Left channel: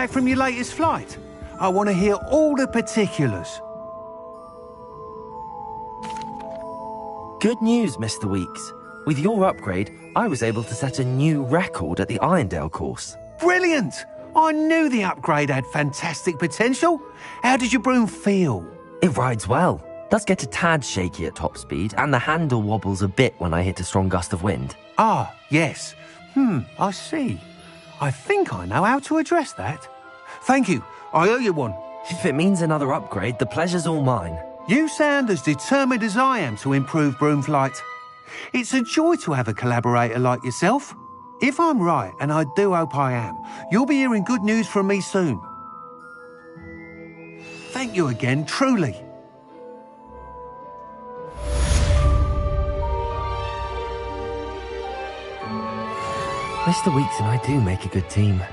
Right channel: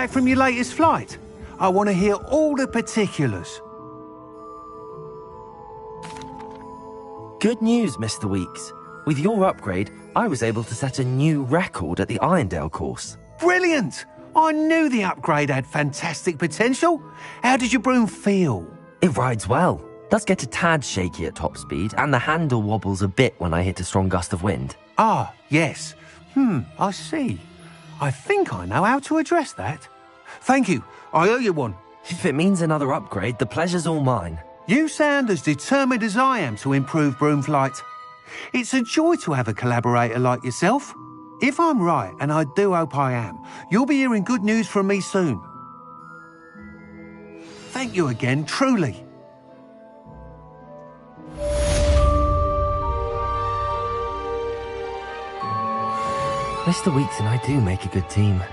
back from your latest flight? I want to hear all the particulars. Good news, Mr. Weeks. With your upgrade, I was able to set a new record at the Irondale course. Brilliant! I knew the upgrade had fantastic potential. How did your broom feel? It rides well. Does get a tad shaky at top speed, and the handle wobbles a bit when I hit a strong gust of wind. Ah, yes. I see. I think I know how to address that. Thank you. I owe you one. If it means another upgrade, the pleasure's all mine. You sound as determined as I am to improve broom flight. It's a joy to have a collaborator like yourself. If I'm right, and I do hope I am, you'll be hearing good news from me soon. Thank you again, truly. Mr. Weeks and I do make a good team.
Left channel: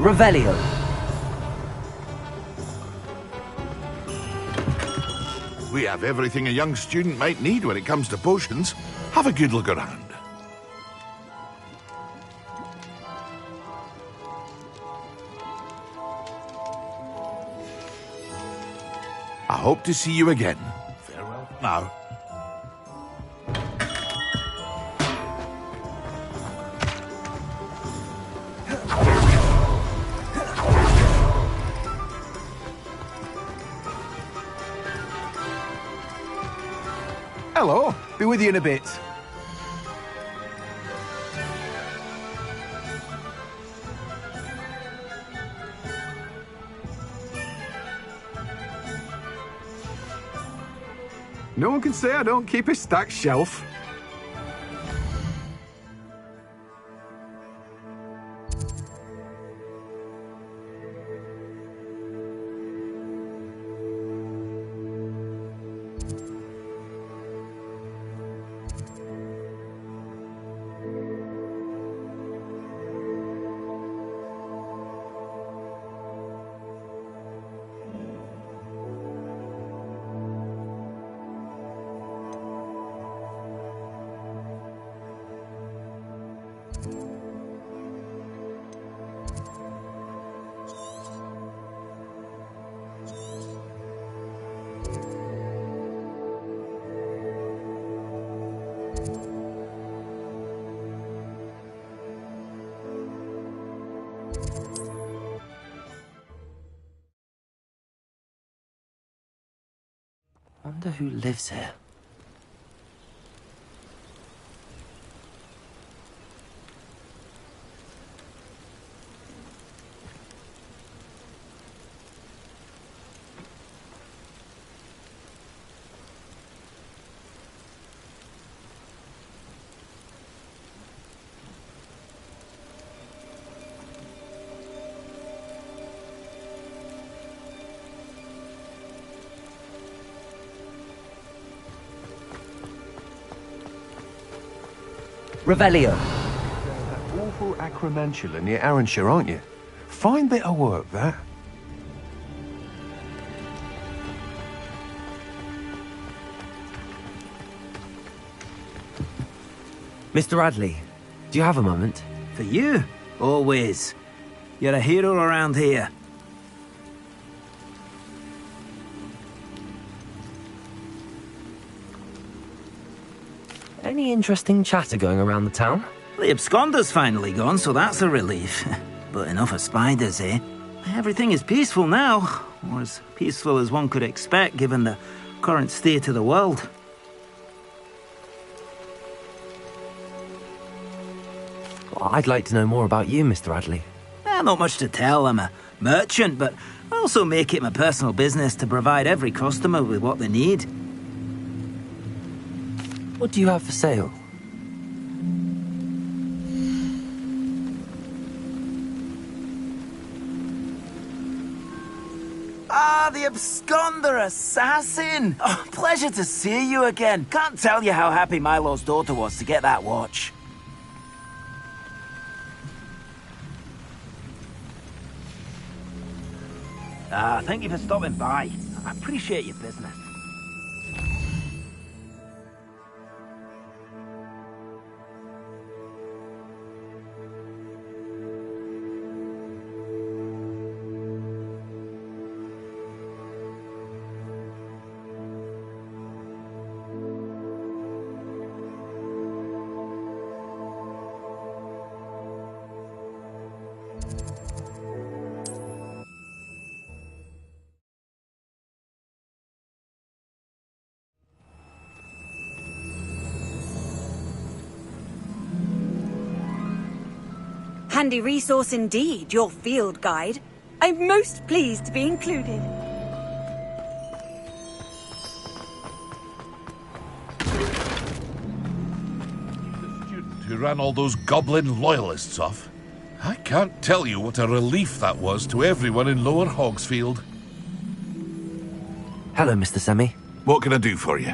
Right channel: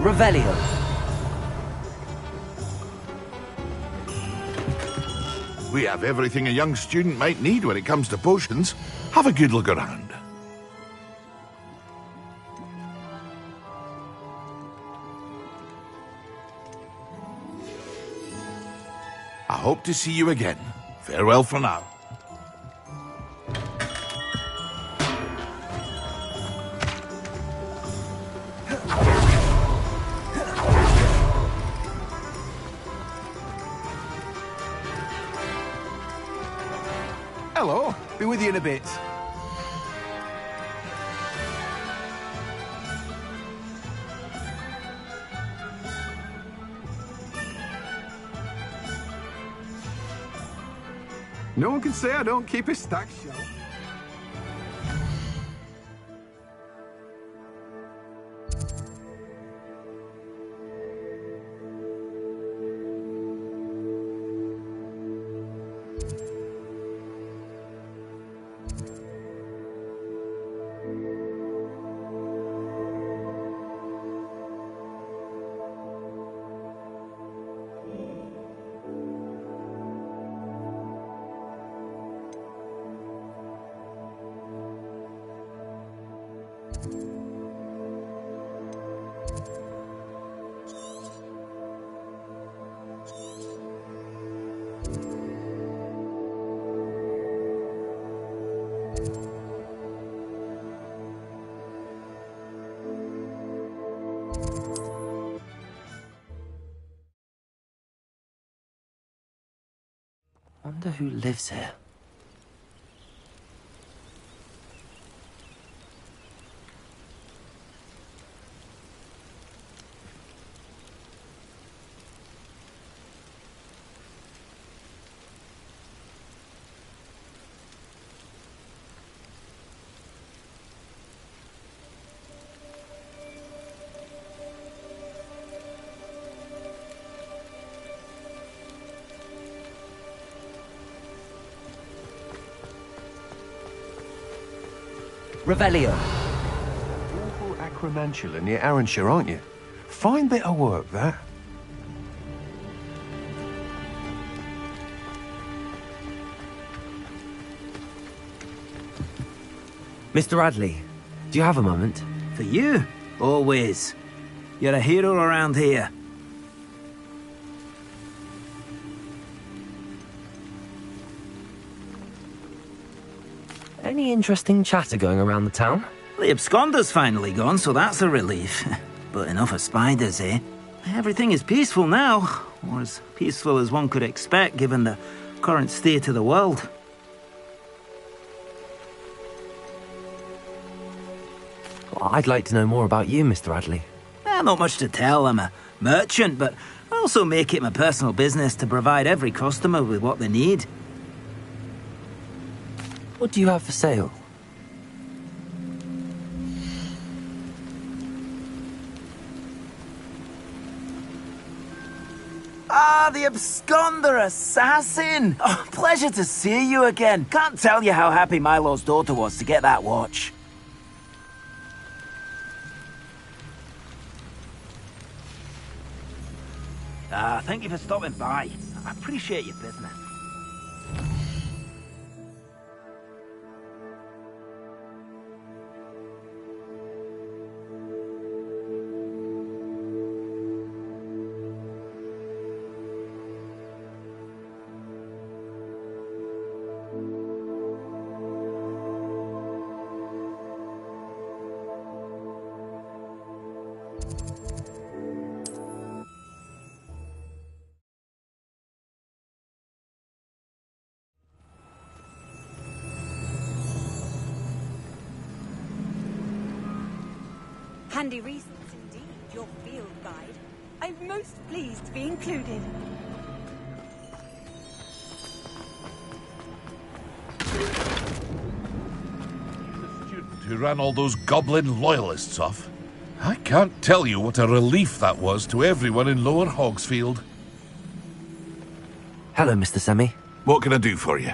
Revelio. We have everything a young student might need when it comes to potions. Have a good look around. I hope to see you again. Farewell for now. Hello, be with you in a bit. No one can say I don't keep a stacked shelf. Wonder who lives here. Revelio. Awful Acromantula near Arranshire, aren't you? Fine bit of work, that. Mr. Radley, do you have a moment? For you? Always. You're a hero around here. Any interesting chatter going around the town? The absconder's finally gone, so that's a relief. But enough of spiders, eh? Everything is peaceful now, or as peaceful as one could expect given the current state of the world. Well, I'd like to know more about you, Mr. Radley. Not much to tell. I'm a merchant, but I also make it my personal business to provide every customer with what they need. What do you have for sale? Ah, the absconder assassin! Oh, pleasure to see you again. Can't tell you how happy Milo's daughter was to get that watch. Thank you for stopping by. I appreciate your business. Handy resource indeed, your field guide. I'm most pleased to be included. The student who ran all those goblin loyalists off. I can't tell you what a relief that was to everyone in Lower Hogsfield. Hello, Mr. Semi. What can I do for you?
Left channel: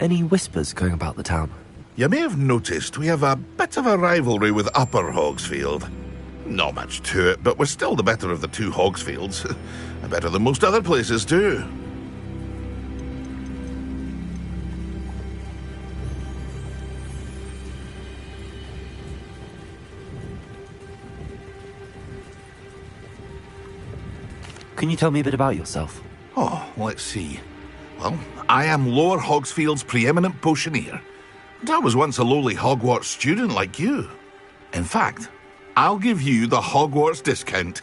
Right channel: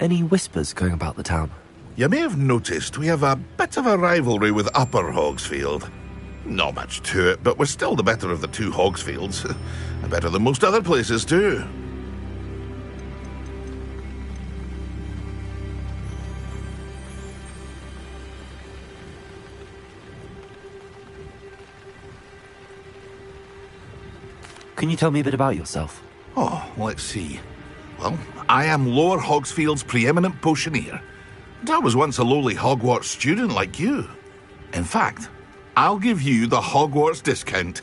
Any whispers going about the town? You may have noticed we have a bit of a rivalry with Upper Hogsfield. Not much to it, but we're still the better of the two Hogsfields. Better than most other places, too. Can you tell me a bit about yourself? Oh, let's see. Well, I am Lower Hogsfield's preeminent potioneer. And I was once a lowly Hogwarts student like you. In fact, I'll give you the Hogwarts discount.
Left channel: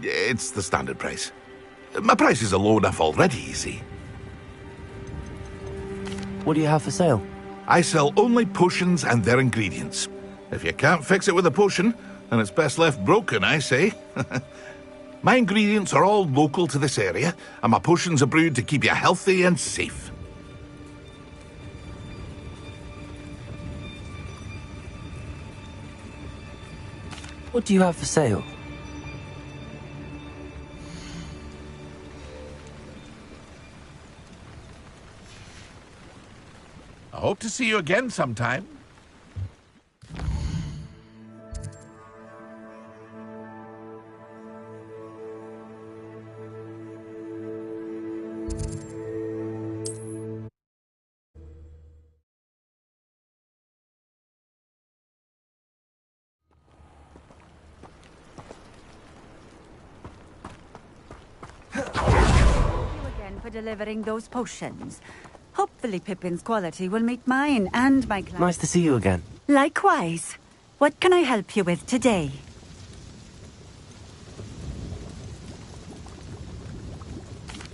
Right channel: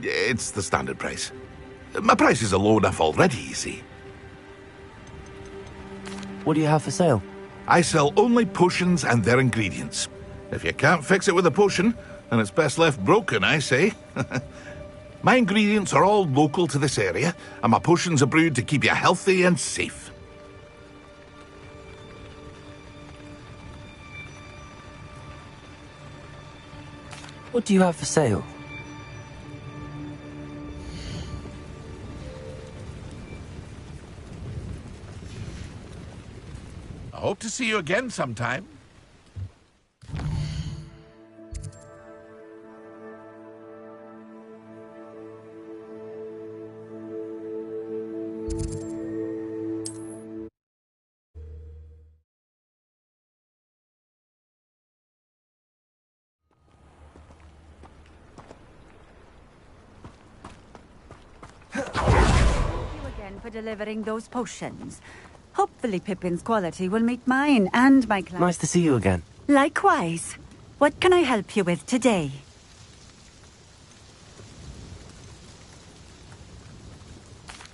It's the standard price. My prices are low enough already, you see. What do you have for sale? I sell only potions and their ingredients. If you can't fix it with a potion, then it's best left broken, I say. My ingredients are all local to this area, and my potions are brewed to keep you healthy and safe. What do you have for sale? I hope to see you again sometime. For delivering those potions. Hopefully Pippin's quality will meet mine and my client. Nice to see you again. Likewise. What can I help you with today?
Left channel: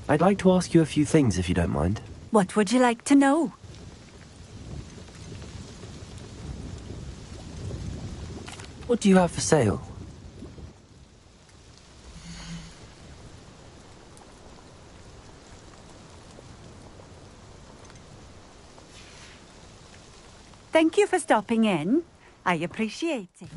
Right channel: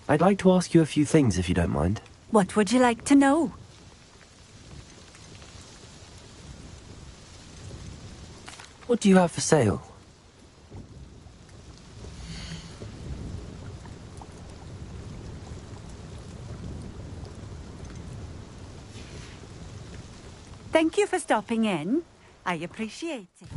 I'd like to ask you a few things if you don't mind. What would you like to know? What do you have for sale? Thank you for stopping in. I appreciate it.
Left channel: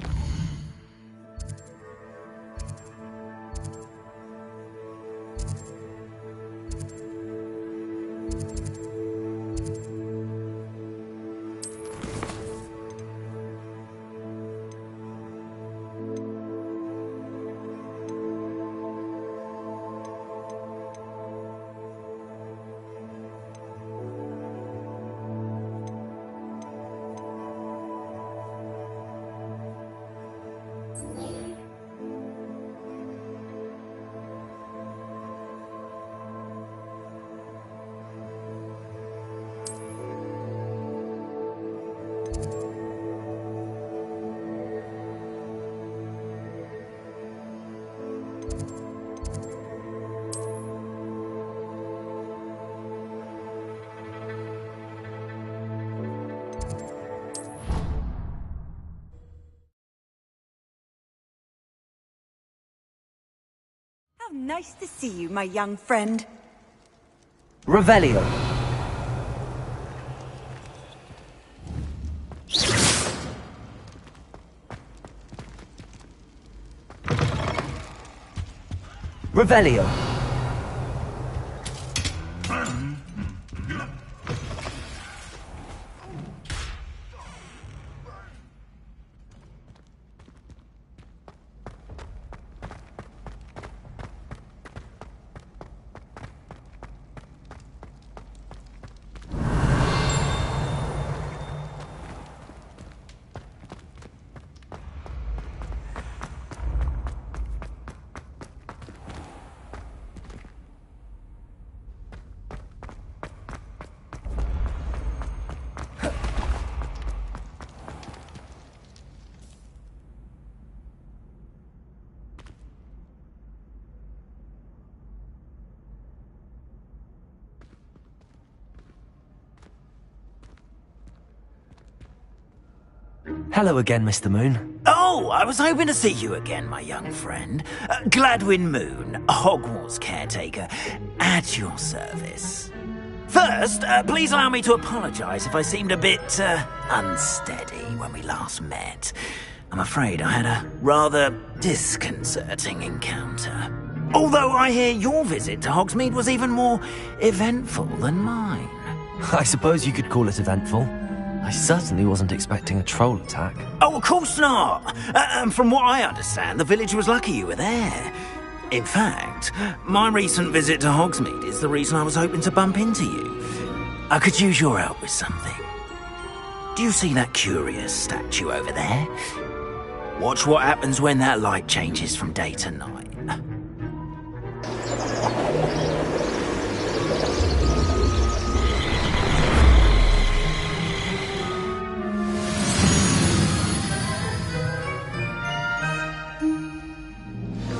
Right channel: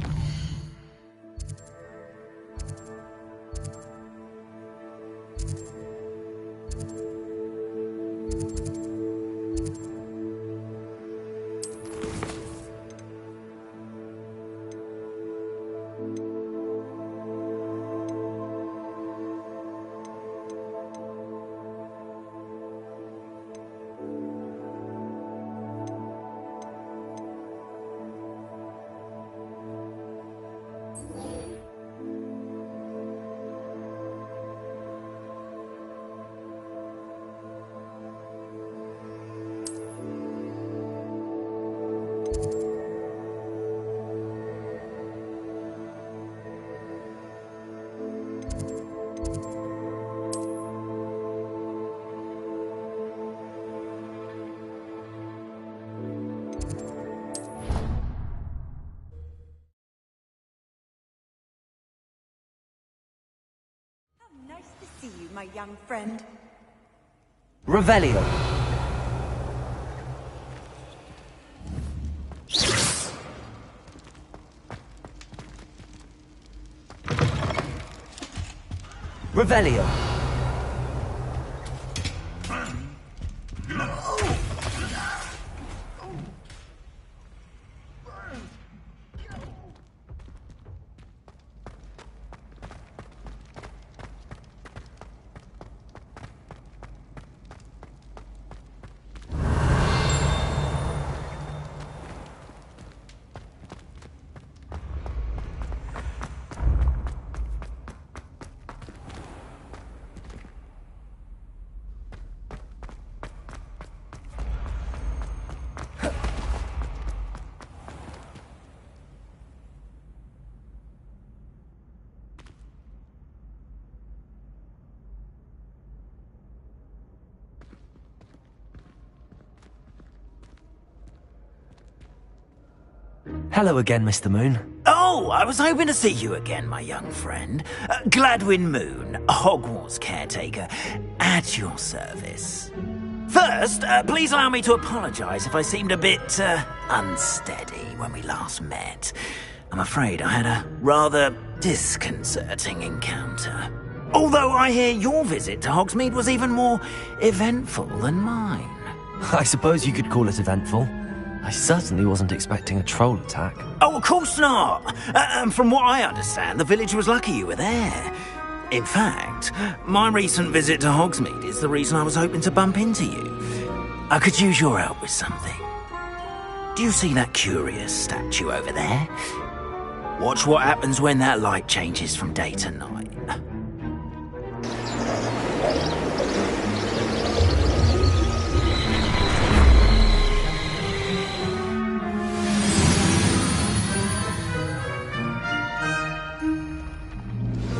Nice to see you, my young friend. Revelio. Revelio. Hello again, Mr. Moon. Oh, I was hoping to see you again, my young friend. Gladwin Moon, Hogwarts caretaker, at your service. First, please allow me to apologise if I seemed a bit unsteady when we last met. I'm afraid I had a rather disconcerting encounter. Although I hear your visit to Hogsmeade was even more eventful than mine. I suppose you could call it eventful. I certainly wasn't expecting a troll attack. Oh, of course not. From what I understand, the village was lucky you were there. In fact, my recent visit to Hogsmeade is the reason I was hoping to bump into you. I could use your help with something. Do you see that curious statue over there? Watch what happens when that light changes from day to night.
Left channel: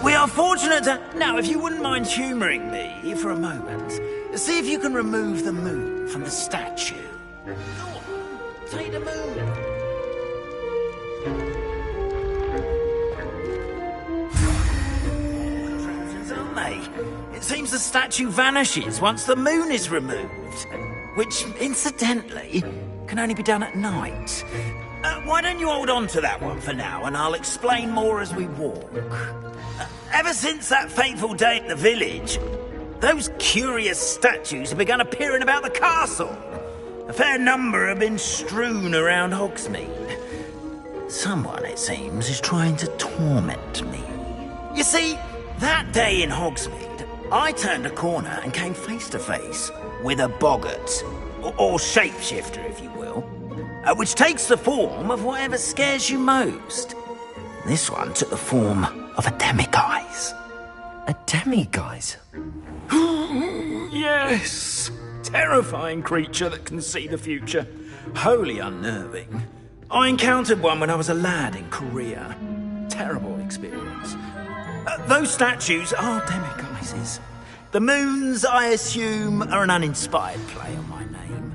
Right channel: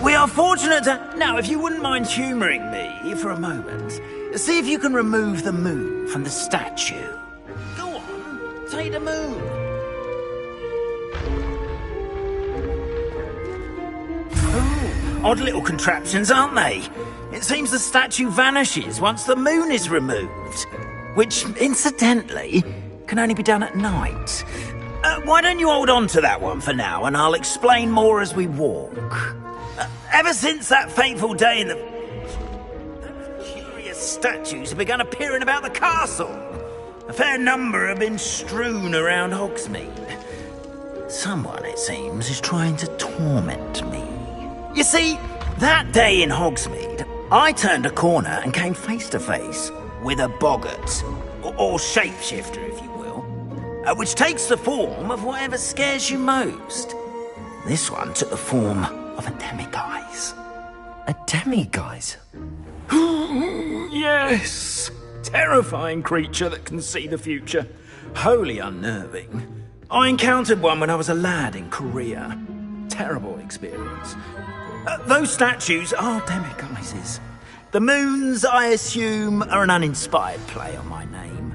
We are fortunate to... Now, if you wouldn't mind humouring me for a moment, see if you can remove the moon from the statue. Go on, take the moon. Odd little contraptions, aren't they? It seems the statue vanishes once the moon is removed. Which, incidentally, can only be done at night. Why don't you hold on to that one for now, and I'll explain more as we walk. Ever since that fateful day in the village, those curious statues have begun appearing about the castle. A fair number have been strewn around Hogsmeade. Someone, it seems, is trying to torment me. You see, that day in Hogsmeade, I turned a corner and came face to face with a boggart, or shapeshifter, if you will, which takes the form of whatever scares you most. This one took the form of a demiguise. A demiguise? Yes! Terrifying creature that can see the future. Wholly unnerving. I encountered one when I was a lad in Korea. Terrible experience. Those statues are demiguises. The moons, I assume, are an uninspired play on my name.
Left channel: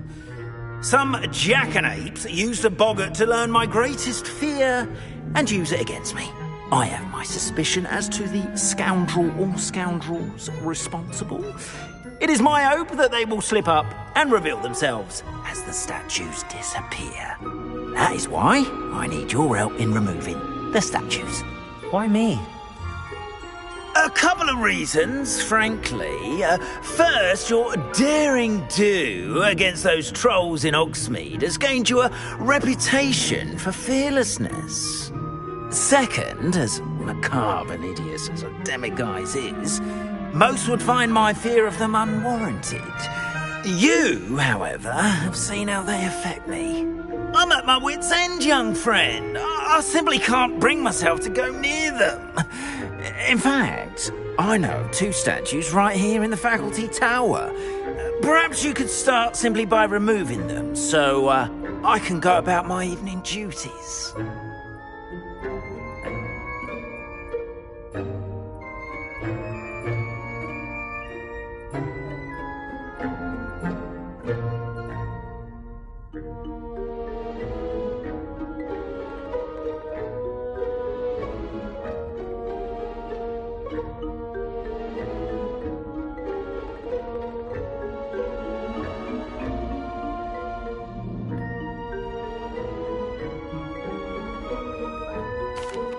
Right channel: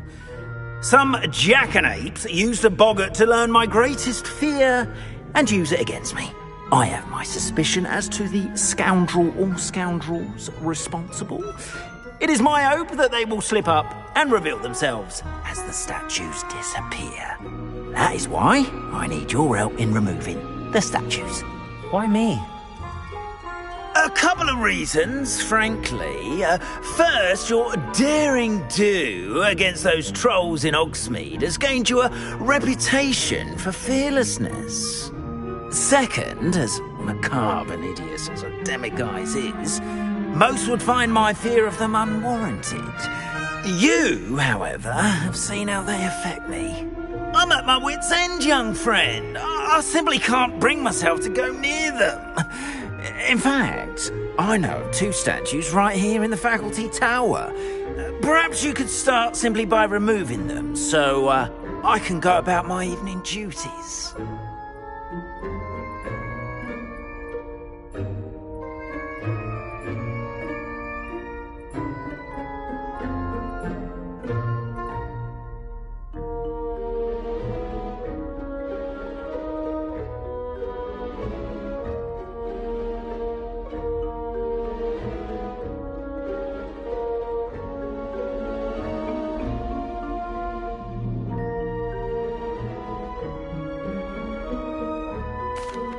Some jackanapes used a boggart to learn my greatest fear and use it against me. I have my suspicion as to the scoundrel or scoundrels responsible. It is my hope that they will slip up and reveal themselves as the statues disappear. That is why I need your help in removing the statues. Why me? A couple of reasons, frankly. First, your daring do against those trolls in Hogsmeade has gained you a reputation for fearlessness. Second, as macabre and hideous as a demiguise is, most would find my fear of them unwarranted. You, however, have seen how they affect me. I'm at my wit's end, young friend. I simply can't bring myself to go near them. In fact, I know 2 statues right here in the faculty tower. Perhaps you could start simply by removing them, so I can go about my evening duties.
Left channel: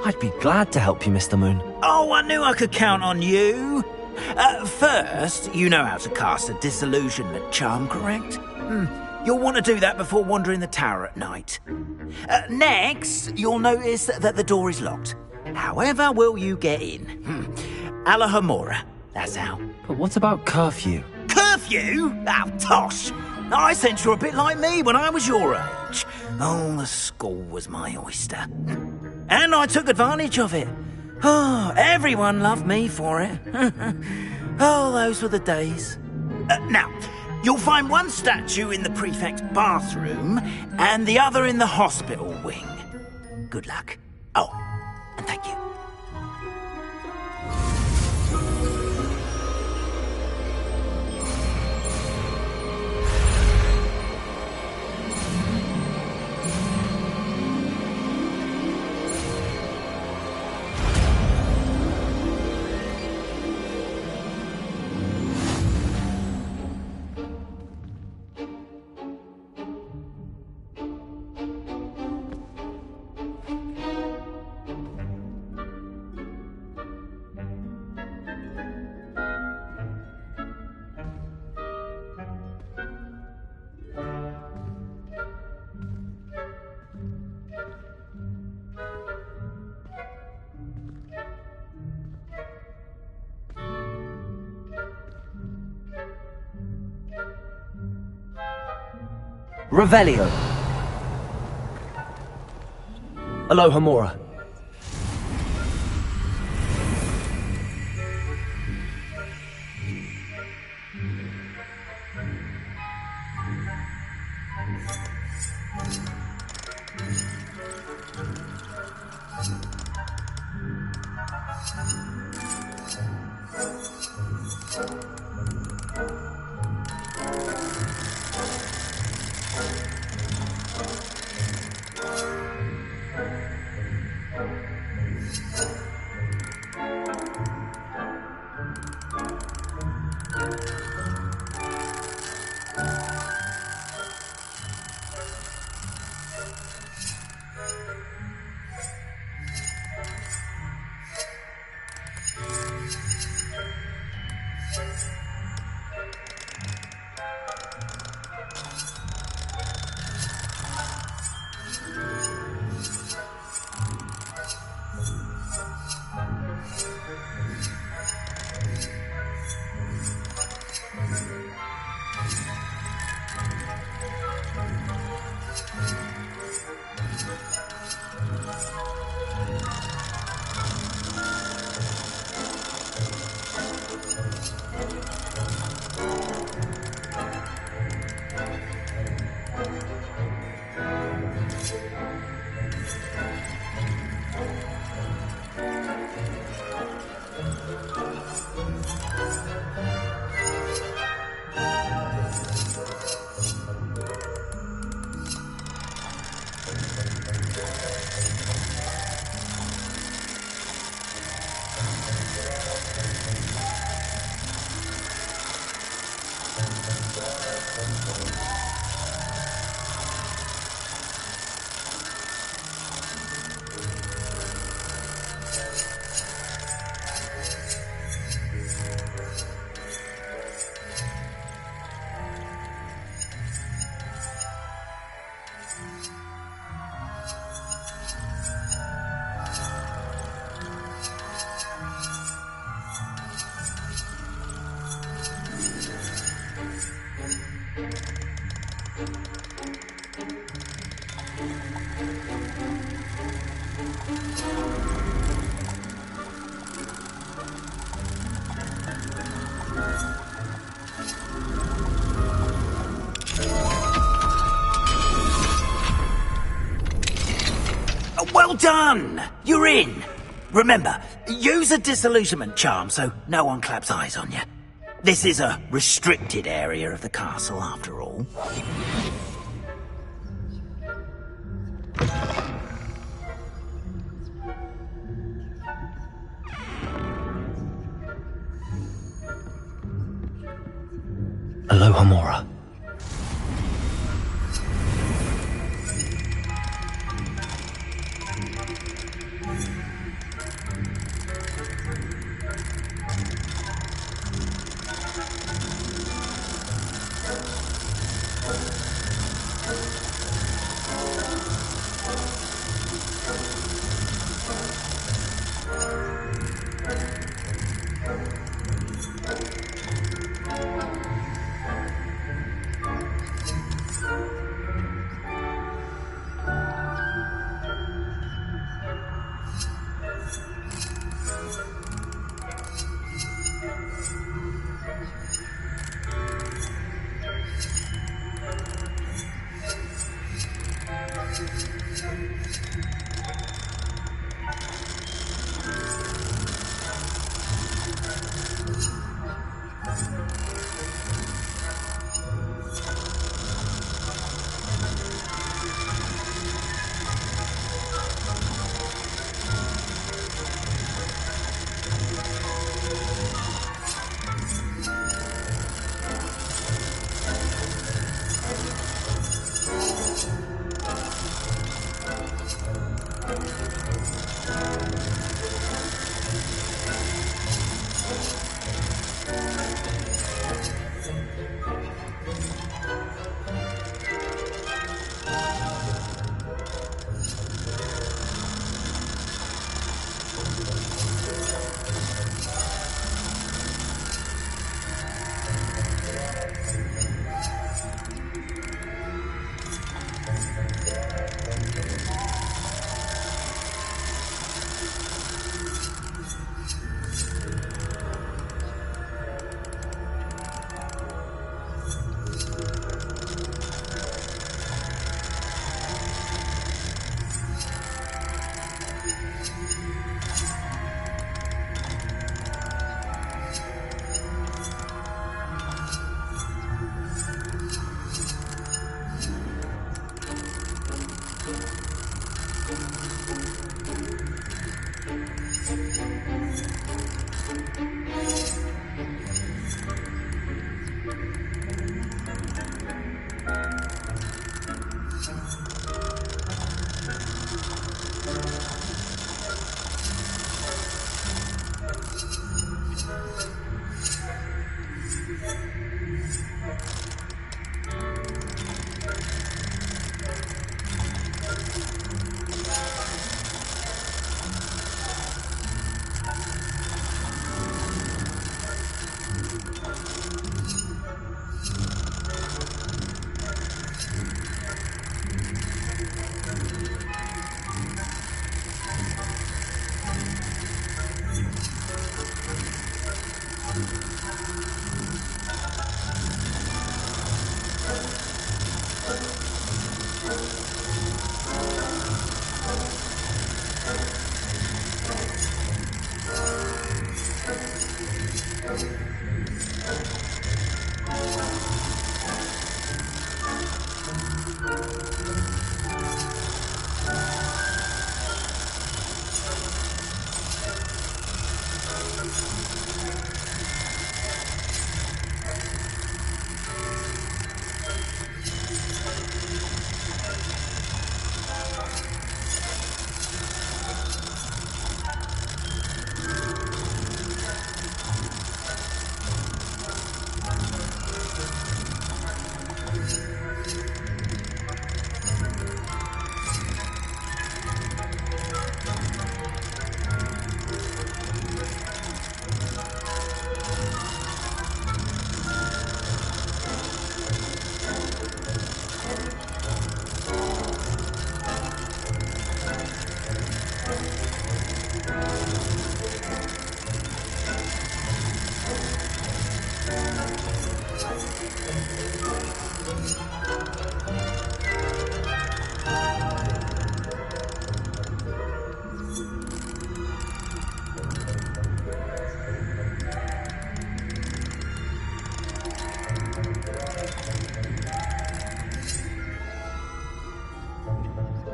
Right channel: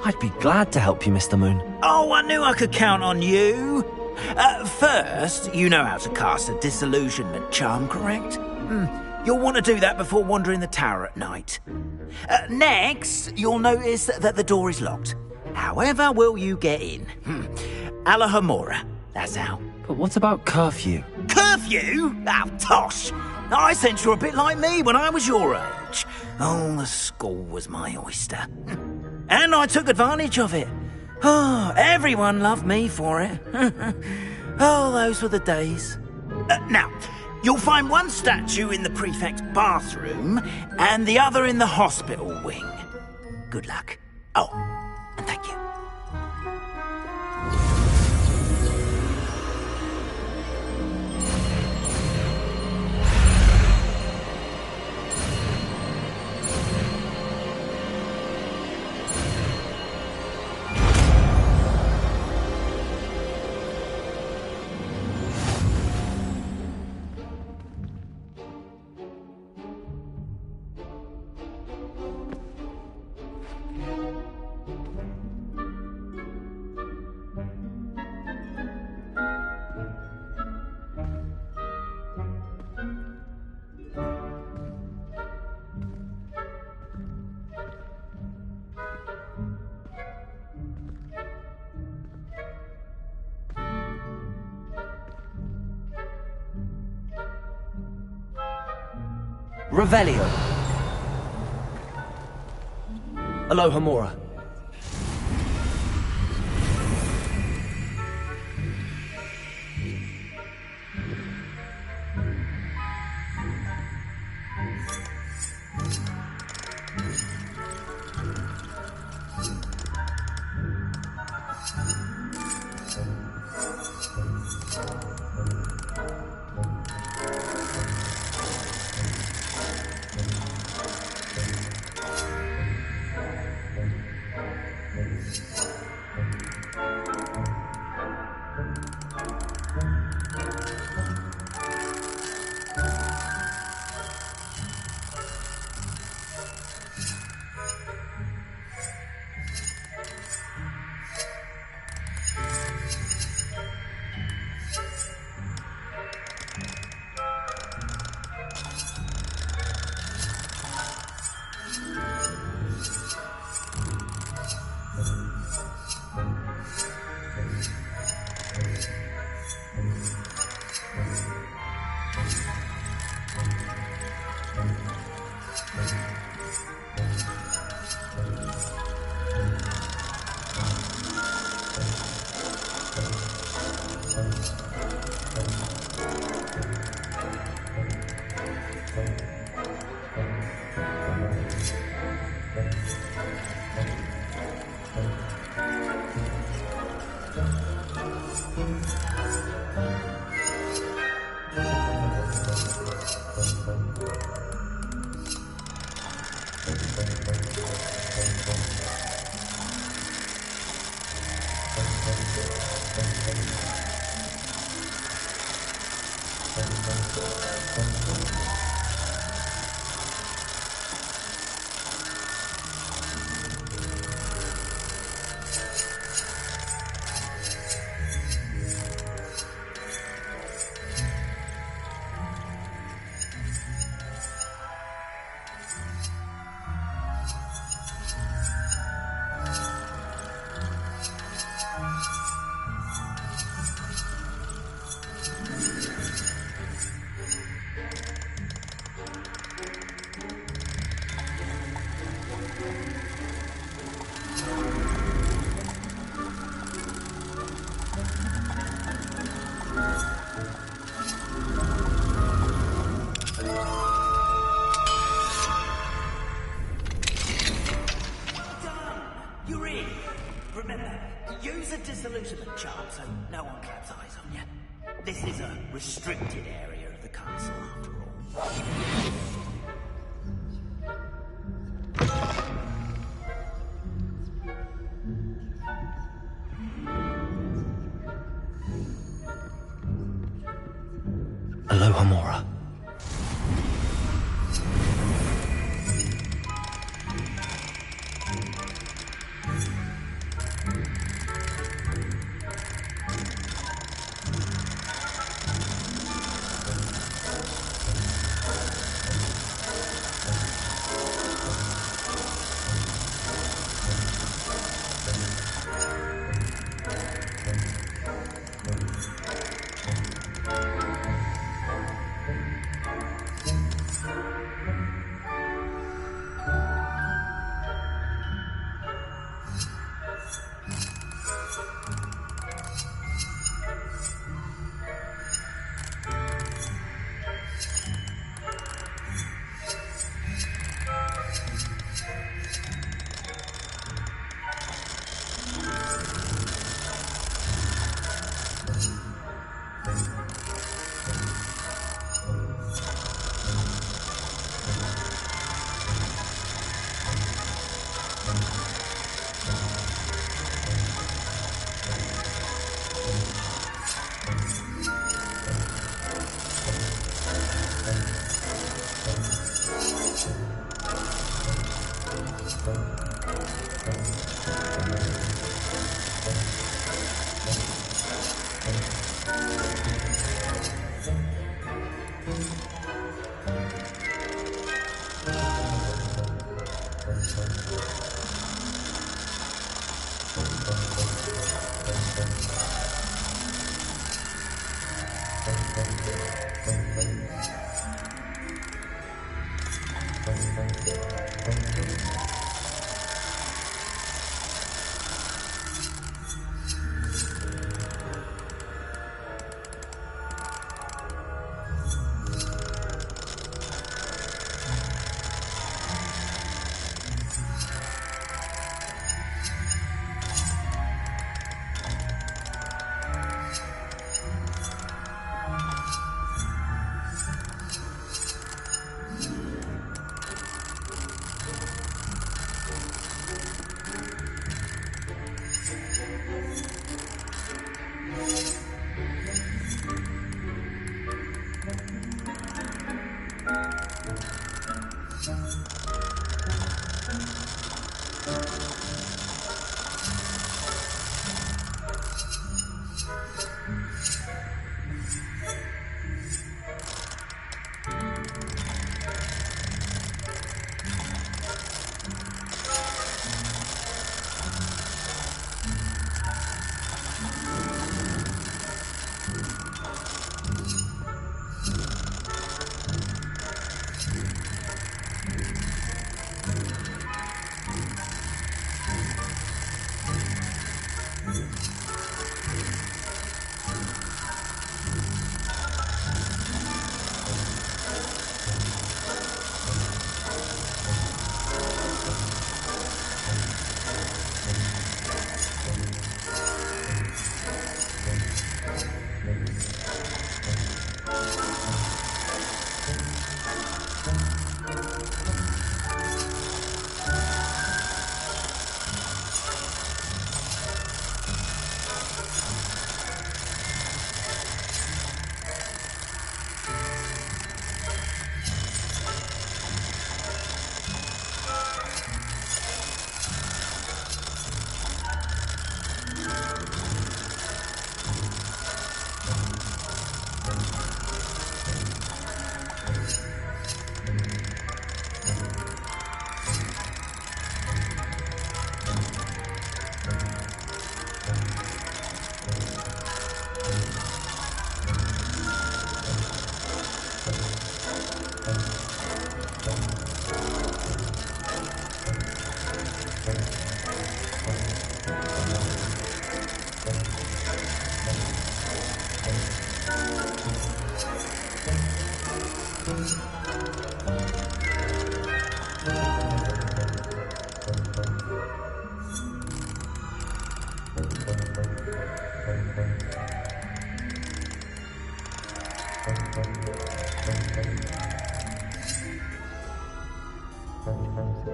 I'd be glad to help you, Mr. Moon. Oh, I knew I could count on you. First, you know how to cast a disillusionment charm, correct? You'll want to do that before wandering the tower at night. Next, you'll notice that the door is locked. However will you get in? Alahomora, that's how. But what about curfew? Curfew? Oh, tosh! I sense you're a bit like me when I was your age. Oh, the school was my oyster. And I took advantage of it. Oh, everyone loved me for it. Oh, those were the days. Now, you'll find one statue in the prefect's bathroom and the other in the hospital wing. Good luck. Oh, and thank you. Revelio. Alohomora. Well done! You're in. Remember, use a disillusionment charm so no one claps eyes on you. This is a restricted area of the castle, after all. Alohomora.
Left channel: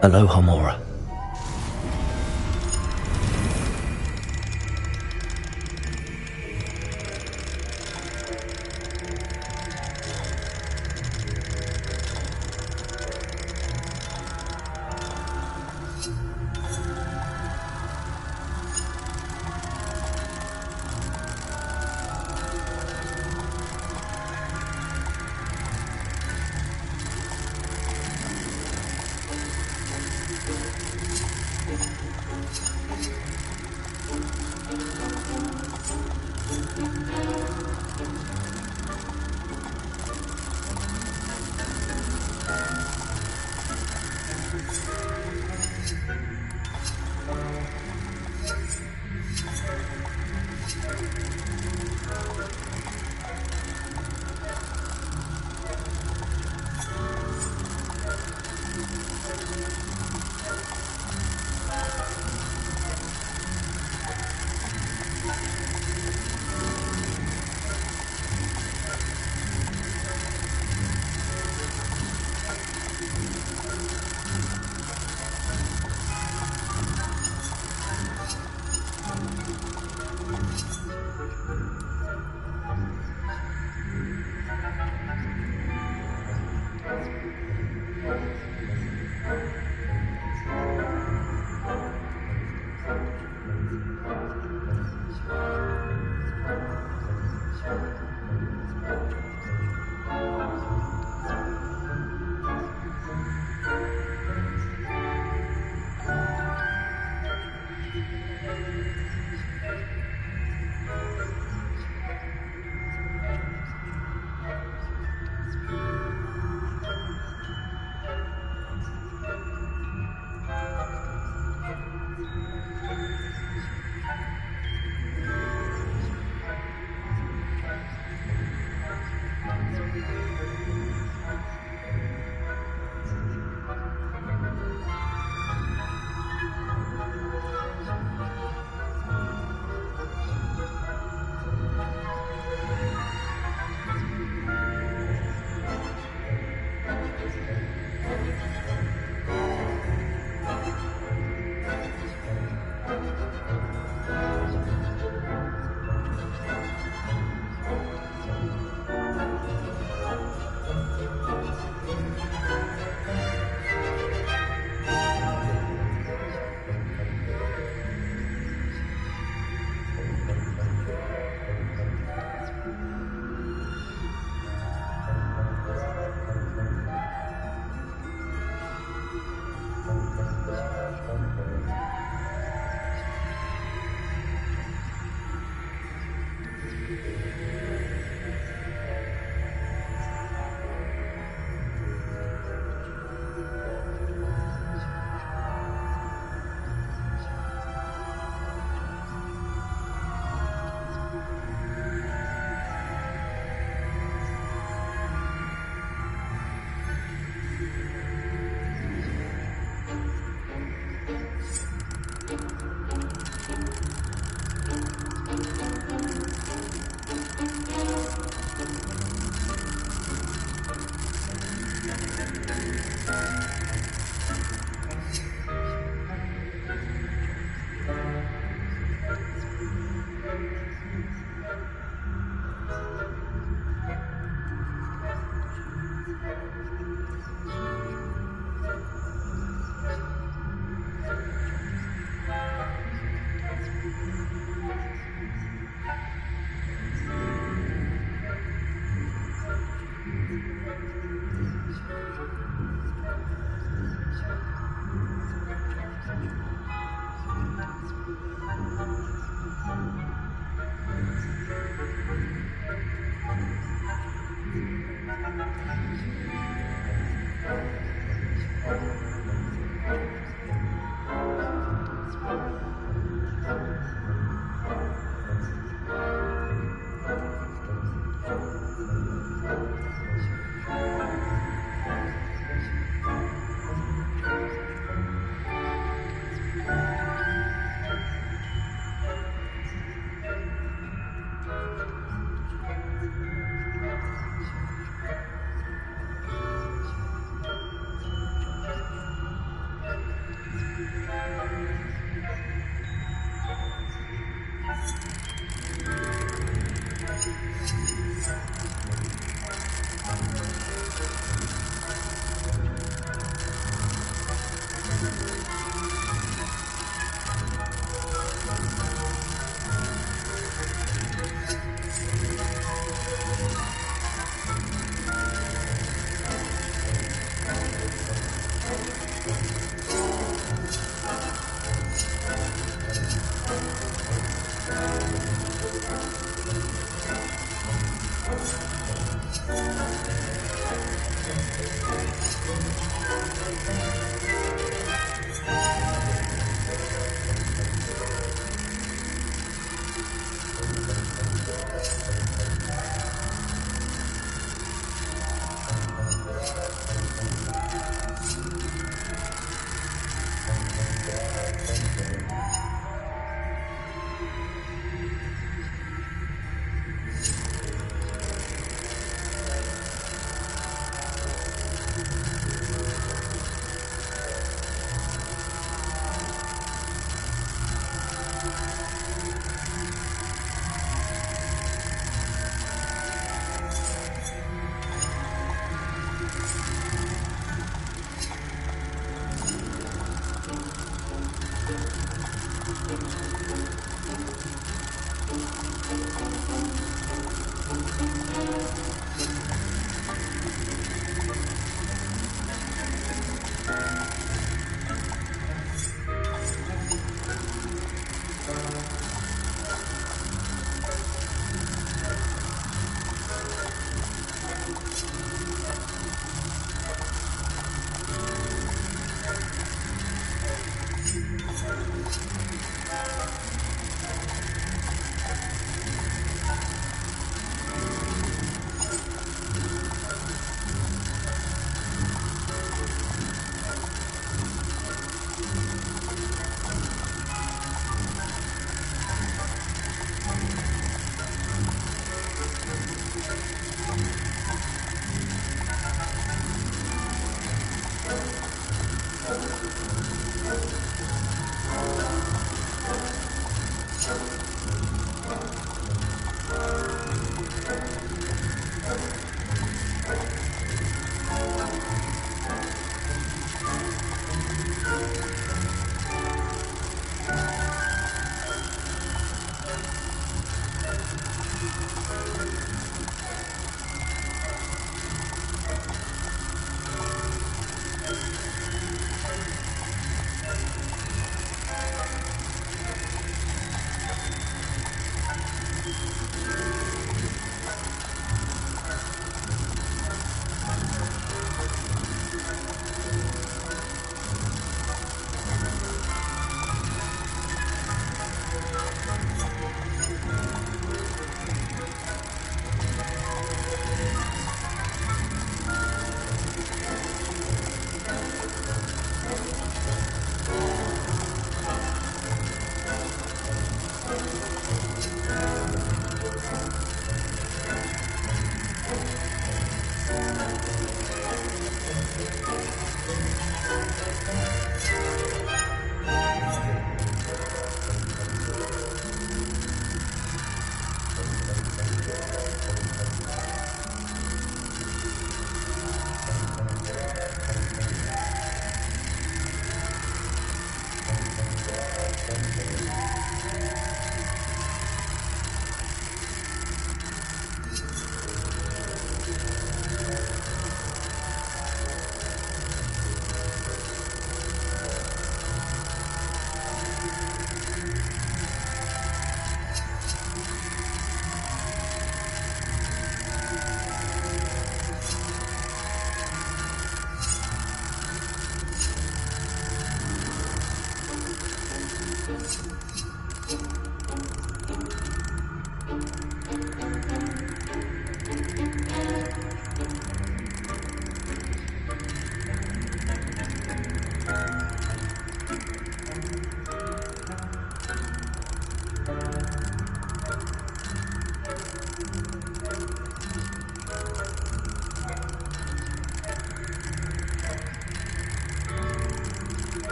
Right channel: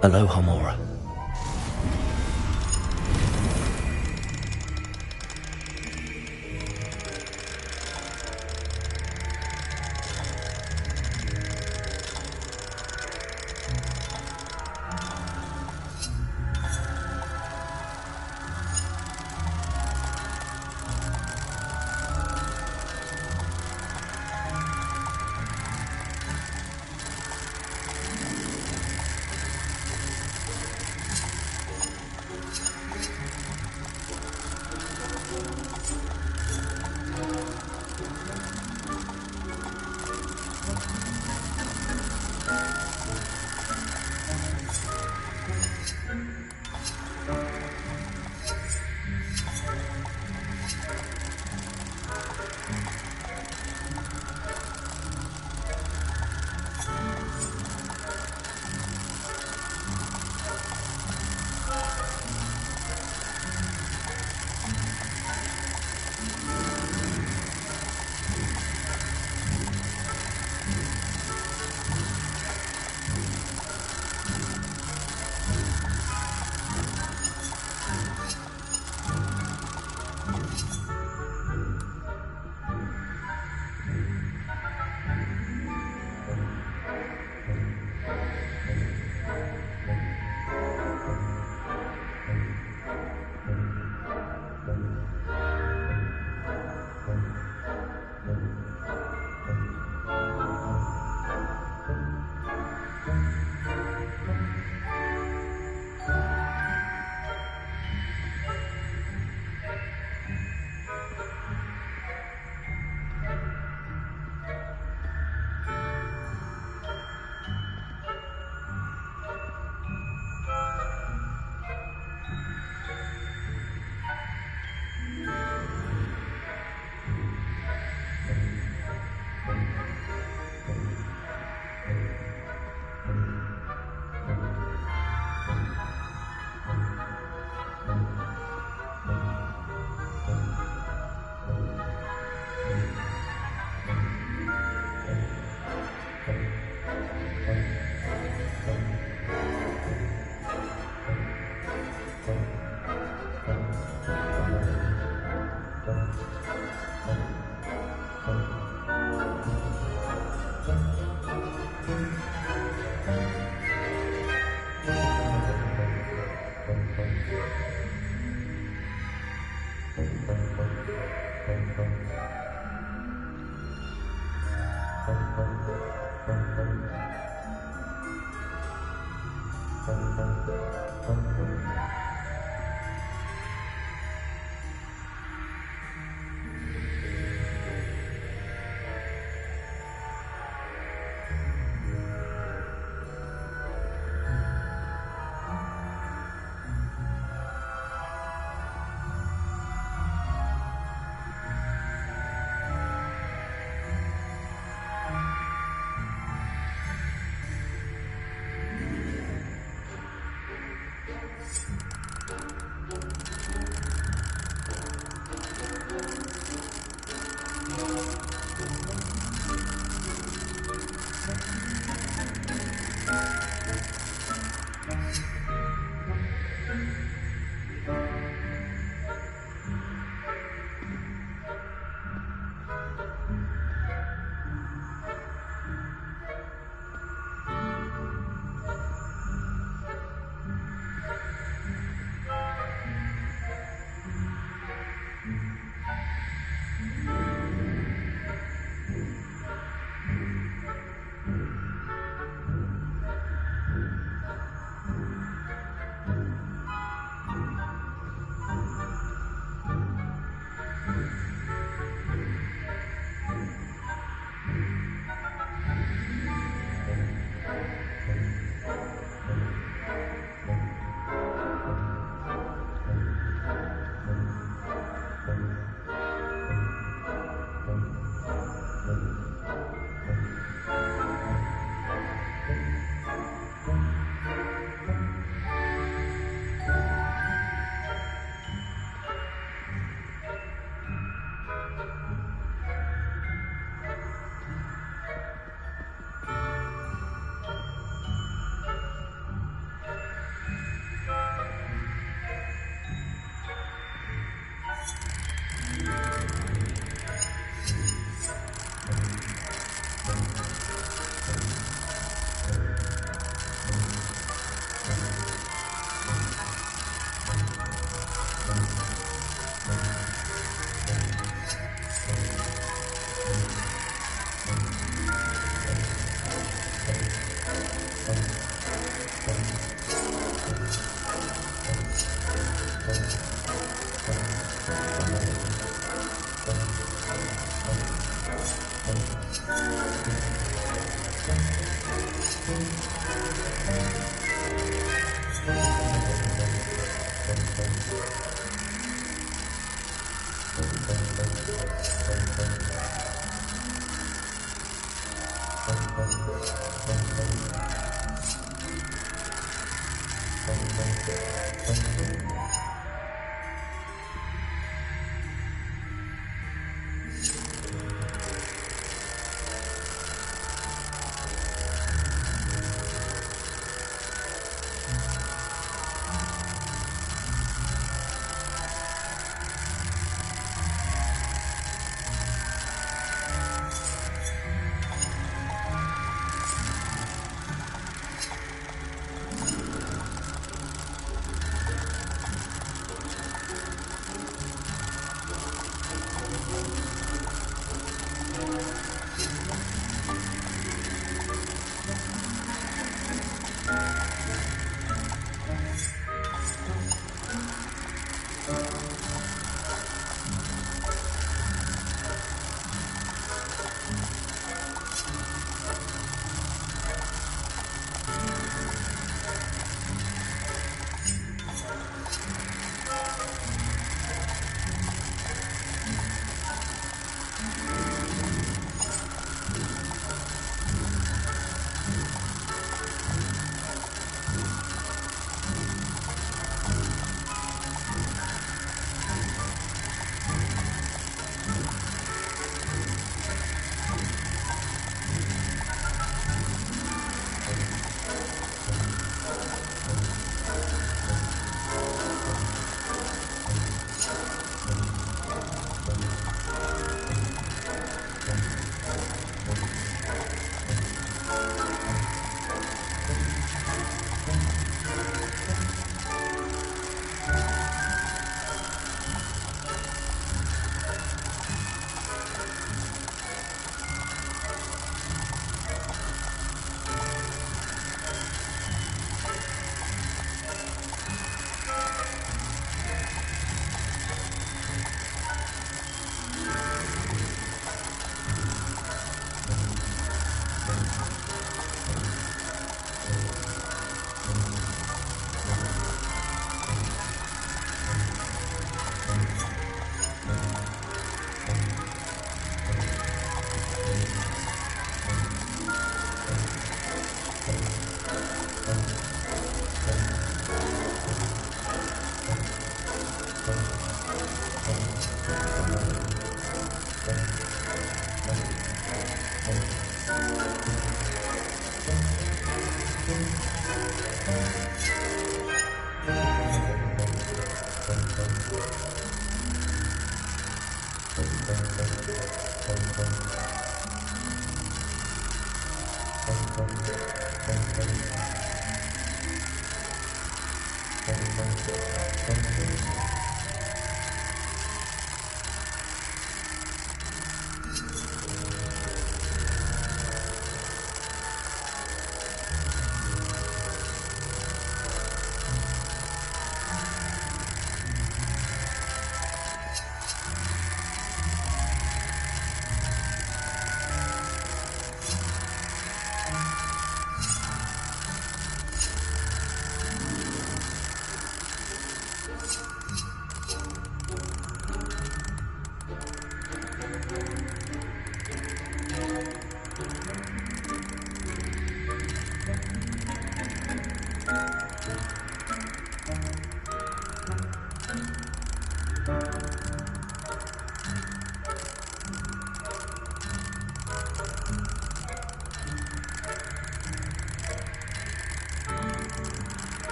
Aloha Mora.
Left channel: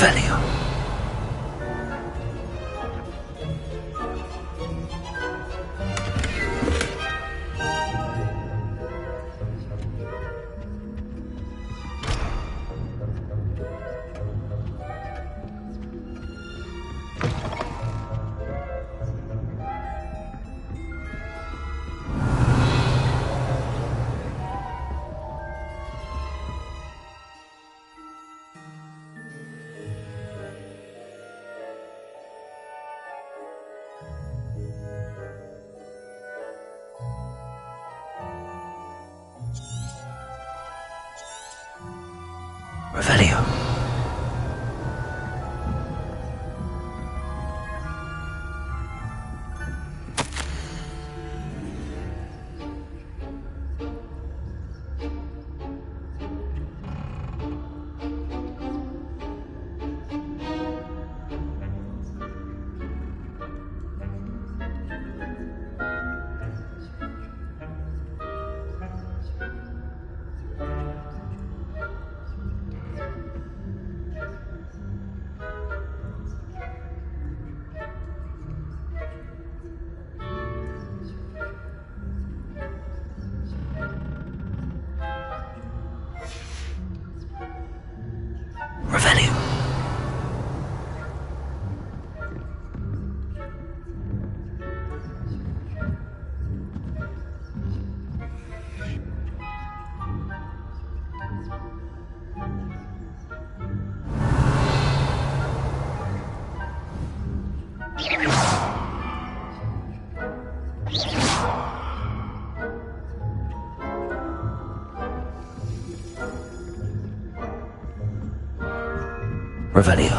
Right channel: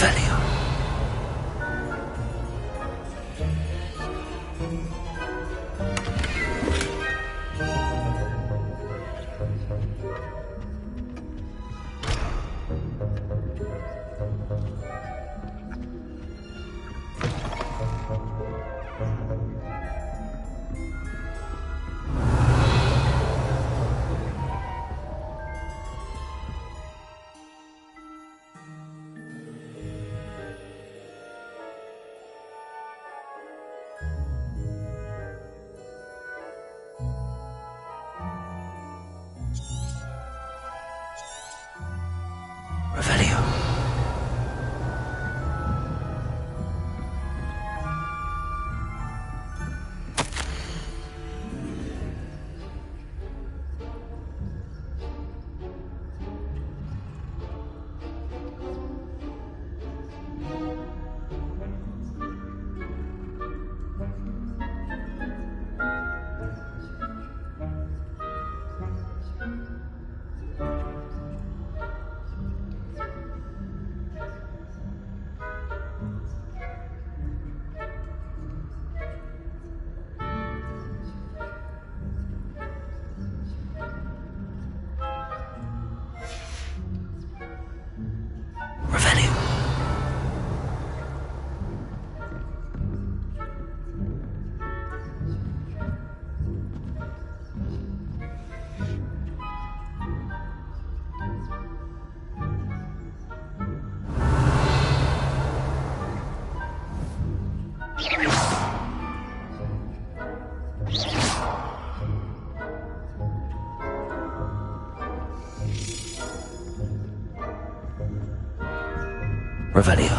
Revelio. Revelio. Revelio. Revelio.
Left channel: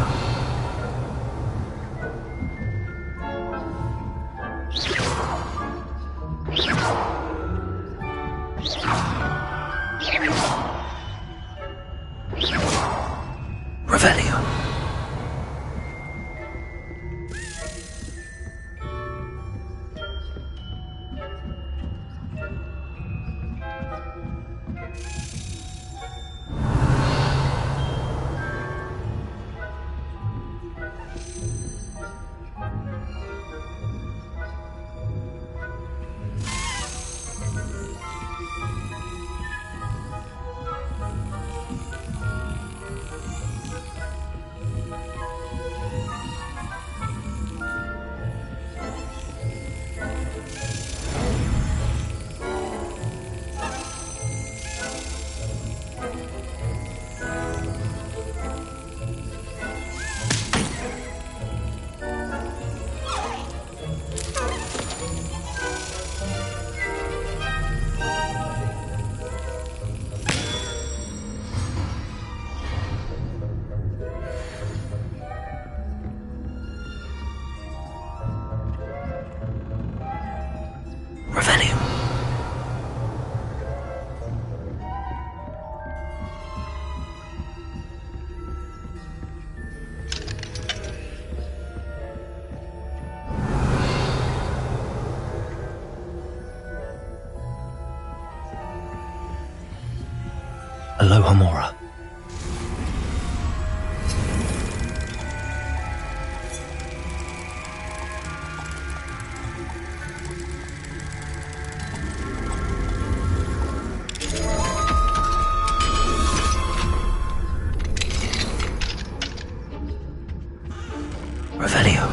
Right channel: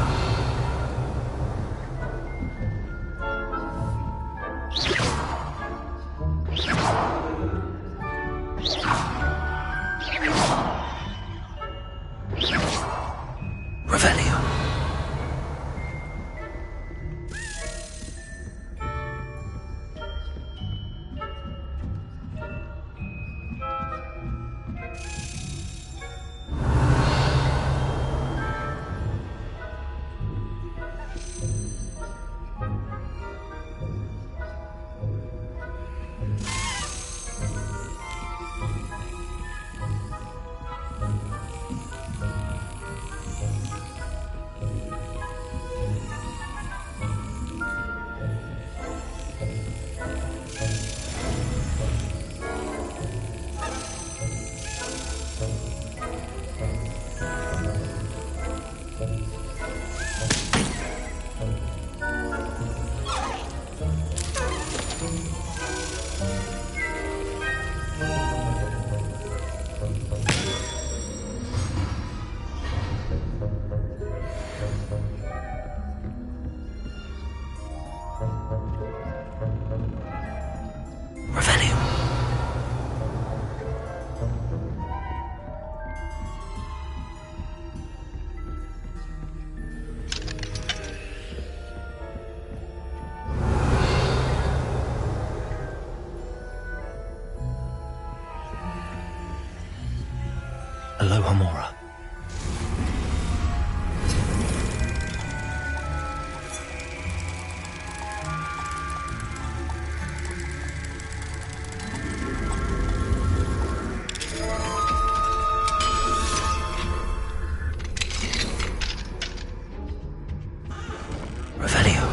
Revelio. Revelio. Aloha Mora. Revelio.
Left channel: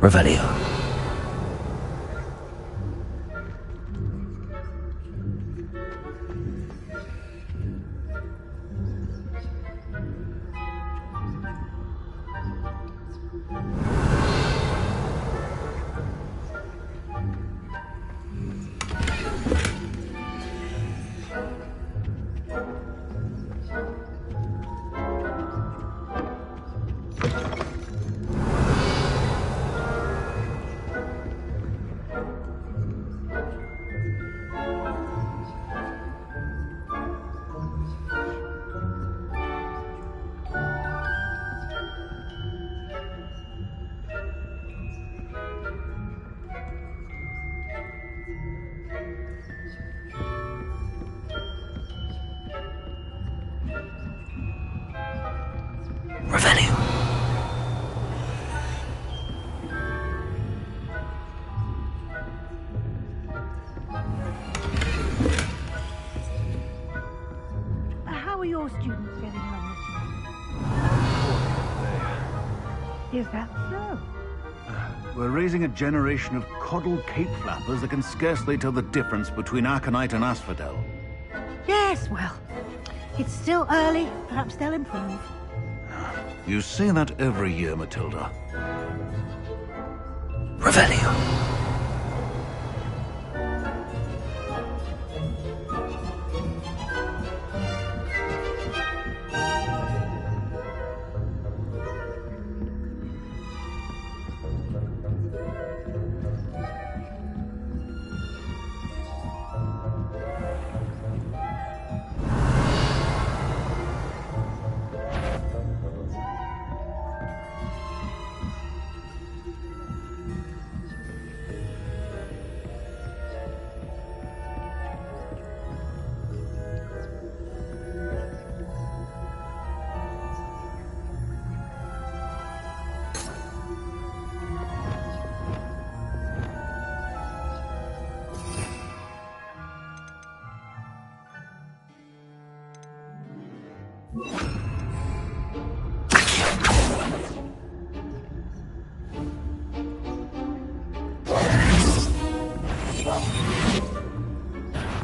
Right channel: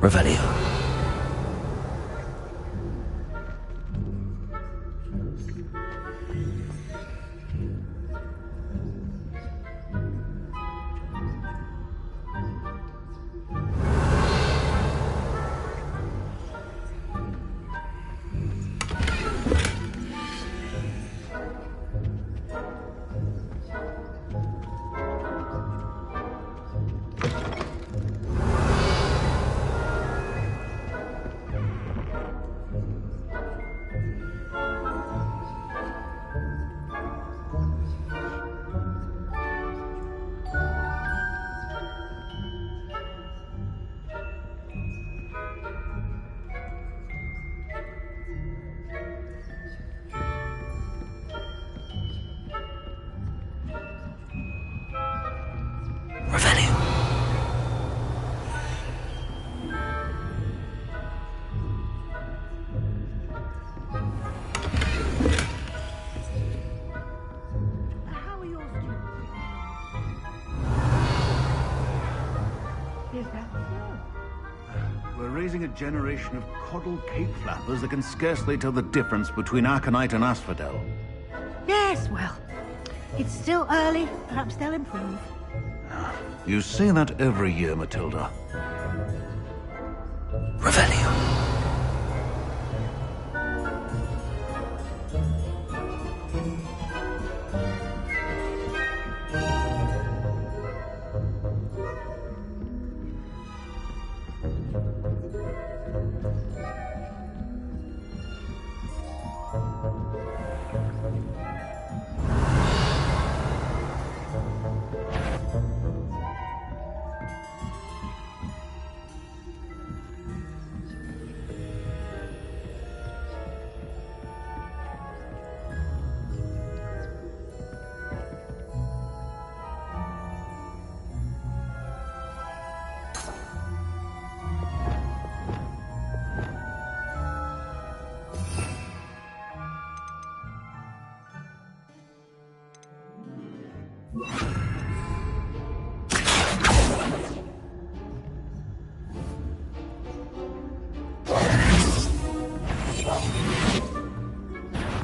Revelio. Revelio. How are your students getting on this year? Is that so? We're raising a generation of coddled cape flappers that can scarcely tell the difference between aconite and asphodel. Yes, well, it's still early. Perhaps they'll improve. You say that every year, Matilda. Revelio.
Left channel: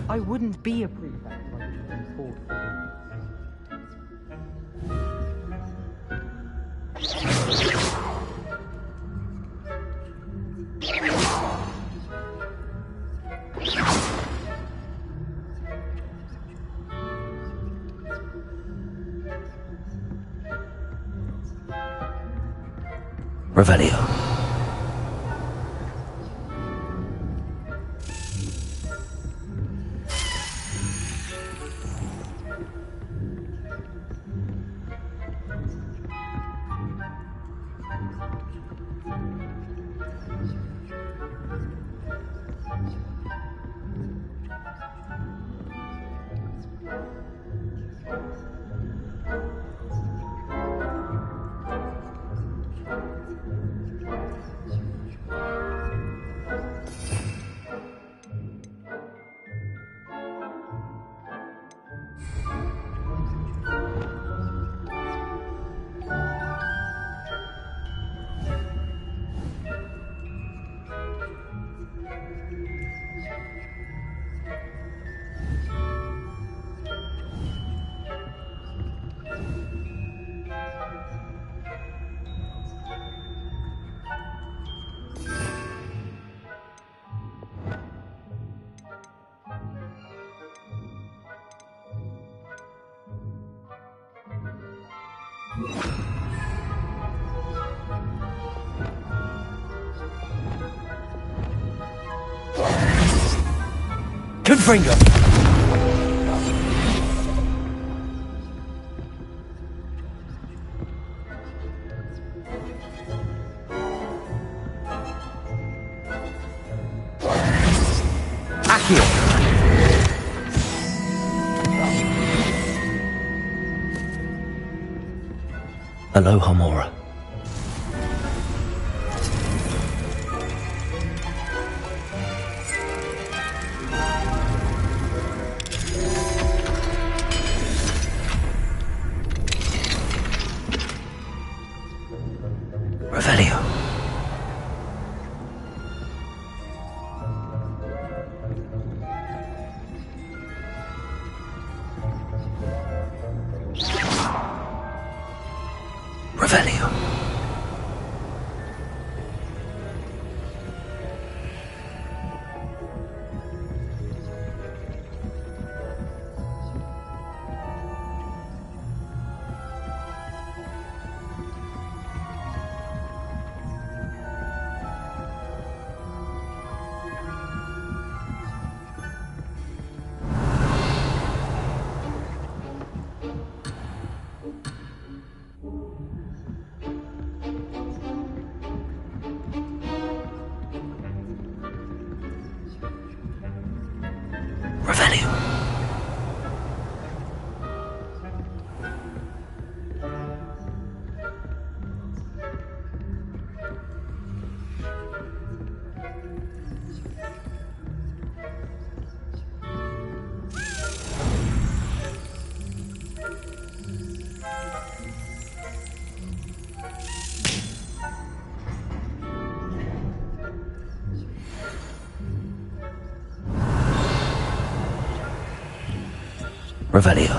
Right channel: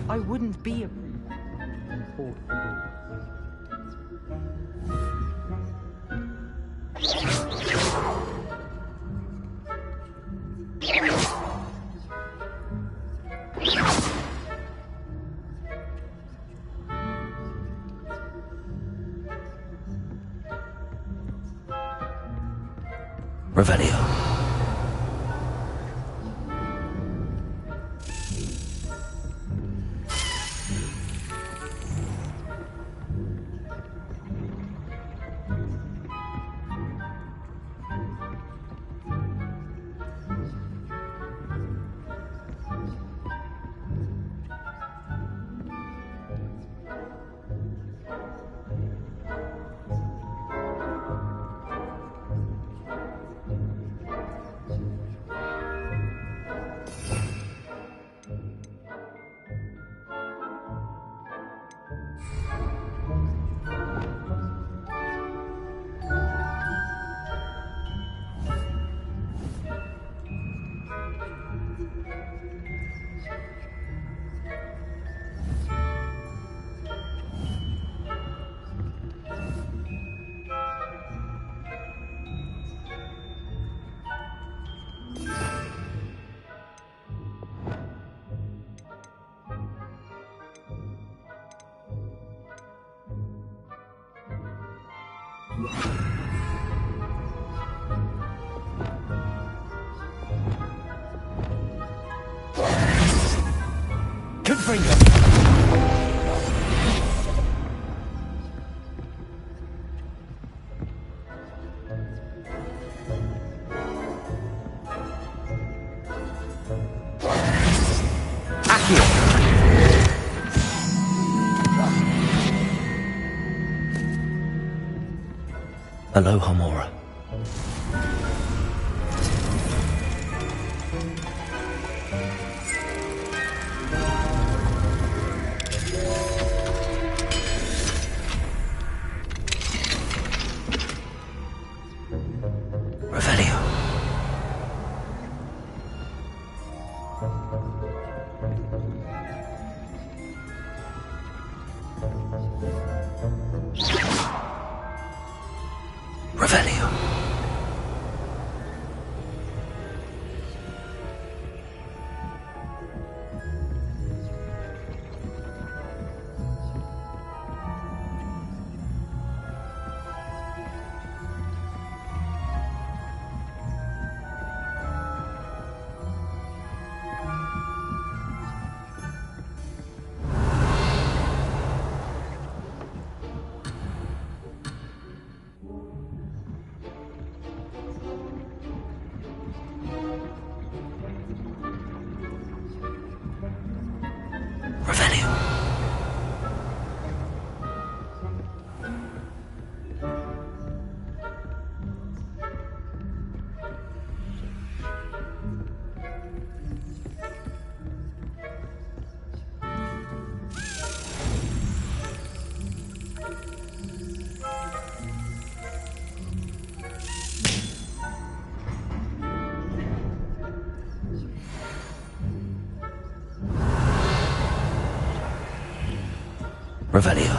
I wouldn't be a prefect if I didn't been fought for Revelio. Confringo. Accio. Aloha Mora. Revelio. Revelio. Revelio.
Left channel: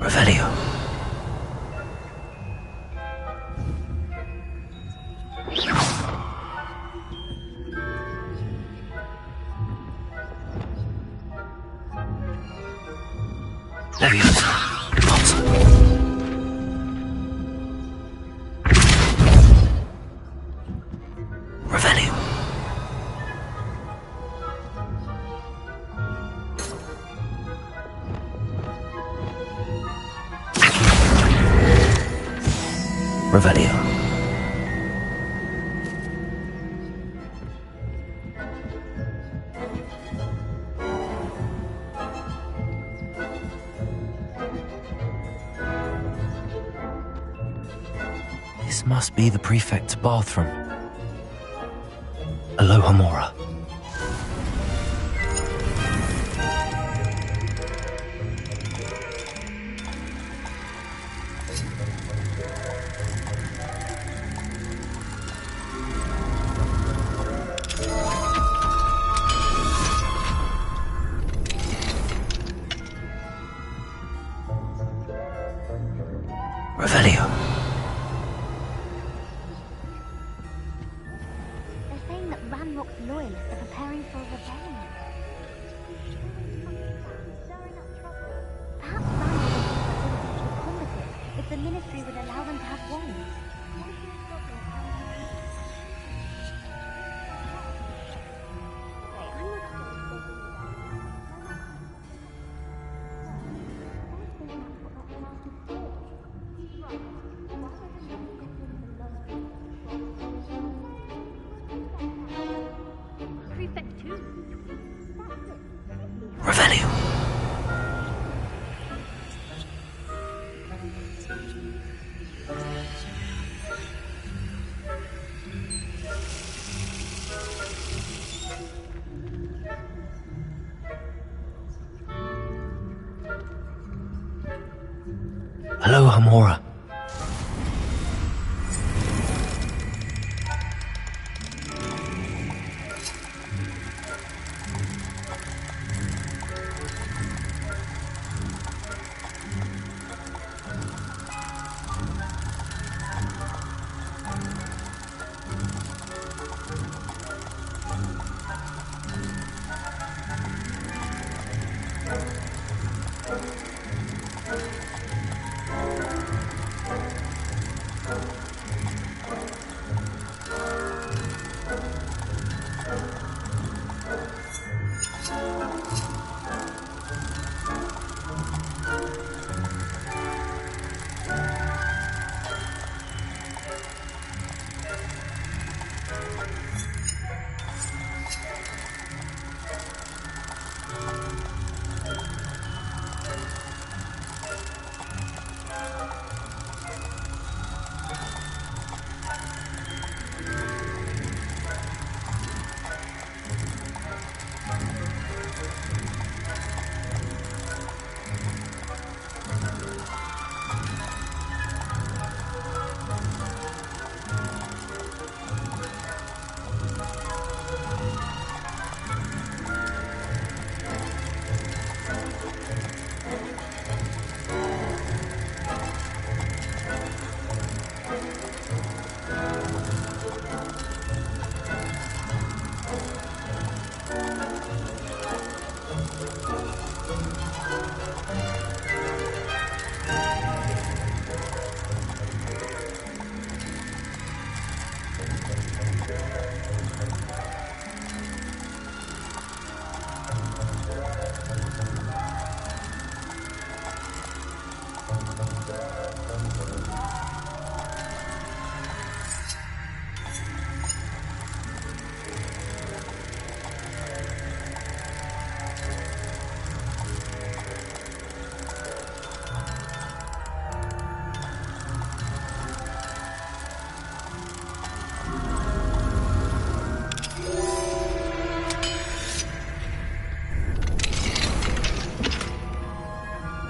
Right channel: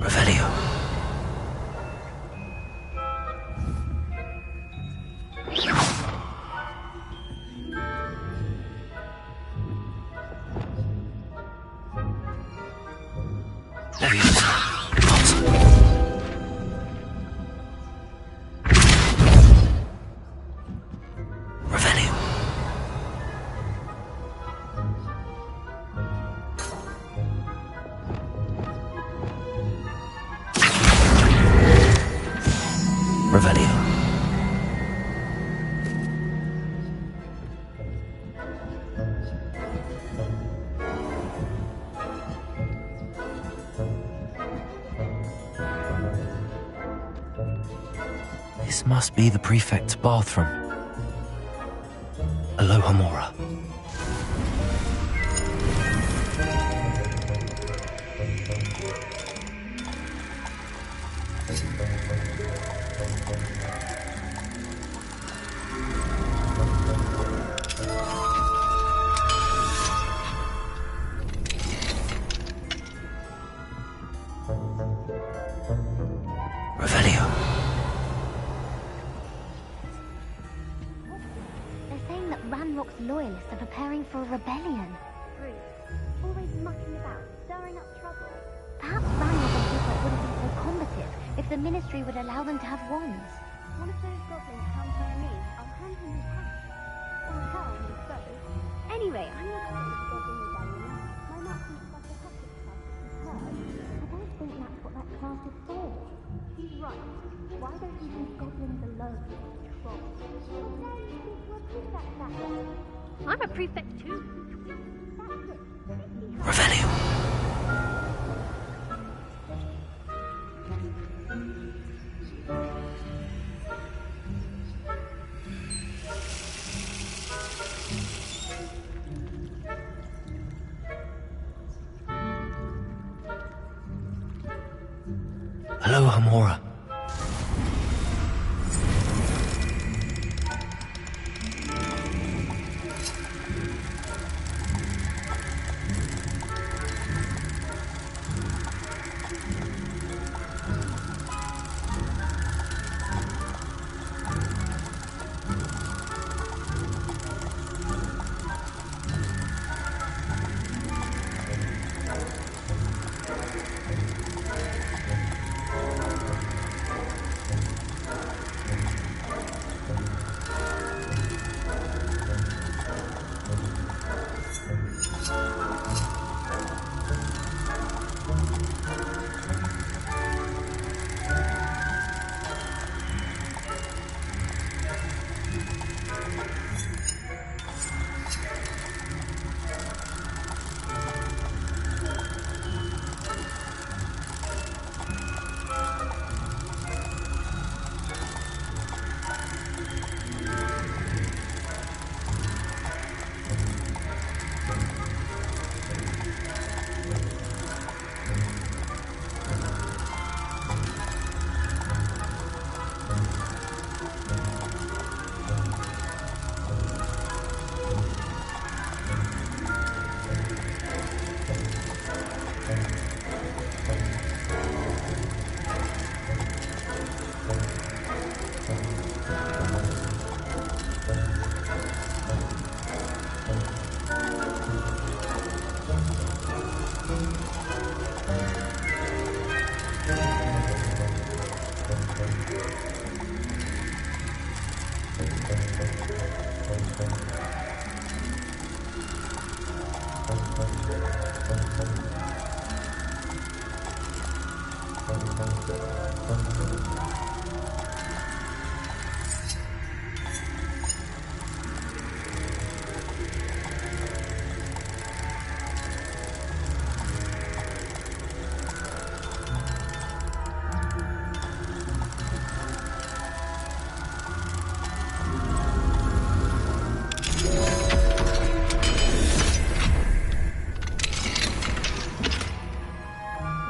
Revelio. Leviosa. Revelio. Revelio. This must be the prefect's bathroom. Alohomora. Revelio. They're saying that Ranrock's loyalists are preparing for a rebellion. Always mucking about, stirring up trouble. Perhaps Ranrock and Prefect wouldn't be so combative if the Ministry would allow them to have wands. What if those goblins come to our lead? I'll hand them the Anyway, I'm not sure if they're doing rebellion. My mum thinks that's a hectic stuff. I don't think that's what that class is for. He's right. Why don't you leave goblins alone? I'm a prefect too. Revelio. Alohomora.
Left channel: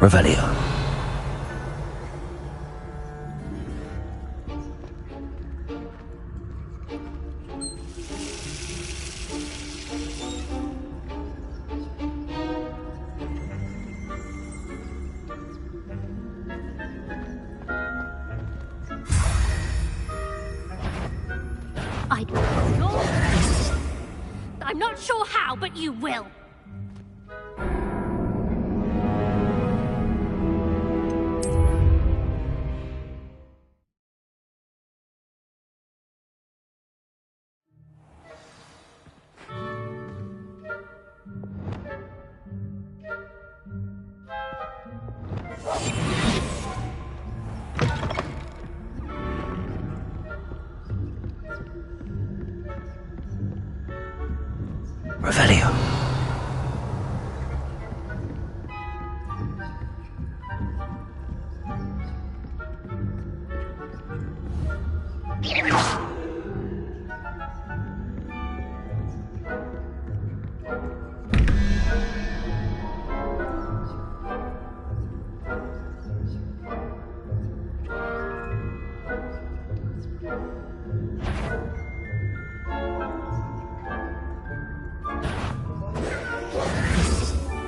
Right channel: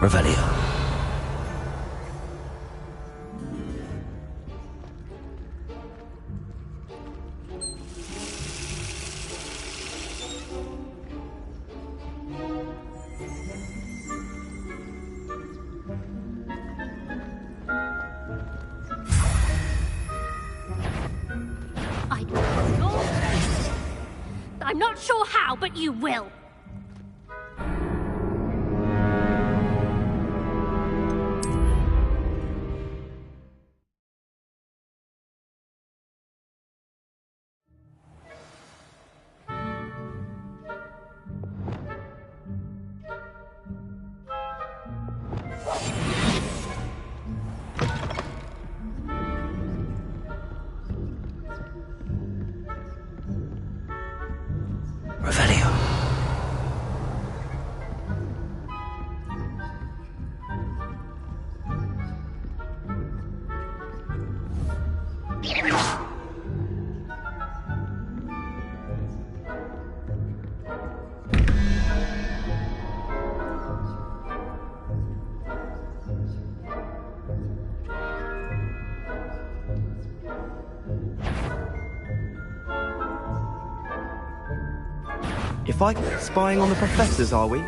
Revelio. I got your face. I'm not sure how, but you will. Revelio. If I keep spying on the professors, are we?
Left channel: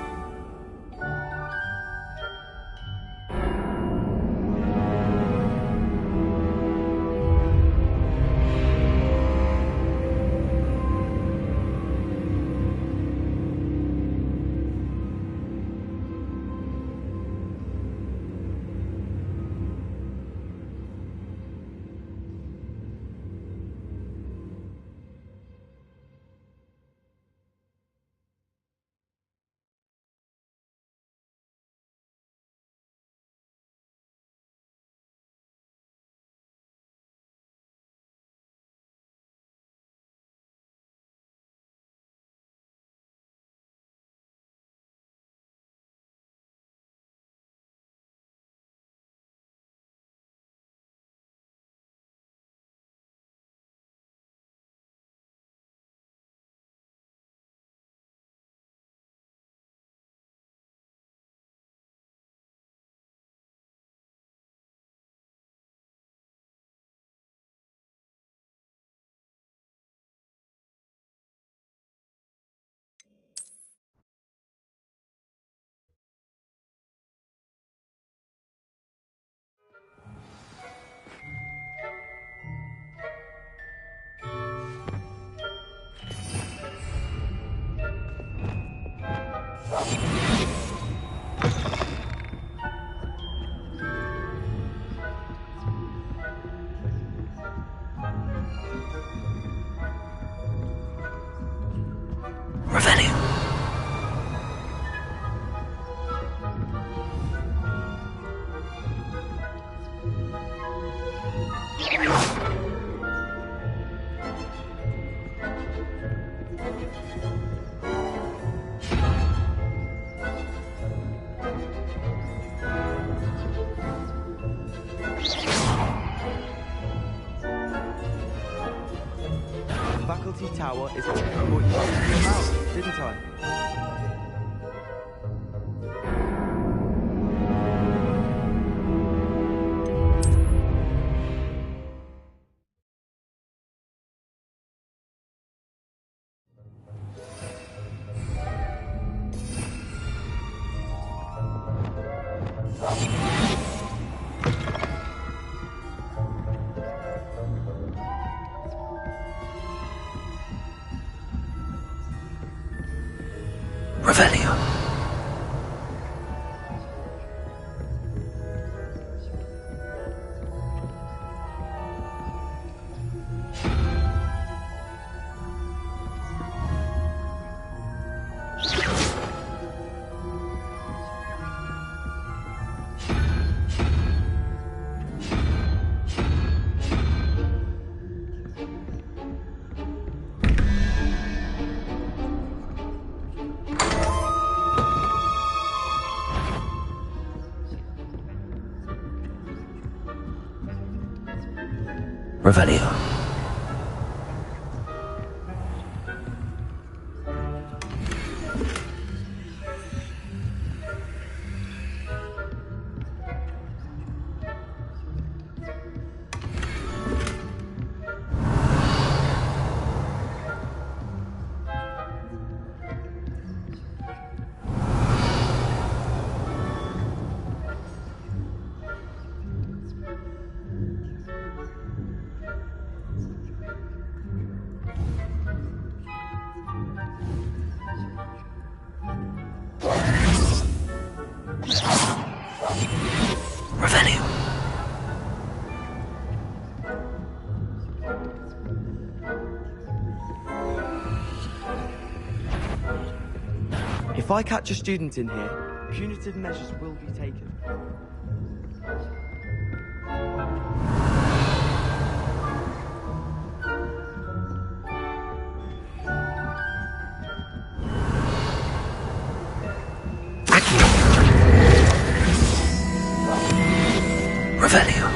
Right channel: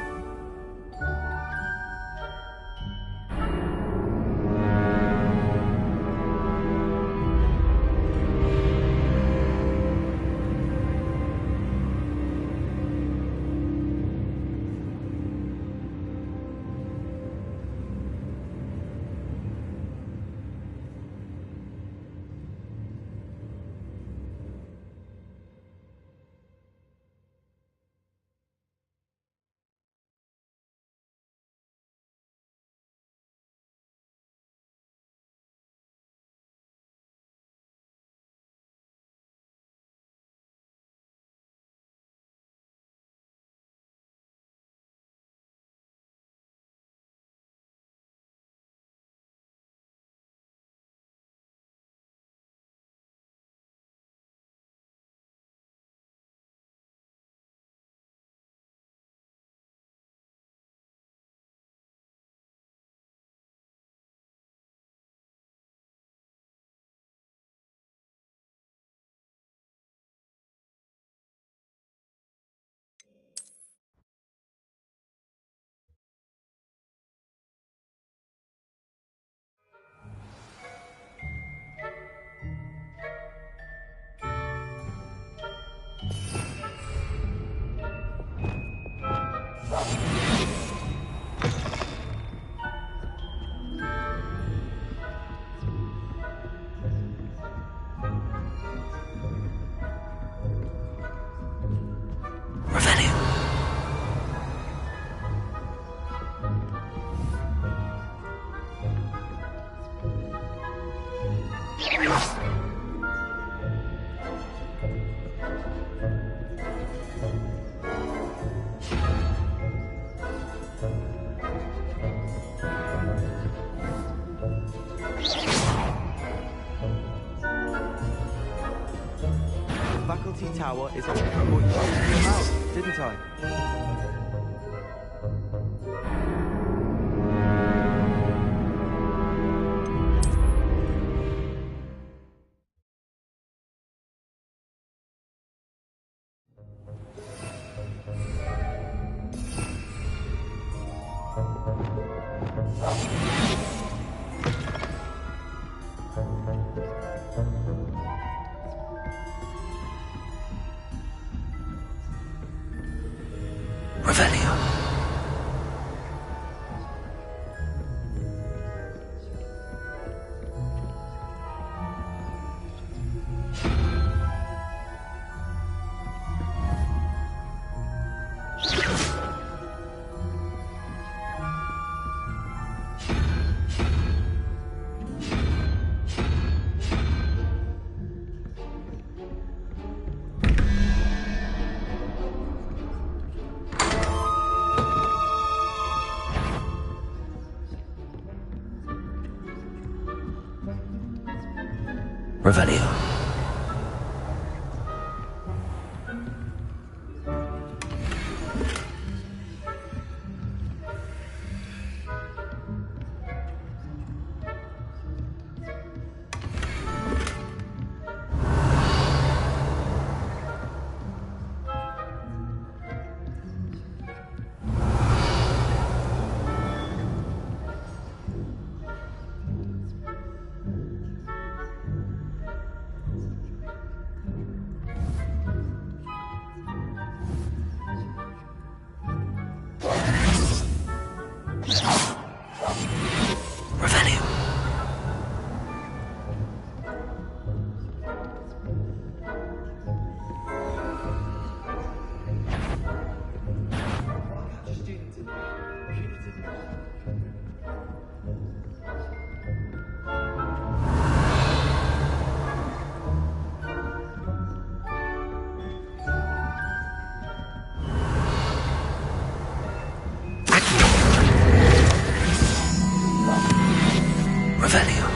Faculty Tower is on what you told me about, didn't I? Revelio. Revelio. If I catch a student in here, punitive measures will be taken. Revelio.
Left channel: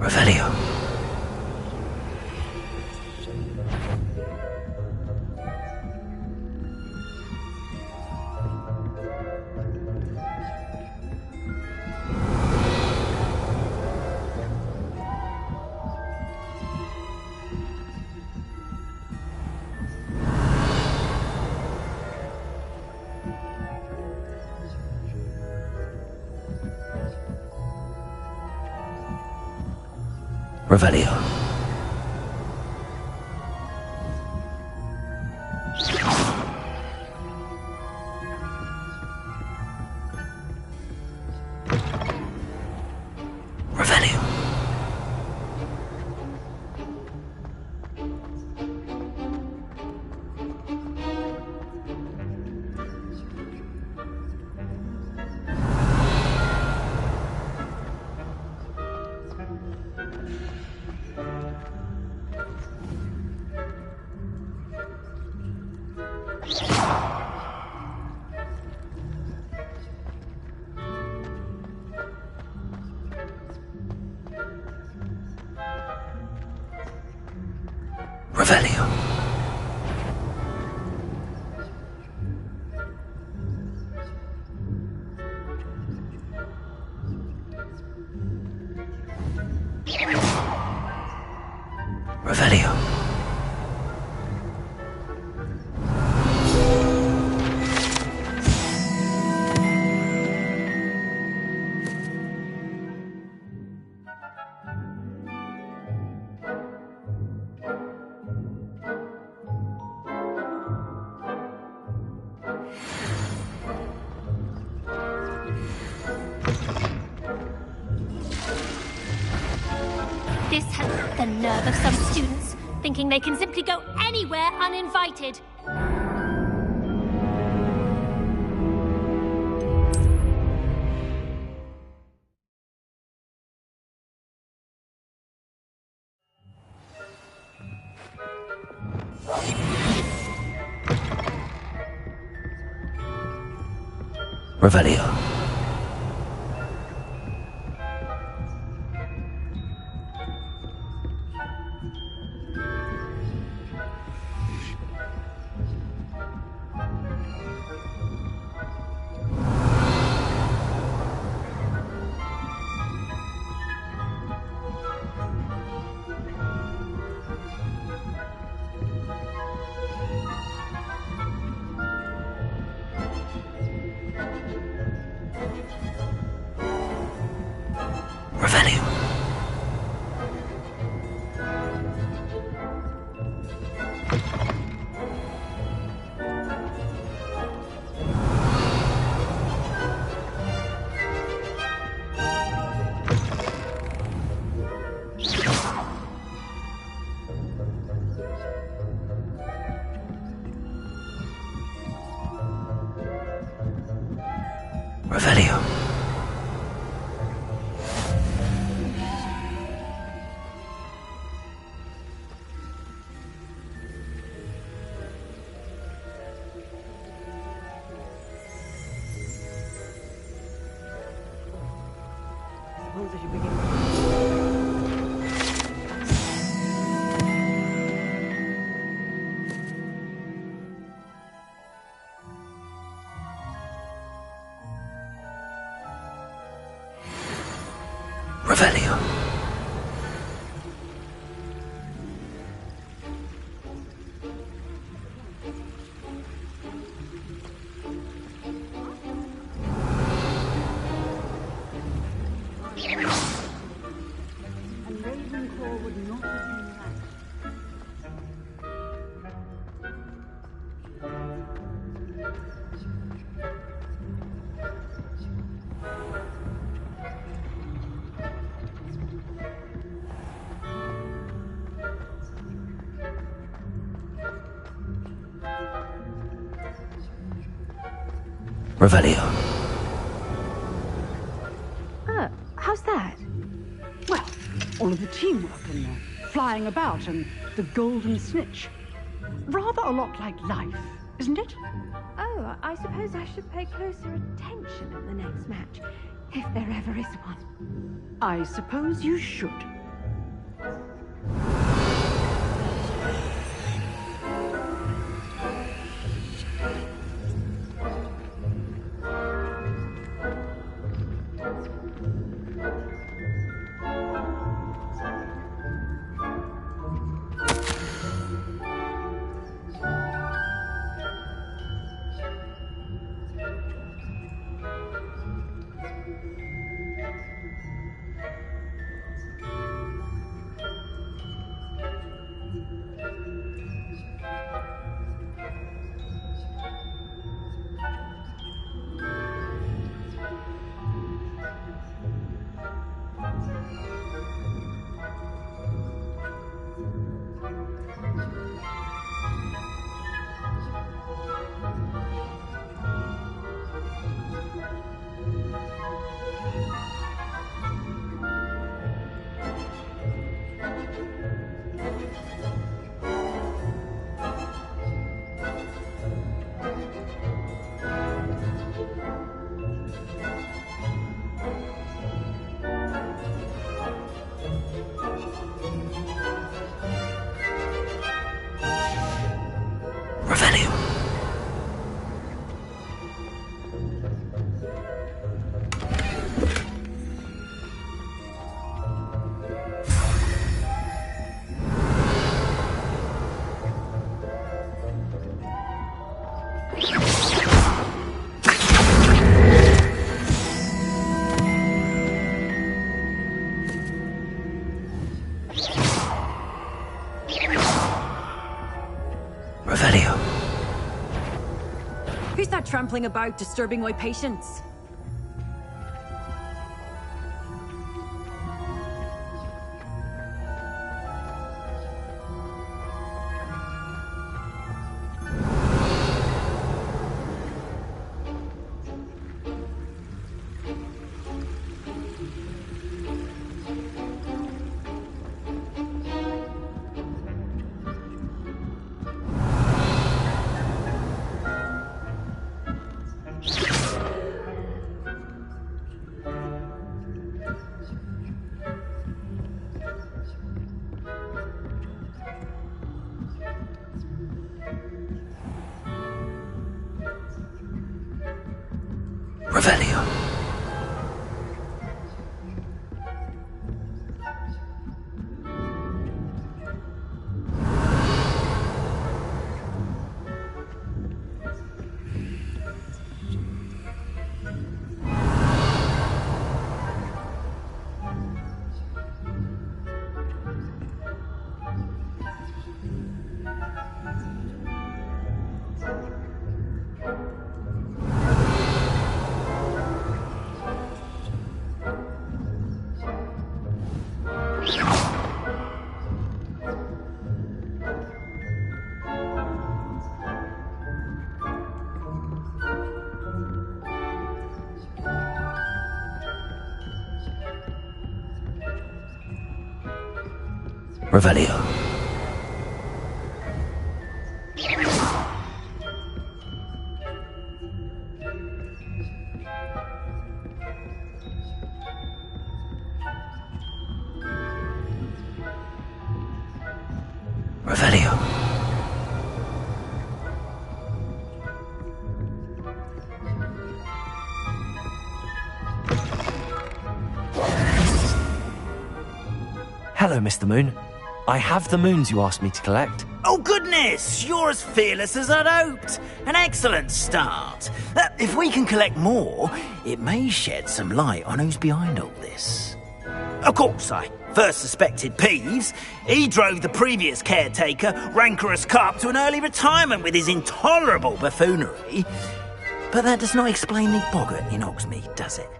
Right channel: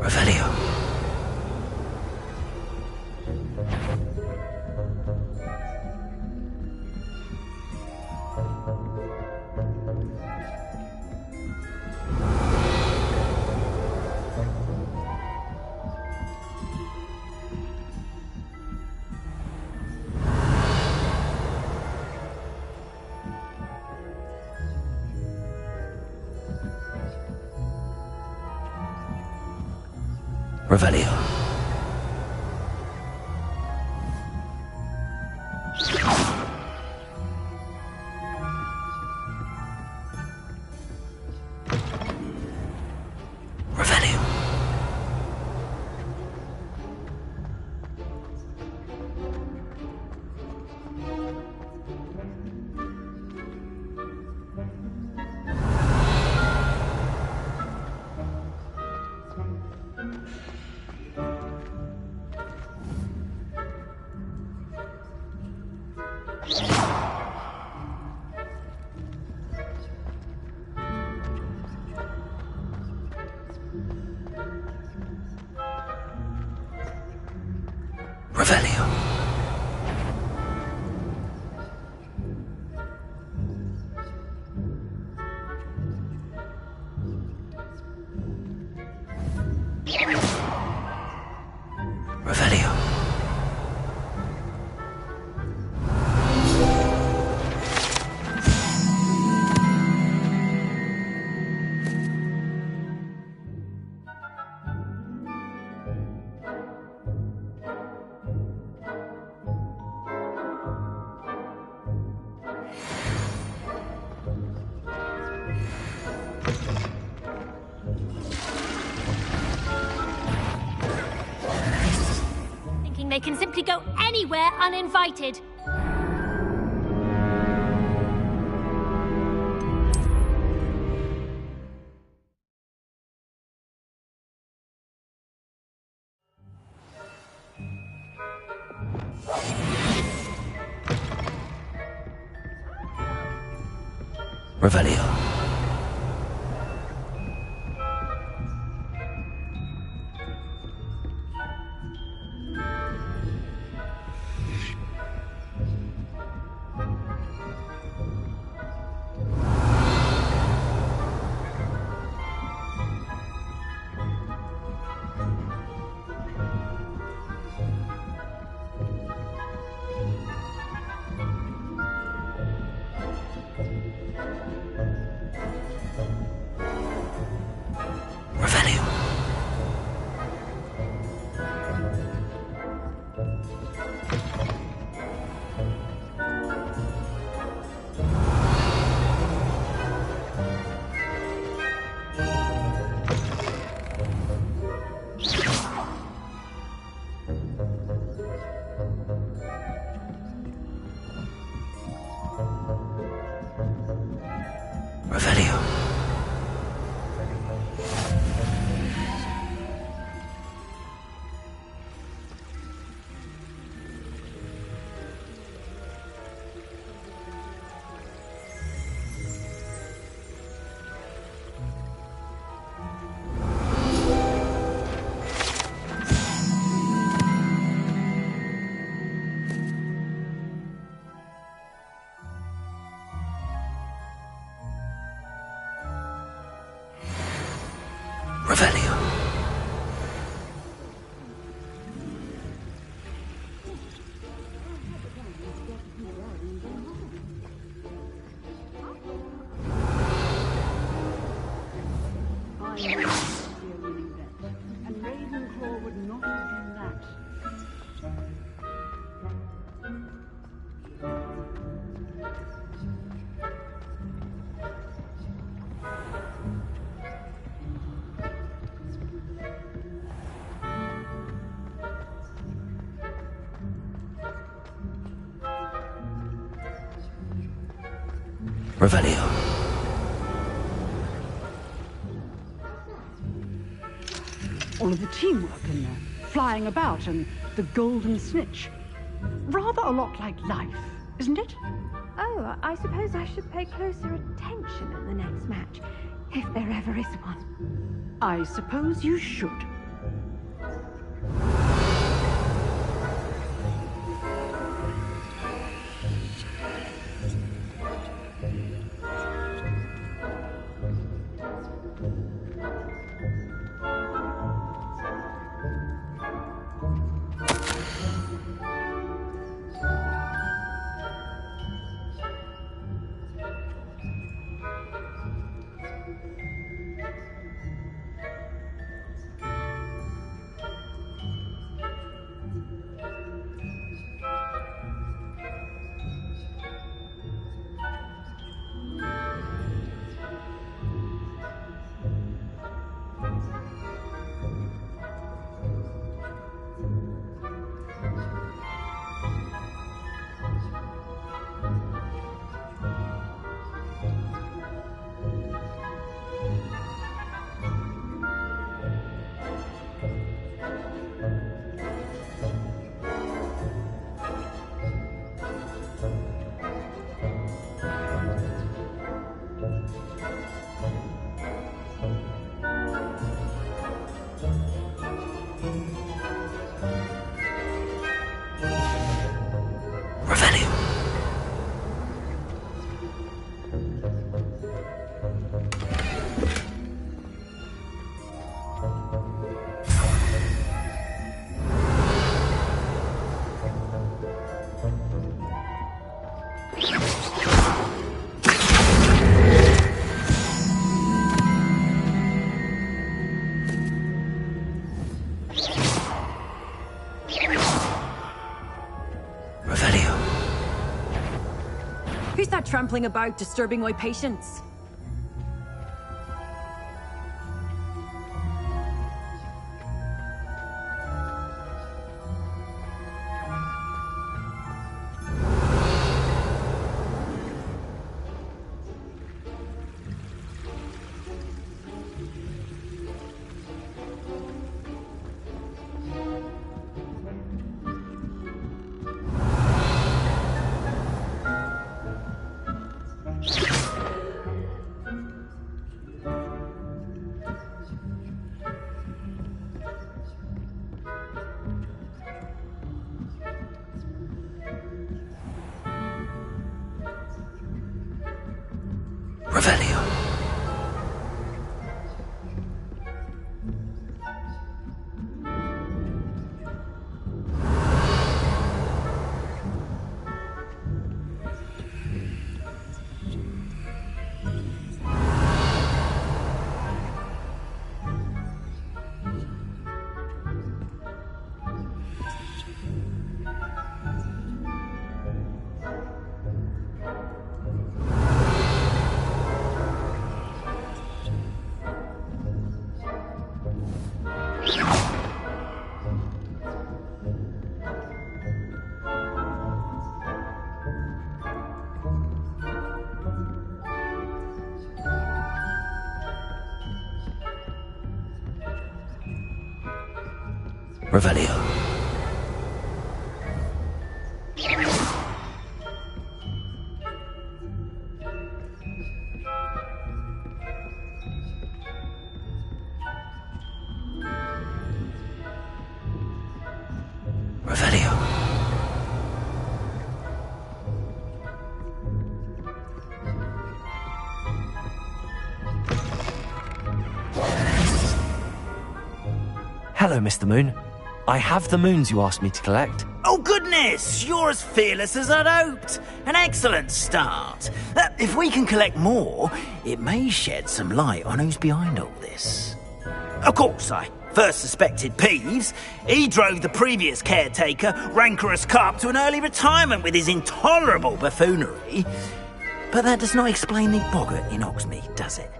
Revelio. Revelio. Revelio. Revelio. Revelio. This has the nerve of some students, thinking they can simply go anywhere uninvited. Revelio. Revelio. And Ravenclaw would not have done that. Revelio. How's that? Well, all of the teamwork and the flying about and the golden snitch. Rather a lot like life, isn't it? Oh, I suppose I should pay closer attention at the next match, if there ever is one. I suppose you should. Who's that trampling about, disturbing my patients? Revelio. Revelio. Revelio. Hello, Mr. Moon. I have the moons you asked me to collect. Oh, goodness! You're as fearless as I'd hoped. An excellent start. If we can collect more, it may shed some light on who's behind all this. Of course, I first suspected Peeves. He drove the previous caretaker, Rancorous Carp, to an early retirement with his intolerable buffoonery. But that does not explain the boggart in Hogsmeade, does it?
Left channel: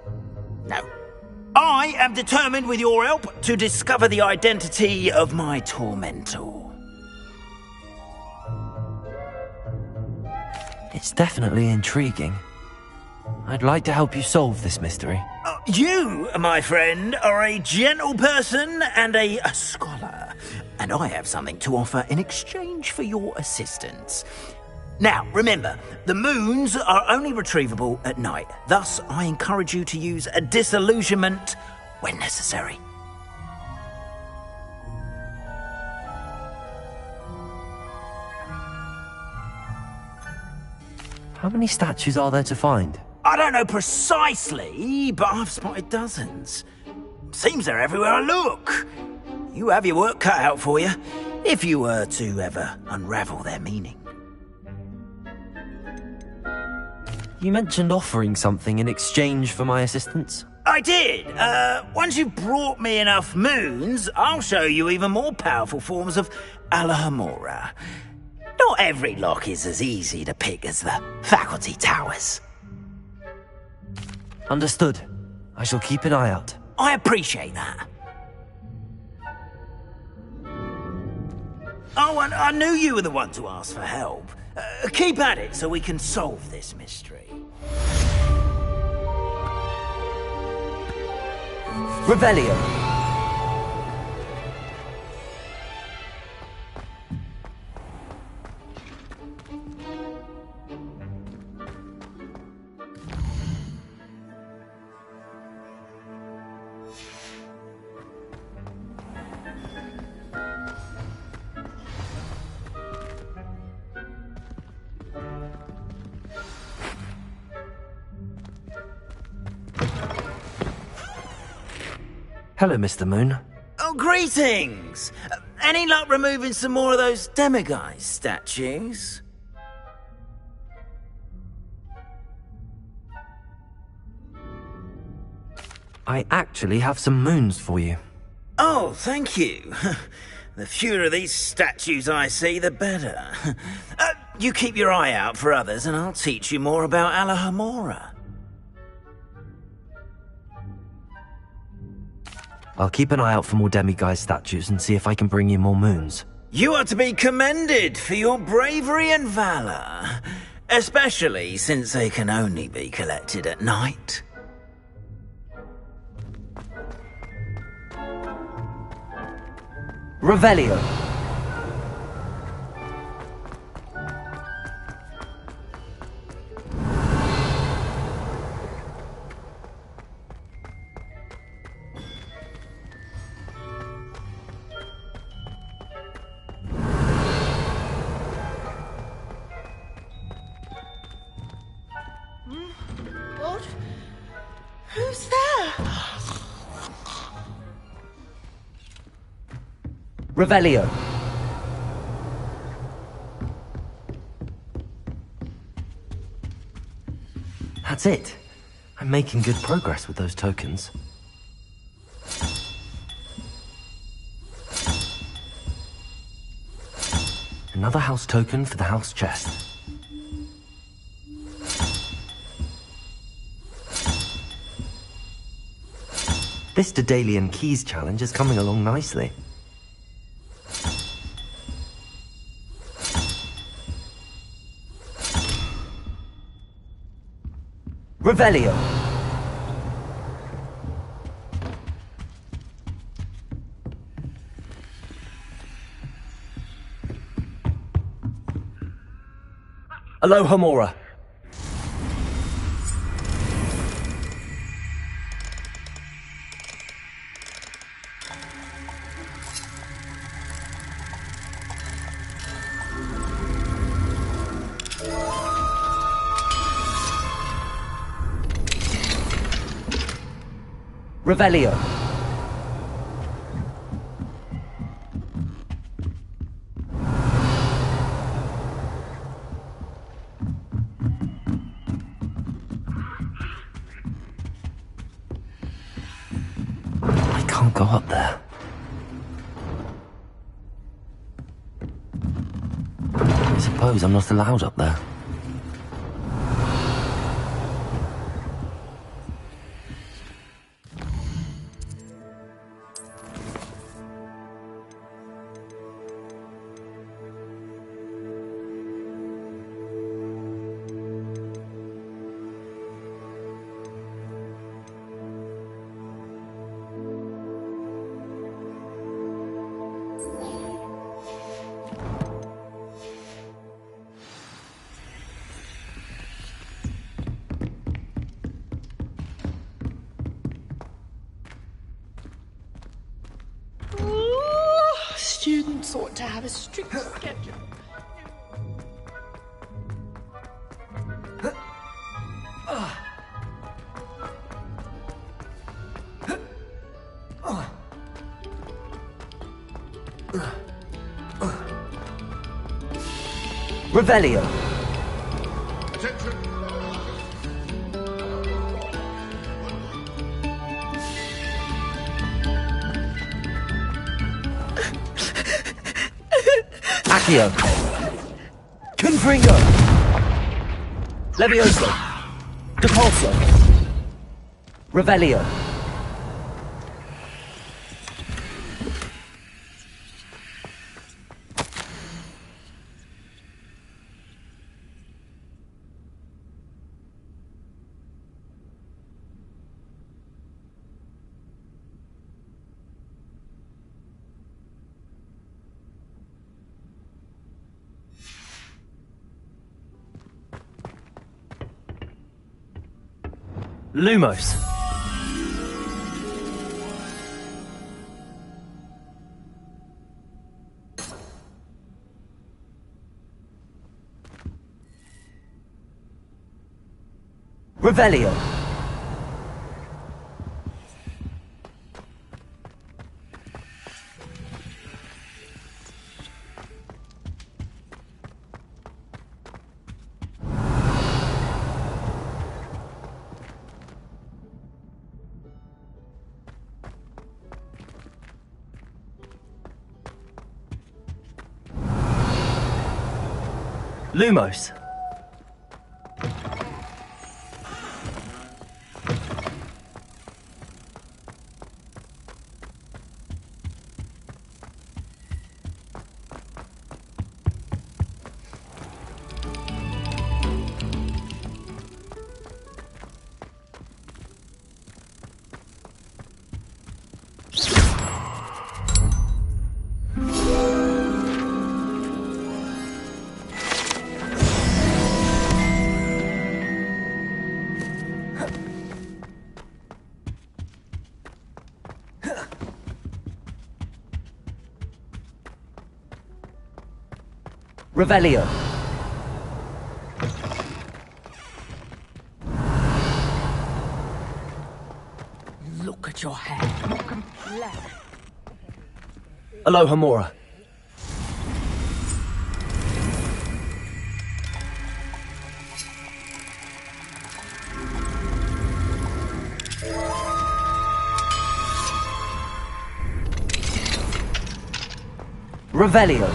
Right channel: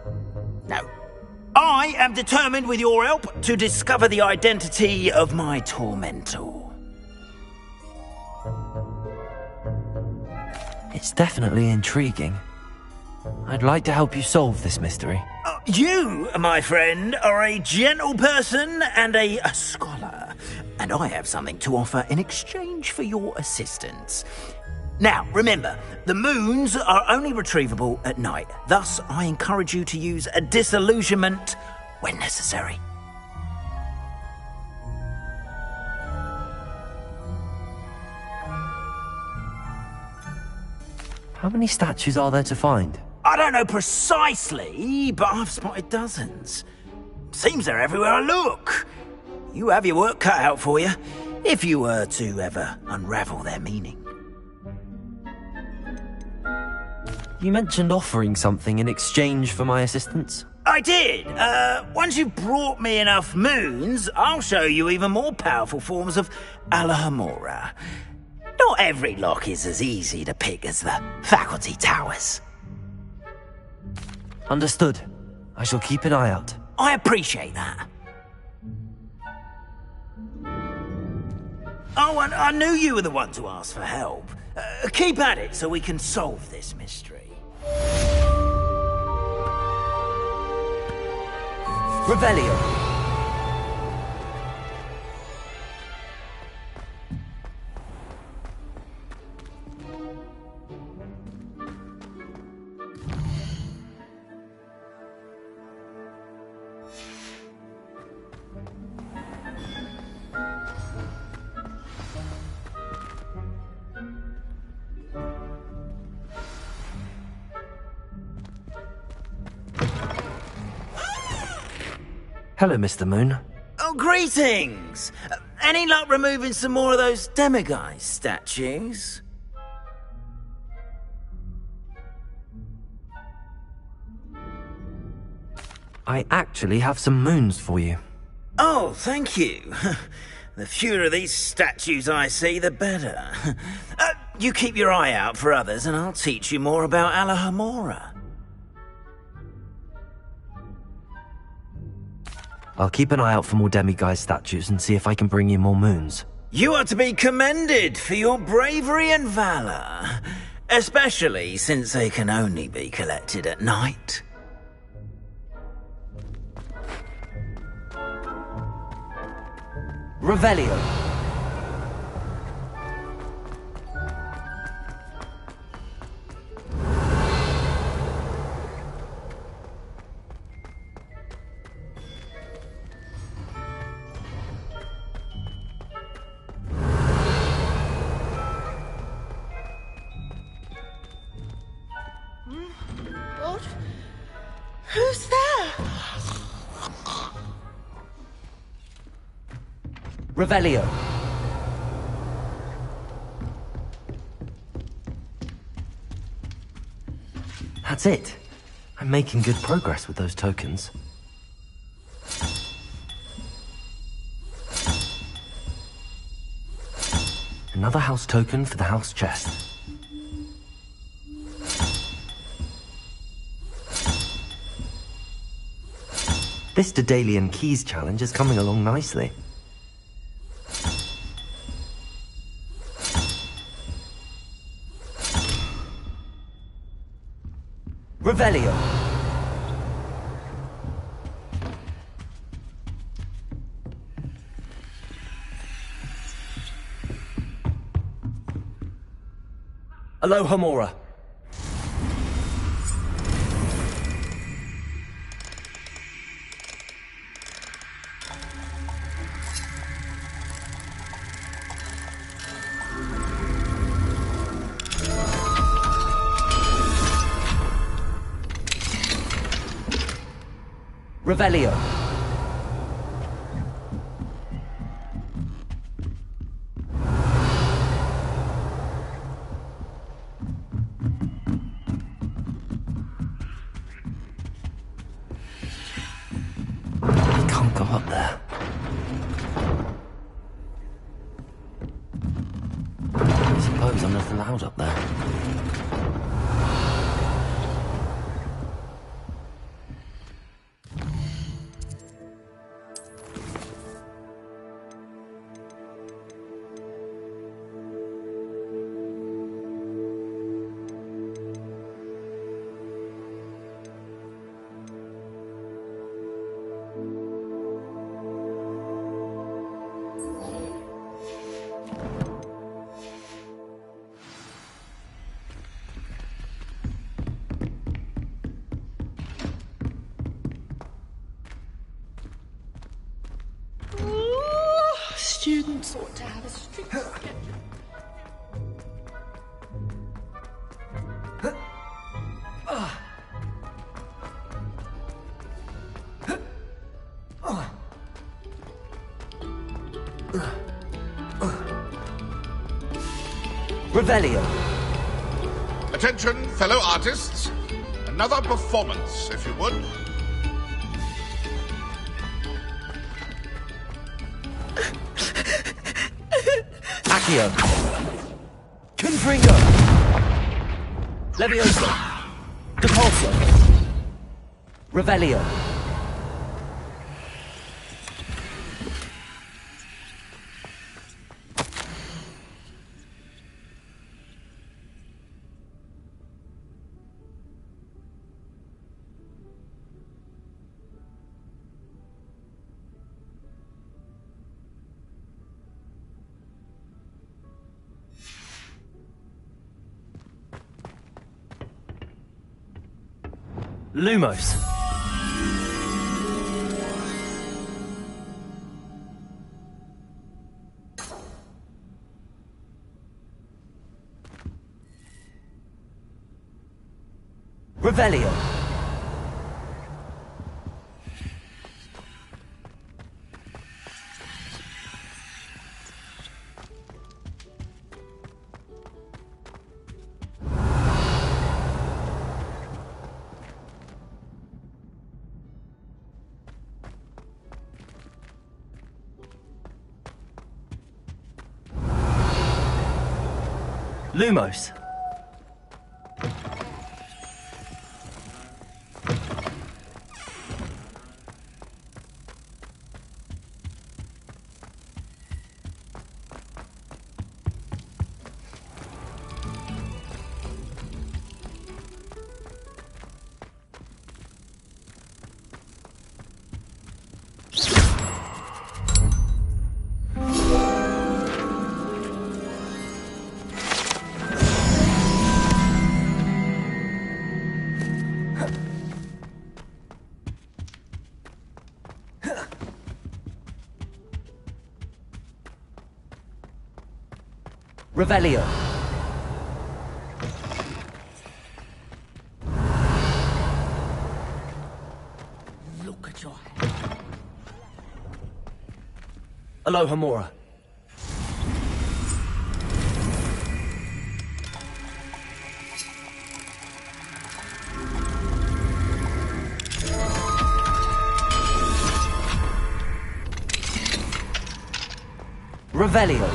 No. I am determined, with your help, to discover the identity of my tormentor. It's definitely intriguing. I'd like to help you solve this mystery. You, my friend, are a gentle person and a scholar, and I have something to offer in exchange for your assistance. Now, remember, the moons are only retrievable at night. Thus, I encourage you to use a disillusionment when necessary. How many statues are there to find? I don't know precisely, but I've spotted dozens. Seems they're everywhere I look. You have your work cut out for you, if you were to ever unravel their meaning. You mentioned offering something in exchange for my assistance? I did. Once you've brought me enough moons, I'll show you even more powerful forms of Alohomora. Not every lock is as easy to pick as the faculty towers. Understood. I shall keep an eye out. I appreciate that. Oh, and I knew you were the one to ask for help. Keep at it so we can solve this mystery. Revelio. Hello, Mr. Moon. Oh, greetings! Any luck removing some more of those demiguise statues? I actually have some moons for you. Oh, thank you. The fewer of these statues I see, the better. You keep your eye out for others, and I'll teach you more about Alohomora. I'll keep an eye out for more demiguise statues and see if I can bring you more moons. You are to be commended for your bravery and valor, especially since they can only be collected at night. Revelio. What? Who's there? Revelio. That's it. I'm making good progress with those tokens. Another house token for the house chest. This Daedalian Keys challenge is coming along nicely. Revelio. Alohomora. Revelio. can't go up there. I suppose I'm not allowed up there. Students ought to have a strict schedule. Revelio. Attention, fellow artists. Another performance, if you would. Accio. Confringo. Levioso. Depulso. Revelio. Lumos. Revelio. Lumos. Revelio. Look at your hair. Aloha Mora. Revelio.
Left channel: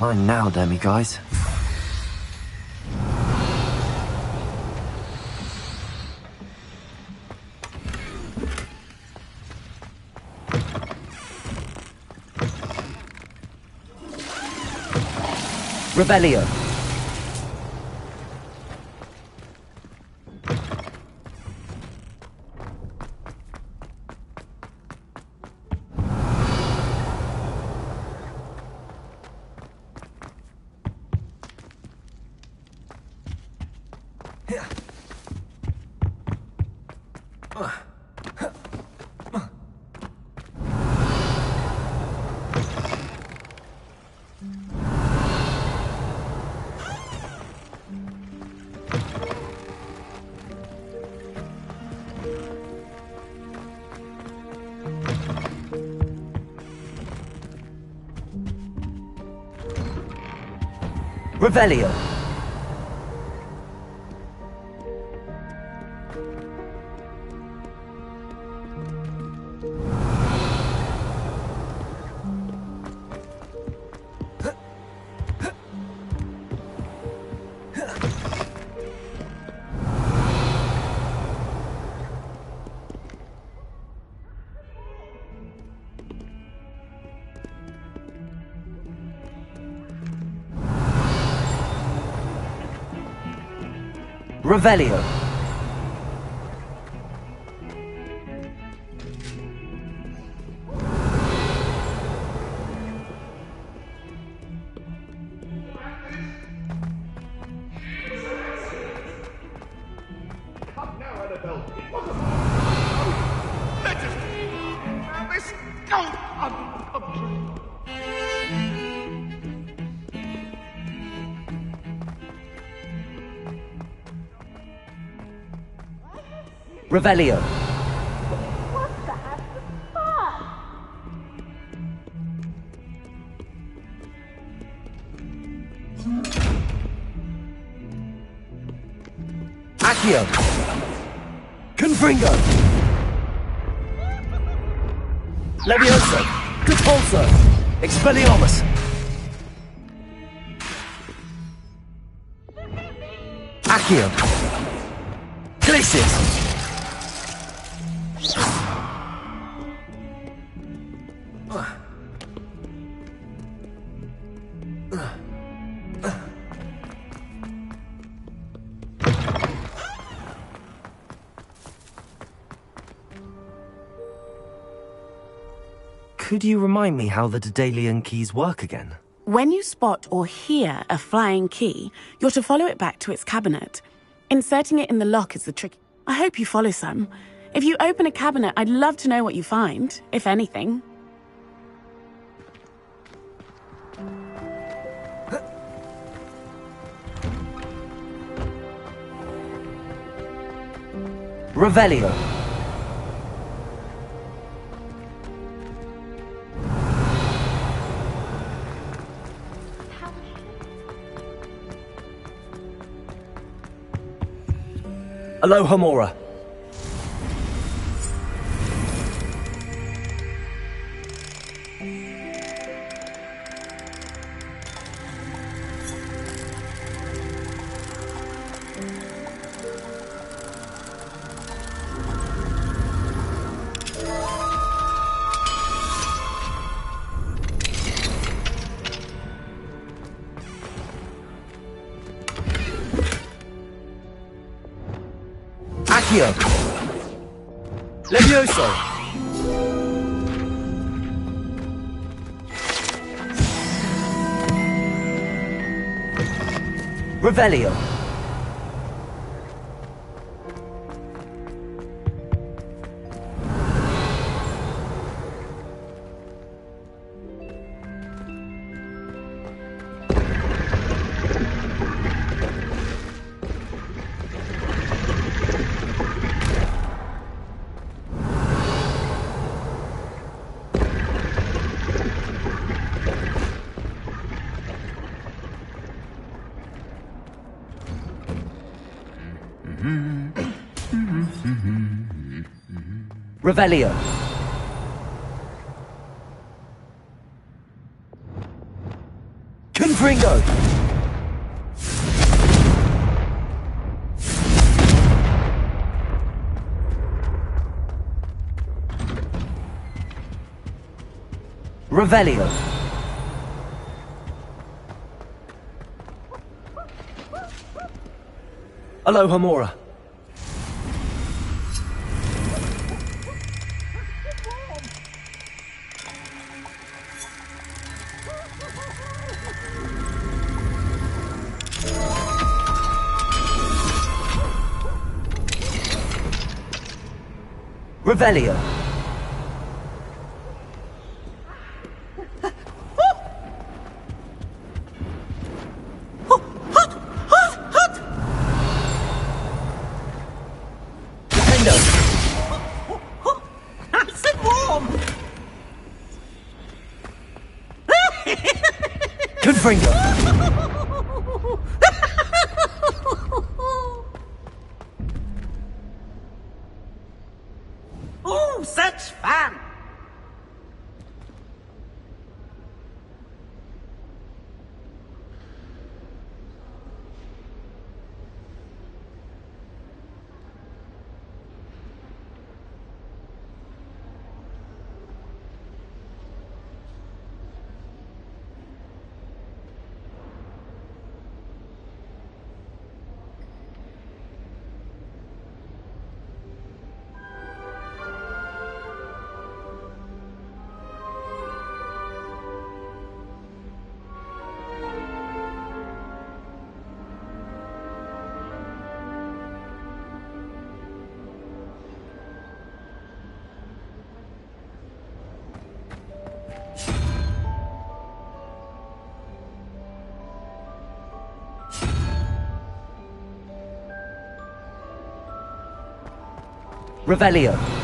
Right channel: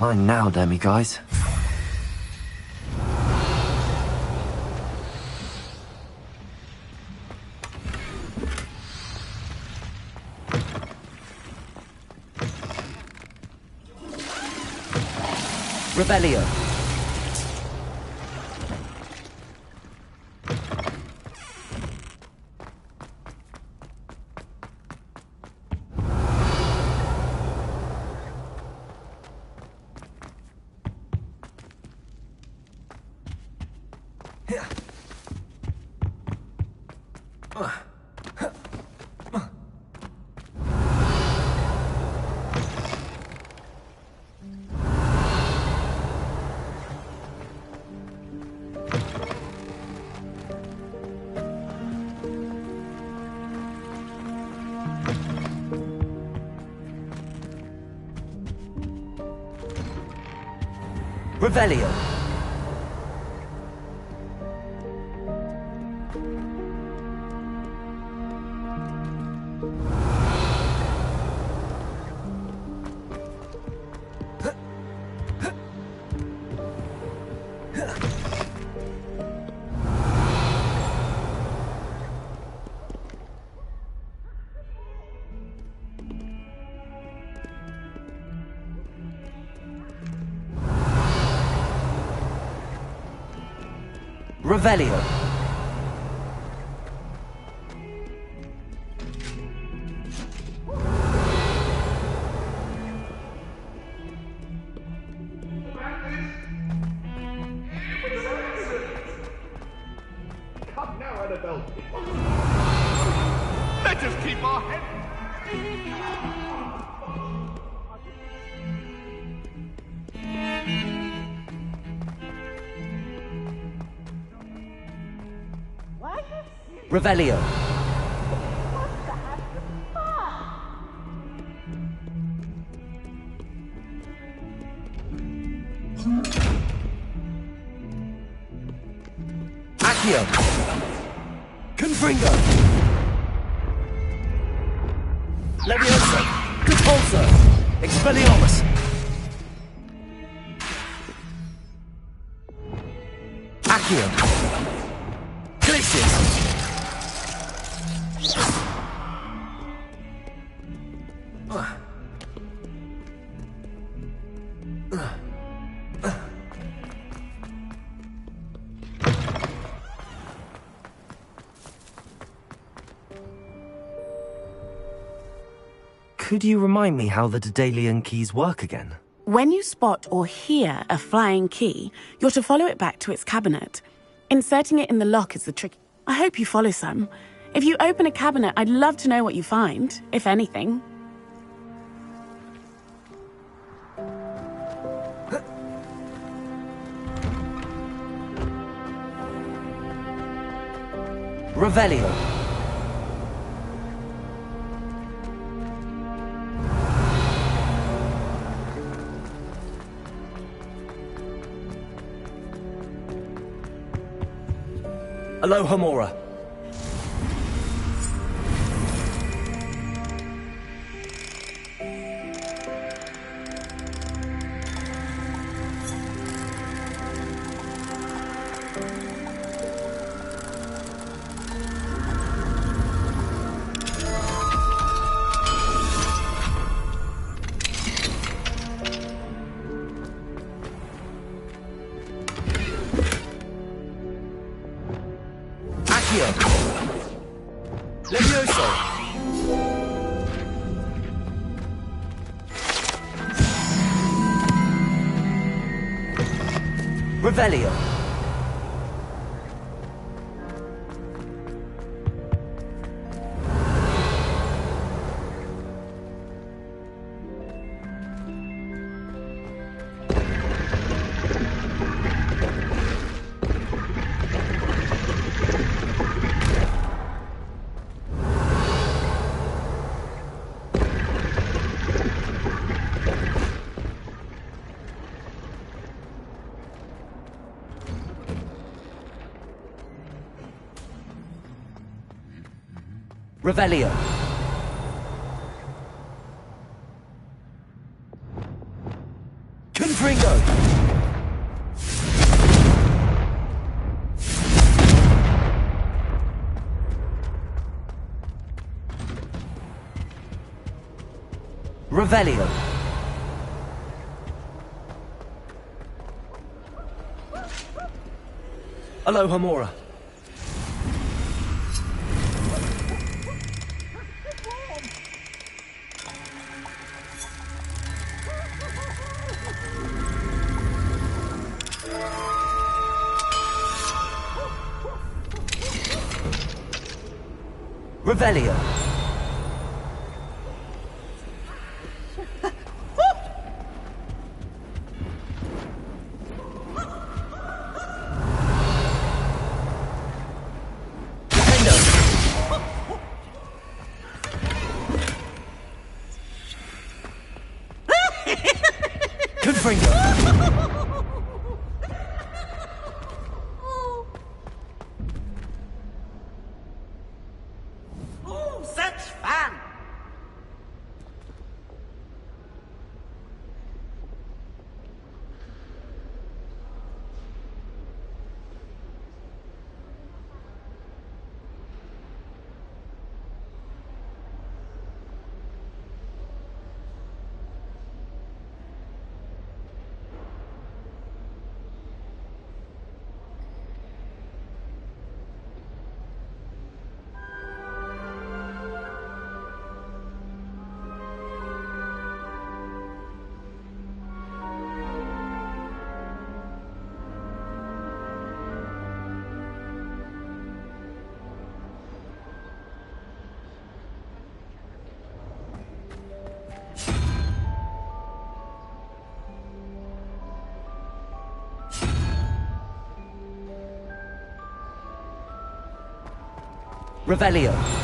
Mine now, Demi guys. Revelio. Revelio. Revelio. Come now, Annabelle. Let us keep our heads down. Revelio. What the fuck? Accio. Confringo. Levioso. Repulso. Expelliarmus. Accio. Glacius. Could you remind me how the Daedalian keys work again? When you spot or hear a flying key, you're to follow it back to its cabinet. Inserting it in the lock is the trick. I hope you follow some. If you open a cabinet, I'd love to know what you find, if anything. Revelio. Aloha Mora. Accio. Levioso. Revelio. Revelio. Confringo. Revelio. Aloha Mora. Revelio. Confringo. Oh, such fun! Revelio.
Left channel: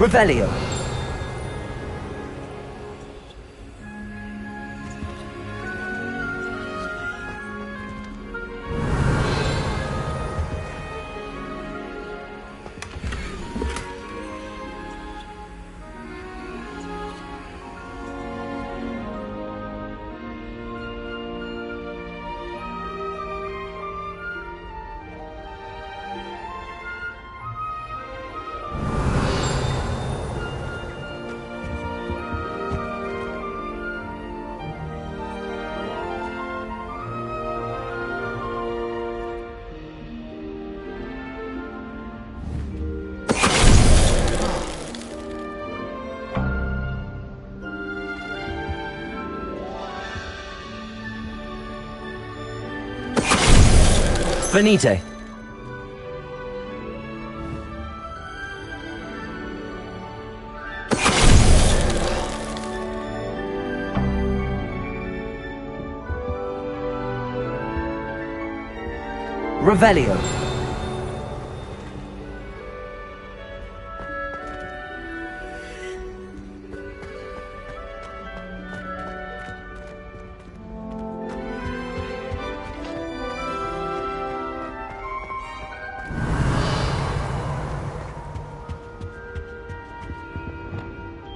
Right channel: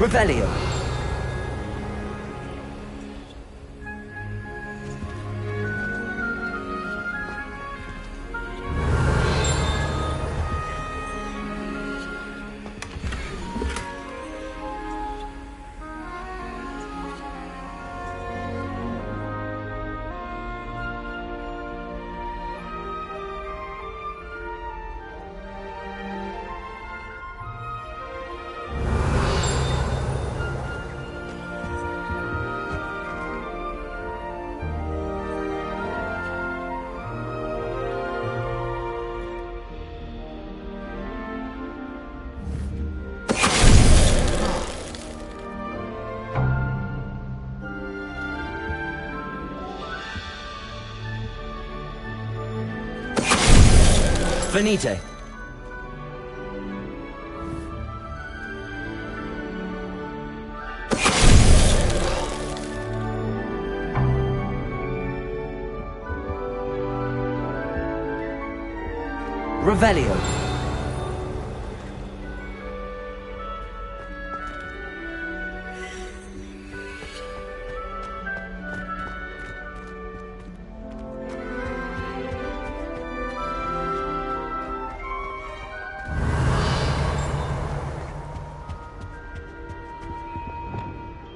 Revelio. Venite. Revelio.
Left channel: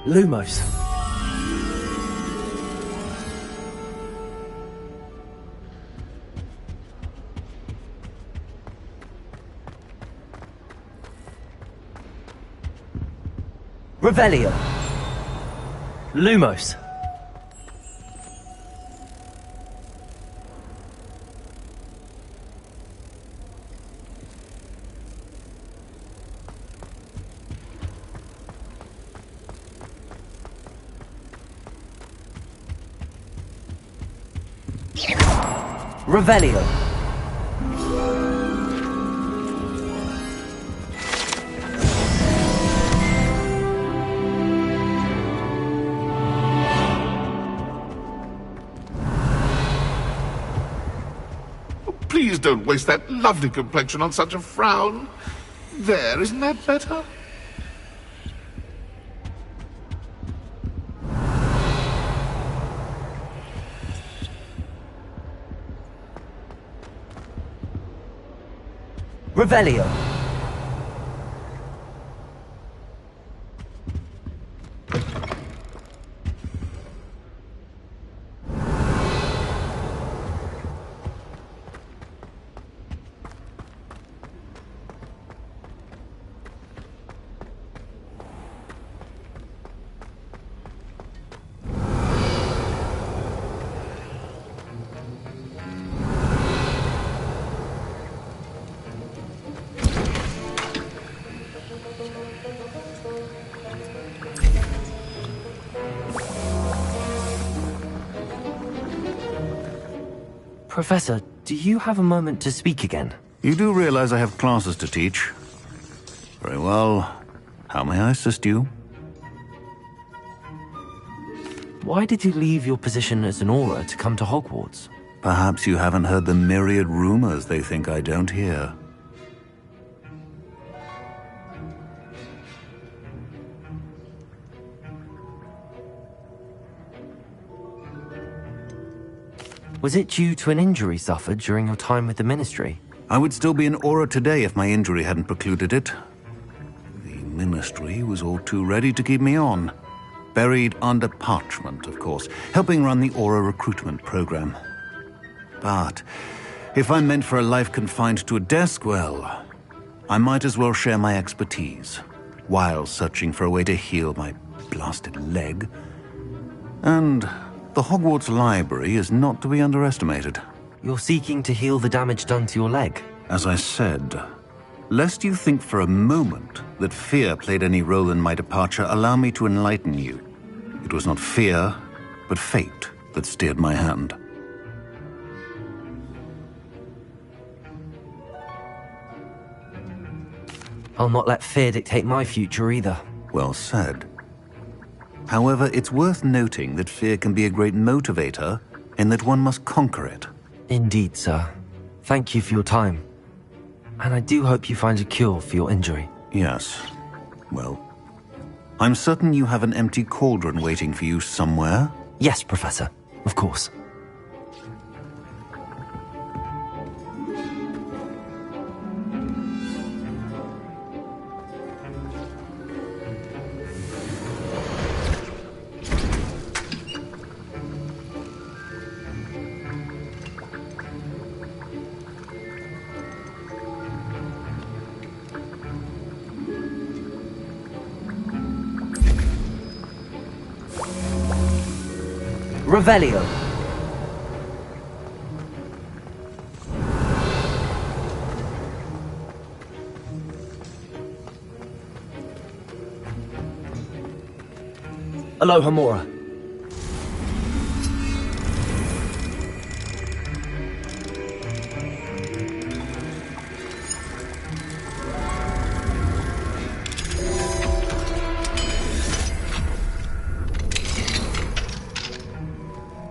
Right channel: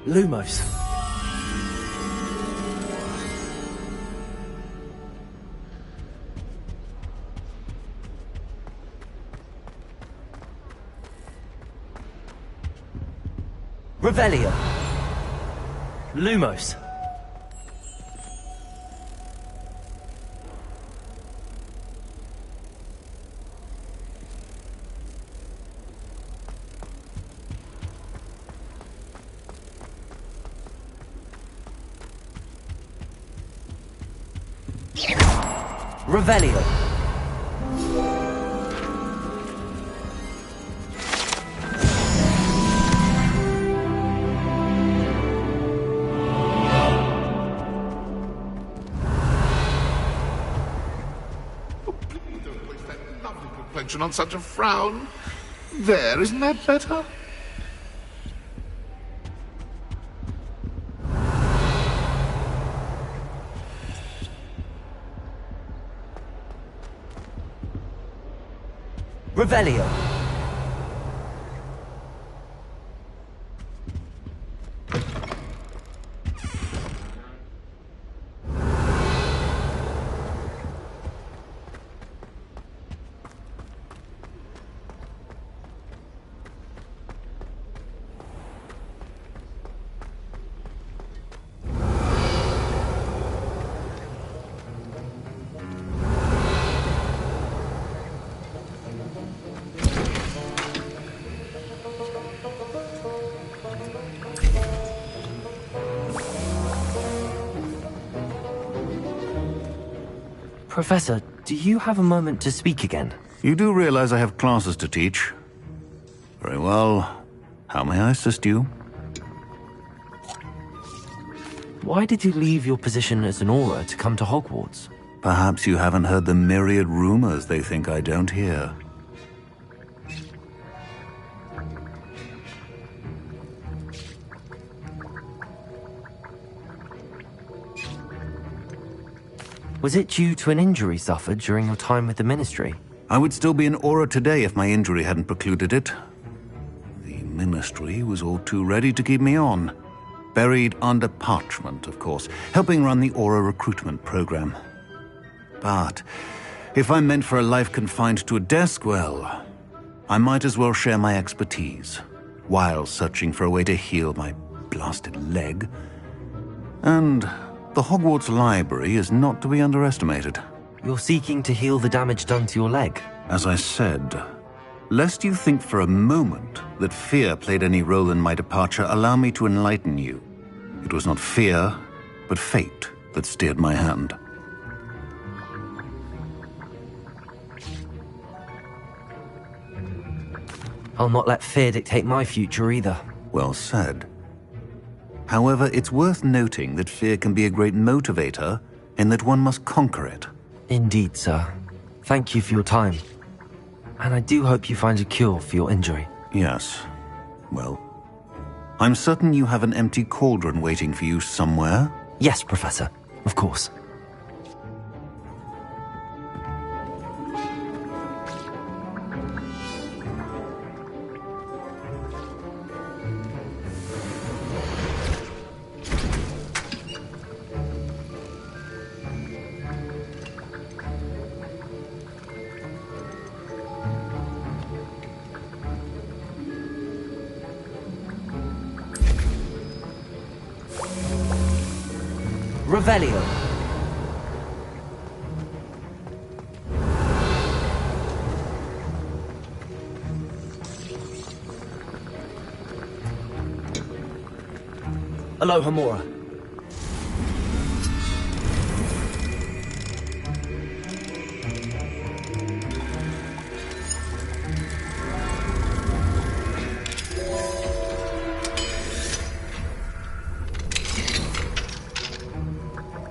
Lumos. Revelio. Lumos. Revelio. Please don't waste that lovely complexion on such a frown. There, isn't that better? Revelio. Professor, do you have a moment to speak again? You do realize I have classes to teach. Very well. How may I assist you? Why did you leave your position as an Auror to come to Hogwarts? Perhaps you haven't heard the myriad rumors they think I don't hear. Was it due to an injury suffered during your time with the Ministry? I would still be an Auror today if my injury hadn't precluded it. The Ministry was all too ready to keep me on. Buried under parchment, of course, helping run the Auror recruitment program. But if I'm meant for a life confined to a desk, well, I might as well share my expertise, while searching for a way to heal my blasted leg. And the Hogwarts Library is not to be underestimated. You're seeking to heal the damage done to your leg? As I said, lest you think for a moment that fear played any role in my departure, allow me to enlighten you. It was not fear, but fate that steered my hand. I'll not let fear dictate my future either. Well said. However, it's worth noting that fear can be a great motivator, and that one must conquer it. Indeed, sir. Thank you for your time. And I do hope you find a cure for your injury. Yes. Well, I'm certain you have an empty cauldron waiting for you somewhere. Yes, Professor. Of course. Revelio. Aloha Mora.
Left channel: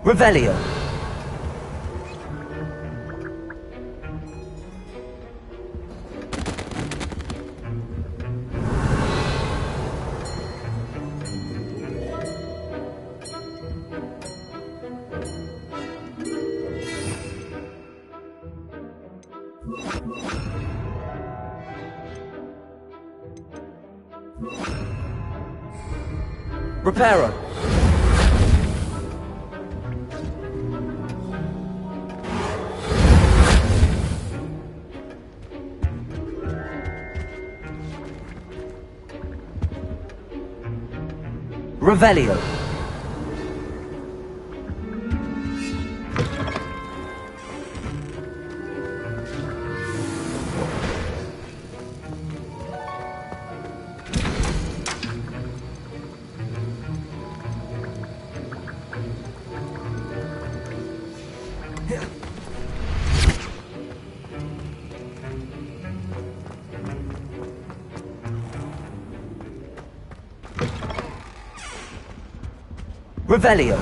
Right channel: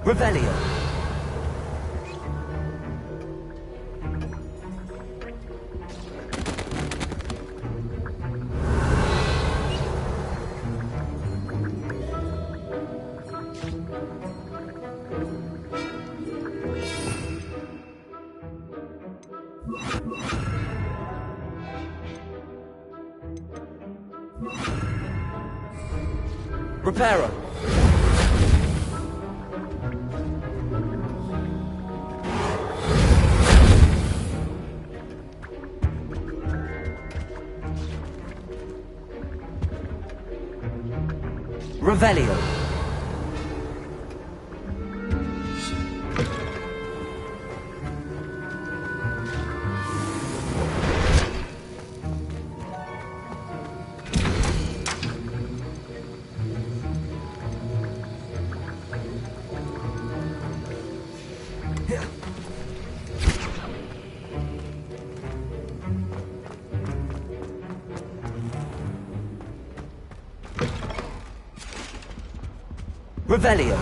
Revelio. Reparo. Revelio. Revelio.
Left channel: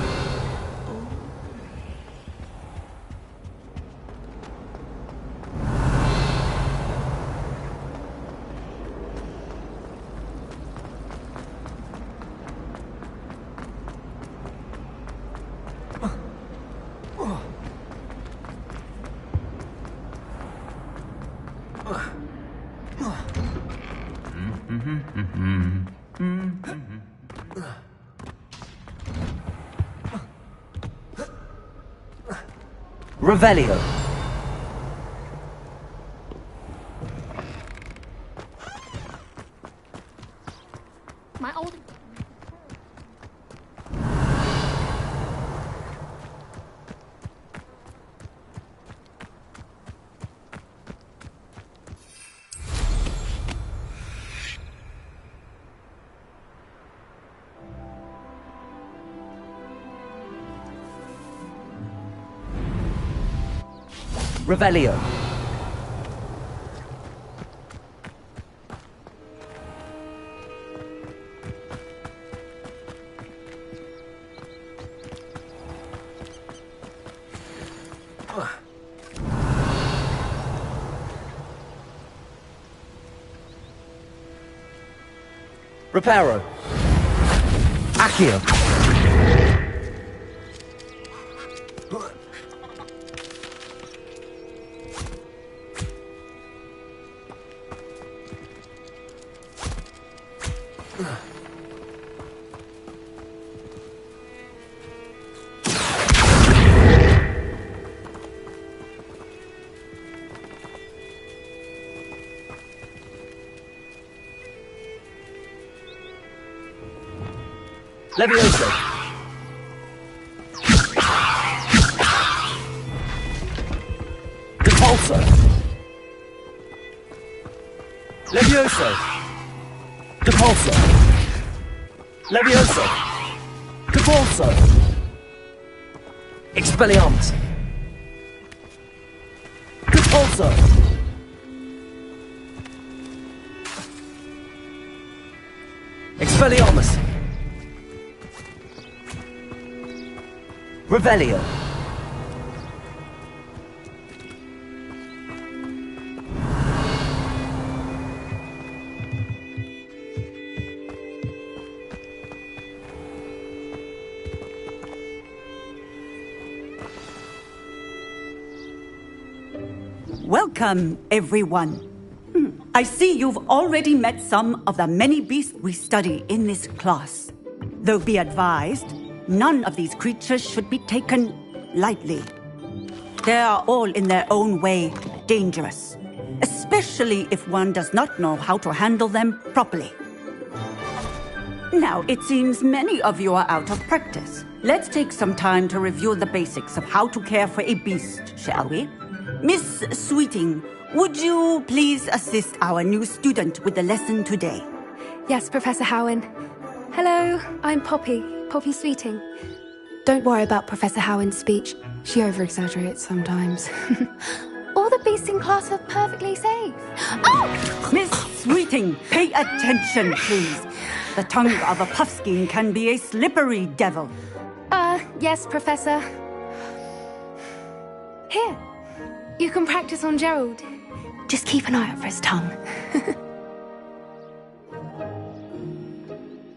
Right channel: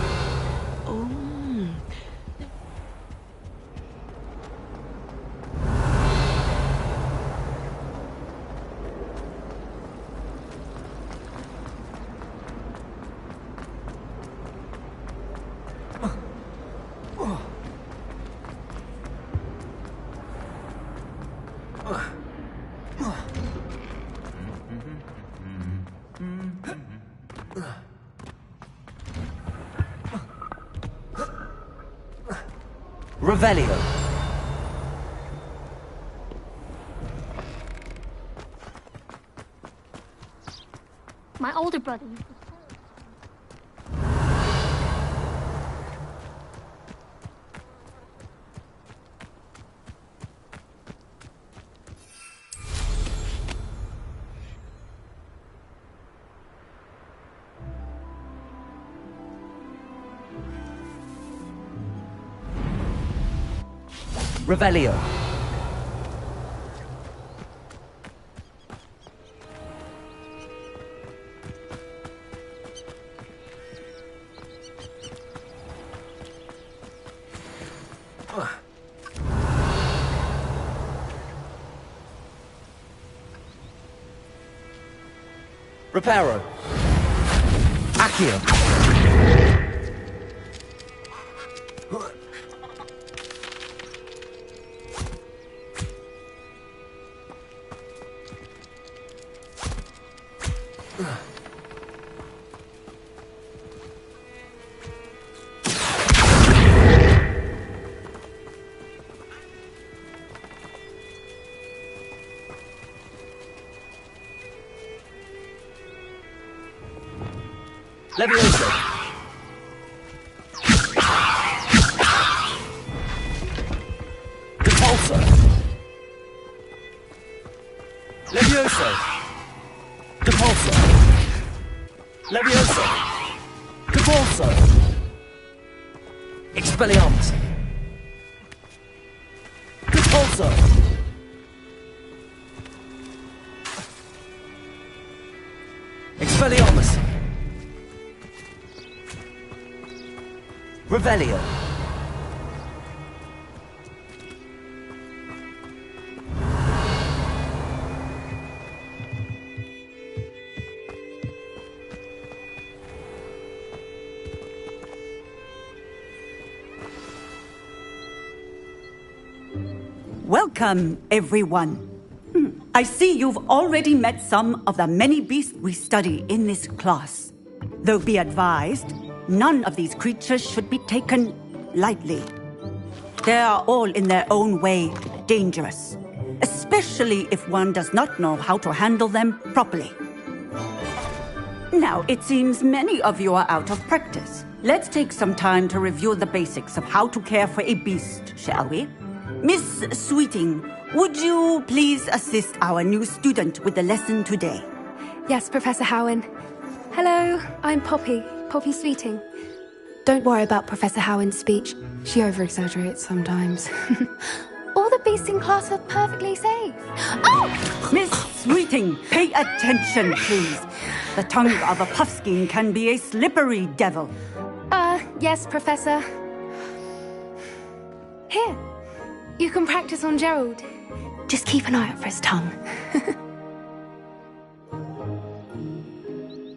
Revelio. My older brother. Revelio. Reparo. Accio. Levioso. Repulso. Levioso. Repulso. Levioso. Repulso. Expelliarmus. Repulso. Expelliarmus. Revelio. Welcome, everyone. I see you've already met some of the many beasts we study in this class. Though be advised, none of these creatures should be taken lightly. They are all in their own way dangerous, especially if one does not know how to handle them properly. Now, it seems many of you are out of practice. Let's take some time to review the basics of how to care for a beast, shall we? Miss Sweeting, would you please assist our new student with the lesson today? Yes, Professor Howen. Hello, I'm Poppy Sweeting. Don't worry about Professor Howen's speech. She over-exaggerates sometimes. All the beasts in class are perfectly safe. Oh! Miss Sweeting, pay attention, please. The tongue of a puffskein can be a slippery devil. Yes, Professor. Here, you can practice on Gerald. Just keep an eye out for his tongue.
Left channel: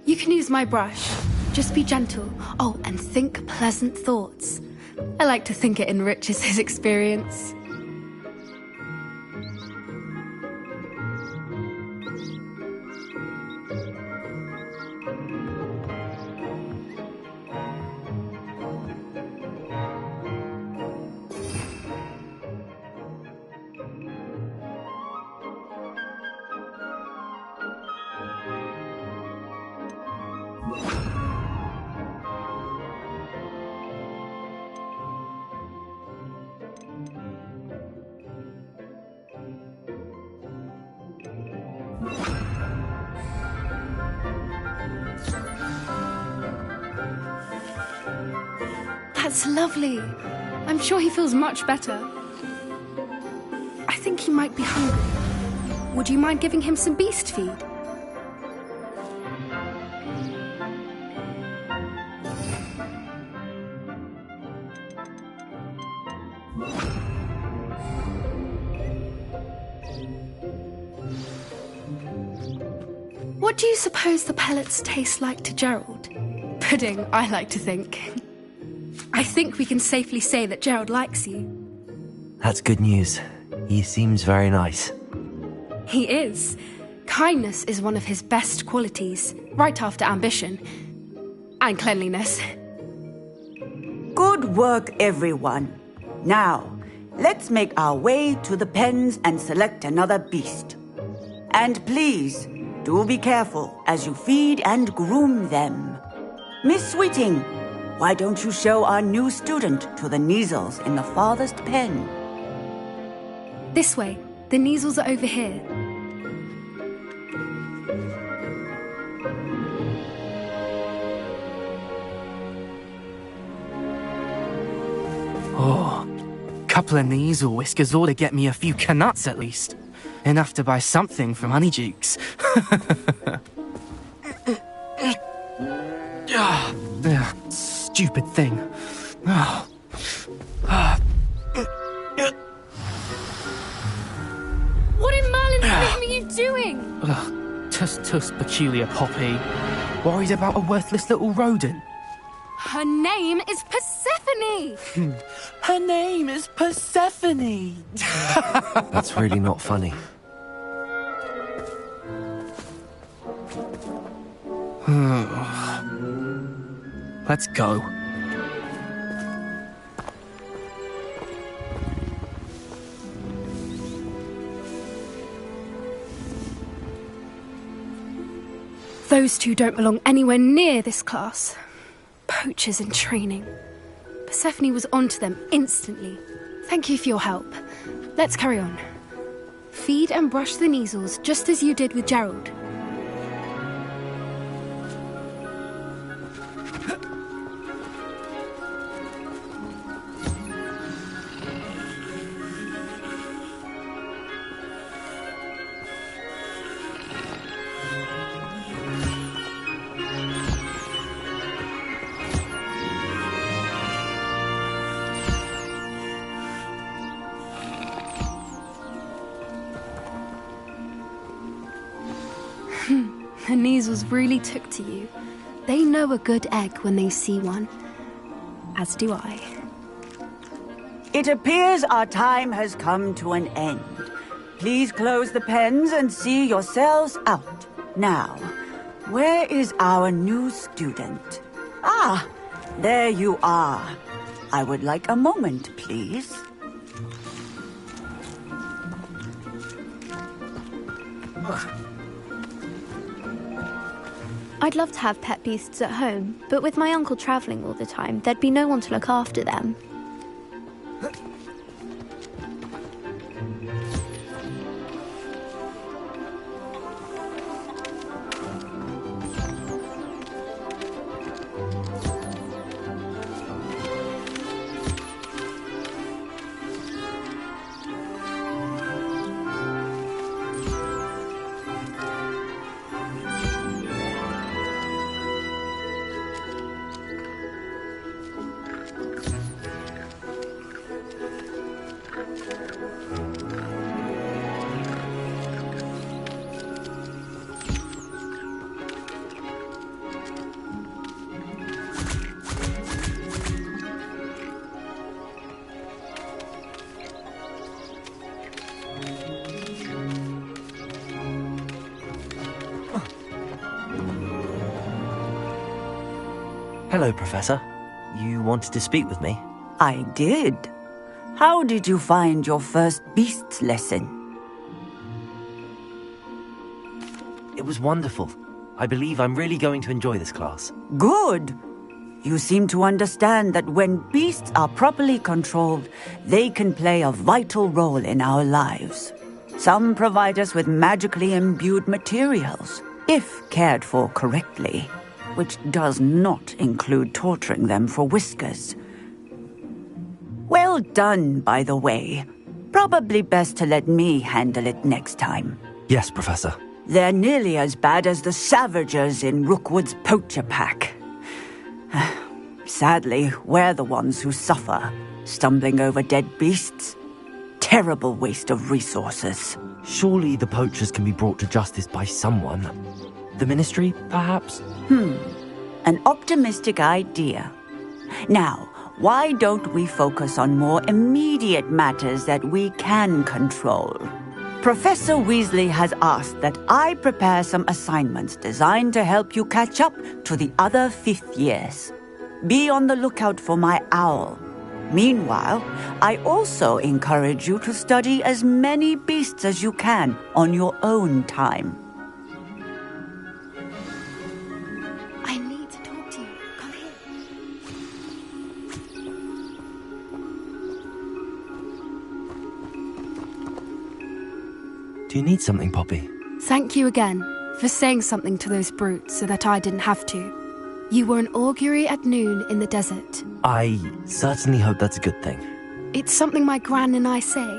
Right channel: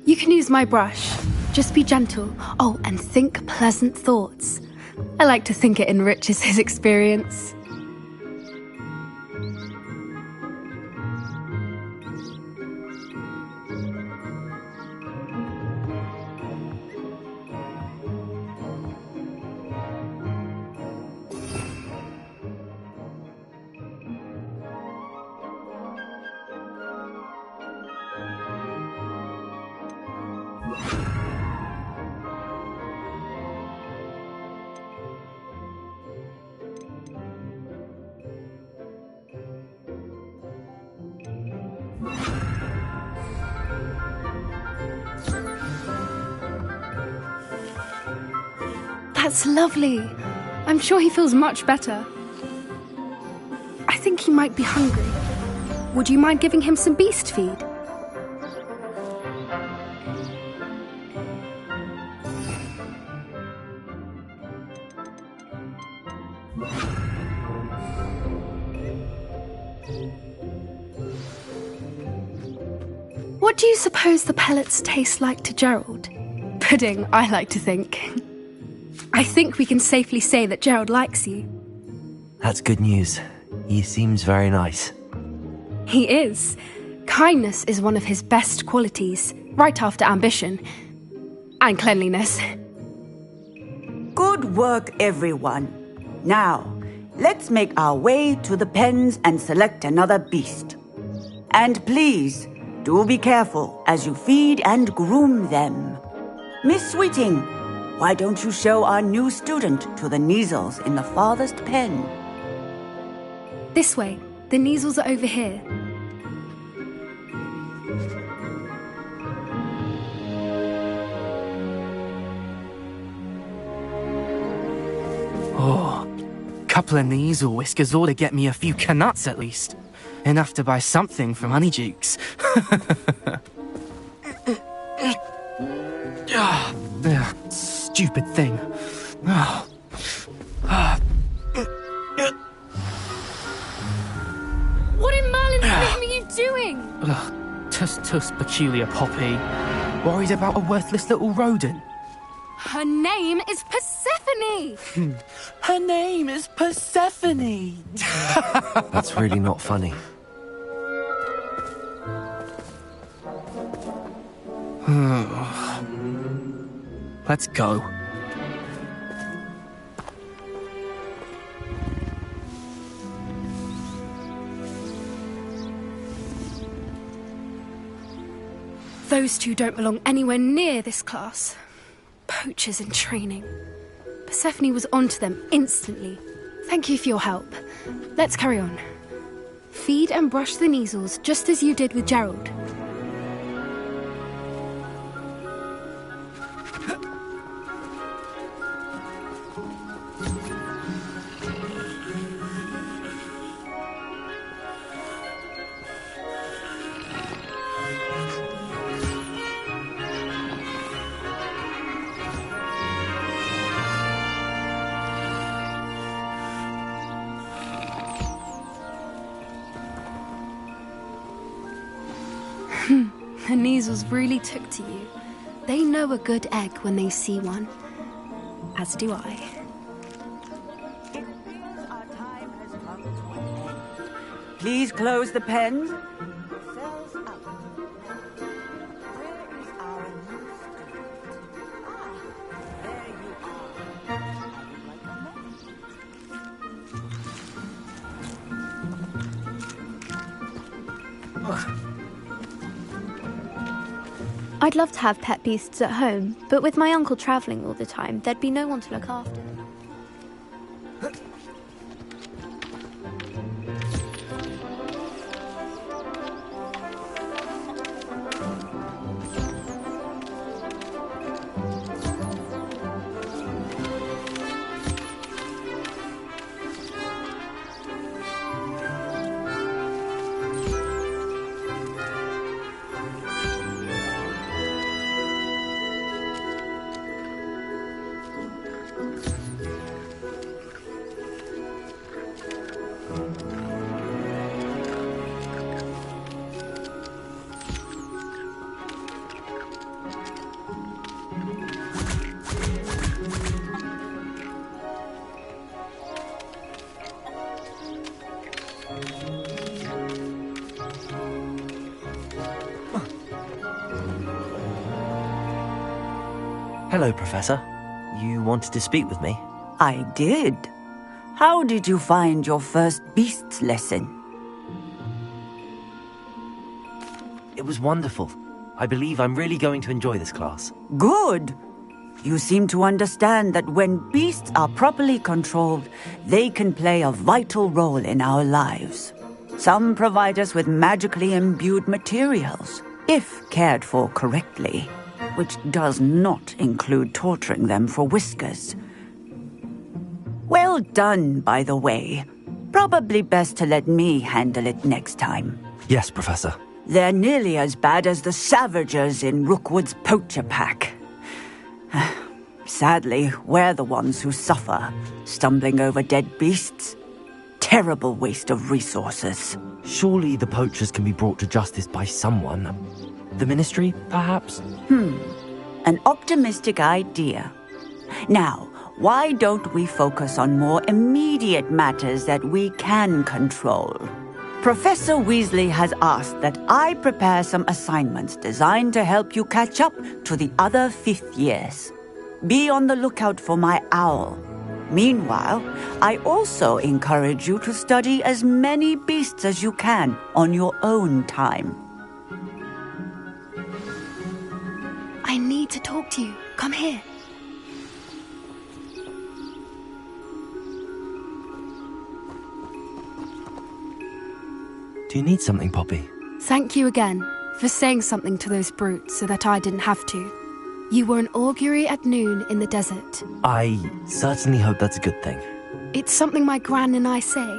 You can use my brush. Just be gentle. Oh, and think pleasant thoughts. I like to think it enriches his experience. That's lovely. I'm sure he feels much better. I think he might be hungry. Would you mind giving him some beast feed? What do you suppose the pellets taste like to Gerald? Pudding, I like to think. I think we can safely say that Gerald likes you. That's good news. He seems very nice. He is. Kindness is one of his best qualities, right after ambition. And cleanliness. Good work, everyone. Now, let's make our way to the pens and select another beast. And please, do be careful as you feed and groom them. Miss Sweeting, why don't you show our new student to the Neasels in the farthest pen? This way. The Neasels are over here. Oh, couple of Neasel whiskers ought to get me a few canuts at least. Enough to buy something from Honeydukes. Stupid thing. What in Merlin's name are you doing? Tuss peculiar Poppy. Worried about a worthless little rodent? Her name is Persephone! Her name is Persephone! That's really not funny. Let's go. Those two don't belong anywhere near this class. Poachers in training. Persephone was onto them instantly. Thank you for your help. Let's carry on. Feed and brush the Neasels just as you did with Gerald. The Neasels really took to you. They know a good egg when they see one. As do I. It appears our time has come to an end. Please close the pens and see yourselves out. Now, where is our new student? Ah, there you are. I would like a moment, please. I'd love to have pet beasts at home, but with my uncle travelling all the time, there'd be no one to look after them. Hello, Professor. You wanted to speak with me? I did. How did you find your first beasts lesson? It was wonderful. I believe I'm really going to enjoy this class. Good. You seem to understand that when beasts are properly controlled, they can play a vital role in our lives. Some provide us with magically imbued materials, if cared for correctly, which does not include torturing them for whiskers. Well done, by the way. Probably best to let me handle it next time. Yes, Professor. They're nearly as bad as the Savagers in Rookwood's poacher pack. Sadly, we're the ones who suffer, stumbling over dead beasts. Terrible waste of resources. Surely the poachers can be brought to justice by someone. The Ministry, perhaps? An optimistic idea. Now, why don't we focus on more immediate matters that we can control? Professor Weasley has asked that I prepare some assignments designed to help you catch up to the other 5th years. Be on the lookout for my owl. Meanwhile, I also encourage you to study as many beasts as you can on your own time. I need to talk to you. Come here. Do you need something, Poppy? Thank you again for saying something to those brutes so that I didn't have to. You were an augury at noon in the desert. I certainly hope that's a good thing. It's something my gran and I say.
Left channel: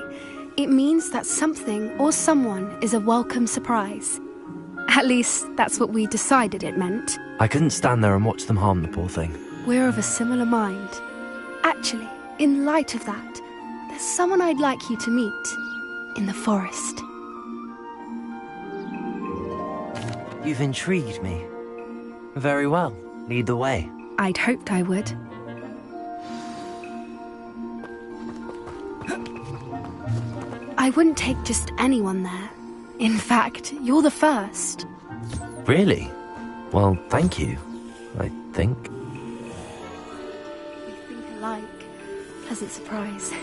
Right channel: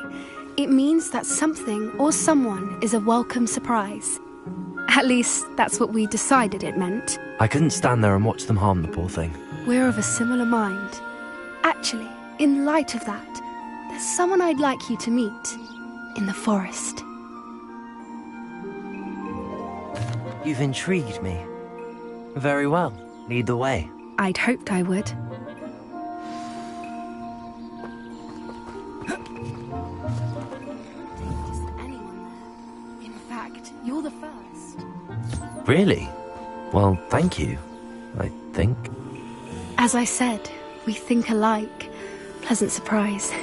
It means that something or someone is a welcome surprise. At least, that's what we decided it meant. I couldn't stand there and watch them harm the poor thing. We're of a similar mind. Actually, in light of that, there's someone I'd like you to meet in the forest. You've intrigued me. Very well. Lead the way. I'd hoped I would. I wouldn't take just anyone there. In fact, you're the first. Really? Well, thank you, I think. As I said, we think alike. Pleasant surprise.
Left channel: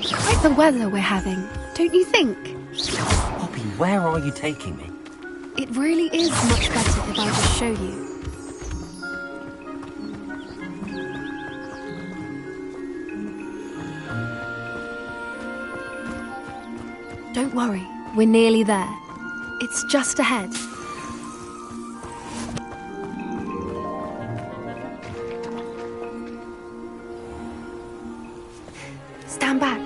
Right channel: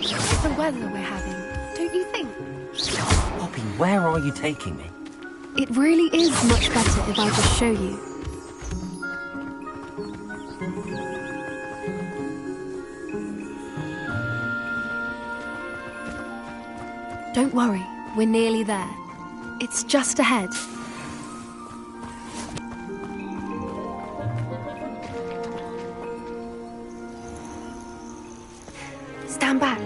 Quite the weather we're having, don't you think? Poppy, where are you taking me? It really is much better if I just show you. Don't worry, we're nearly there. It's just ahead. Stand back.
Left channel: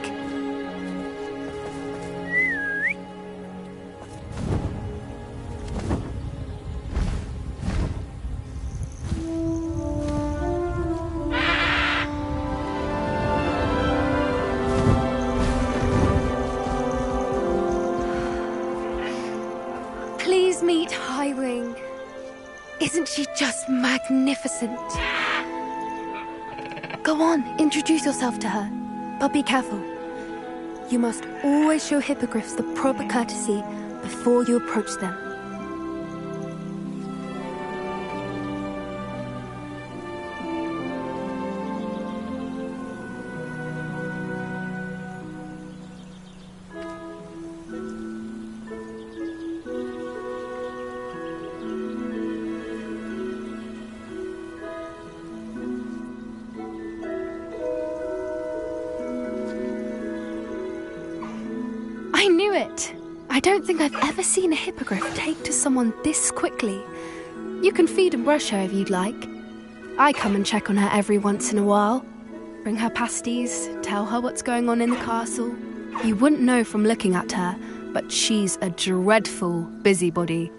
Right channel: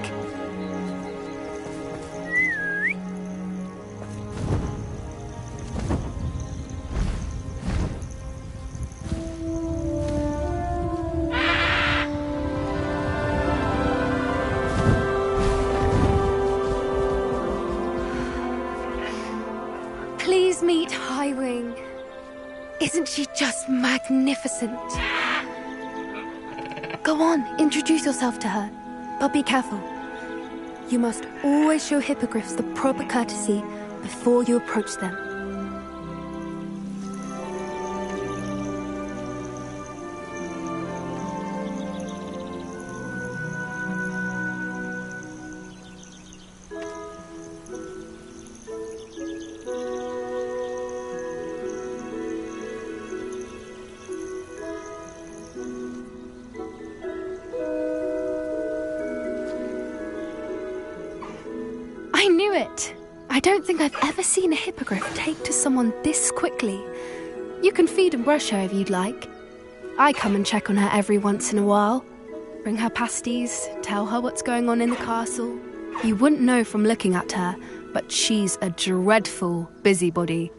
Please meet Highwing. Isn't she just magnificent? Go on, introduce yourself to her. But be careful. You must always show hippogriffs the proper courtesy before you approach them. I knew it! I don't think I've ever seen a hippogriff take to someone this quickly. You can feed and brush her if you'd like. I come and check on her every once in a while. Bring her pasties, tell her what's going on in the castle. You wouldn't know from looking at her, but she's a dreadful busybody.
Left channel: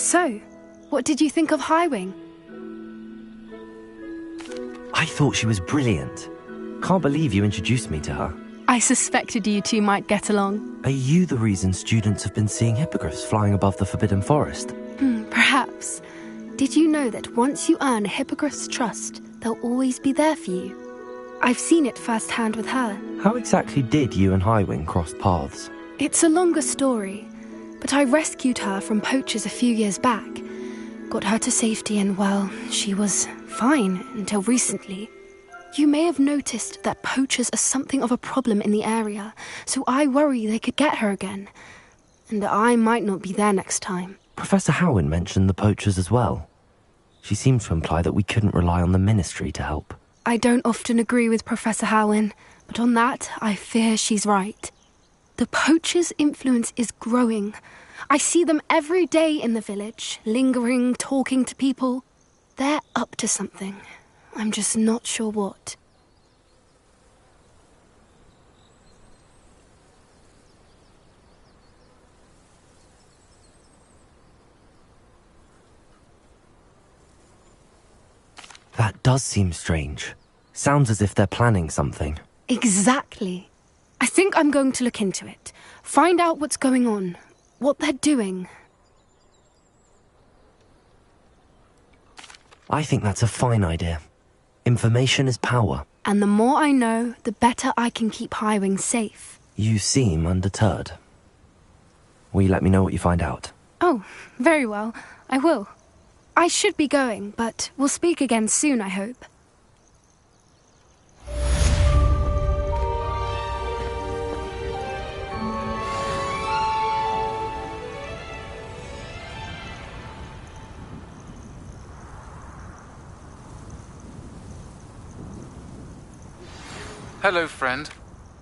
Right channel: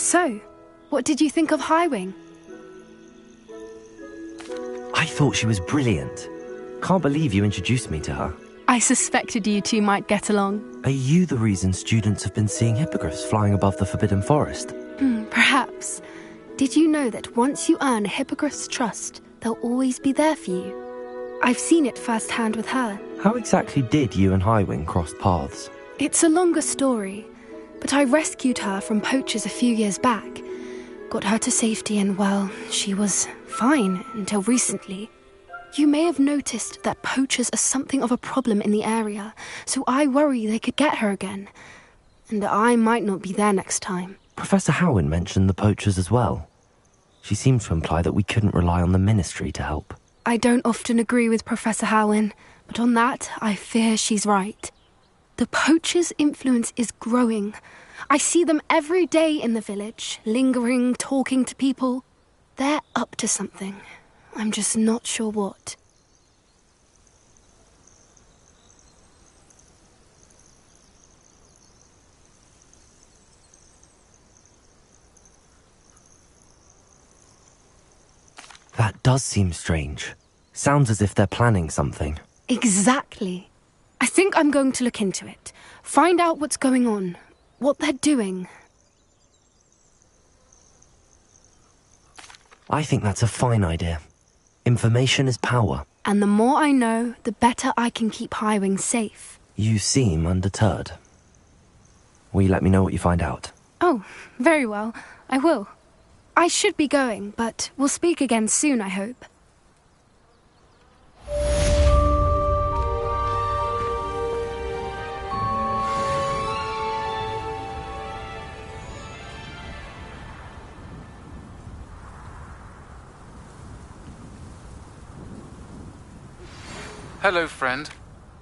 So, what did you think of Highwing? I thought she was brilliant. Can't believe you introduced me to her. I suspected you two might get along. Are you the reason students have been seeing hippogriffs flying above the Forbidden Forest? Perhaps. Did you know that once you earn a hippogriff's trust, they'll always be there for you? I've seen it firsthand with her. How exactly did you and Highwing cross paths? It's a longer story, but I rescued her from poachers a few years back. Got her to safety and, well, she was fine until recently. You may have noticed that poachers are something of a problem in the area, so I worry they could get her again. And I might not be there next time. Professor Howen mentioned the poachers as well. She seemed to imply that we couldn't rely on the Ministry to help. I don't often agree with Professor Howen, but on that, I fear she's right. The poachers' influence is growing. I see them every day in the village, lingering, talking to people. They're up to something. I'm just not sure what. That does seem strange. Sounds as if they're planning something. Exactly. I think I'm going to look into it. Find out what's going on. What they're doing. I think that's a fine idea. Information is power. And the more I know, the better I can keep Highwing safe. You seem undeterred. Will you let me know what you find out? Oh, very well. I will. I should be going, but we'll speak again soon, I hope. Hello, friend.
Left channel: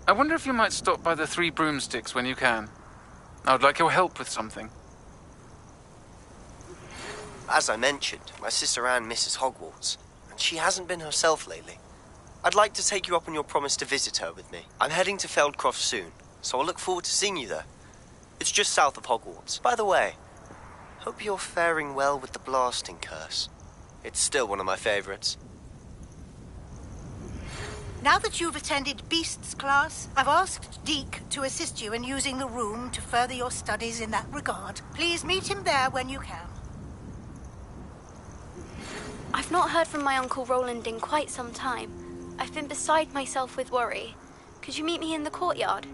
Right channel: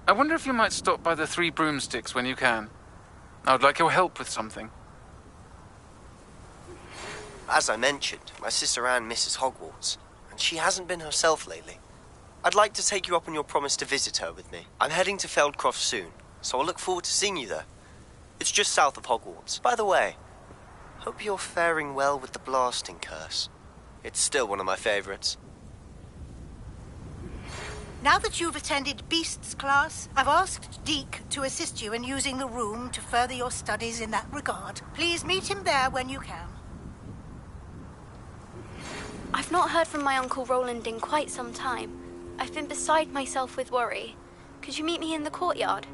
I wonder if you might stop by the Three Broomsticks when you can. I would like your help with something. As I mentioned, my sister Anne misses Hogwarts, and she hasn't been herself lately. I'd like to take you up on your promise to visit her with me. I'm heading to Feldcroft soon, so I'll look forward to seeing you there. It's just south of Hogwarts. By the way, hope you're faring well with the blasting curse. It's still one of my favorites. Now that you've attended Beasts class, I've asked Deke to assist you in using the room to further your studies in that regard. Please meet him there when you can. I've not heard from my Uncle Roland in quite some time. I've been beside myself with worry. Could you meet me in the courtyard?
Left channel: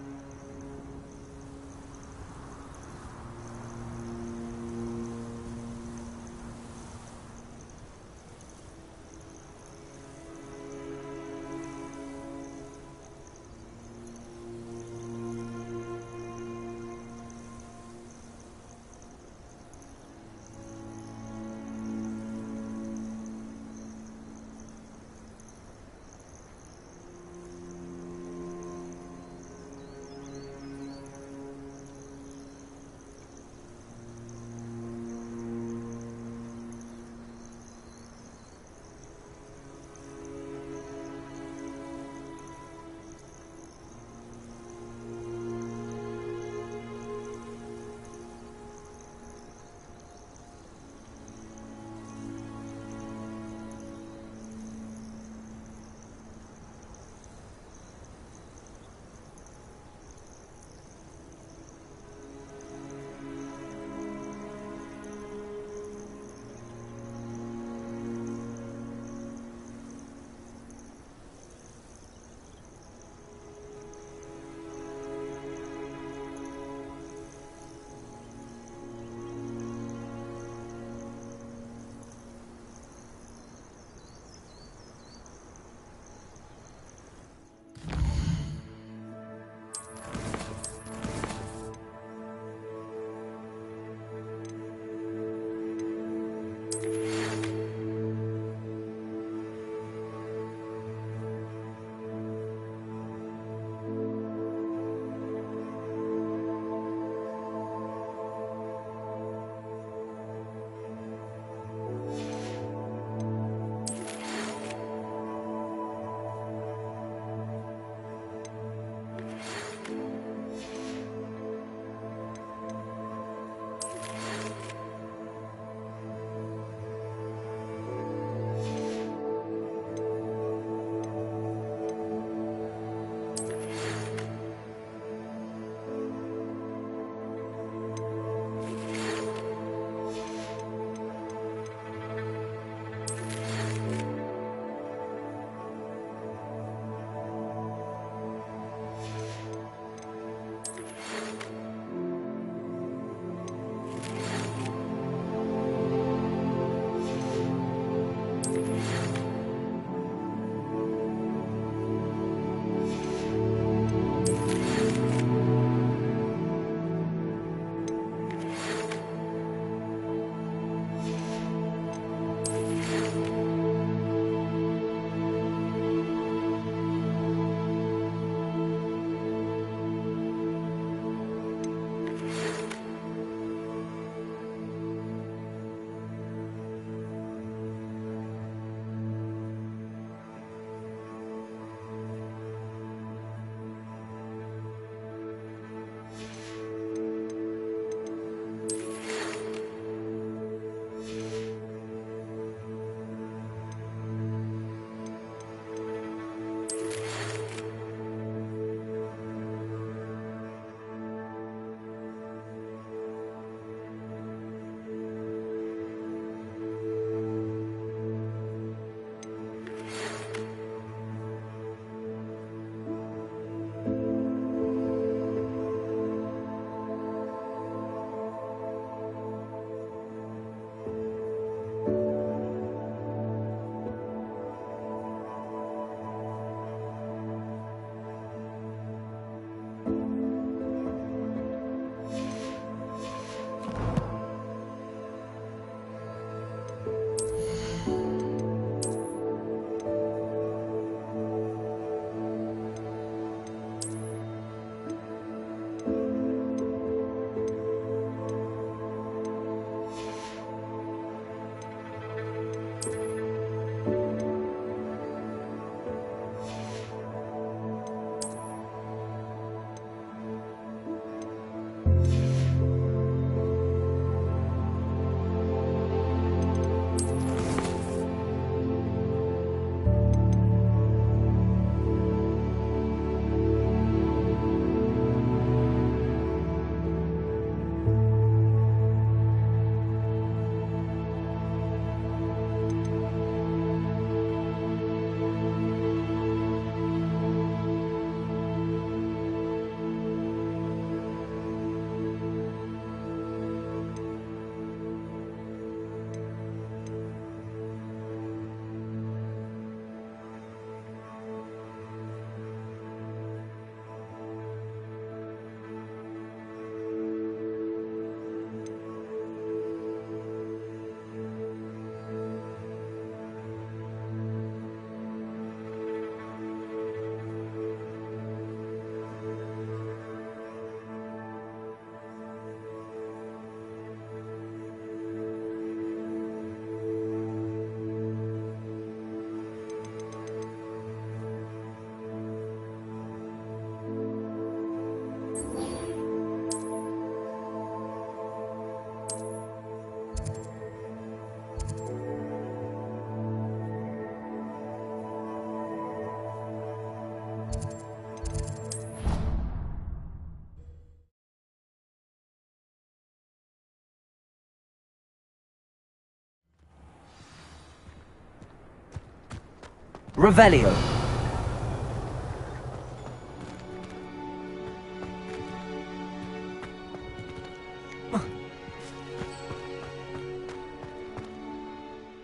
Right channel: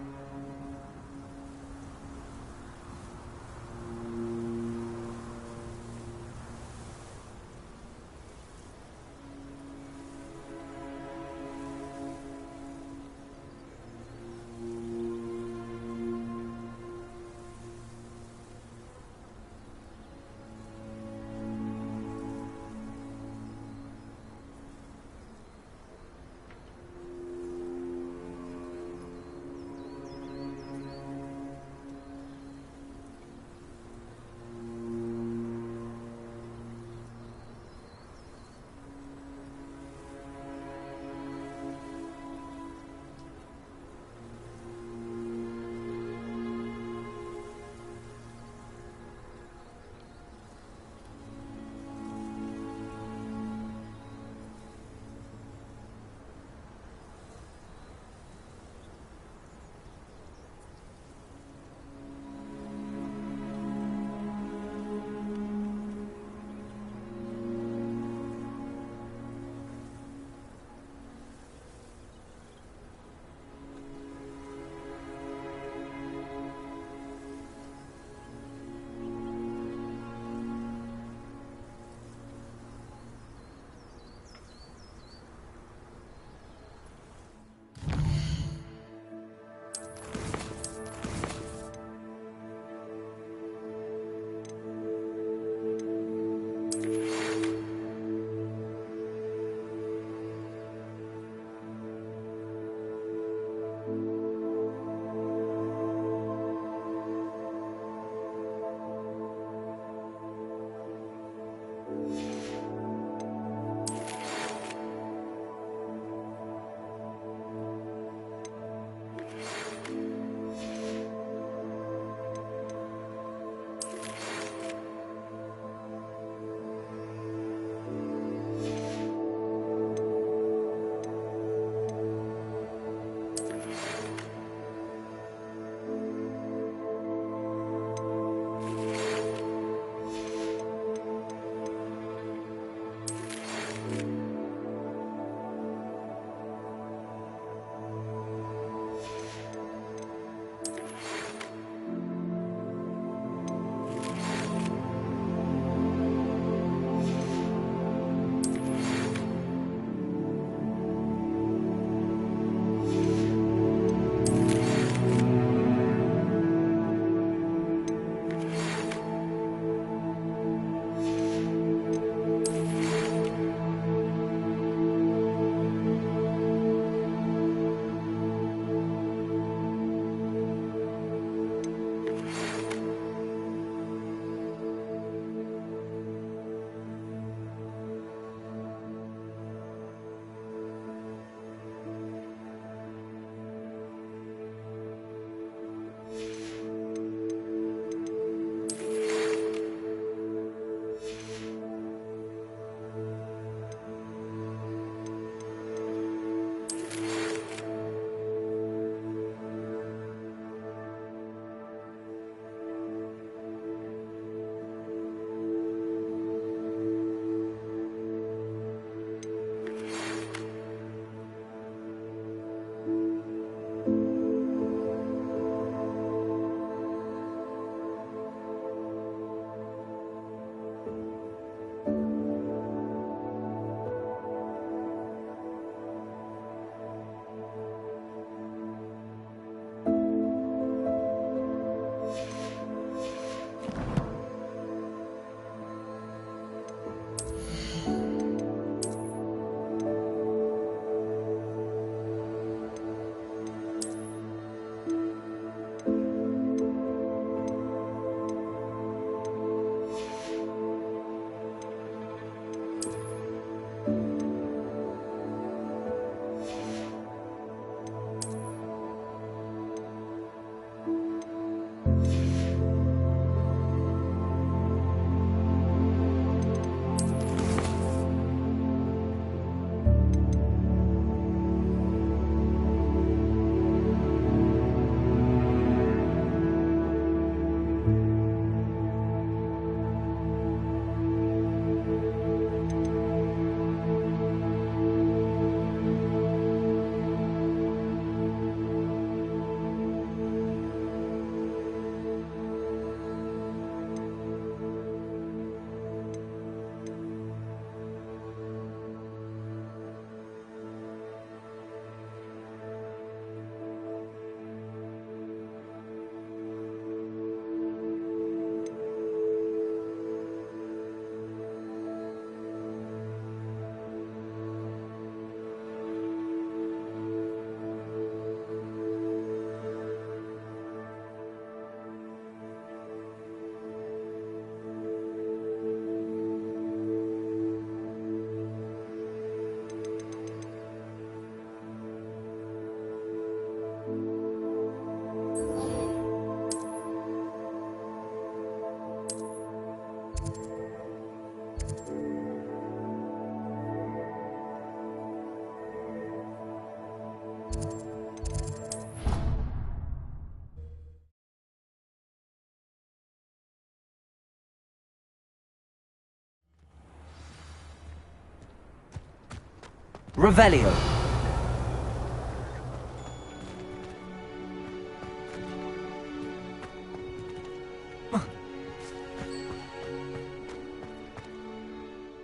Revelio.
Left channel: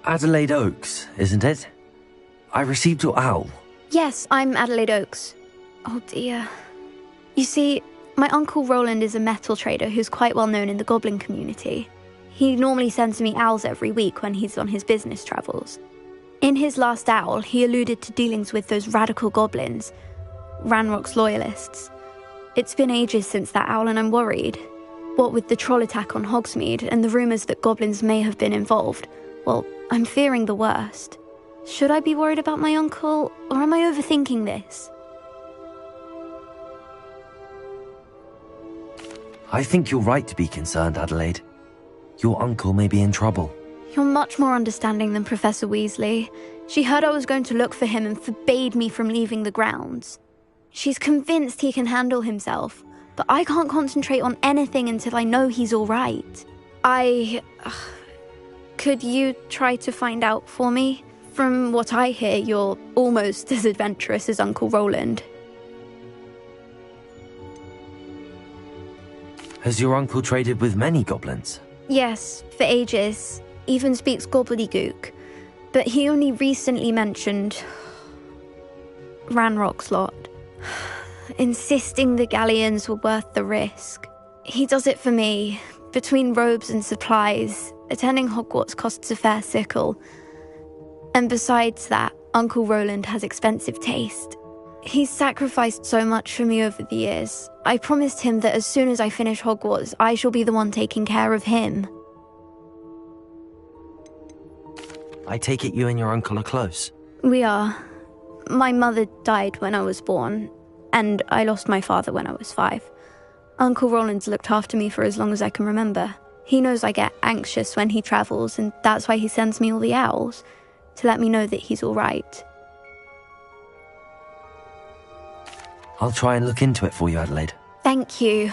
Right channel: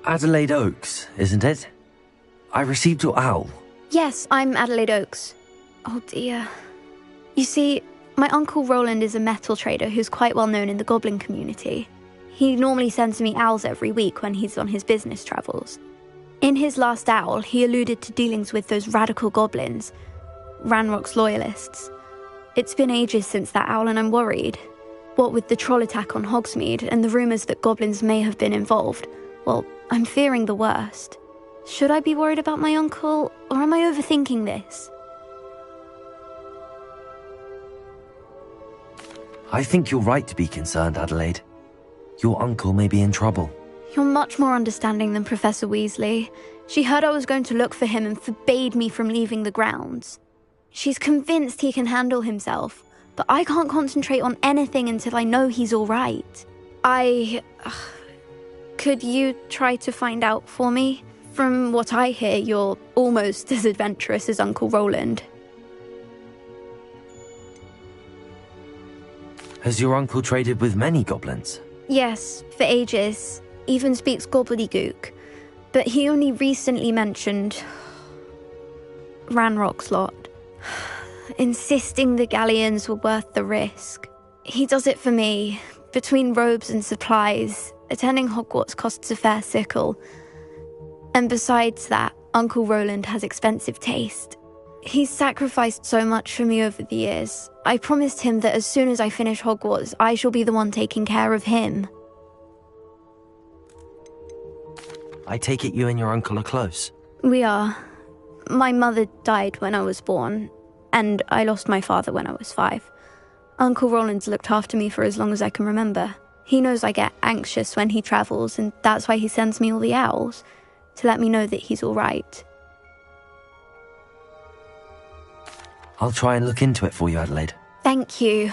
Adelaide Oaks, isn't it? I received your owl. Yes, I'm Adelaide Oaks. Oh dear. You see, my Uncle Roland is a metal trader who's quite well known in the goblin community. He normally sends me owls every week when he's on his business travels. In his last owl, he alluded to dealings with those radical goblins, Ranrock's loyalists. It's been ages since that owl and I'm worried. What with the troll attack on Hogsmeade and the rumours that goblins may have been involved, well, I'm fearing the worst. Should I be worried about my uncle, or am I overthinking this? I think you're right to be concerned, Adelaide. Your uncle may be in trouble. You're much more understanding than Professor Weasley. She heard I was going to look for him and forbade me from leaving the grounds. She's convinced he can handle himself, but I can't concentrate on anything until I know he's all right. Could you try to find out for me? From what I hear, you're almost as adventurous as Uncle Roland. Has your uncle traded with many goblins? Yes, for ages. Even speaks gobbledygook. But he only recently mentioned Ranrock's lot, insisting the galleons were worth the risk. He does it for me. Between robes and supplies, attending Hogwarts costs a fair sickle. And besides that, Uncle Roland has expensive taste. He's sacrificed so much for me over the years. I promised him that as soon as I finish Hogwarts, I shall be the one taking care of him. I take it you and your uncle are close. We are. My mother died when I was born, and I lost my father when I was 5. Uncle Roland's looked after me for as long as I can remember. He knows I get anxious when he travels, and that's why he sends me all the owls, to let me know that he's all right. I'll try and look into it for you, Adelaide. Thank you.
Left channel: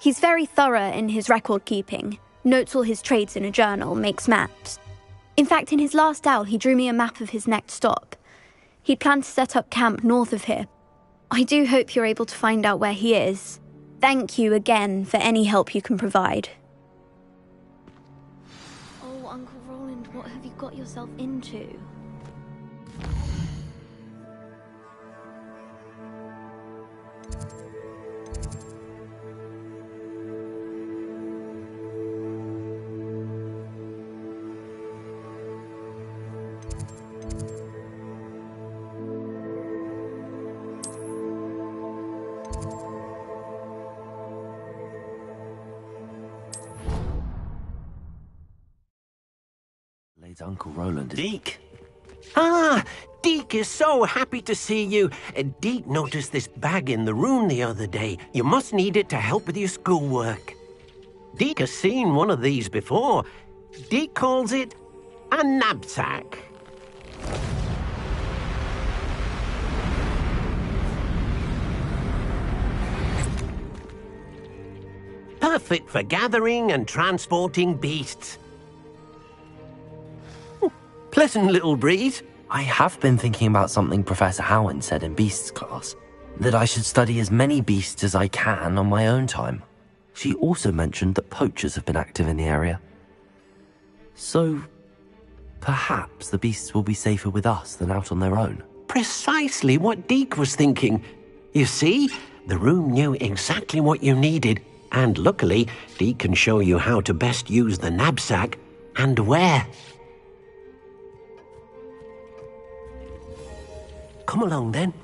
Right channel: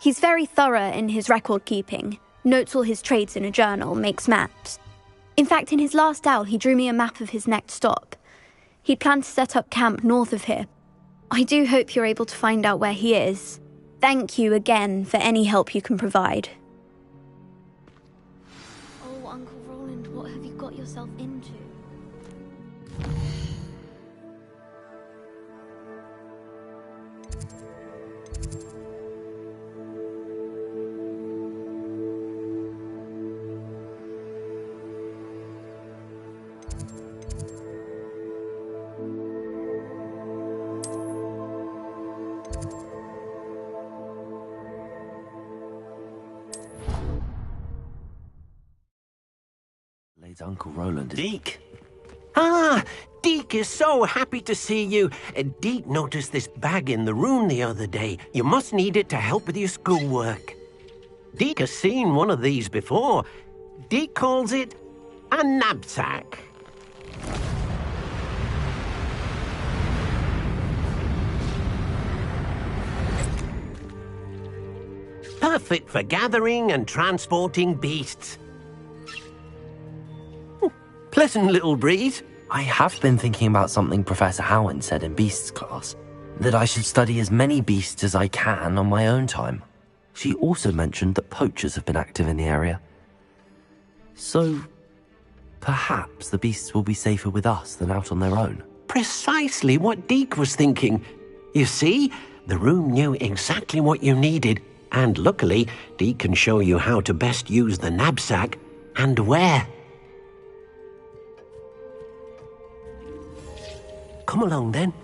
He's very thorough in his record keeping, notes all his trades in a journal, makes maps. In fact, in his last owl, he drew me a map of his next stop. He'd planned to set up camp north of here. I do hope you're able to find out where he is. Thank you again for any help you can provide. Oh, Uncle Roland, what have you got yourself into? Uncle Roland. Deke. Ah, Deke is so happy to see you. Deke noticed this bag in the room the other day. You must need it to help with your schoolwork. Deke has seen one of these before. Deke calls it a knapsack. Perfect for gathering and transporting beasts. Pleasant little breeze. I have been thinking about something Professor Howard said in Beasts class, that I should study as many beasts as I can on my own time. She also mentioned that poachers have been active in the area. So, perhaps the beasts will be safer with us than out on their own. Precisely what Deke was thinking. You see, the room knew exactly what you needed, and luckily, Deke can show you how to best use the knapsack and where. Come along, then.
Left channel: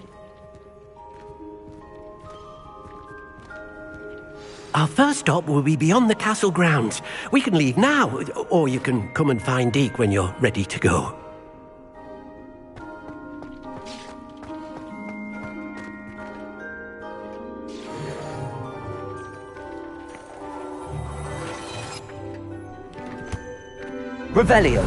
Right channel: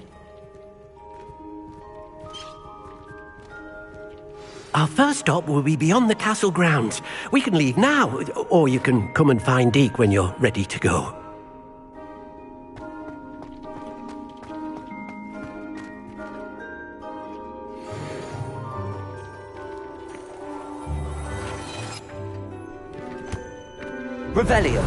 Our first stop will be beyond the castle grounds. We can leave now, or you can come and find Deke when you're ready to go. Revelio.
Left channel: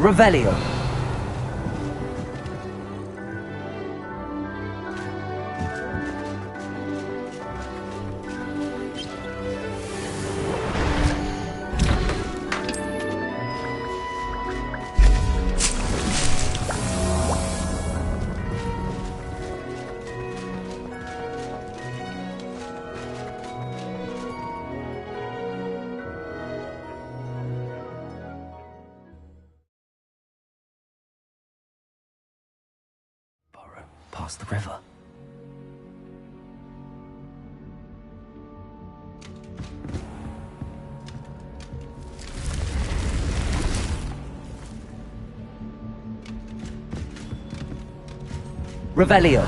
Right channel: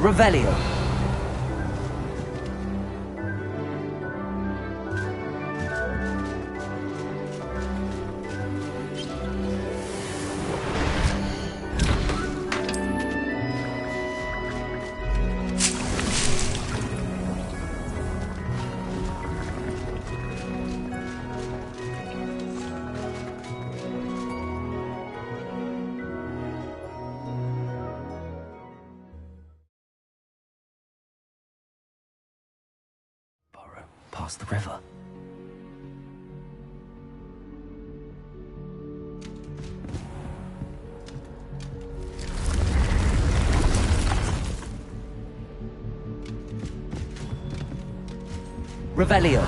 Revelio. Past the river. Revelio.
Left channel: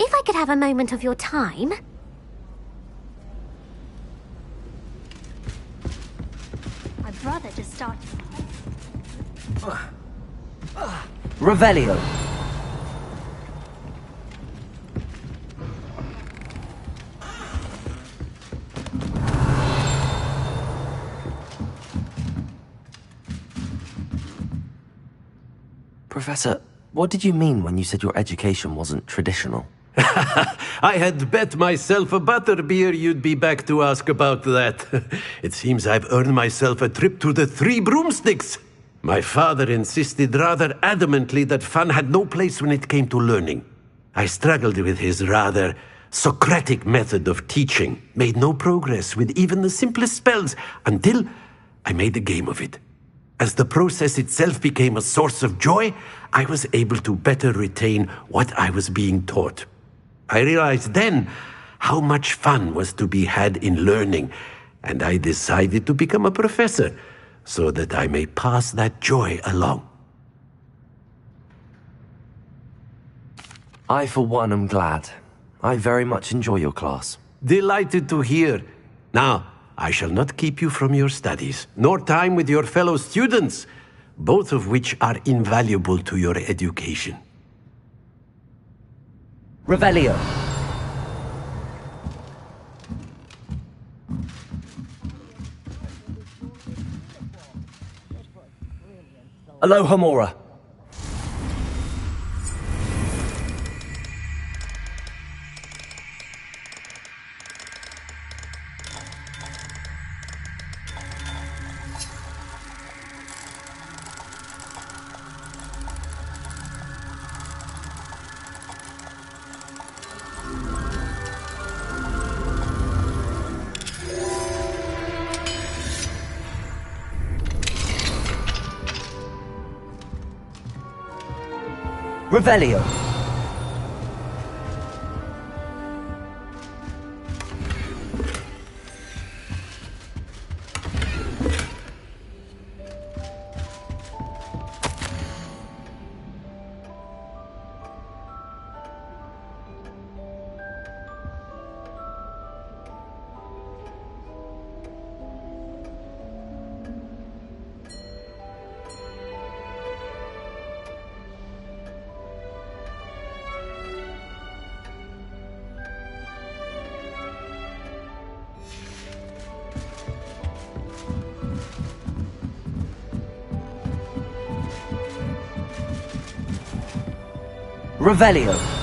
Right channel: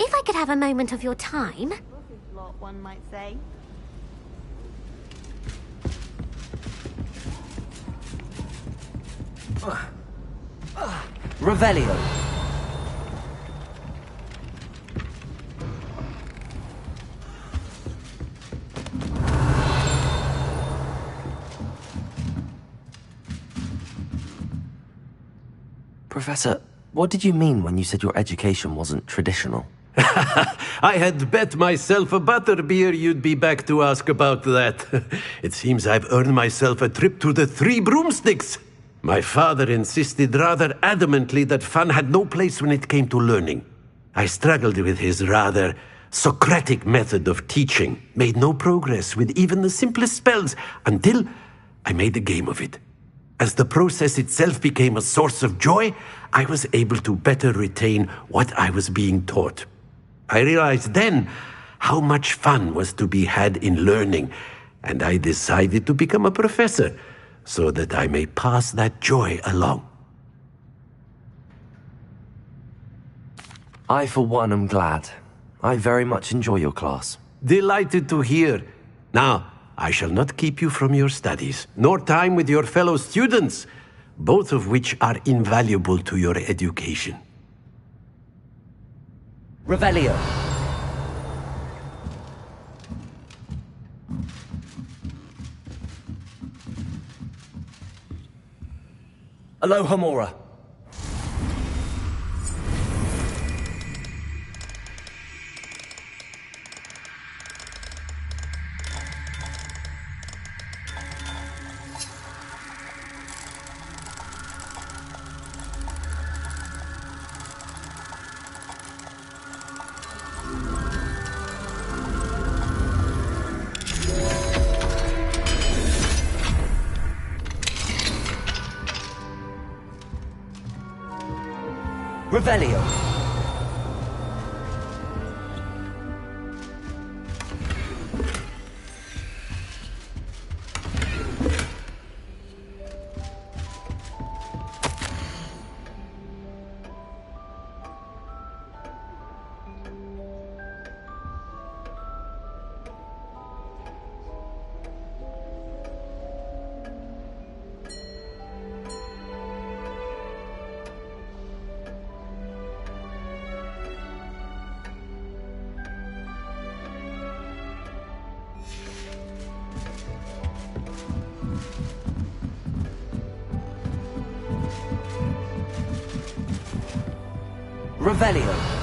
If I could have a moment of your time. I'd rather just start. Revelio. Professor, what did you mean when you said your education wasn't traditional? I had bet myself a butterbeer you'd be back to ask about that. It seems I've earned myself a trip to the Three Broomsticks. My father insisted rather adamantly that fun had no place when it came to learning. I struggled with his rather Socratic method of teaching, made no progress with even the simplest spells until I made a game of it. As the process itself became a source of joy, I was able to better retain what I was being taught. I realized then how much fun was to be had in learning, and I decided to become a professor so that I may pass that joy along. I, for one, am glad. I very much enjoy your class. Delighted to hear. Now, I shall not keep you from your studies, nor time with your fellow students, both of which are invaluable to your education. Revelio. Alohomora. Revelio. Revelio.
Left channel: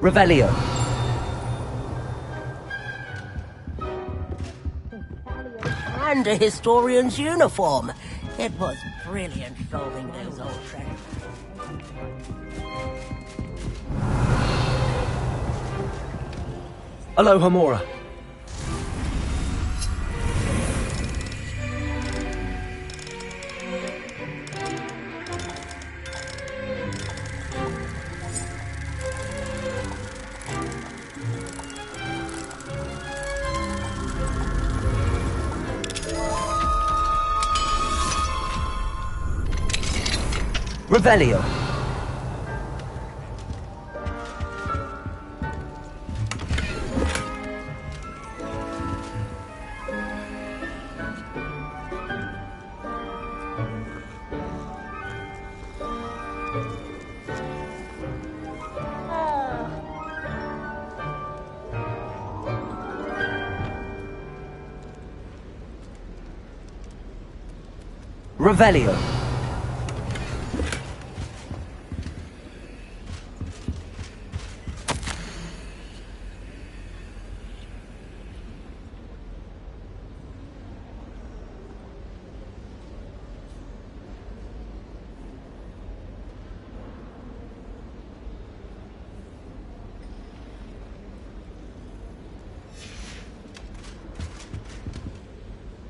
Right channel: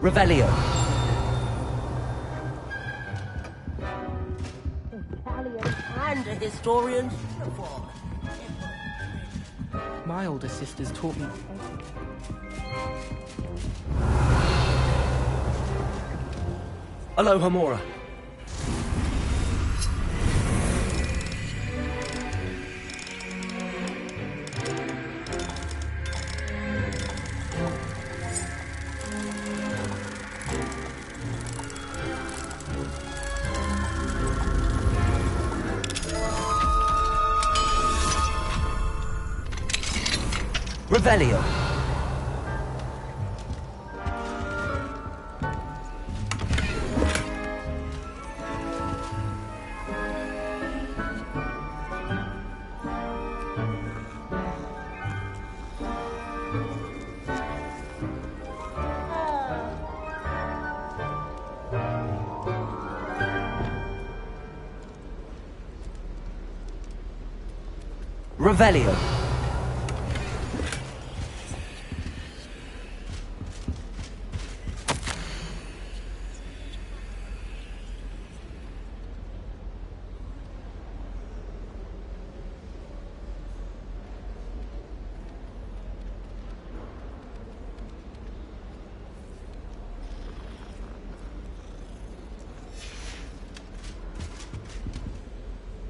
Revelio. And a historian's uniform. It was brilliant solving. My older sisters taught me. Alohomora. Revelio. Revelio.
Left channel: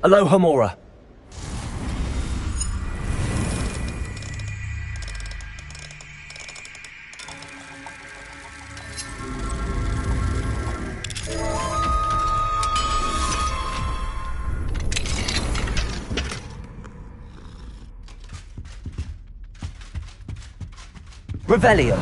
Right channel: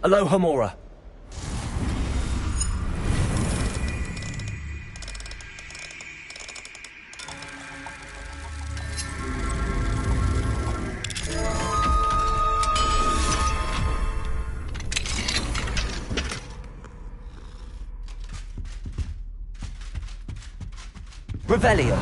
Alohomora. Revelio.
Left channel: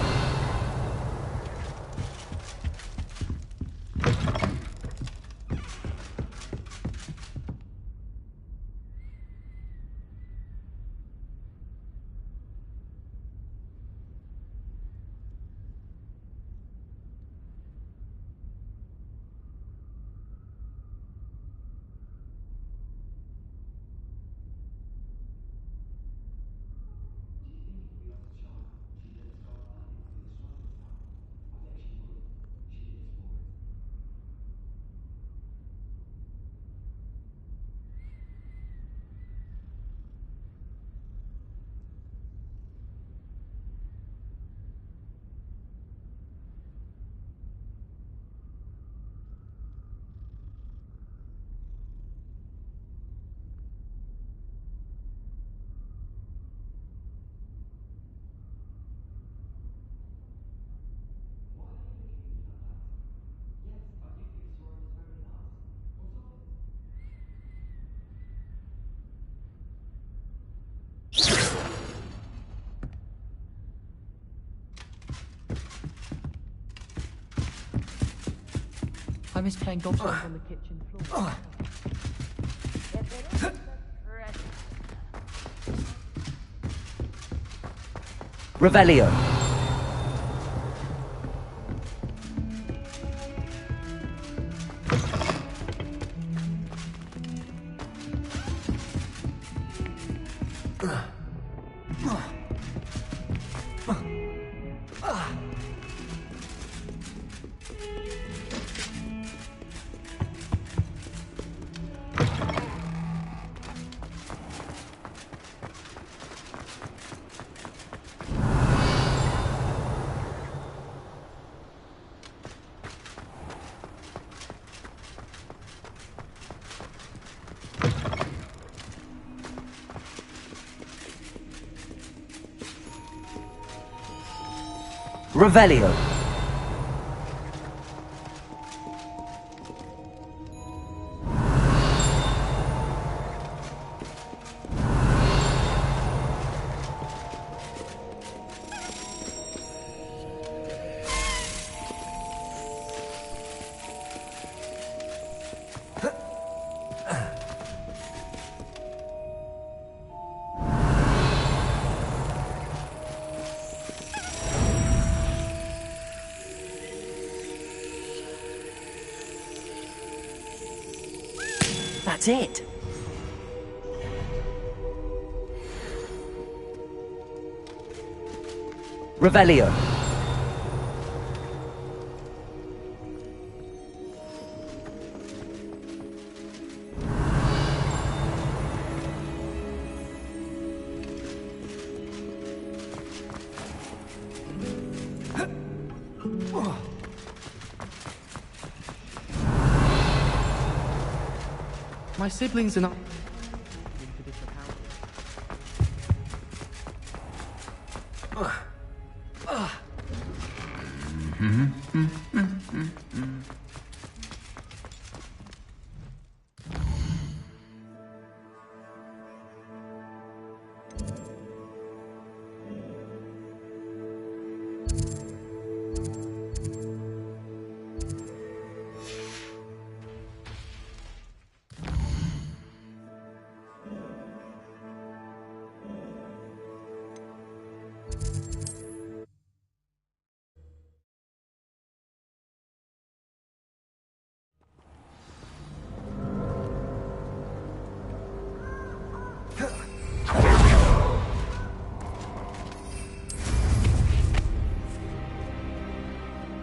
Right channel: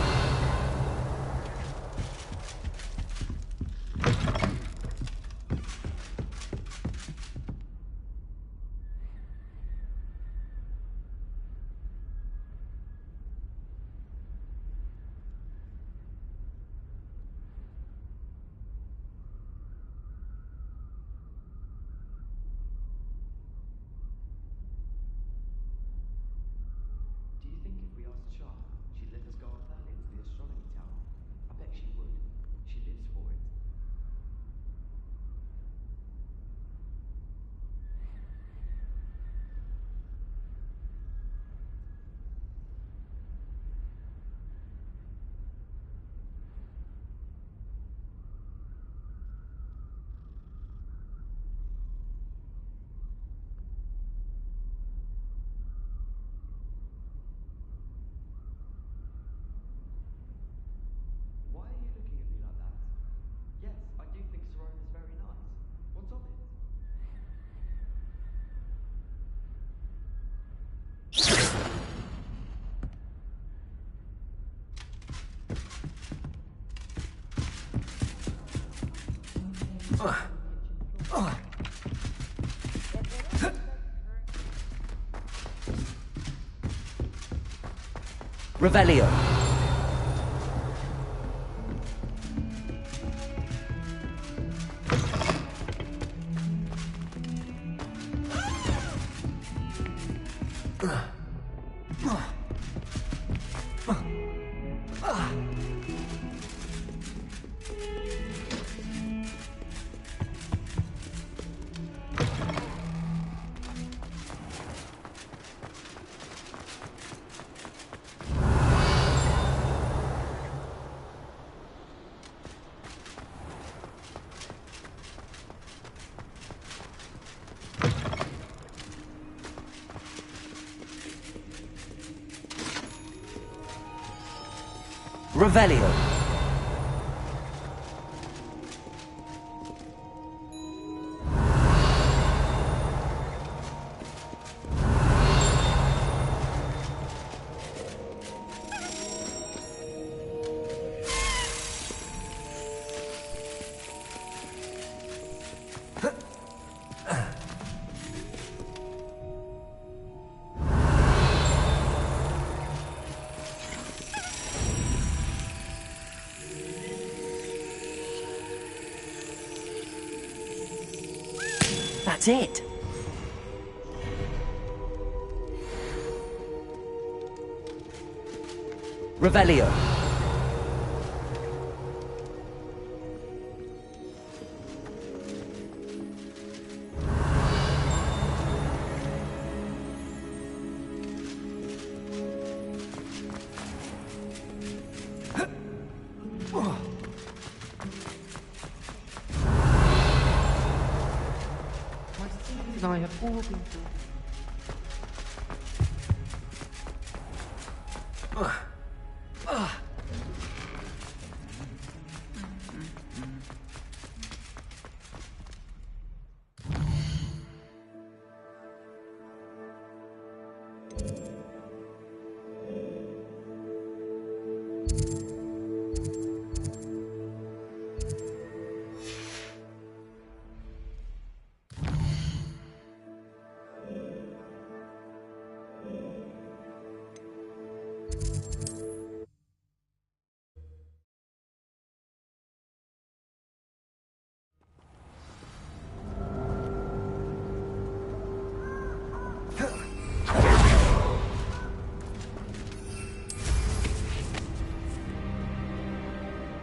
I miss playing golf on the kitchen floor. Revelio. Revelio. That's it. Revelio. My siblings and I have all been...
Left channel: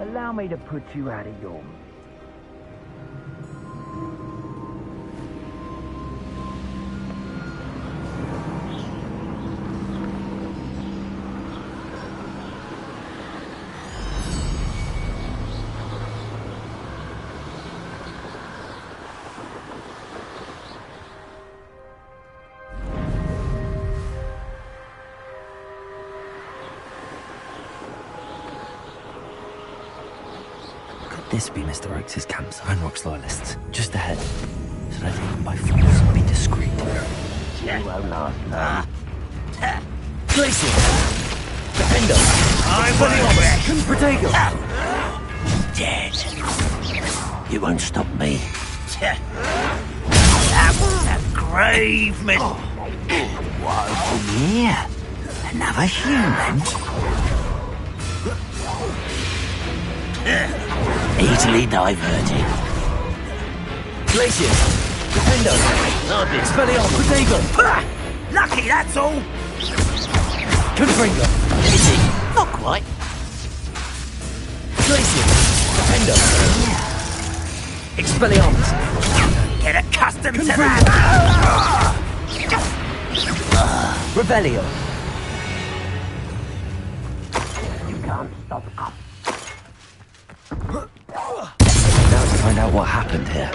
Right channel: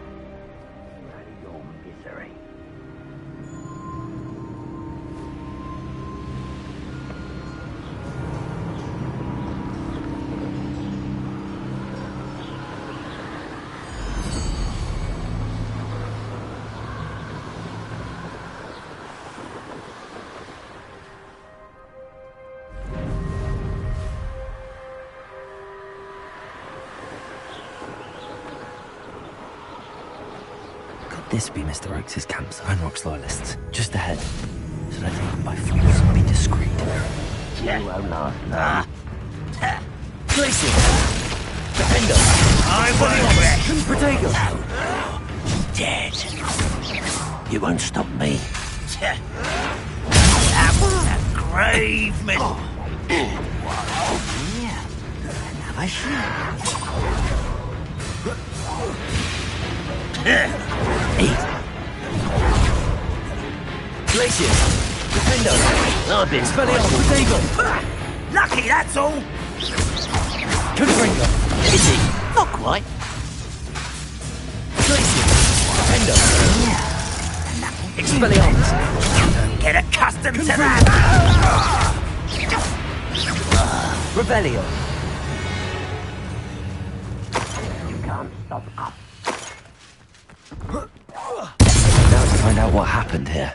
Allow me to put you out of your misery. This be Mr. Oakes' camps, Ranrock's loyalists. Just ahead. Should I take them by force and be discreet? You won't last long. Glacier! Defender! I will Protego! Dead. You won't stop me. That was a grave miss. What's here? Another human? Easily diverted. Glacier! Defender! I've been Protego! Lucky, that's all. Confringo! Is he? Not quite. Glacier! Defender! Expelliarmus! Get accustomed to that. Revelio! You can't stop up. Now to find out what happened here.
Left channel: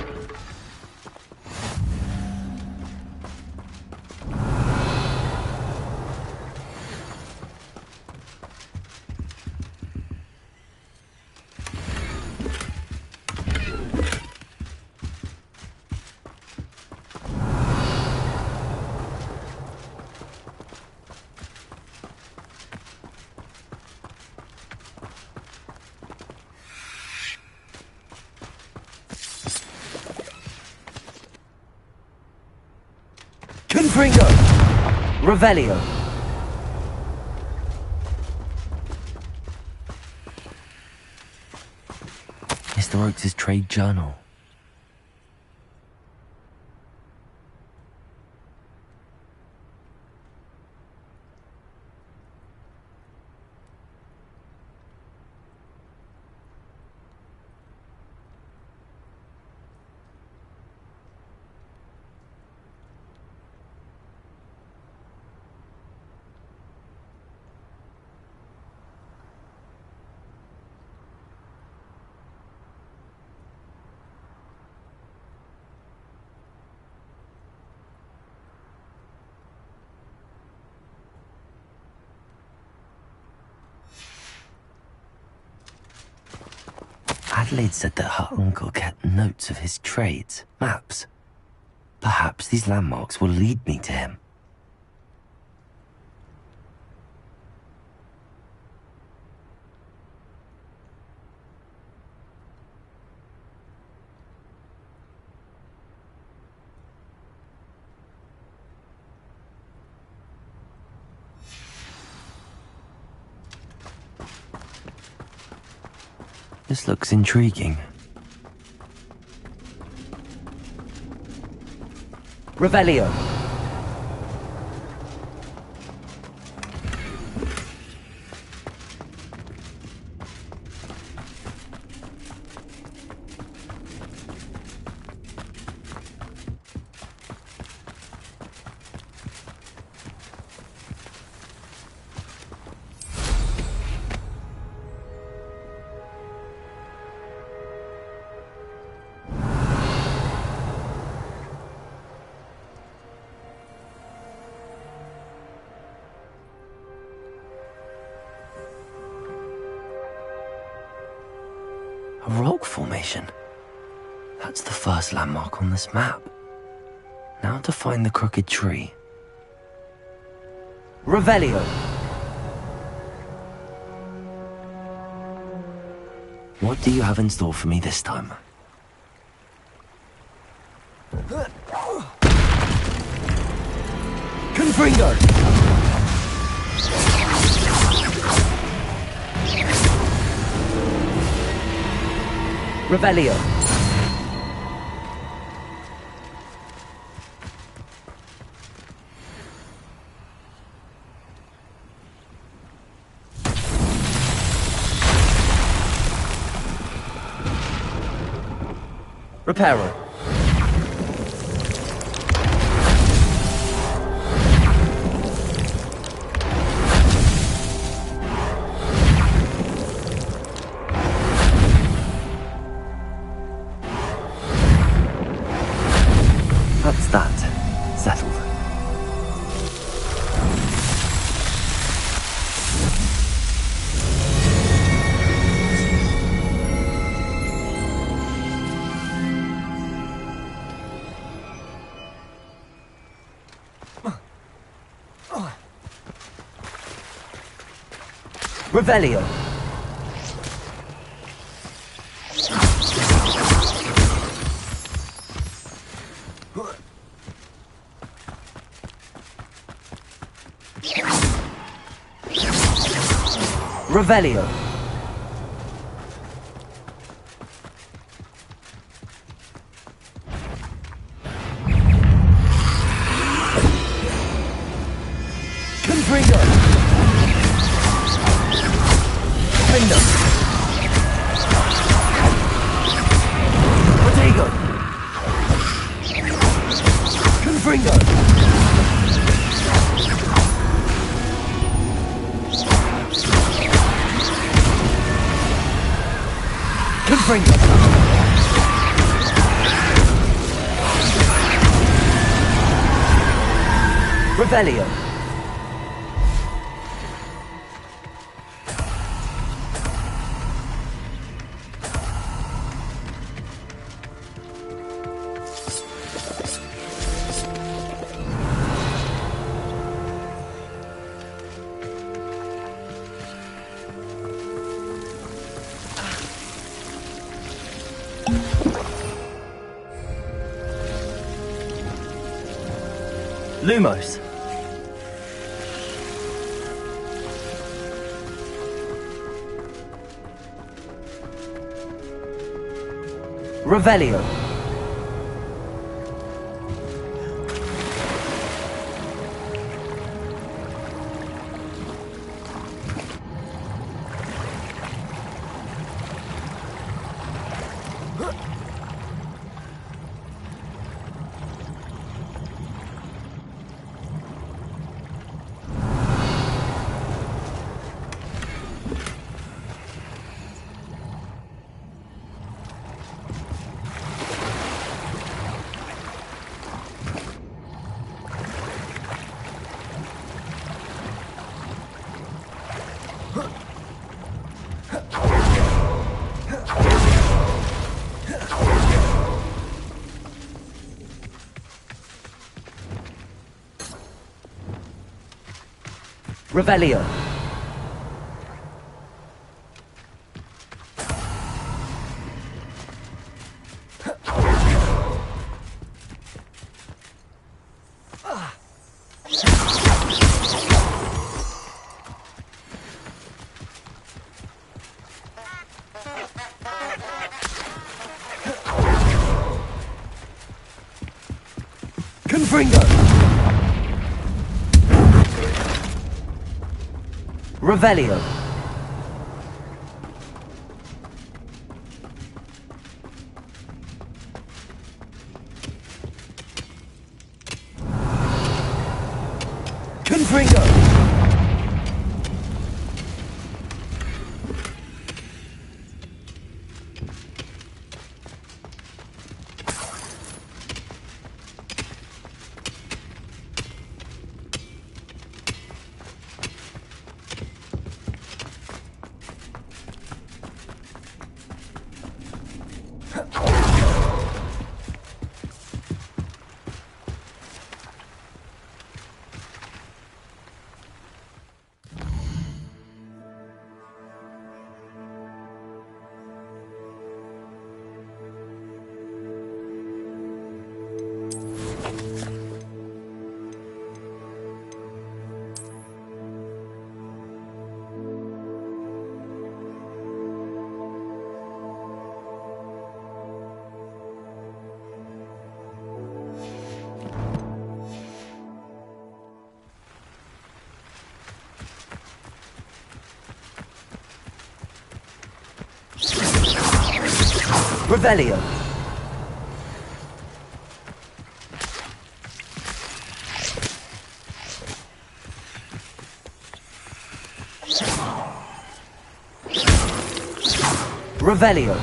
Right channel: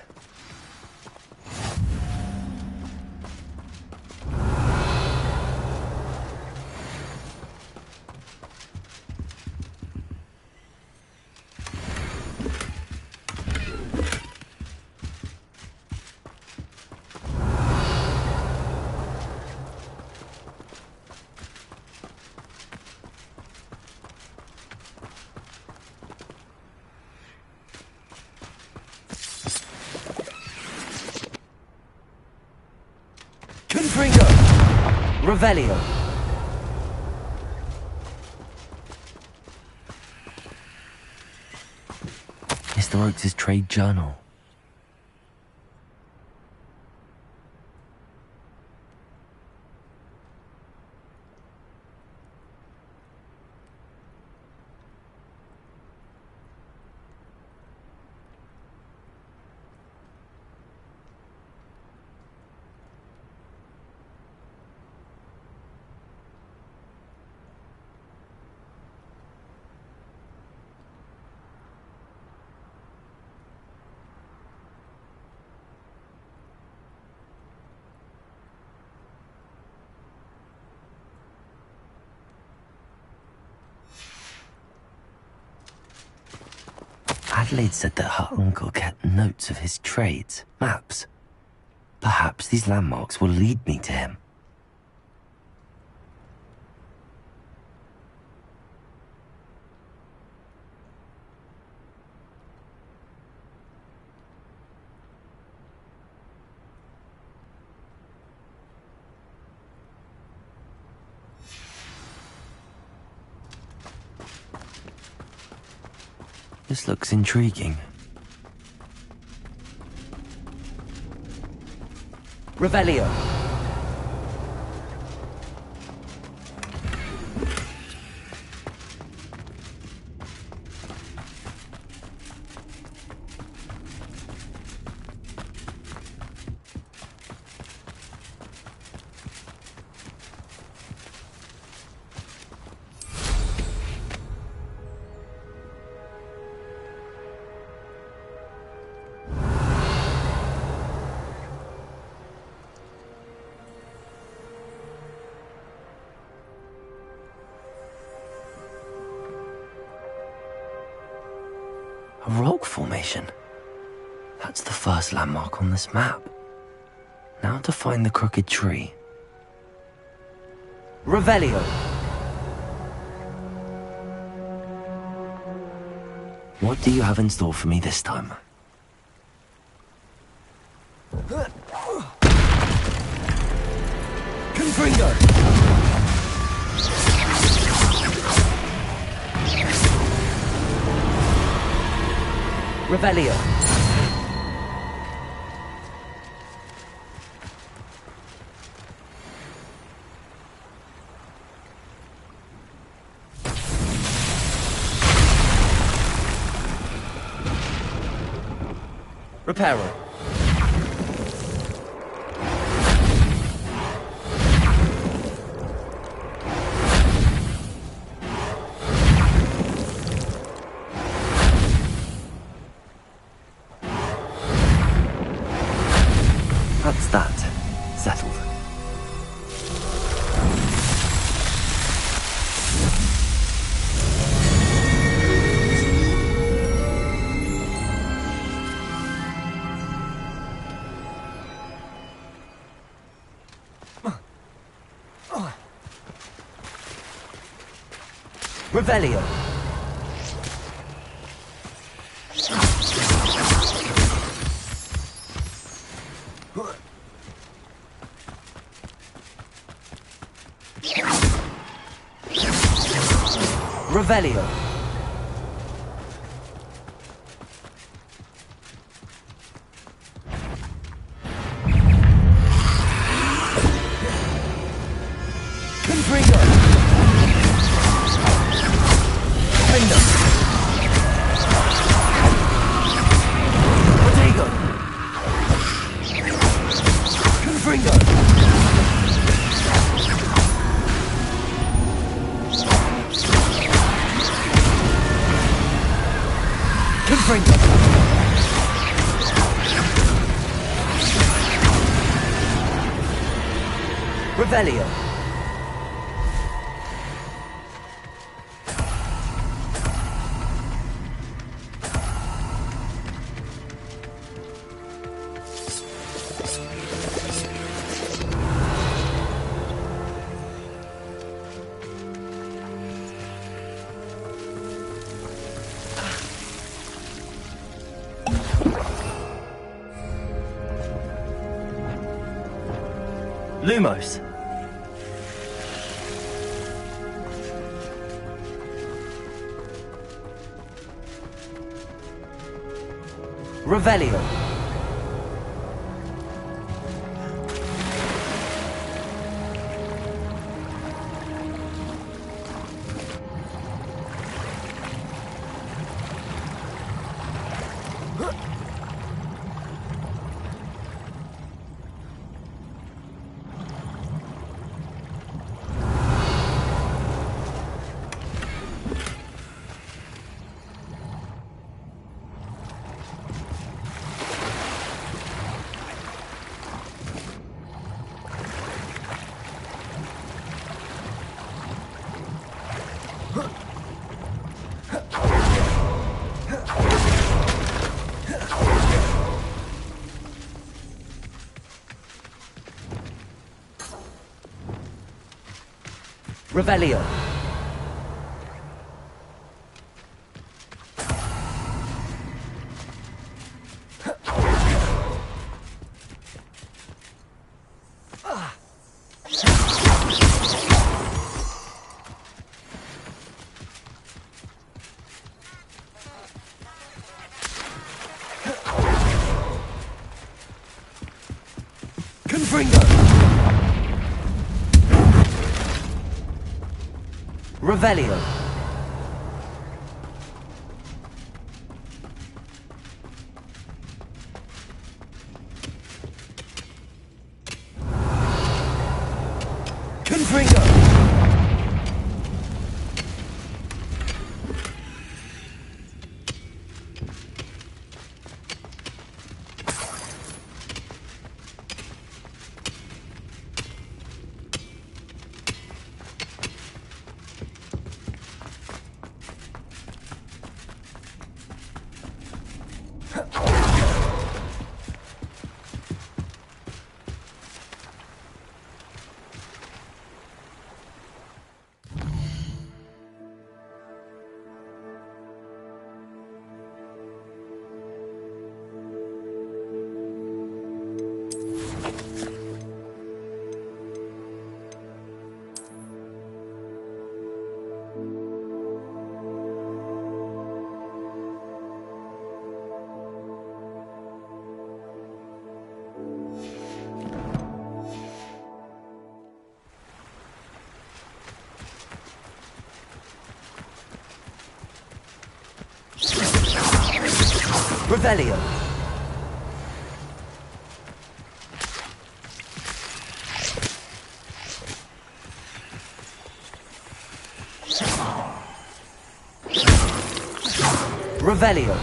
Confringo! Revelio! Mr. Oakes' trade journal. Adelaide said that her uncle kept notes of his trades, maps. Perhaps these landmarks will lead me to him. This looks intriguing. Revelio! rock formation. That's the first landmark on this map. Now to find the crooked tree. Revelio. What do you have in store for me this time? Confringo. Revelio. Reparo. That's that. Settled. Revelio. Revelio. Confringo. Kingdom. Protego. Confringo. Confringo. Revelio. Lumos. Revelio. Revelio. Confringo. Revelio. Confringo. Revelio. Revelio.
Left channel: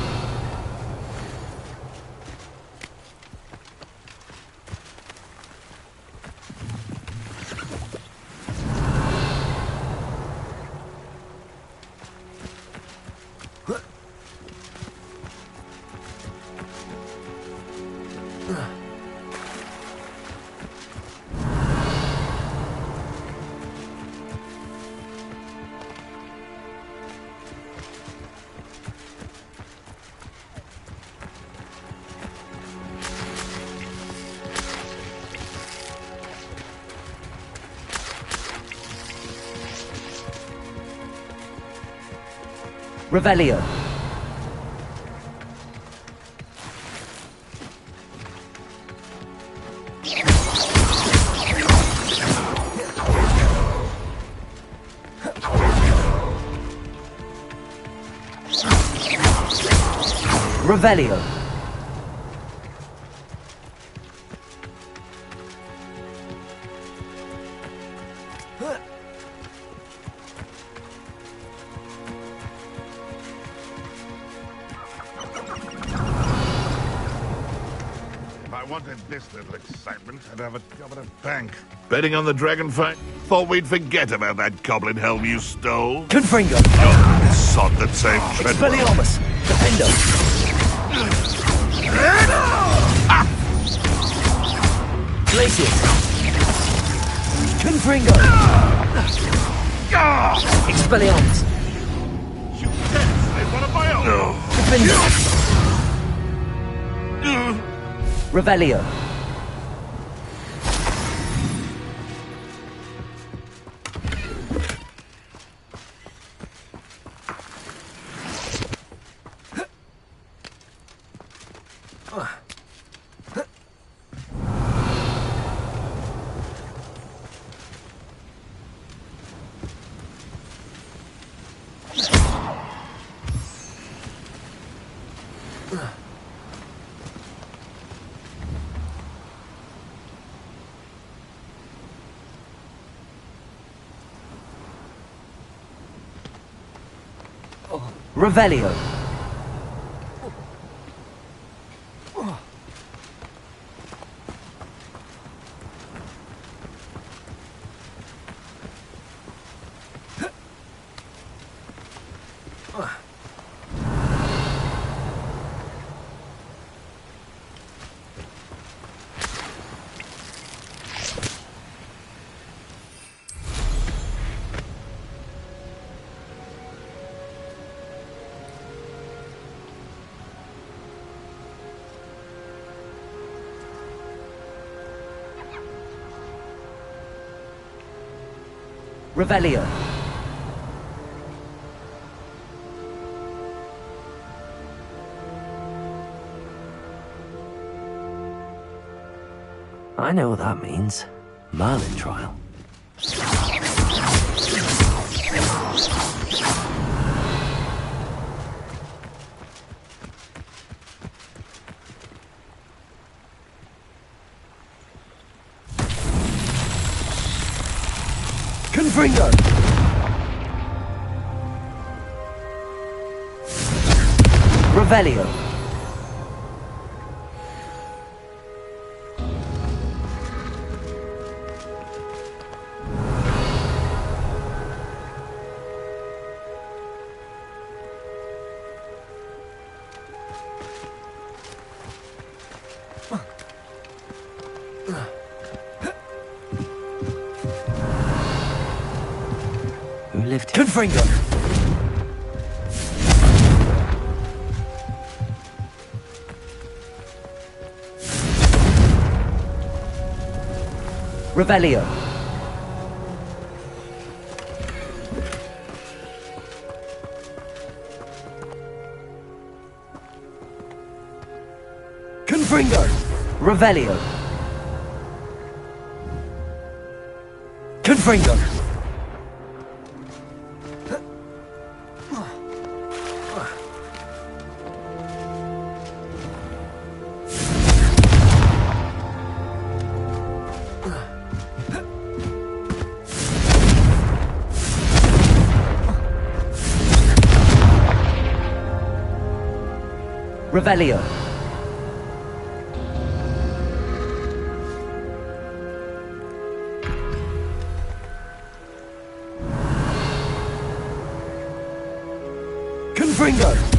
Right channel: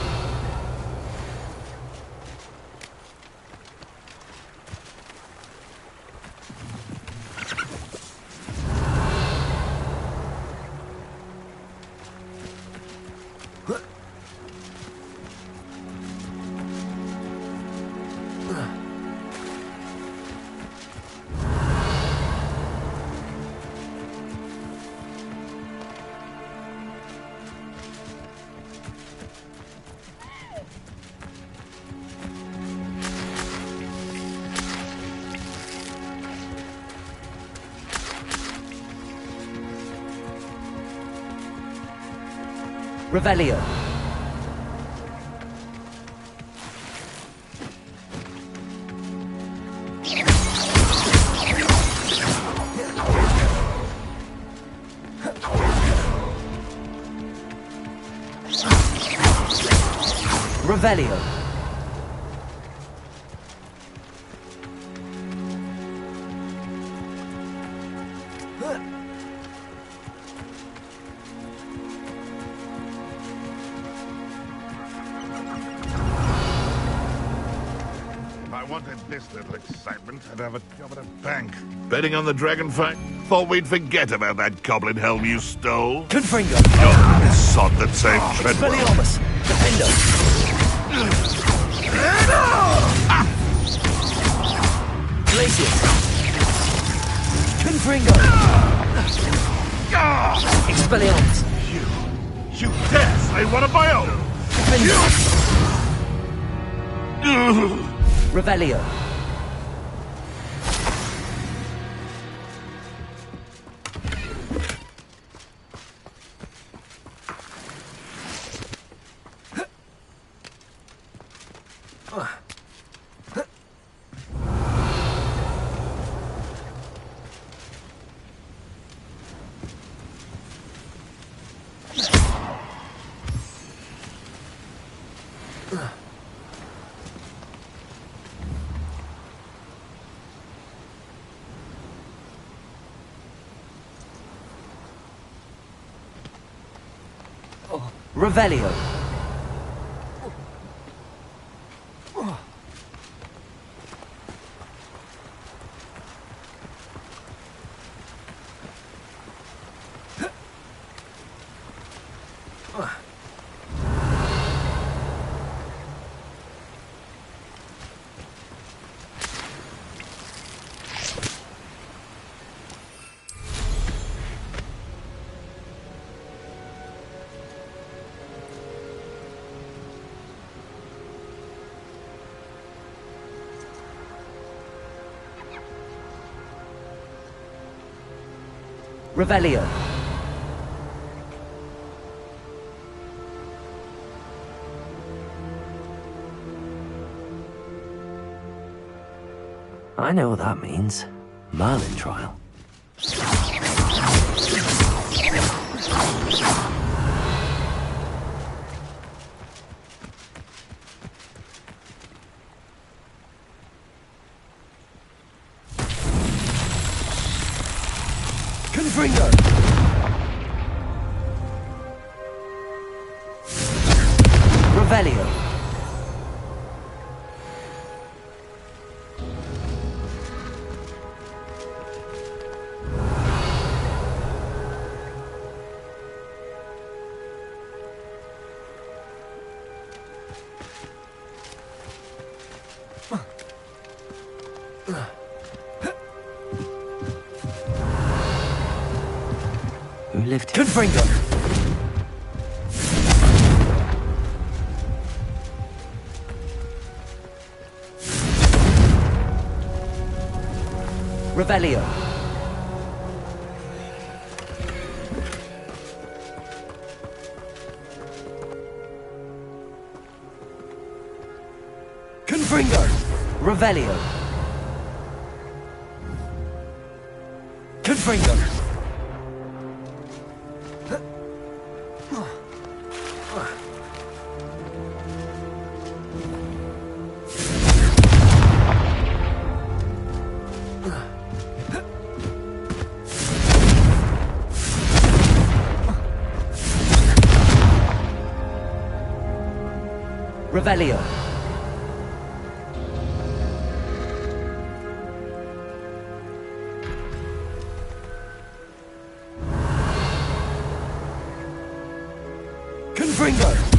Revelio. Revelio. If I wanted this little excitement, I'd have a job at a bank. Betting on the dragon fight? Thought we'd forget about that goblin helm you stole. Confringo. Oh, the sod that saved Treadwell. Expelliarmus. Defendo. Glacius. Confringo. Expelliarmus. You dare say one of my own? Defendo. Revelio. Revelio. Revelio. I know what that means. Merlin trial. Confringo! Revelio. Who lived here? Confringo! Revelio. Confringo. Revelio. Confringo. Revelio. Confringo.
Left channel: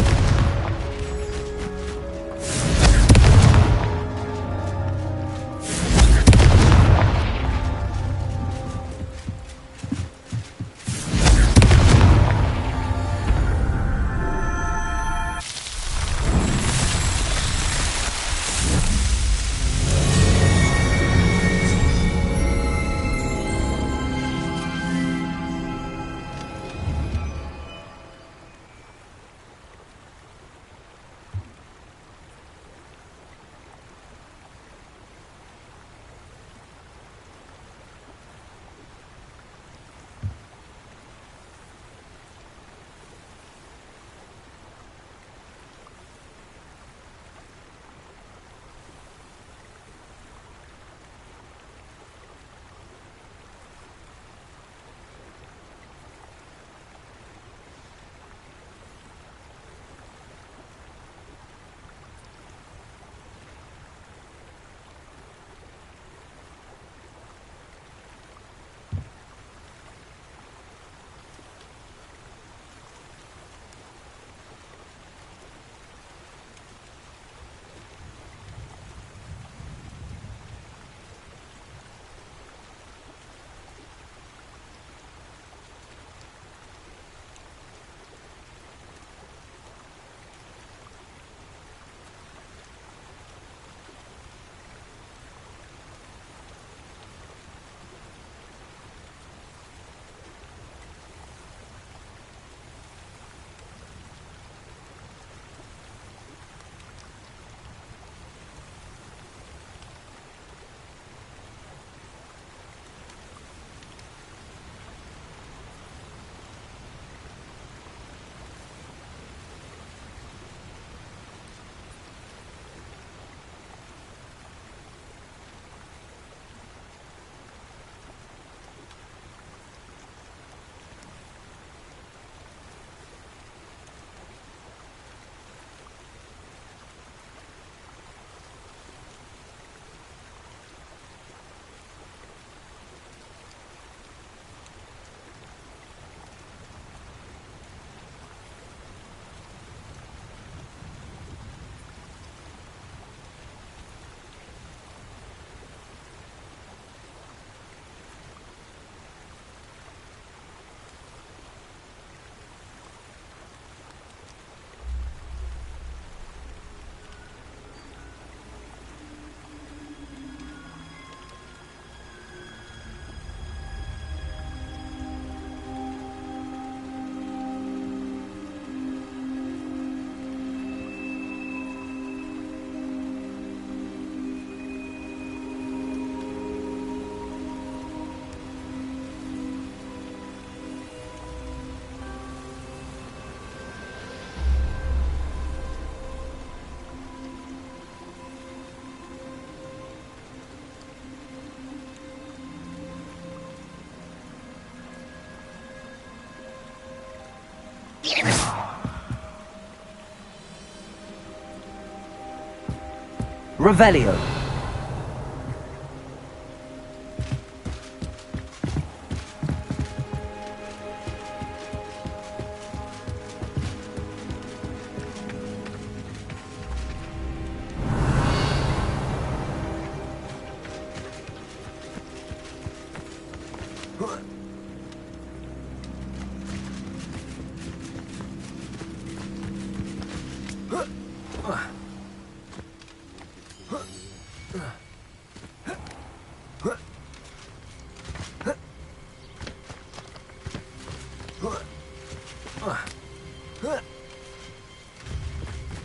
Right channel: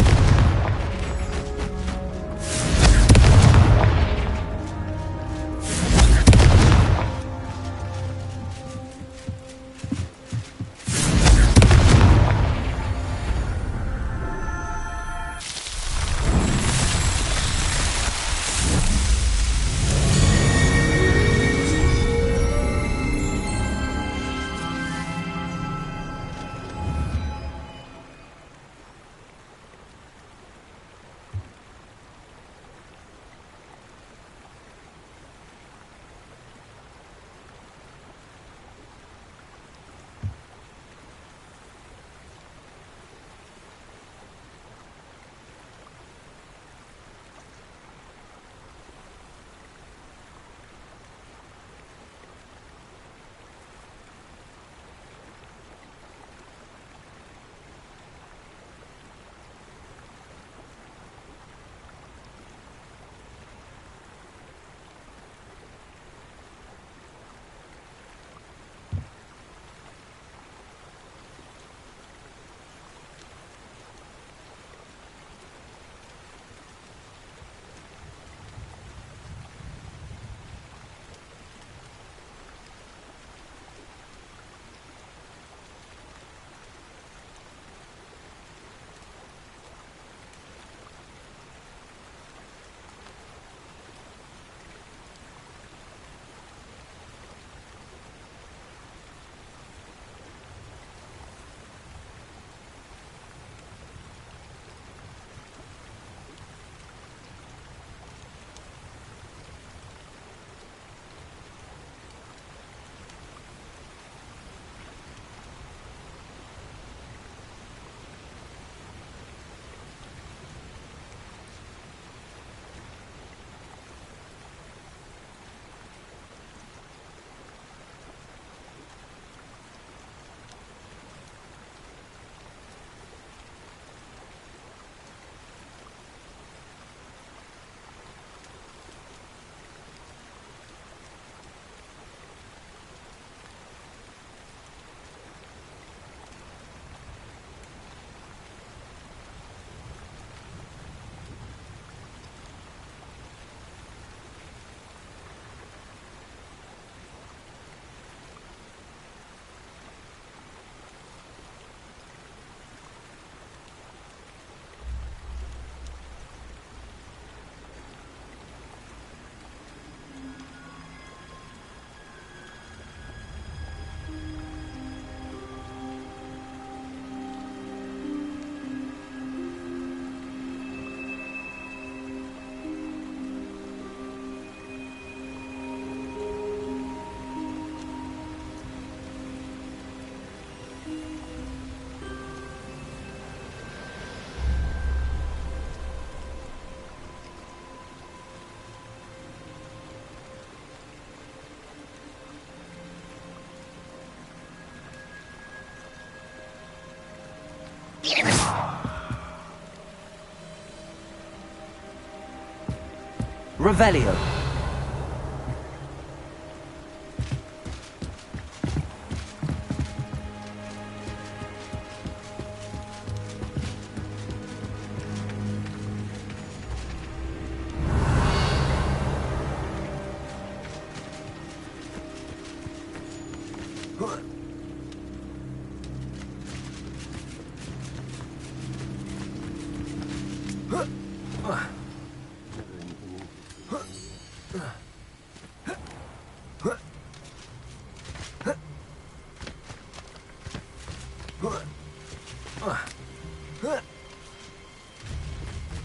Revelio.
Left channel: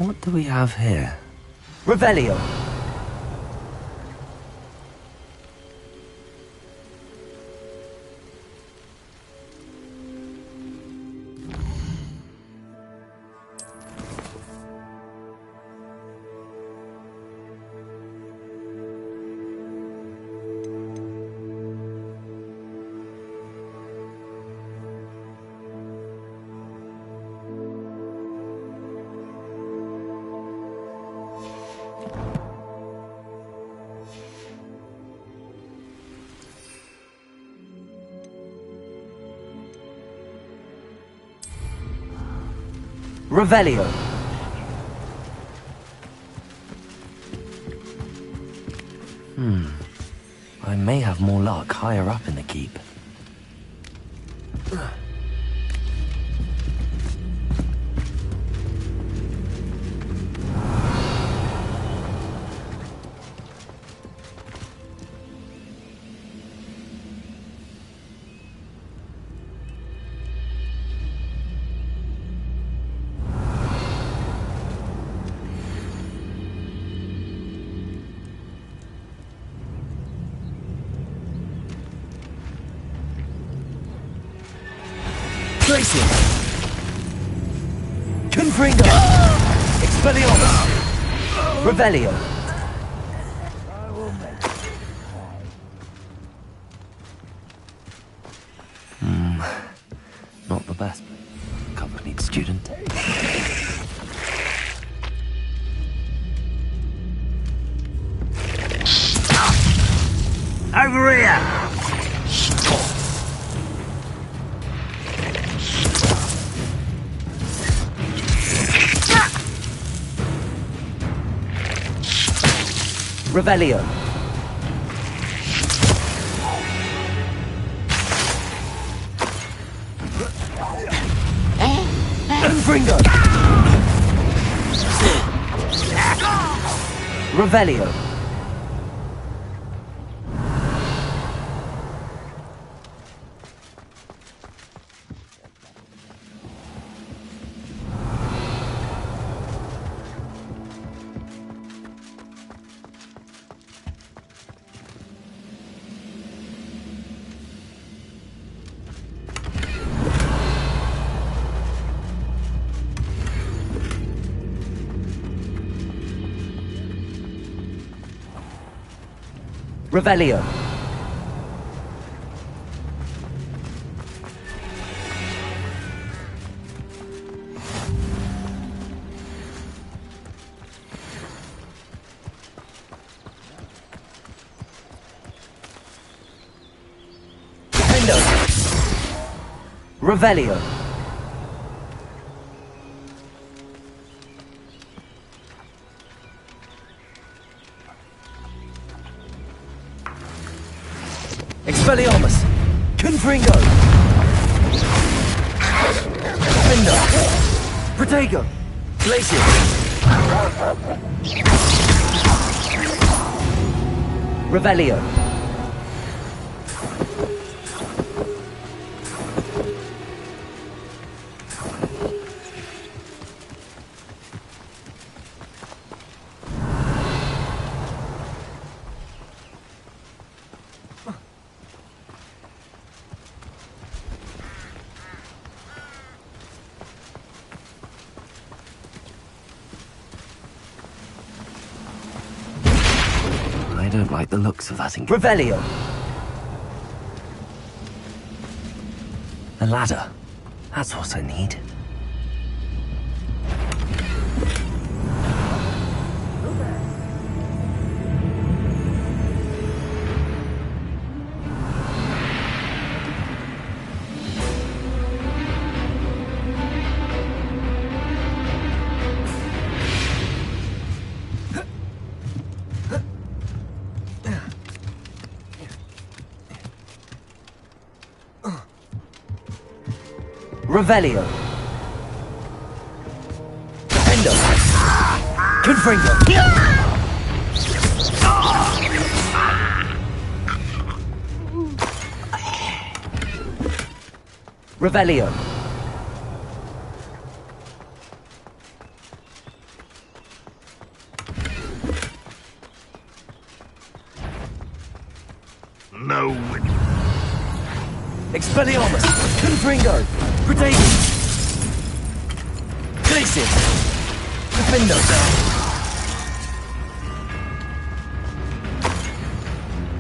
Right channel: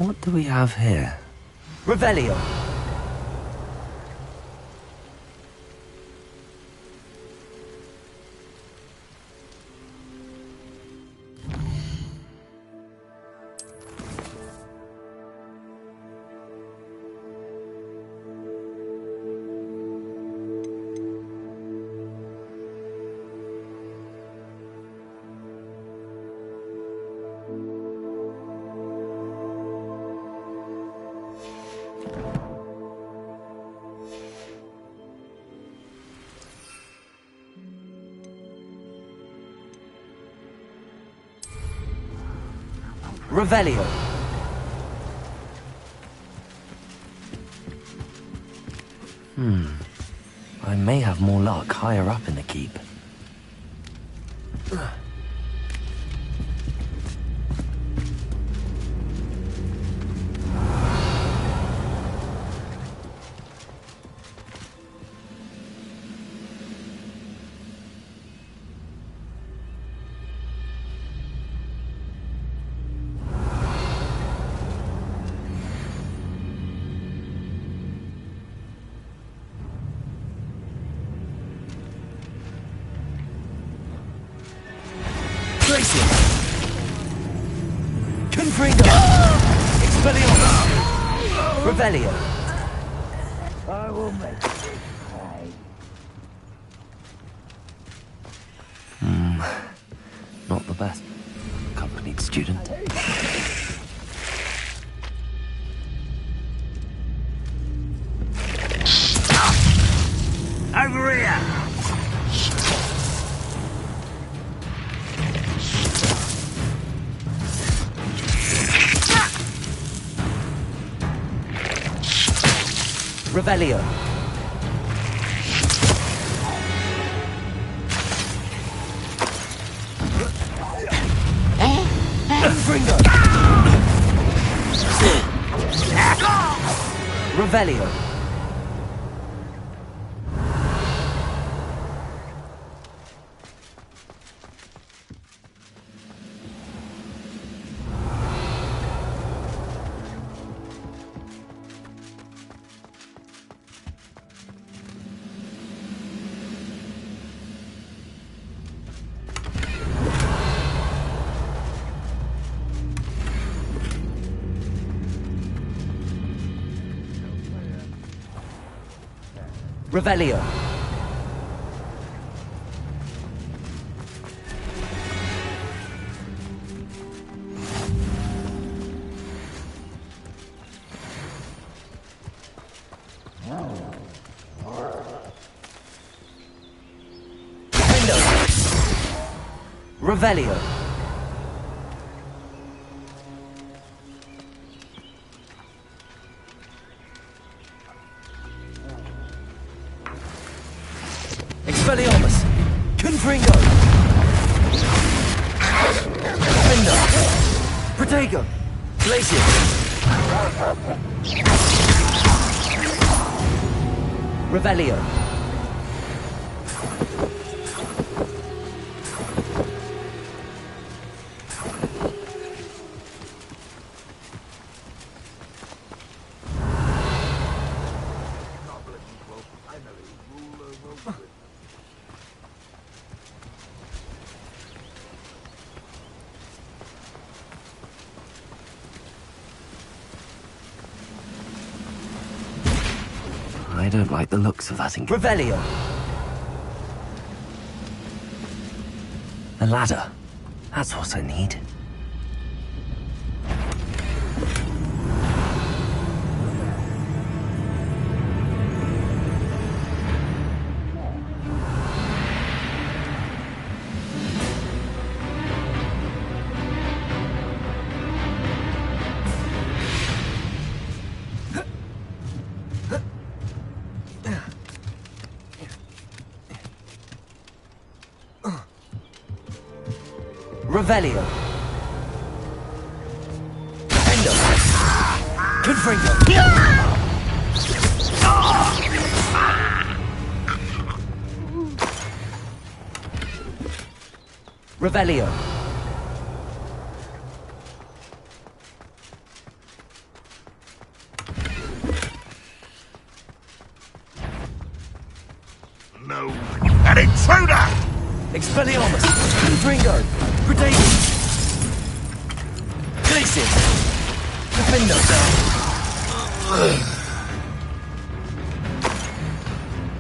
What do we have here? Revelio. Revelio. I may have more luck higher up in the keep. Confringo! Expelliarmus! Revelio! I will make it right. Not the best accompanied student. Over here! Revelio. Confringo. Revelio. Revelio. Defendo. Revelio. Expelliarmus! Confringo! Defender! Protego! Glacier! Revelio! I don't like the looks of that Revelio! A ladder. That's what I need. Revelio. Defendo. Confringo. Revelio. No, an intruder! Expelliarmus. Confringo. Protego. Glacier. Defendo.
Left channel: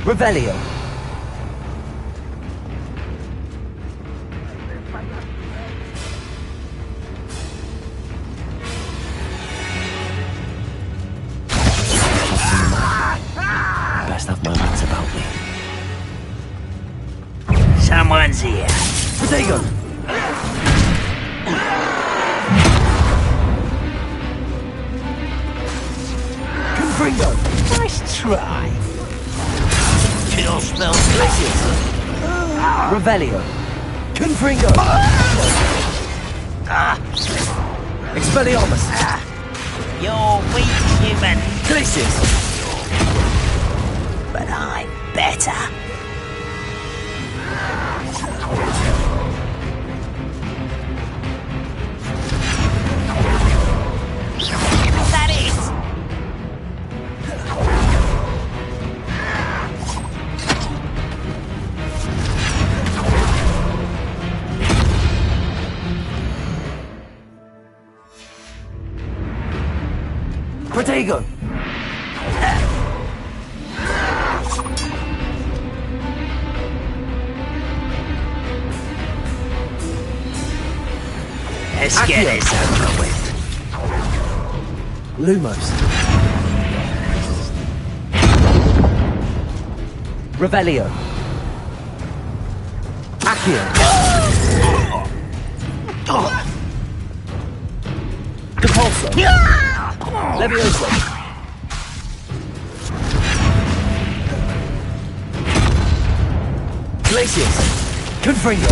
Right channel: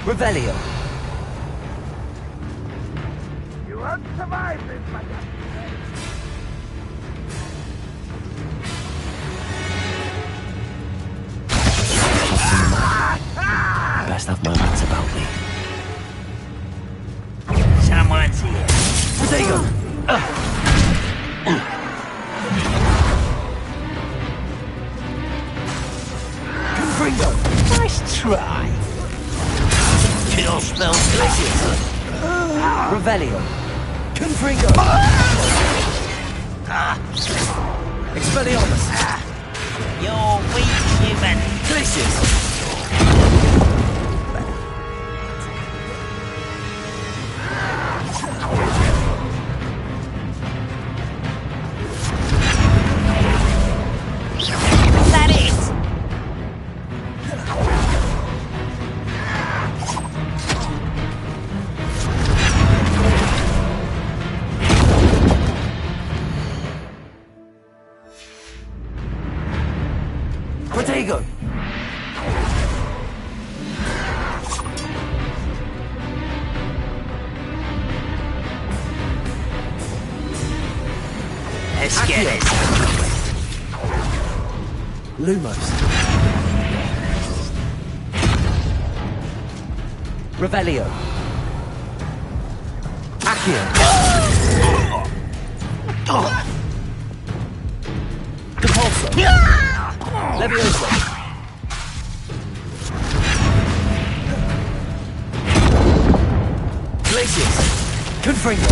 Revelio. You won't survive this, my young friend. Best have my wits about me. Someone's here. Protego. Confringo! Nice try! Kill smells delicious! Revelio! Confringo! Expelliarmus! You're weak, human. Delicious! But I'm better. That is! Protego! Let's get this over with. Lumos. Revelio. Accio. Depulso. Levioso. Glacius. Confringo.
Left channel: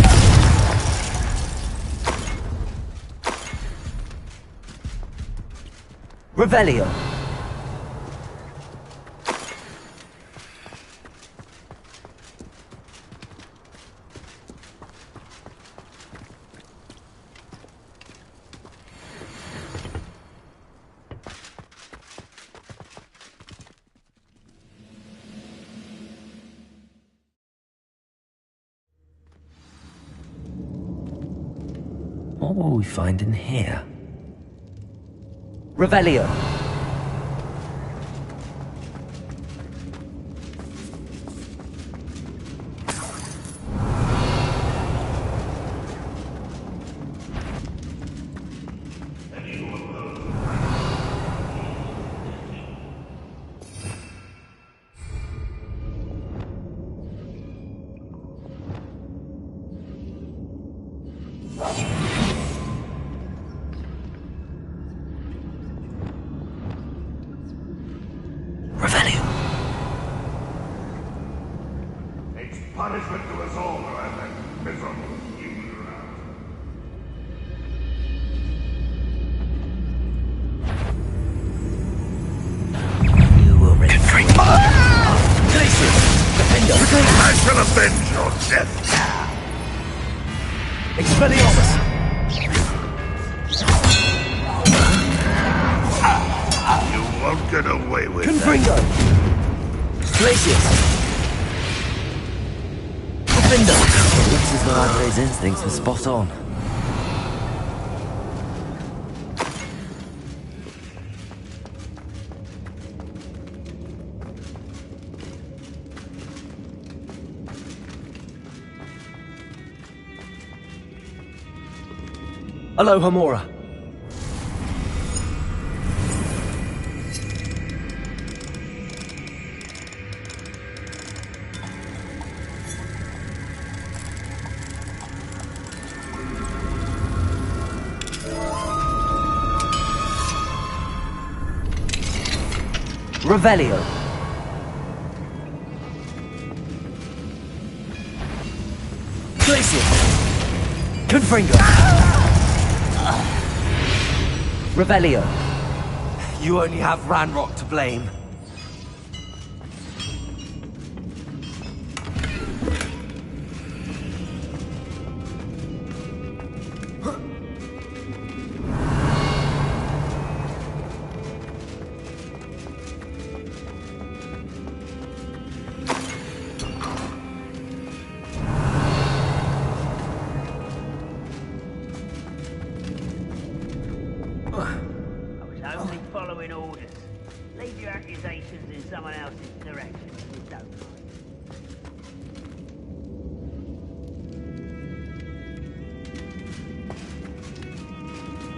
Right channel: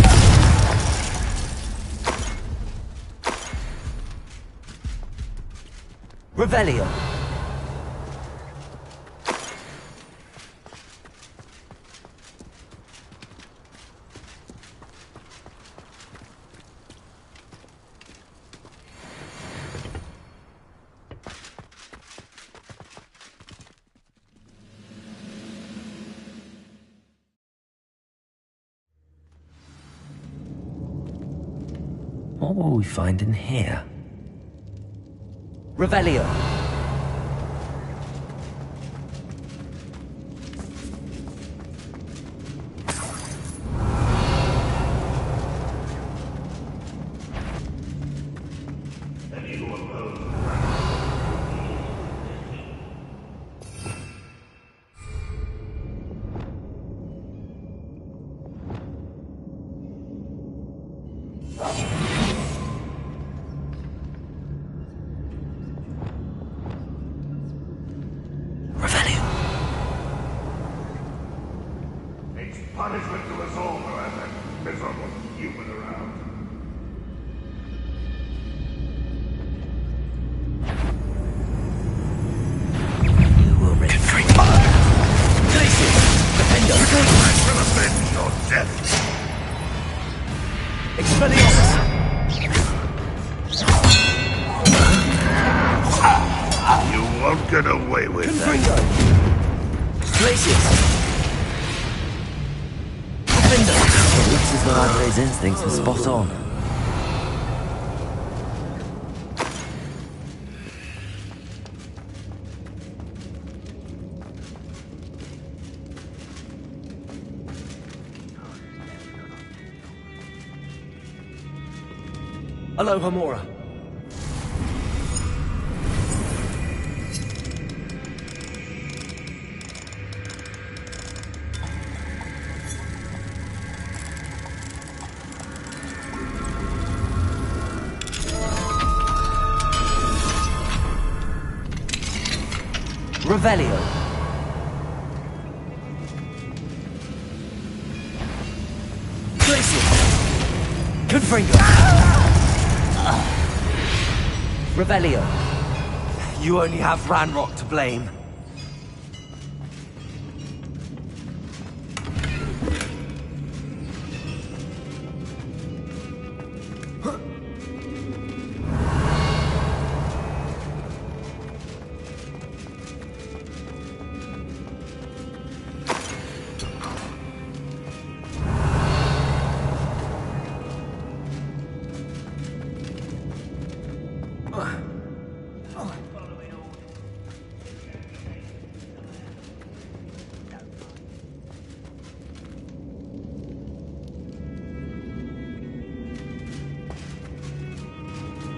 Revelio. What will we find in here? Revelio. Punishment to us all who have that miserable human around. You will retreat. Defender! I shall avenge your death! Expelliarmus! You won't get away with Confringo! Glacius! Defender! Looks as though Andre's instincts were spot on. Aloha Mora. Revelio. Glacius. Confringo. Revelio. You only have Ranrock to blame.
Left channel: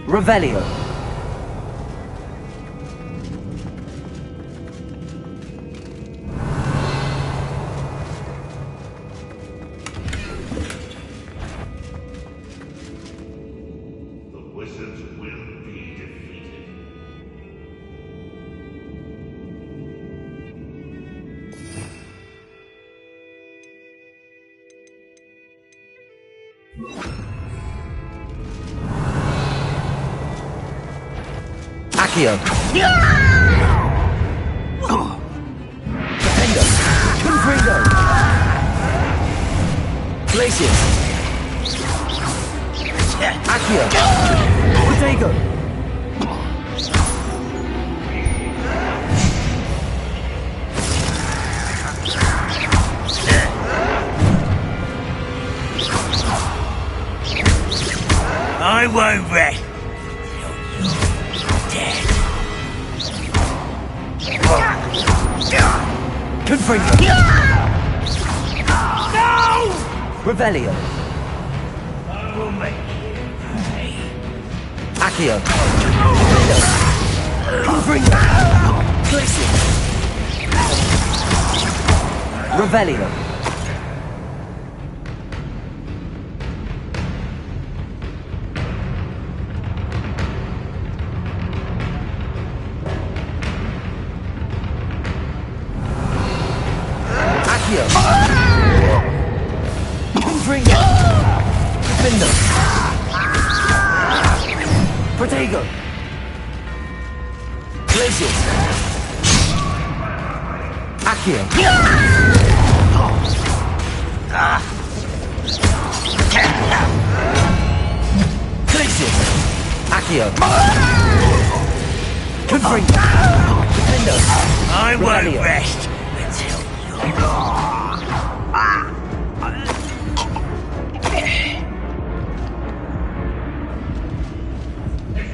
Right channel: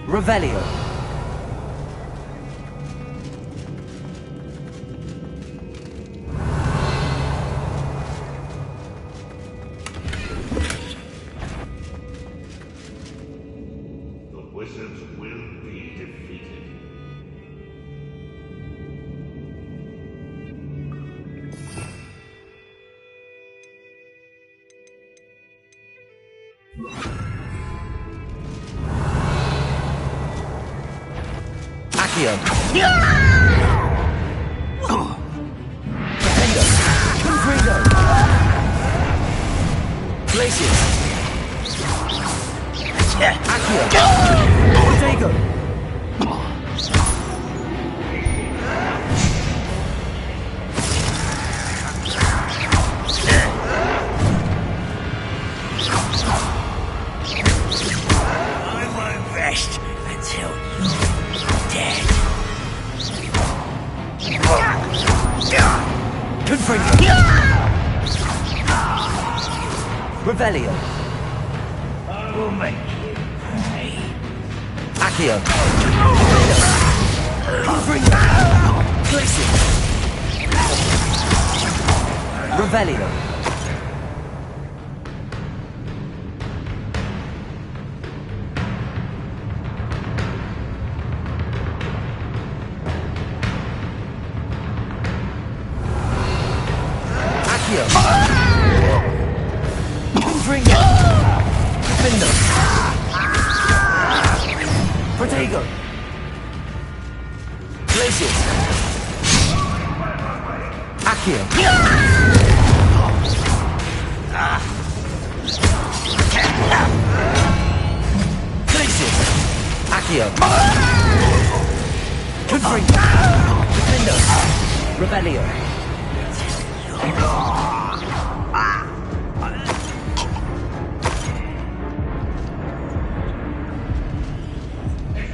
Revelio. The wizards will be defeated. Accio. Defendo. Confringo. Glacius. Accio. Protego. I won't rest until you're dead. Confringo. Revelio. I will make you pay. Accio. Confringo. Glacius. Revelio. Confringo. Defendo. Protego. Glacius. Accio. Glacius. Accio. Confringo. Defendo. I won't Revelio. rest until you're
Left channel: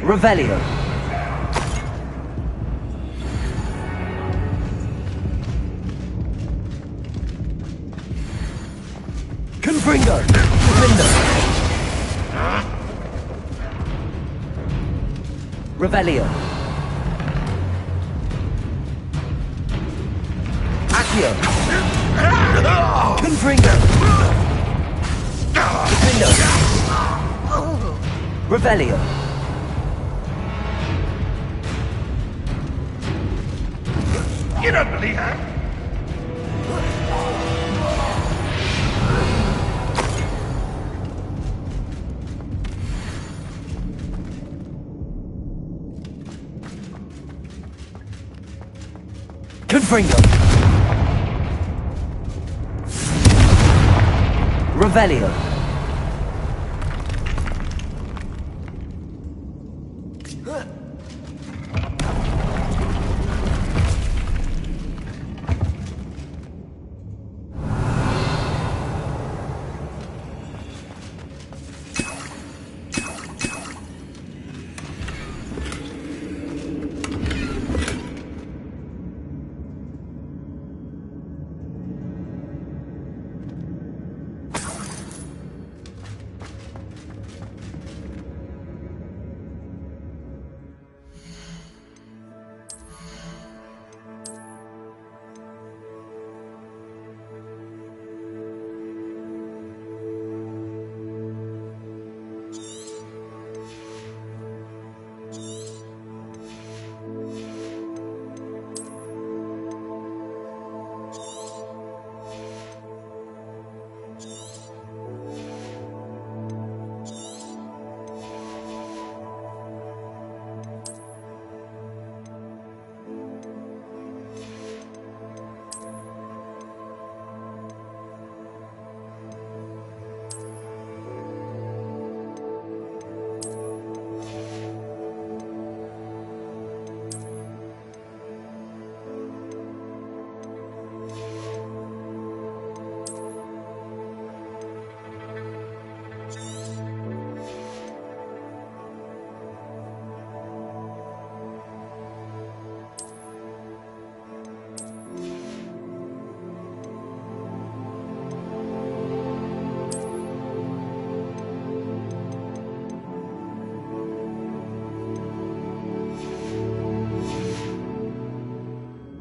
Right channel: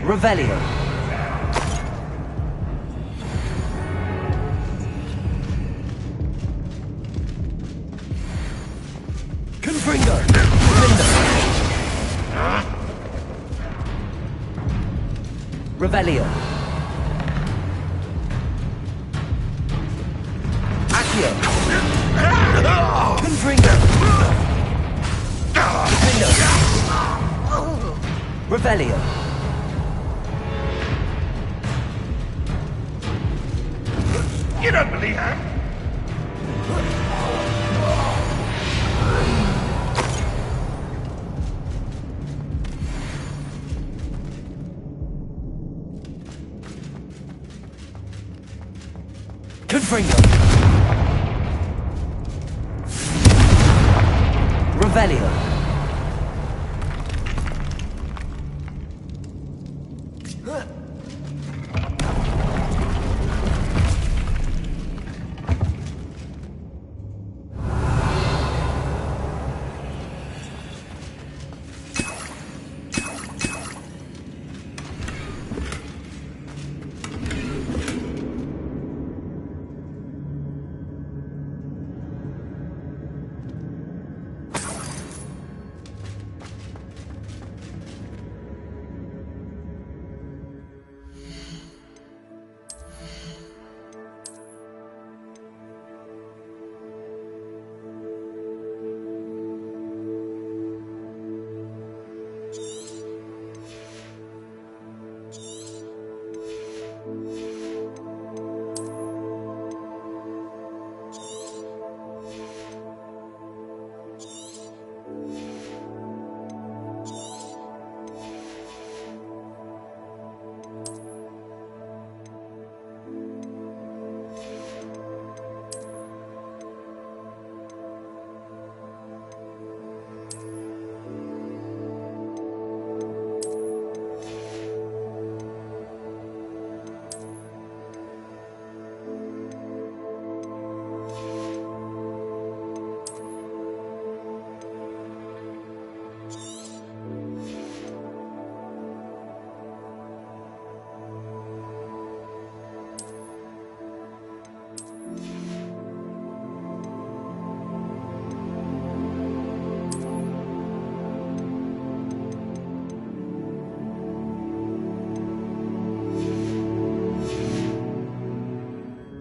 Revelio. Confringo. Defendo. Revelio. Accio. Confringo. Defendo. Revelio. You don't believe that? Confringo. Revelio.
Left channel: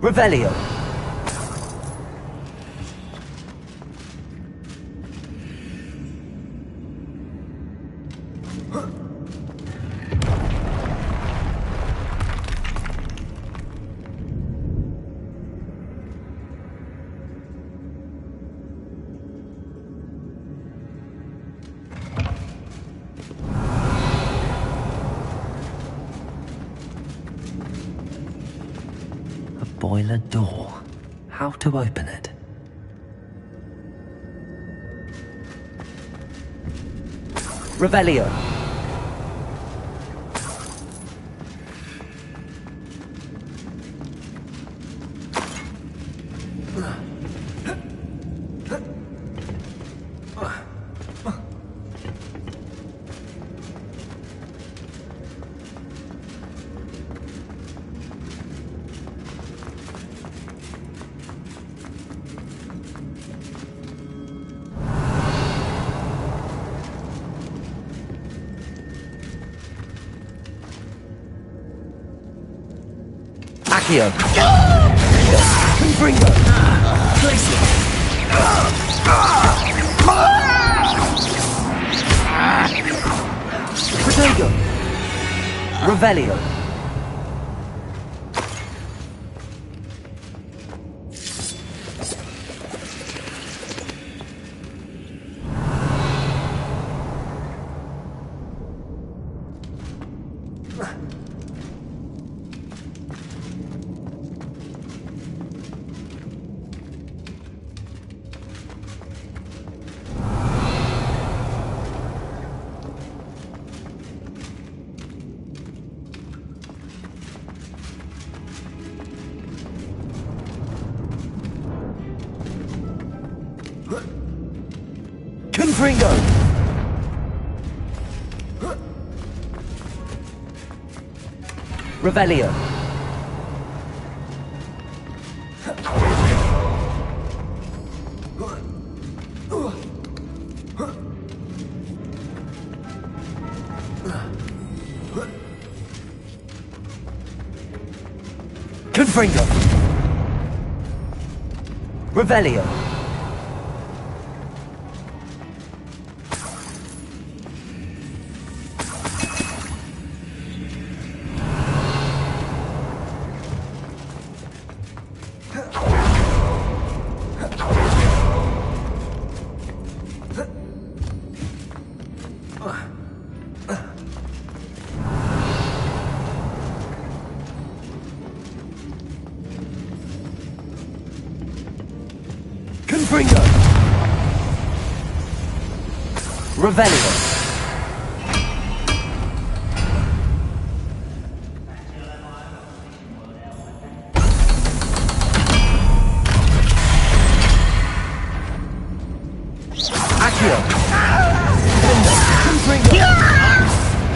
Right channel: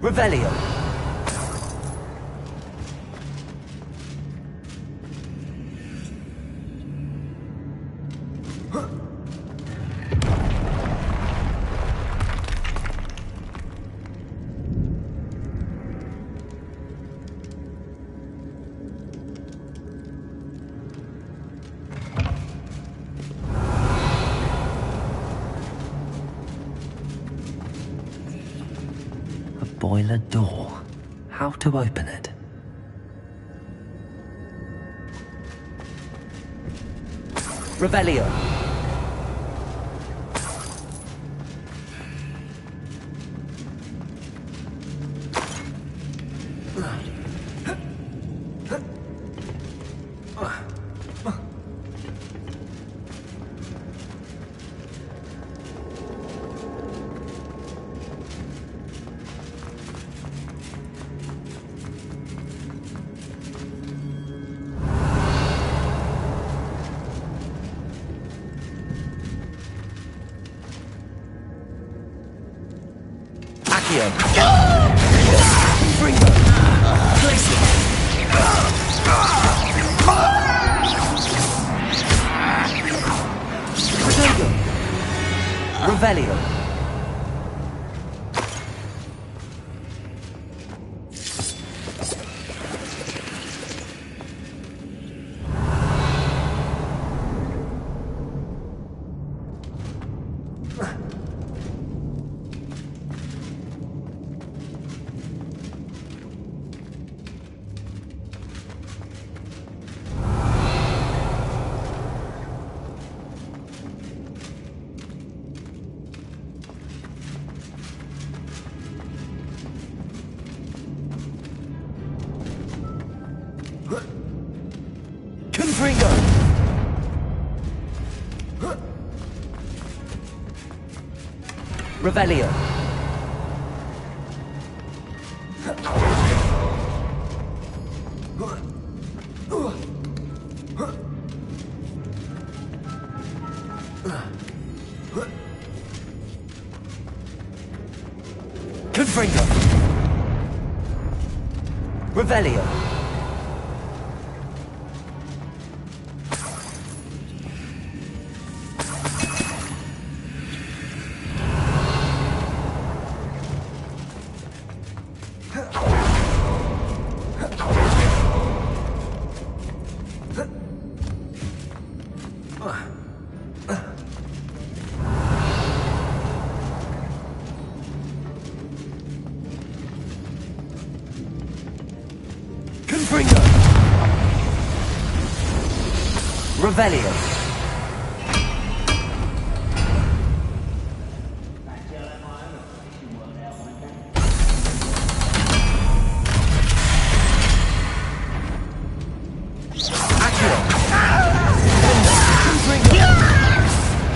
Revelio. toilet door. How to open it? Revelio. Accio. Bringo. Place it. Protego. Revelio. Confringo! Revelio. Confringo. Revelio. Confringo. Revelio. Accio. Confringo.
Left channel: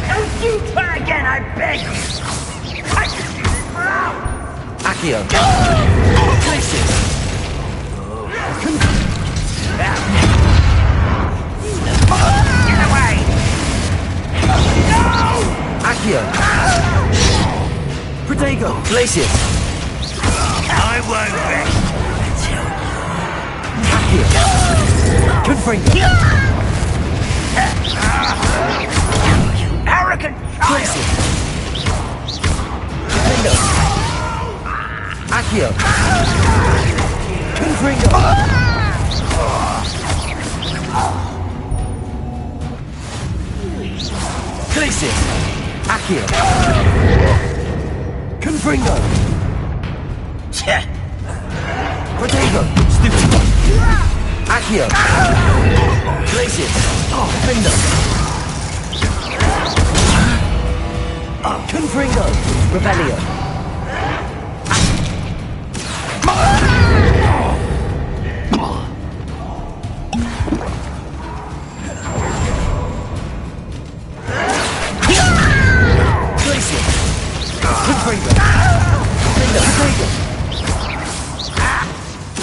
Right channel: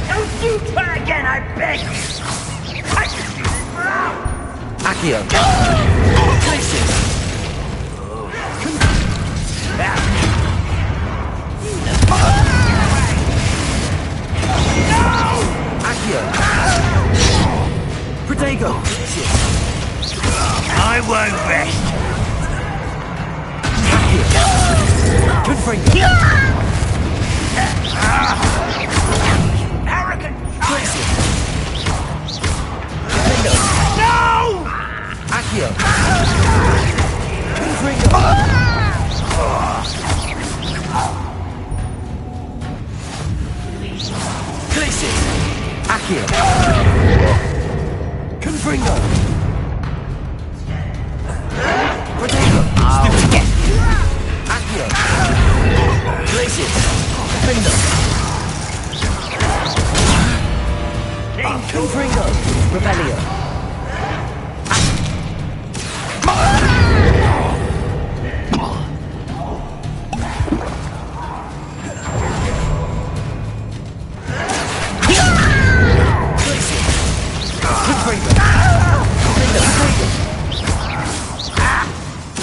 Don't you try again, I beg you! Accio. Places. Accio. Protego. Glacius. I won't rest. Accio. Confringo. Arrogant Glacius. Protego. Accio. Confringo. Glacius. Accio. Confringo. Protego. Stupid. Accio. Glacius. Defender. Confringo. Revelio.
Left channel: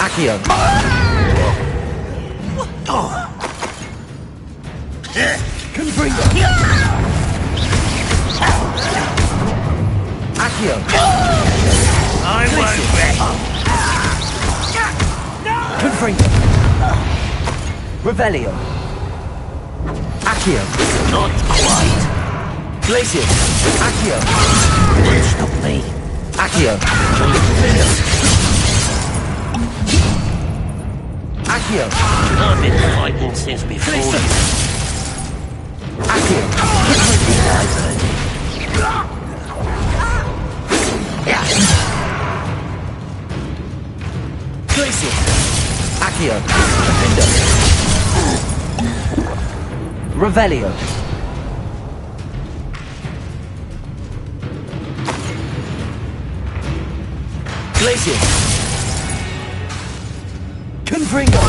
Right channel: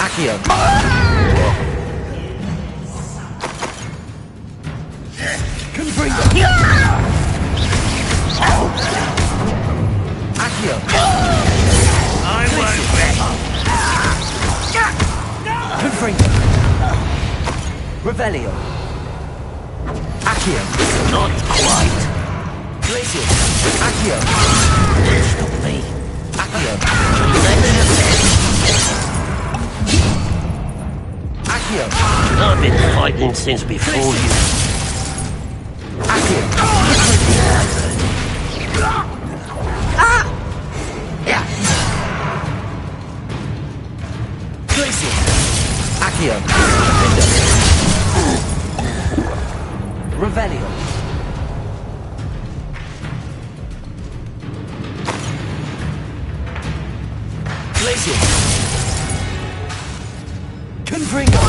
Accio. Confringo. Accio. I won't rest. Confringo. Revelio. Accio. Not quite. Glacius. Accio. Stop me. Accio. Accio. I've been fighting since before you. Accio. Glacius. Accio. Defender. Revelio. Glacius. Confringo.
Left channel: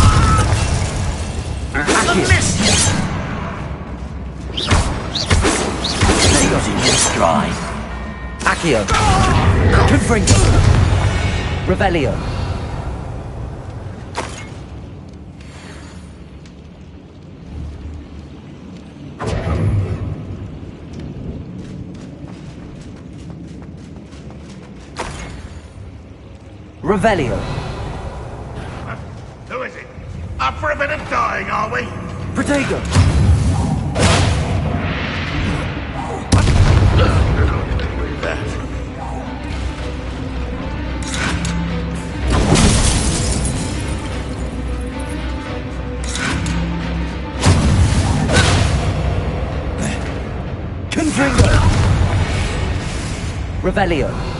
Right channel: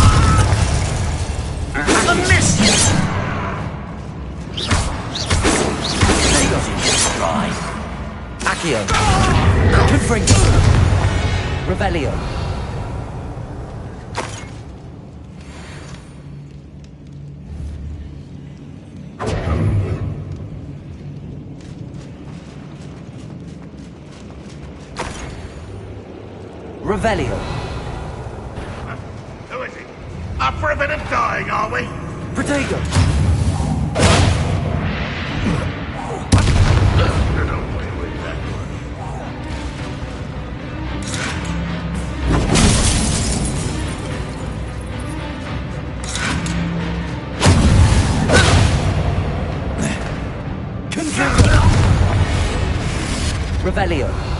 They got in your stride. Accio. Confringo. Revelio. Revelio. Who is it? Up for a bit of dying, are we? Protego. With that. Confringo. Revelio.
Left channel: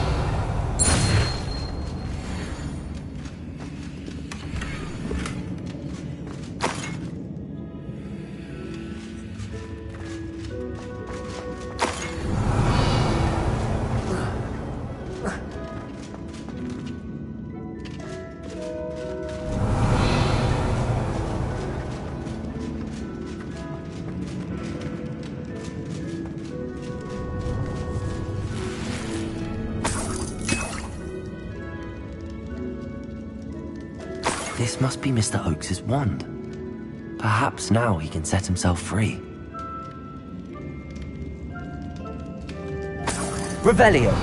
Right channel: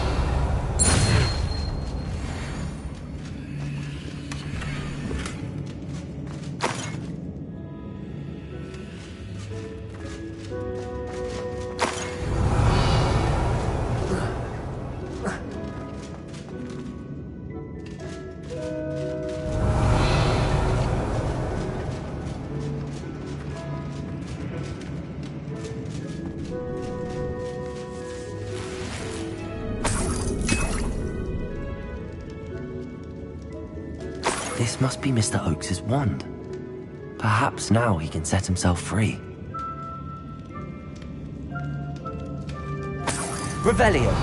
This must be Mr. Oakes's wand. Perhaps now he can set himself free. Revelio.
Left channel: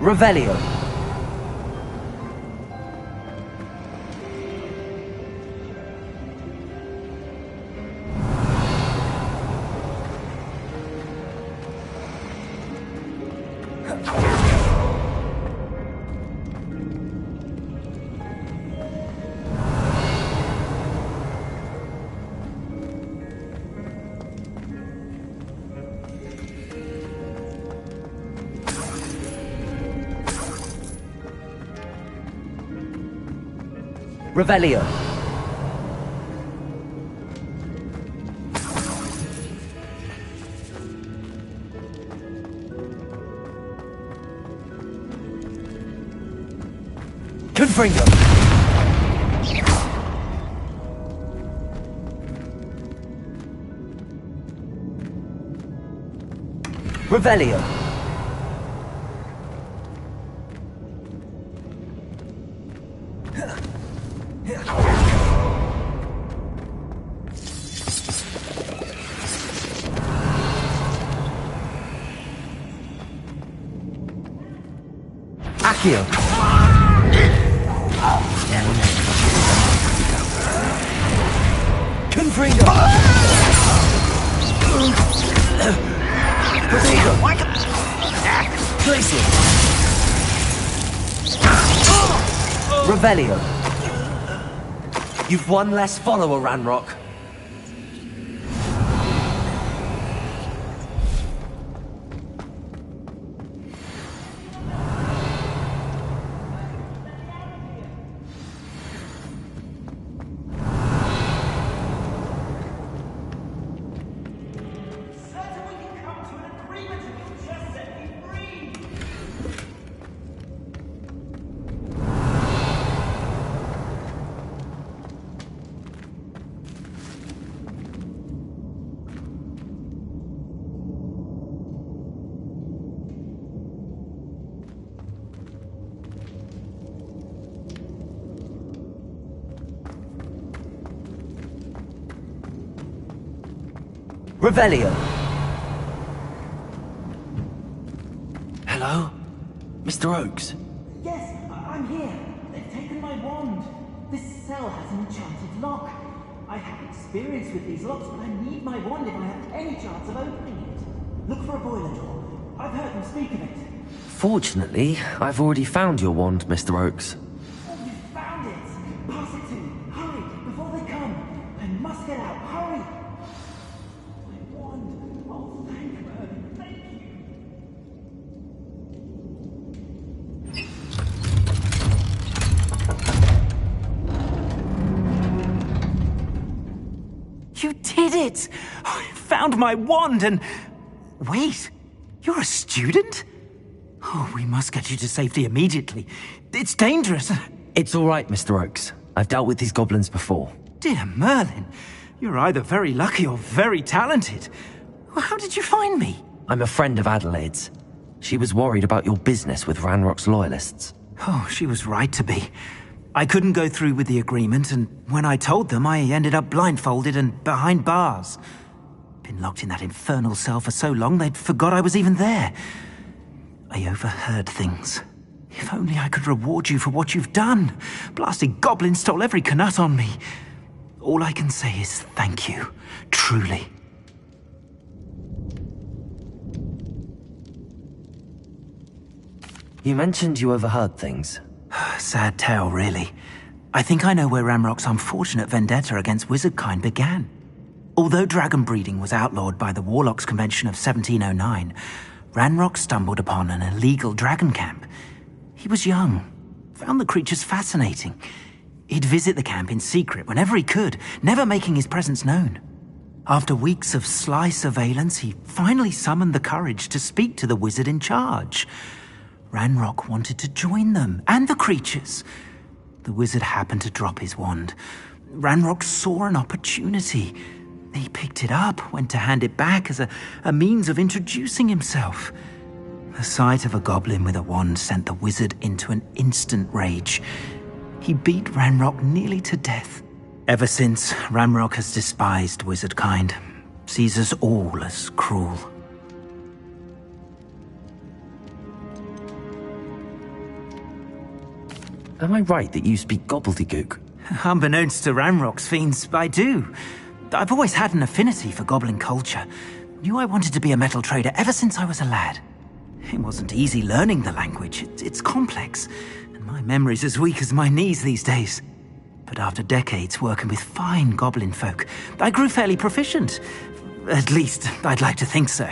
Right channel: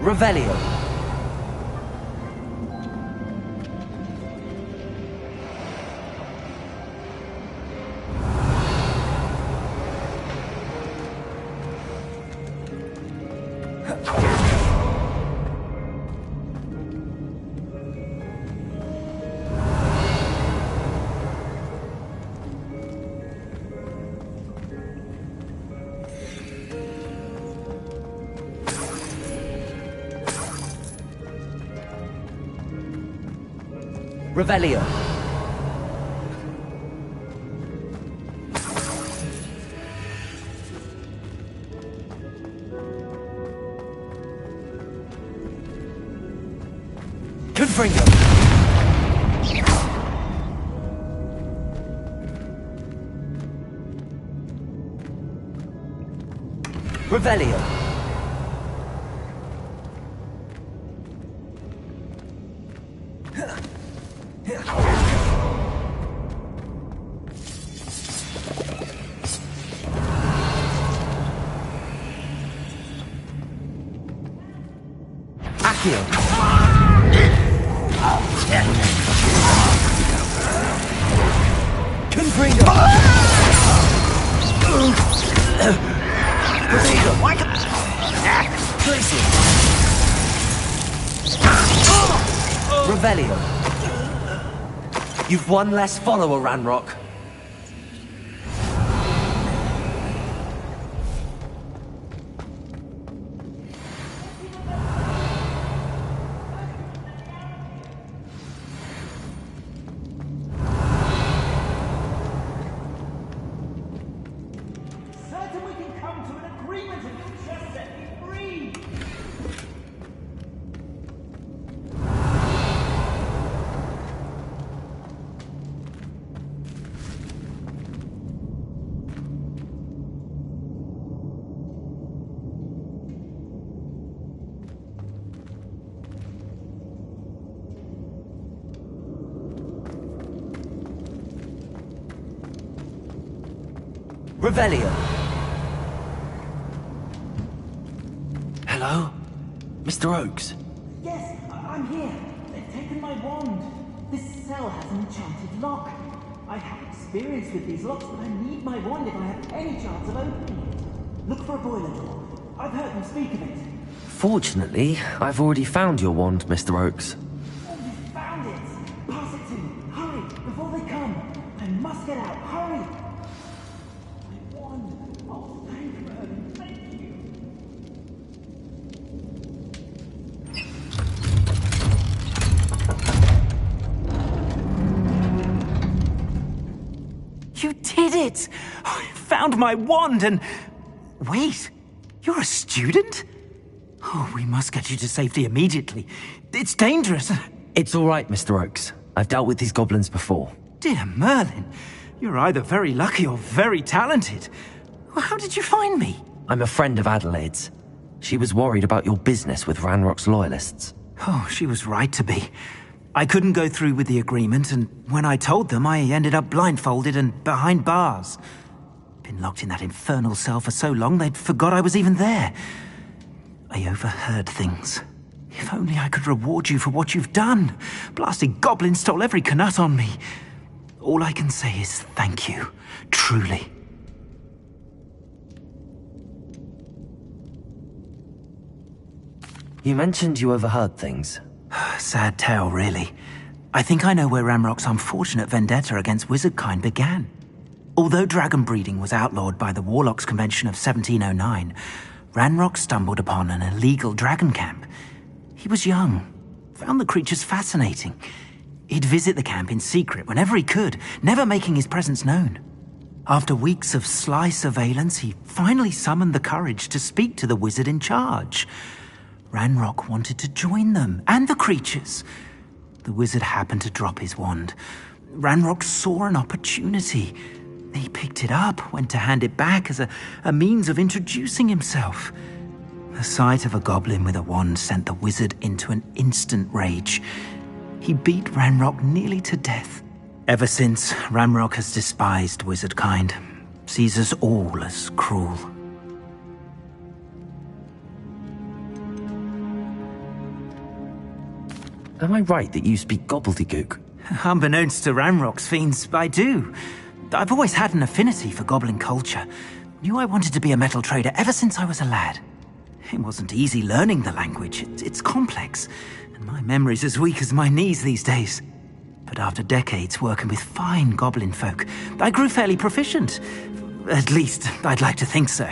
Revelio. Revelio. Confringo. Revelio. Accio. Confringo. Protego. Glacier. Revelio. You've one less follower, Ranrock. Revelio. Hello? Mr. Oakes? Yes, I'm here. They've taken my wand. This cell has an enchanted lock. I have experience with these locks, but I need my wand if I have any chance of opening it. Look for a boiler door. I've heard them speak of it. Fortunately, I've already found your wand, Mr. Oakes. Oh, you found it! Pass it to me. Hurry, before they come. I must get out. Hurry! You did it! I found my wand and... Wait, you're a student? Oh, we must get you to safety immediately. It's dangerous. It's all right, Mr. Oakes. I've dealt with these goblins before. Dear Merlin, you're either very lucky or very talented. Well, how did you find me? I'm a friend of Adelaide's. She was worried about your business with Ranrock's loyalists. Oh, she was right to be. I couldn't go through with the agreement, and when I told them, I ended up blindfolded and behind bars. Been locked in that infernal cell for so long, they'd forgot I was even there. I overheard things. If only I could reward you for what you've done. Blasted goblins stole every Knut on me. All I can say is thank you, truly. You mentioned you overheard things. Sad tale, really. I think I know where Ranrock's unfortunate vendetta against wizardkind began. Although dragon breeding was outlawed by the Warlocks Convention of 1709, Ranrock stumbled upon an illegal dragon camp. He was young, found the creatures fascinating. He'd visit the camp in secret whenever he could, never making his presence known. After weeks of sly surveillance, he finally summoned the courage to speak to the wizard in charge. Ranrock wanted to join them, and the creatures. The wizard happened to drop his wand. Ranrock saw an opportunity. He picked it up, went to hand it back as a means of introducing himself. The sight of a goblin with a wand sent the wizard into an instant rage. He beat Ranrock nearly to death. Ever since, Ranrock has despised wizardkind, sees us all as cruel. Am I right that you speak gobbledygook? Unbeknownst to Ranrock's fiends, I do. I've always had an affinity for goblin culture. Knew I wanted to be a metal trader ever since I was a lad. It wasn't easy learning the language. It's complex, and my memory's as weak as my knees these days. But after decades working with fine goblin folk, I grew fairly proficient. At least, I'd like to think so.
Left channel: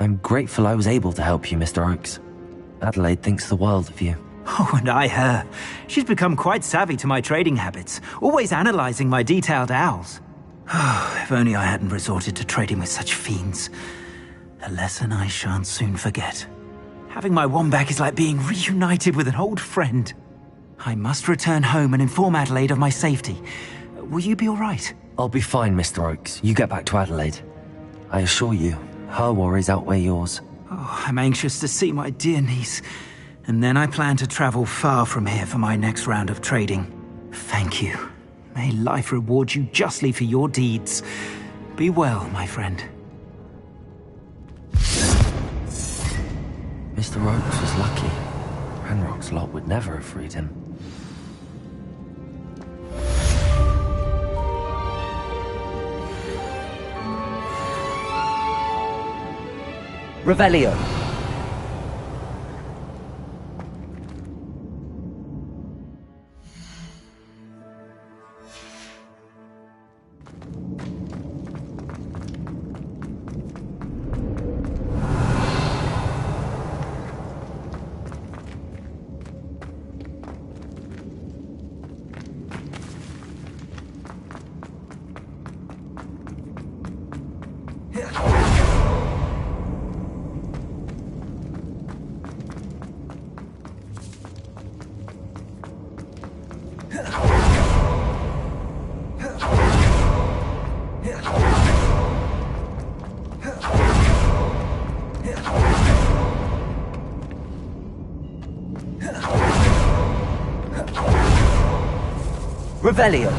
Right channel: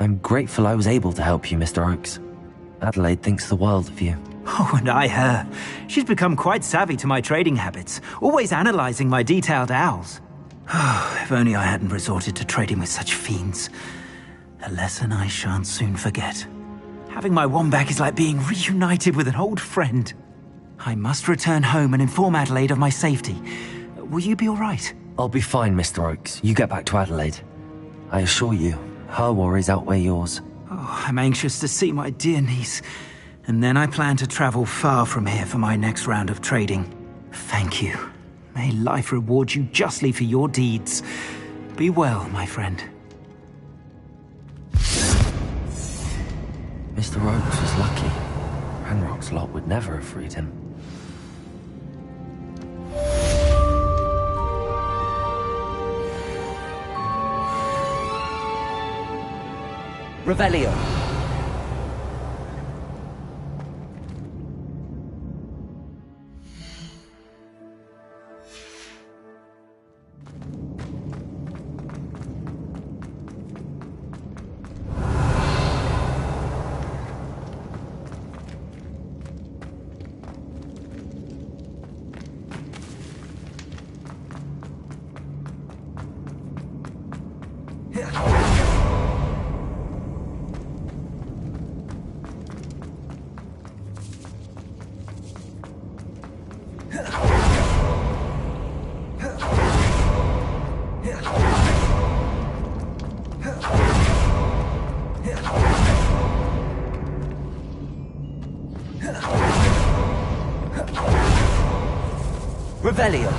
I'm grateful I was able to help you, Mr. Oakes. Adelaide thinks the world of you. Oh, and I her. She's become quite savvy to my trading habits, always analyzing my detailed owls. Oh, if only I hadn't resorted to trading with such fiends. A lesson I shan't soon forget. Having my wand back is like being reunited with an old friend. I must return home and inform Adelaide of my safety. Will you be all right? I'll be fine, Mr. Oakes. You get back to Adelaide. I assure you, her worries outweigh yours. Oh, I'm anxious to see my dear niece. And then I plan to travel far from here for my next round of trading. Thank you. May life reward you justly for your deeds. Be well, my friend. Mr. Oakes was lucky. Ranrock's lot would never have freed him. Revelio. Revelio.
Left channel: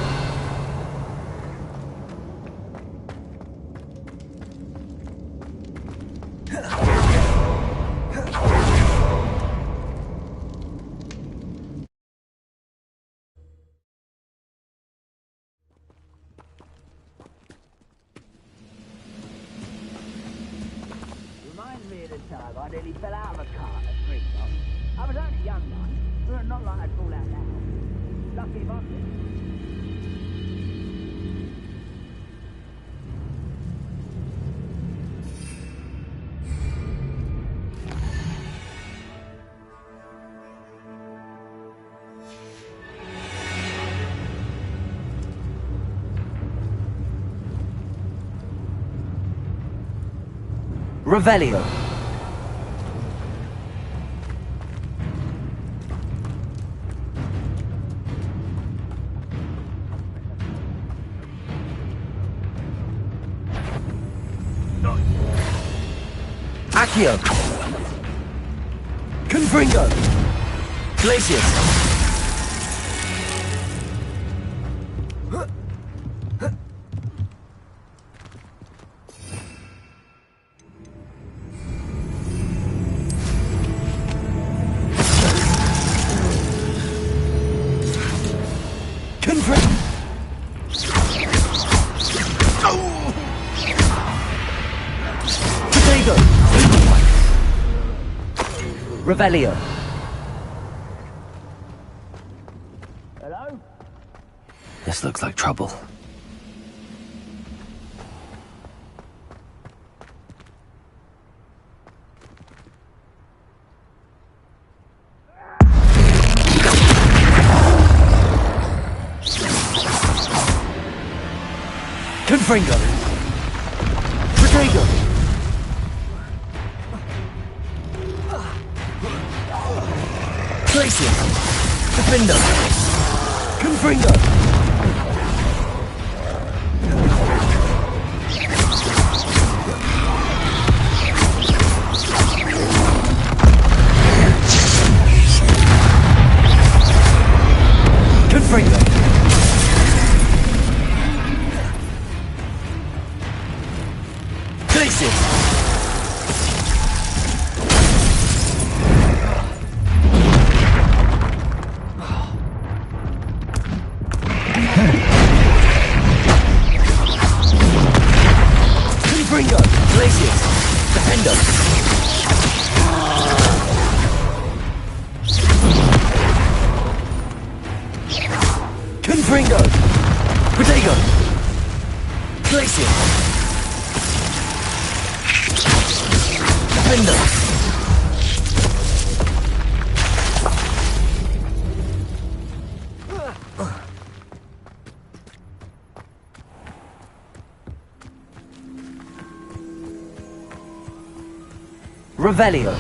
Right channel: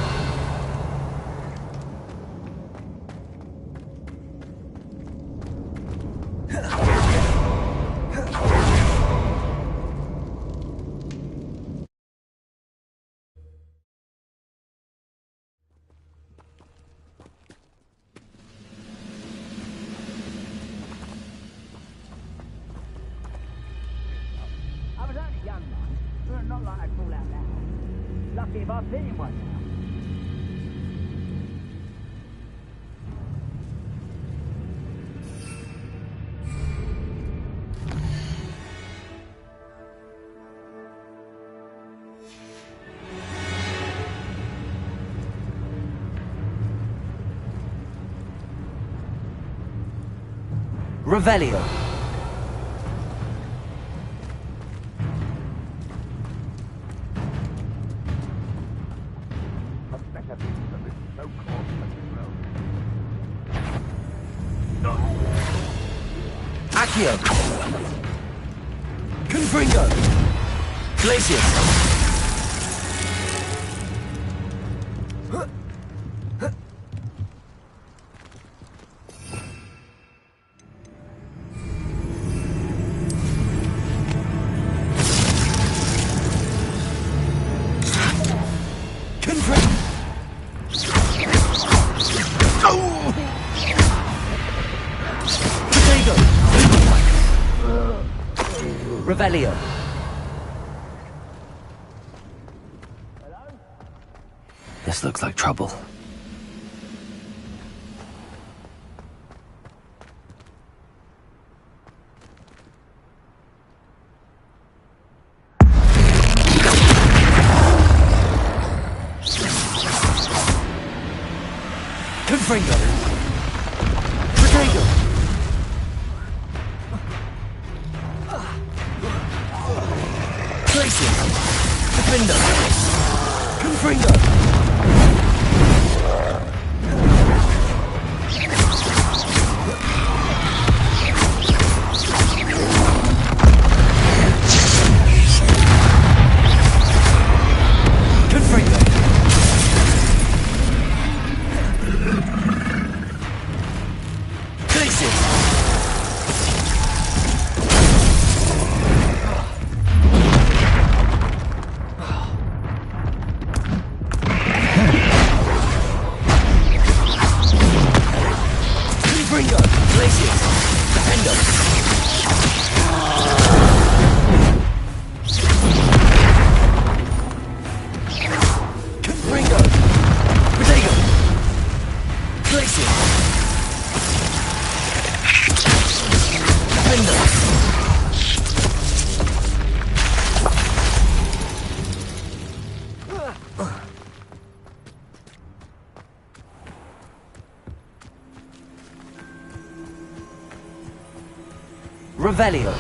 I was only young, man. Not like I'd fall out now. Lucky if I've seen one. Revelio. Accio. Confringo. Glacius. Revelio. Hello? This looks like trouble. Confringo. Protego. Glacius. Defender. Confringo. Confringo. Glacius. Confringo! Glacius! Defender! Confringo! Protego! Glacius! Defender! Revelio.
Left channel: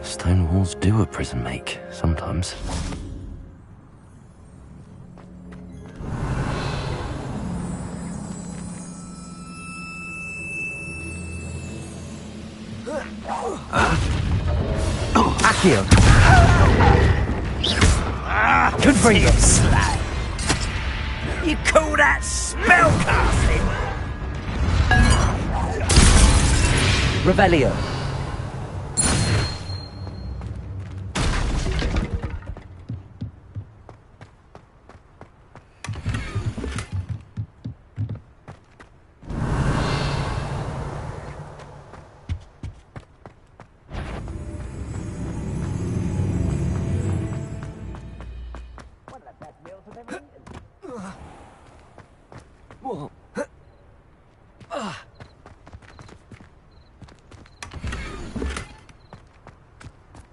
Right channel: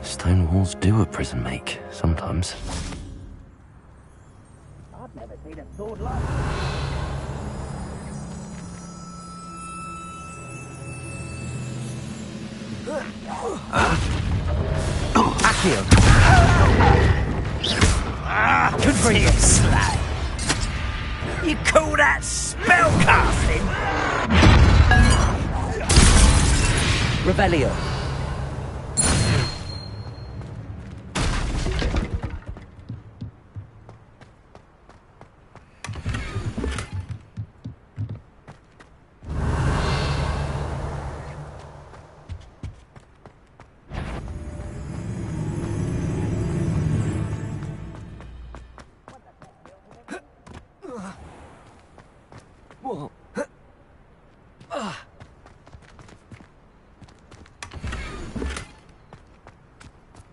Stone walls do a prison make, sometimes. Accio. Confringo. You call that spellcasting? Revelio.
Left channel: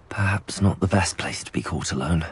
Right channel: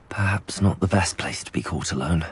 Perhaps not the best place to be caught alone.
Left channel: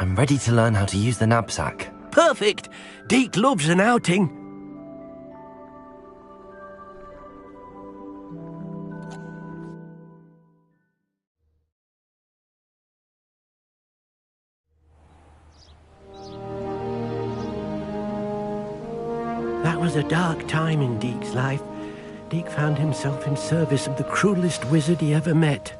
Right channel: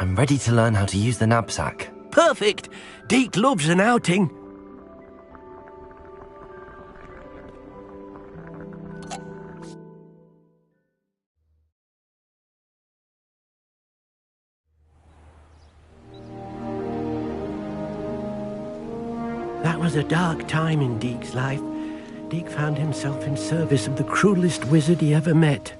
I'm ready to learn how to use the knapsack. Perfect! Deke loves an outing. That was a dark time in Deke's life. Deke found himself in service of the cruelest wizard he ever met.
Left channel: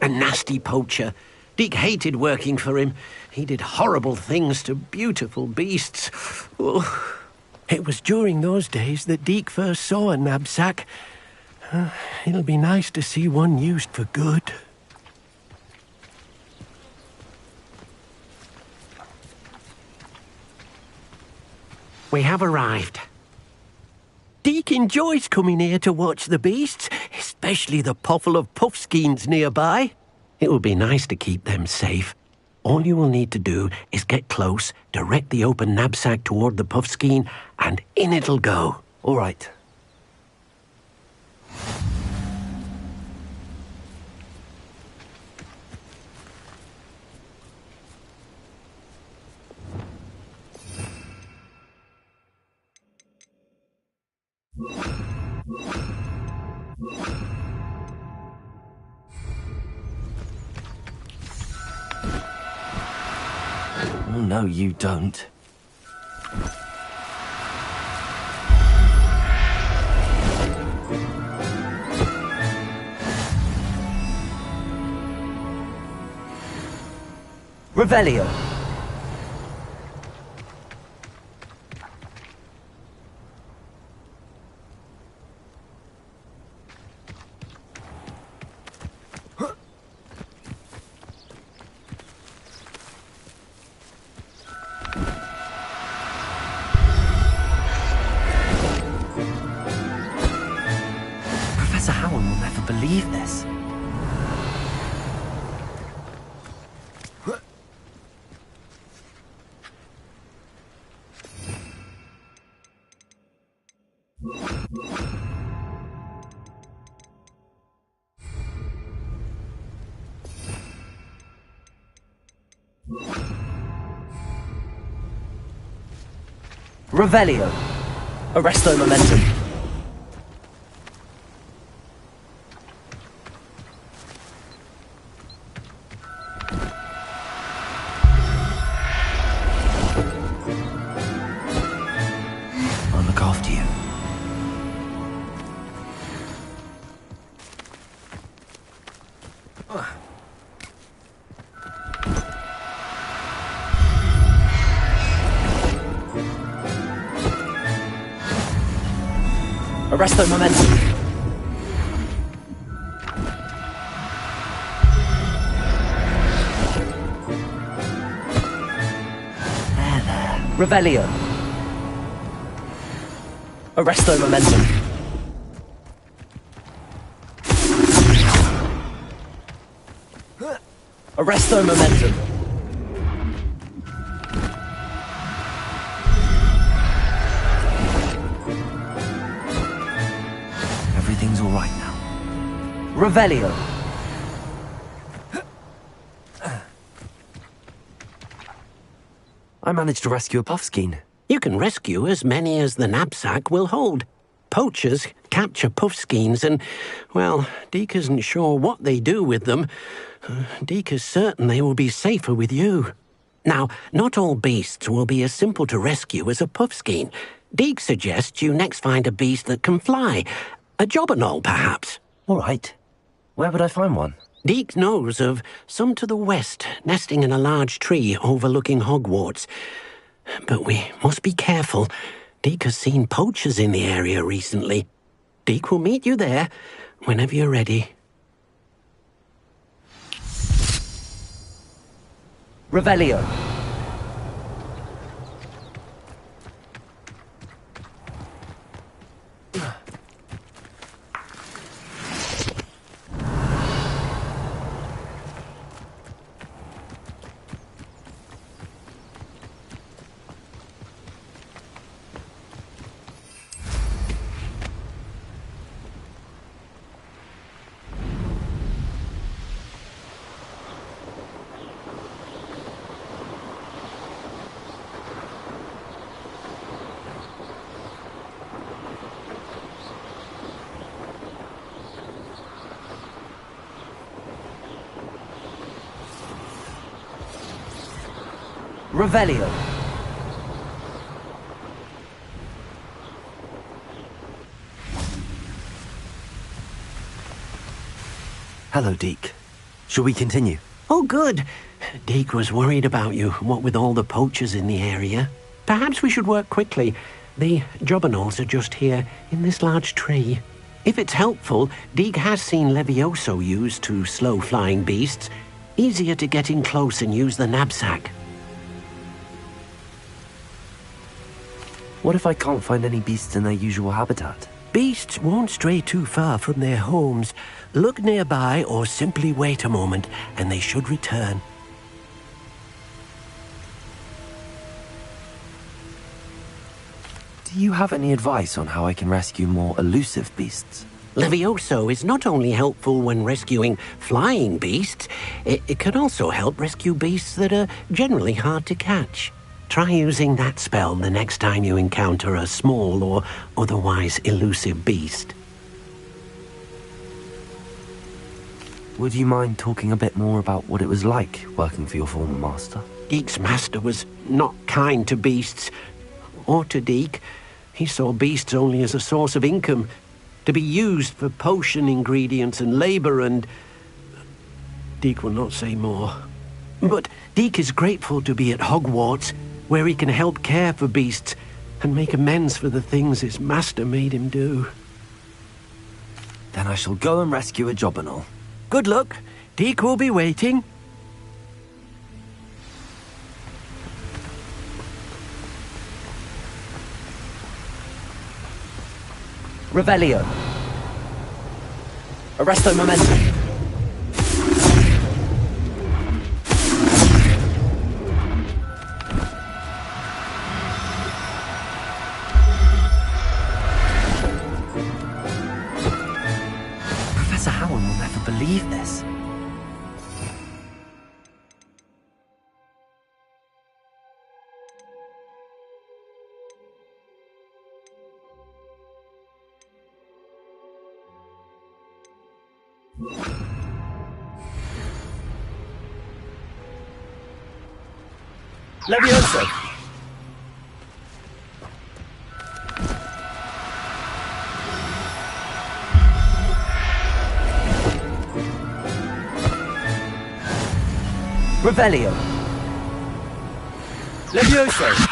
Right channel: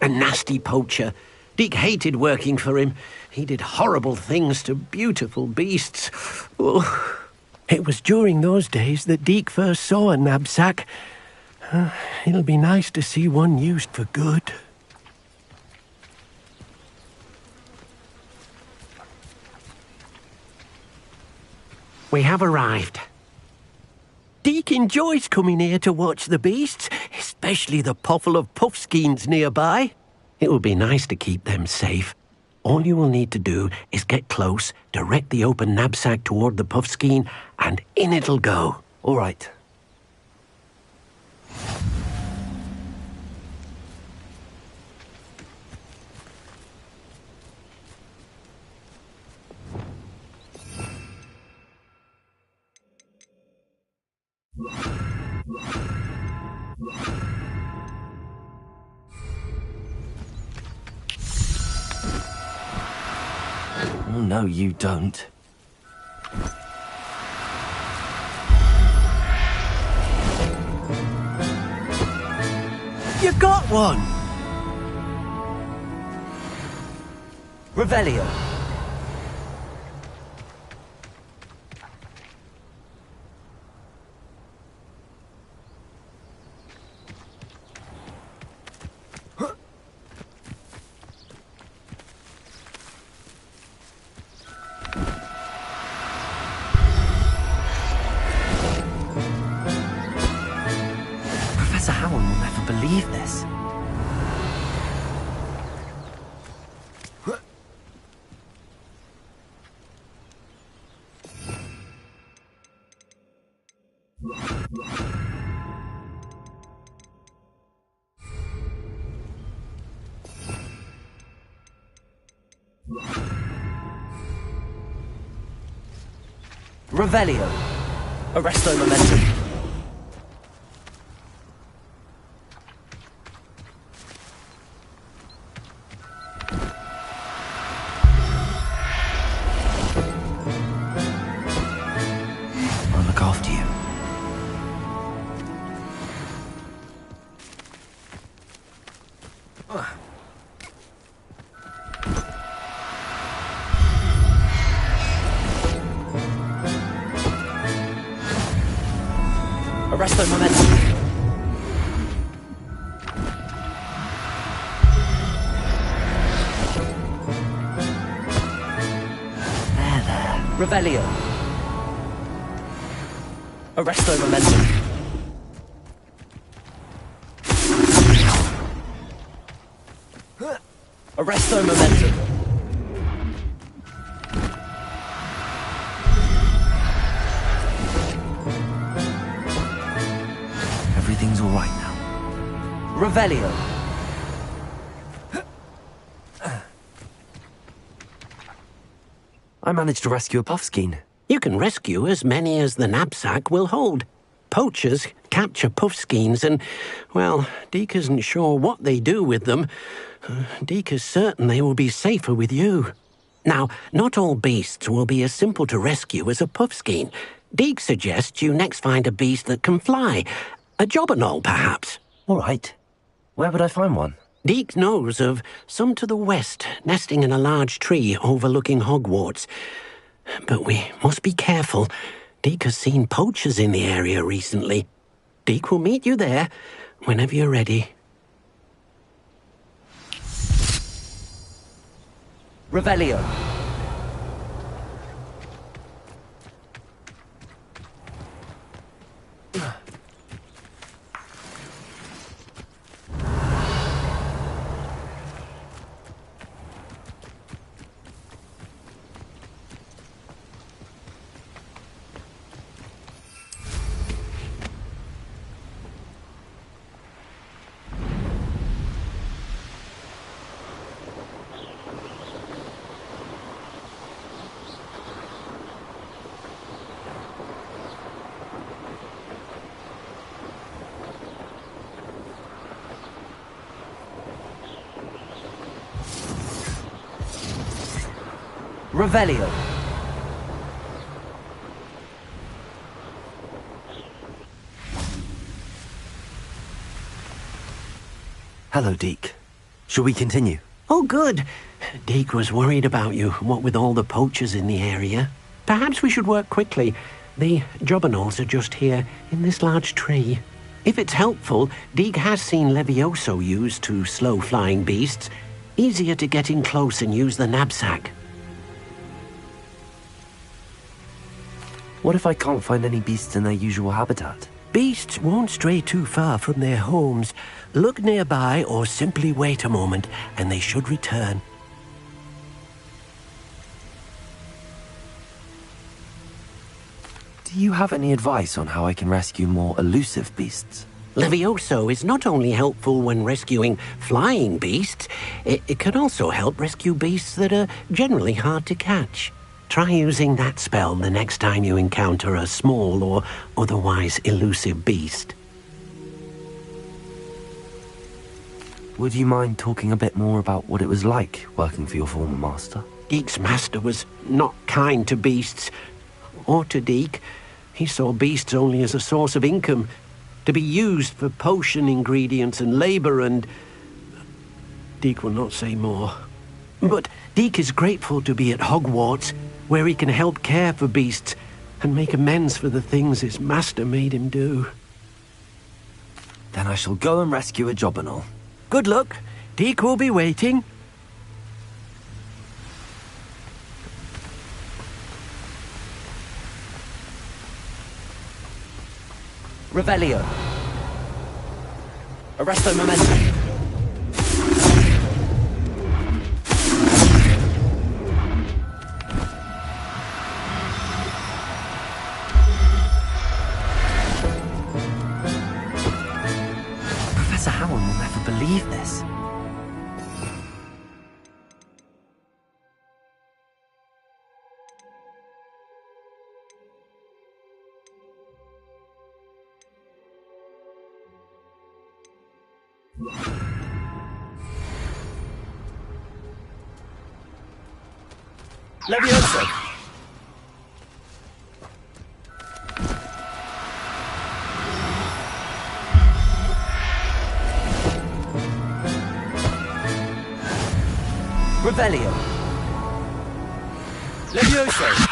A nasty poacher. Deke hated working for him. He did horrible things to beautiful beasts. Oh. It was during those days that Deke first saw a knapsack. It'll be nice to see one used for good. We have arrived. Deke enjoys coming here to watch the beasts, especially the potful of puffskeins nearby. It will be nice to keep them safe. All you will need to do is get close, direct the open knapsack toward the puffskein, and in it'll go. All right. Oh, no, you don't. You got one! Revelio. believe this. Revelio. Arresto momentum. I'll look after you. Arresto momentum. There. Revelio. Arresto momentum. Arresto momentum. Everything's all right now. Revelio. I managed to rescue a puffskein. You can rescue as many as the knapsack will hold. Poachers capture puffskeins and, well, Deke isn't sure what they do with them. Deke is certain they will be safer with you. Now, not all beasts will be as simple to rescue as a puffskein. Deke suggests you next find a beast that can fly. A jobberknoll, perhaps. All right. Where would I find one? Deke knows of some to the west, nesting in a large tree overlooking Xogwартс. But we must be careful. Deke has seen poachers in the area recently. Deke will meet you there whenever you're ready. Revelio. Revelio. Hello, Deke. Shall we continue? Oh, good. Deke was worried about you, what with all the poachers in the area. Perhaps we should work quickly. The jobberknolls are just here, in this large tree. If it's helpful, Deke has seen Levioso used to slow flying beasts. Easier to get in close and use the knapsack. What if I can't find any beasts in their usual habitat? Beasts won't stray too far from their homes. Look nearby or simply wait a moment, and they should return. Do you have any advice on how I can rescue more elusive beasts? Levioso is not only helpful when rescuing flying beasts, it can also help rescue beasts that are generally hard to catch. Try using that spell the next time you encounter a small or otherwise elusive beast. Would you mind talking a bit more about what it was like working for your former master? Deke's master was not kind to beasts, or to Deke. He saw beasts only as a source of income, to be used for potion ingredients and labor, and Deke will not say more. But Deke is grateful to be at Xogwартс, where he can help care for beasts and make amends for the things his master made him do. Then I shall go and rescue a jobberknoll. Good luck. Deke will be waiting. Revelio. Arresto momentum. Professor Howin will never believe this. Levioso! Revelio! Levioso!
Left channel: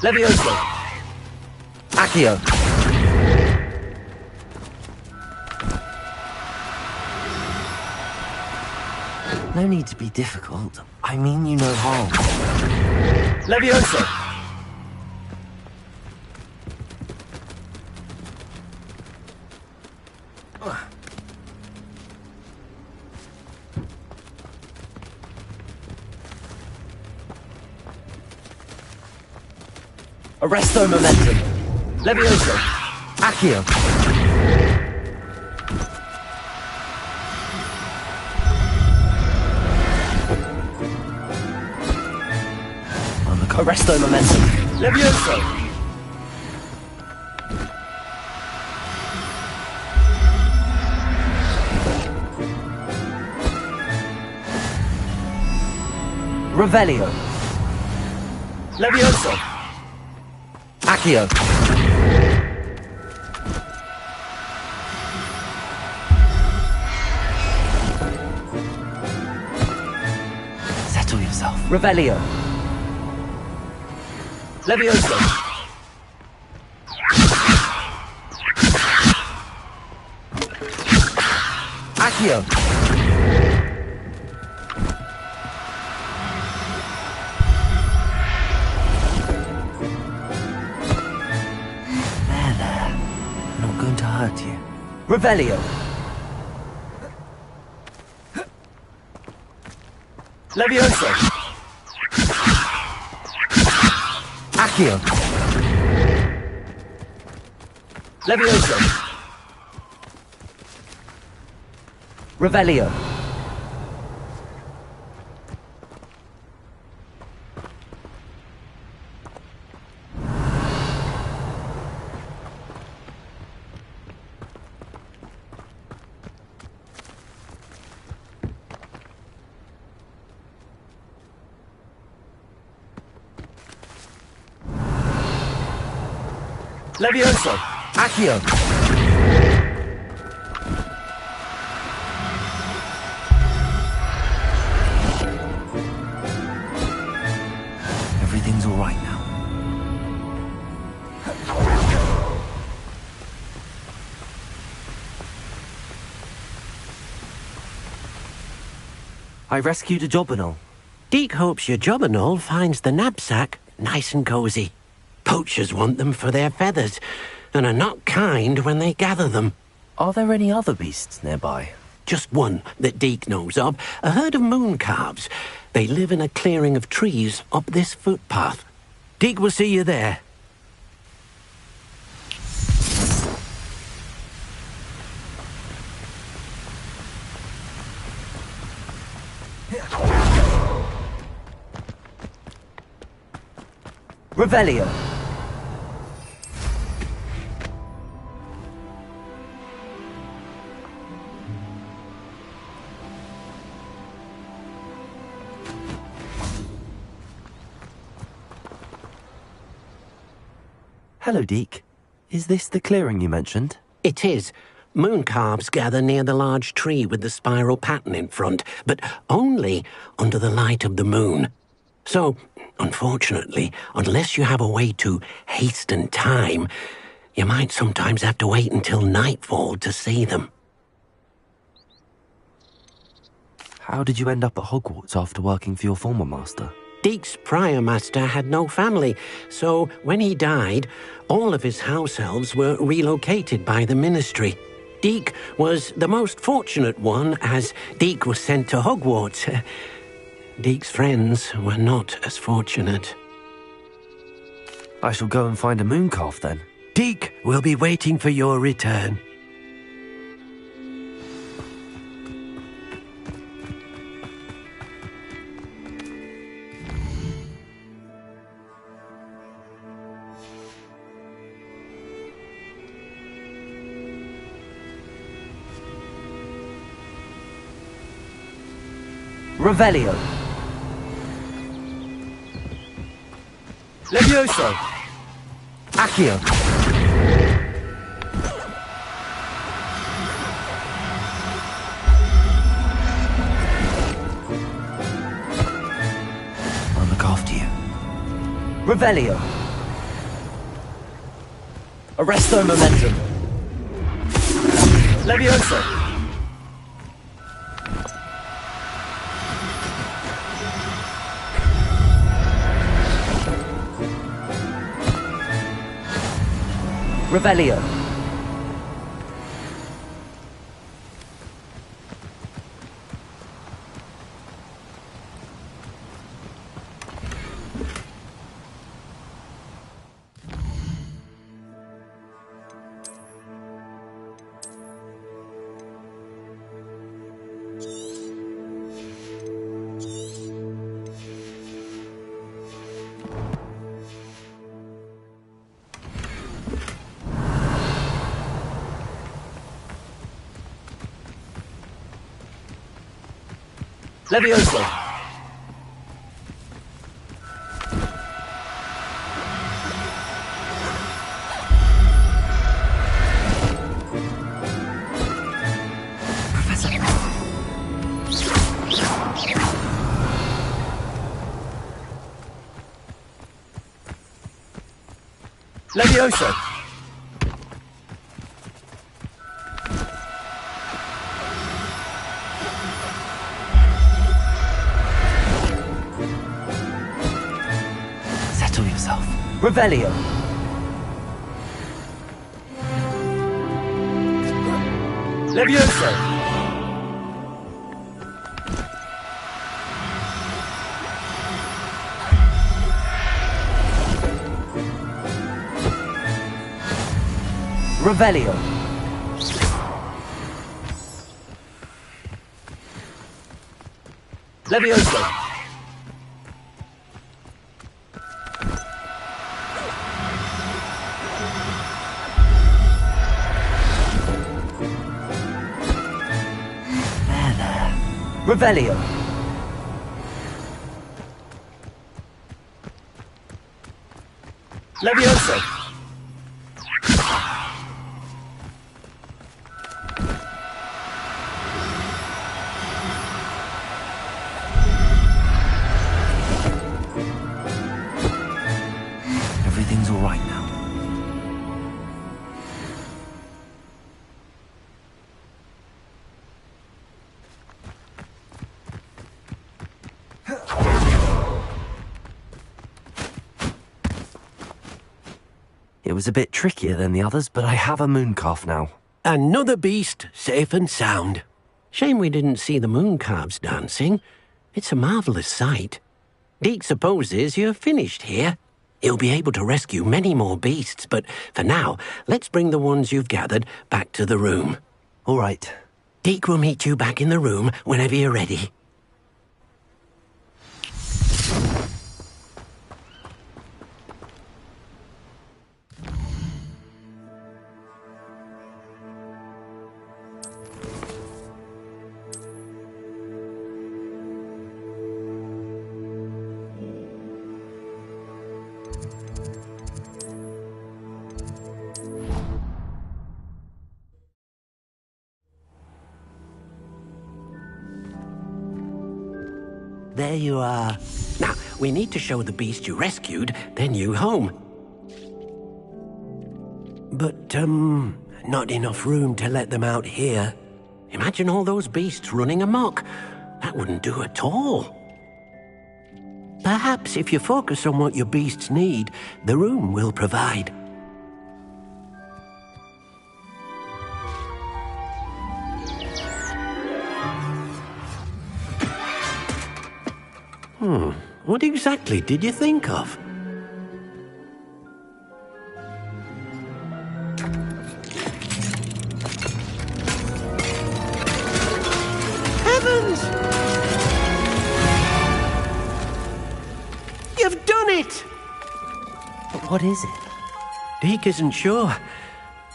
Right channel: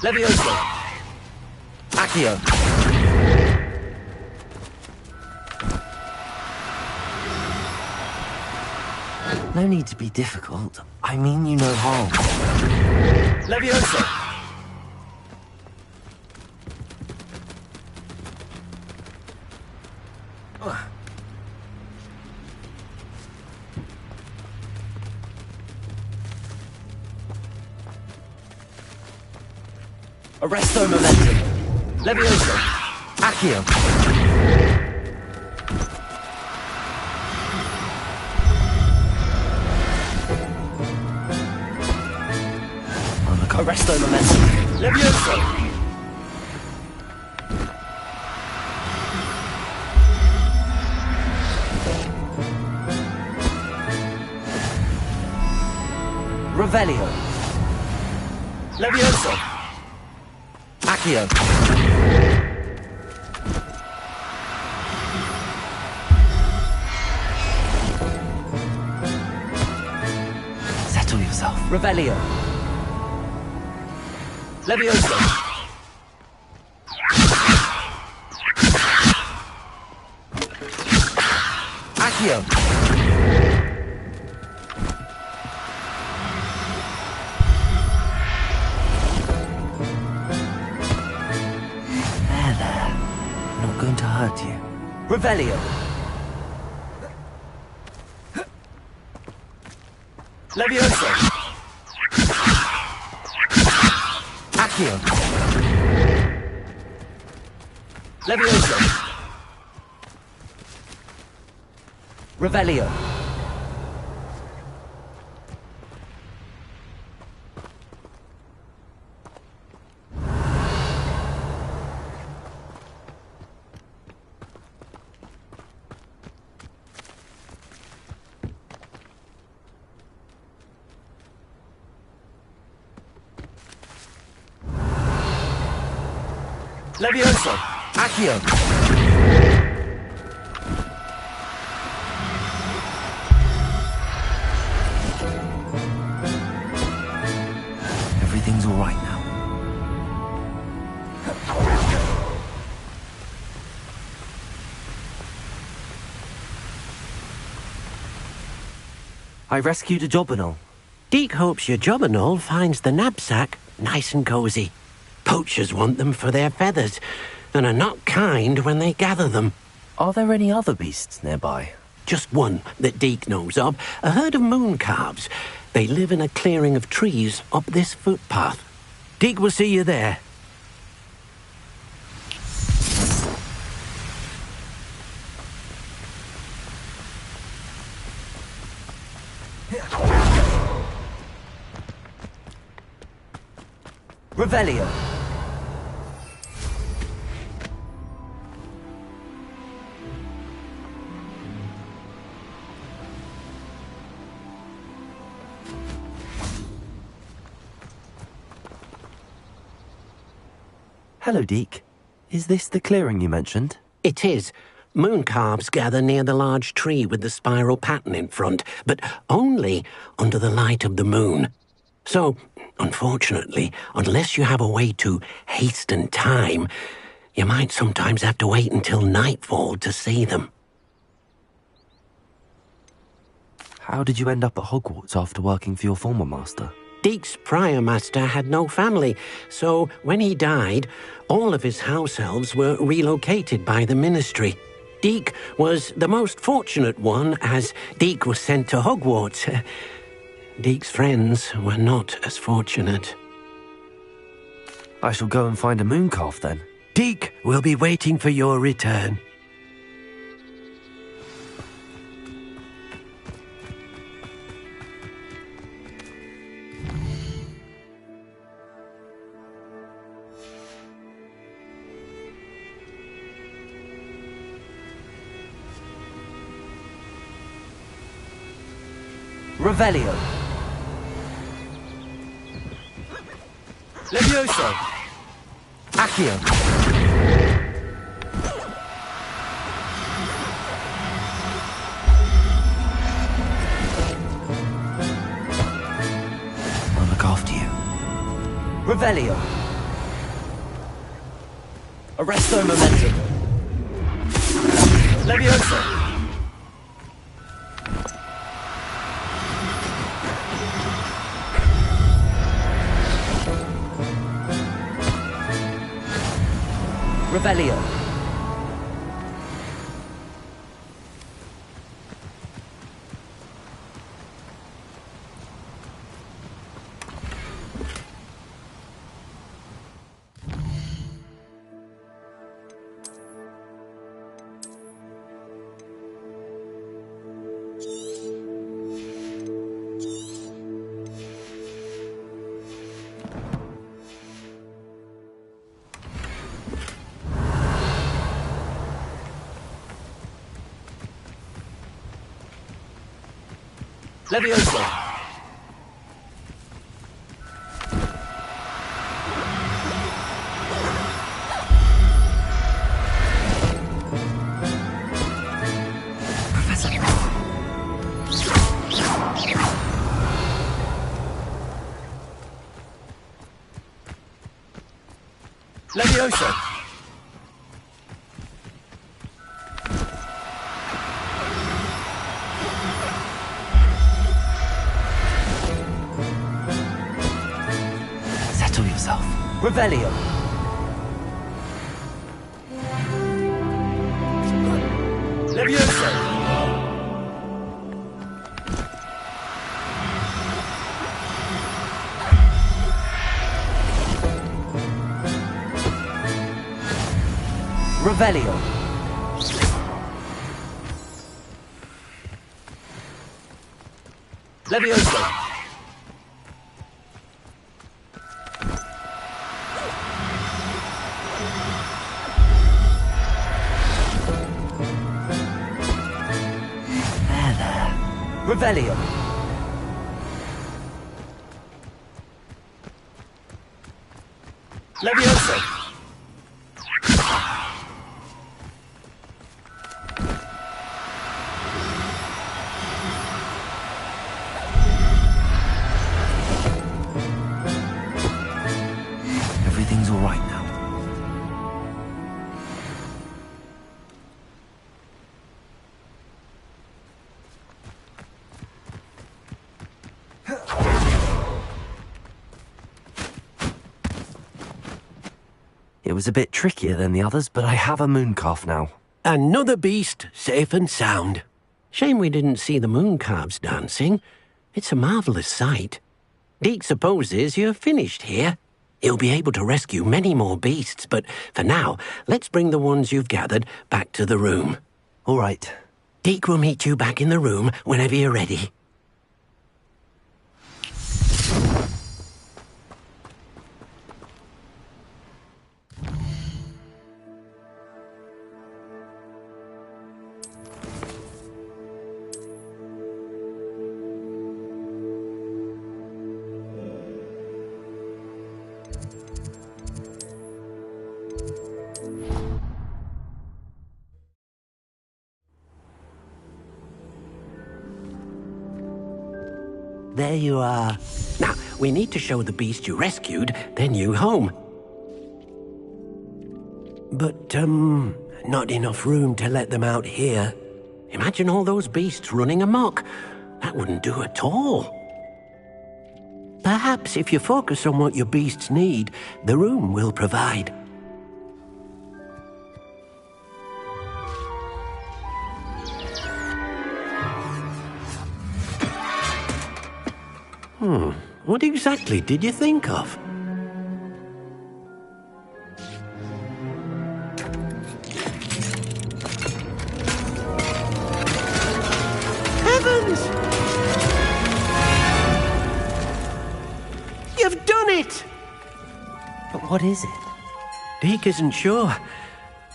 Levioso! Accio! No need to be difficult. I mean you no harm. Levioso! Arresto momentum. Levioso. Accio. Arresto momentum. Levioso. Revelio. Levioso. Accio. Settle yourself. Revelio. Levioso. Accio. Going to hurt you. Revelio. Levioso. Accio. Levioso. Revelio. Levioso! Accio! Everything's all right now. I rescued a Jobberknoll. Deke hopes your Jobberknoll finds the knapsack nice and cozy. Poachers want them for their feathers, and are not kind when they gather them. Are there any other beasts nearby? Just one that Deke knows of, a herd of moon calves. They live in a clearing of trees up this footpath. Deke will see you there. Revelio. Hello, Deke. Is this the clearing you mentioned? It is. Moon calves gather near the large tree with the spiral pattern in front, but only under the light of the moon. So, unfortunately, unless you have a way to hasten time, you might sometimes have to wait until nightfall to see them. How did you end up at Hogwarts after working for your former master? Deek's prior master had no family, so when he died, all of his house elves were relocated by the Ministry. Deek was the most fortunate one, as Deek was sent to Hogwarts. Deek's friends were not as fortunate. I shall go and find a mooncalf then. Deek will be waiting for your return. Revelio. Levioso. Accio. I'll look after you. Revelio. Arresto momentum. Levioso. Revelio. Levioso. Professor. Levioso. Revelio. Levioso. Revelio. Levioso. Revelio. Levioso. Everything's all right now. It was a bit trickier than the others, but I have a mooncalf now. Another beast, safe and sound. Shame we didn't see the mooncalves dancing. It's a marvellous sight. Deek supposes you're finished here. He'll be able to rescue many more beasts, but for now, let's bring the ones you've gathered back to the room. All right. Deek will meet you back in the room whenever you're ready. There you are. Now, we need to show the beast you rescued their new home. But, not enough room to let them out here. Imagine all those beasts running amok. That wouldn't do at all. Perhaps if you focus on what your beasts need, the room will provide. What exactly did you think of? Heavens! You've done it! But what is it? Deke isn't sure.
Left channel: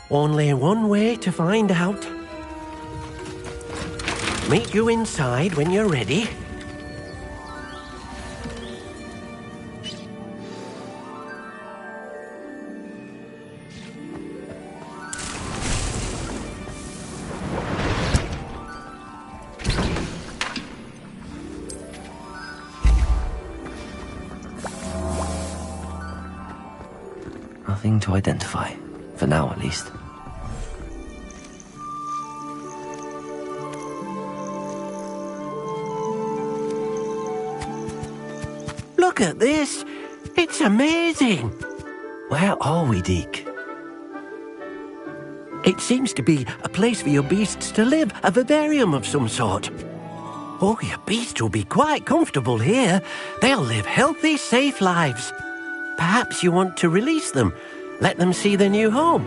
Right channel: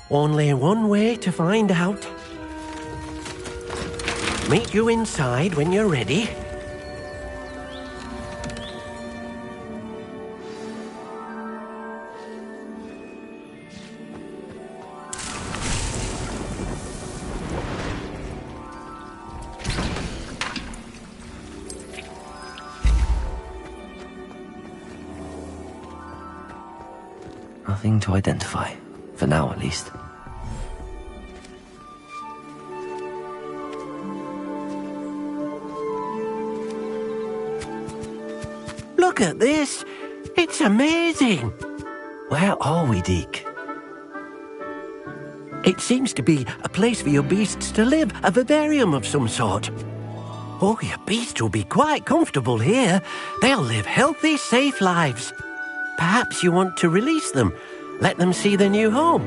Only one way to find out. Meet you inside when you're ready. Nothing to identify, for now at least. Look at this! It's amazing! Where are we, Deke? It seems to be a place for your beasts to live, a vivarium of some sort. Oh, your beasts will be quite comfortable here. They'll live healthy, safe lives. Perhaps you want to release them, let them see their new home.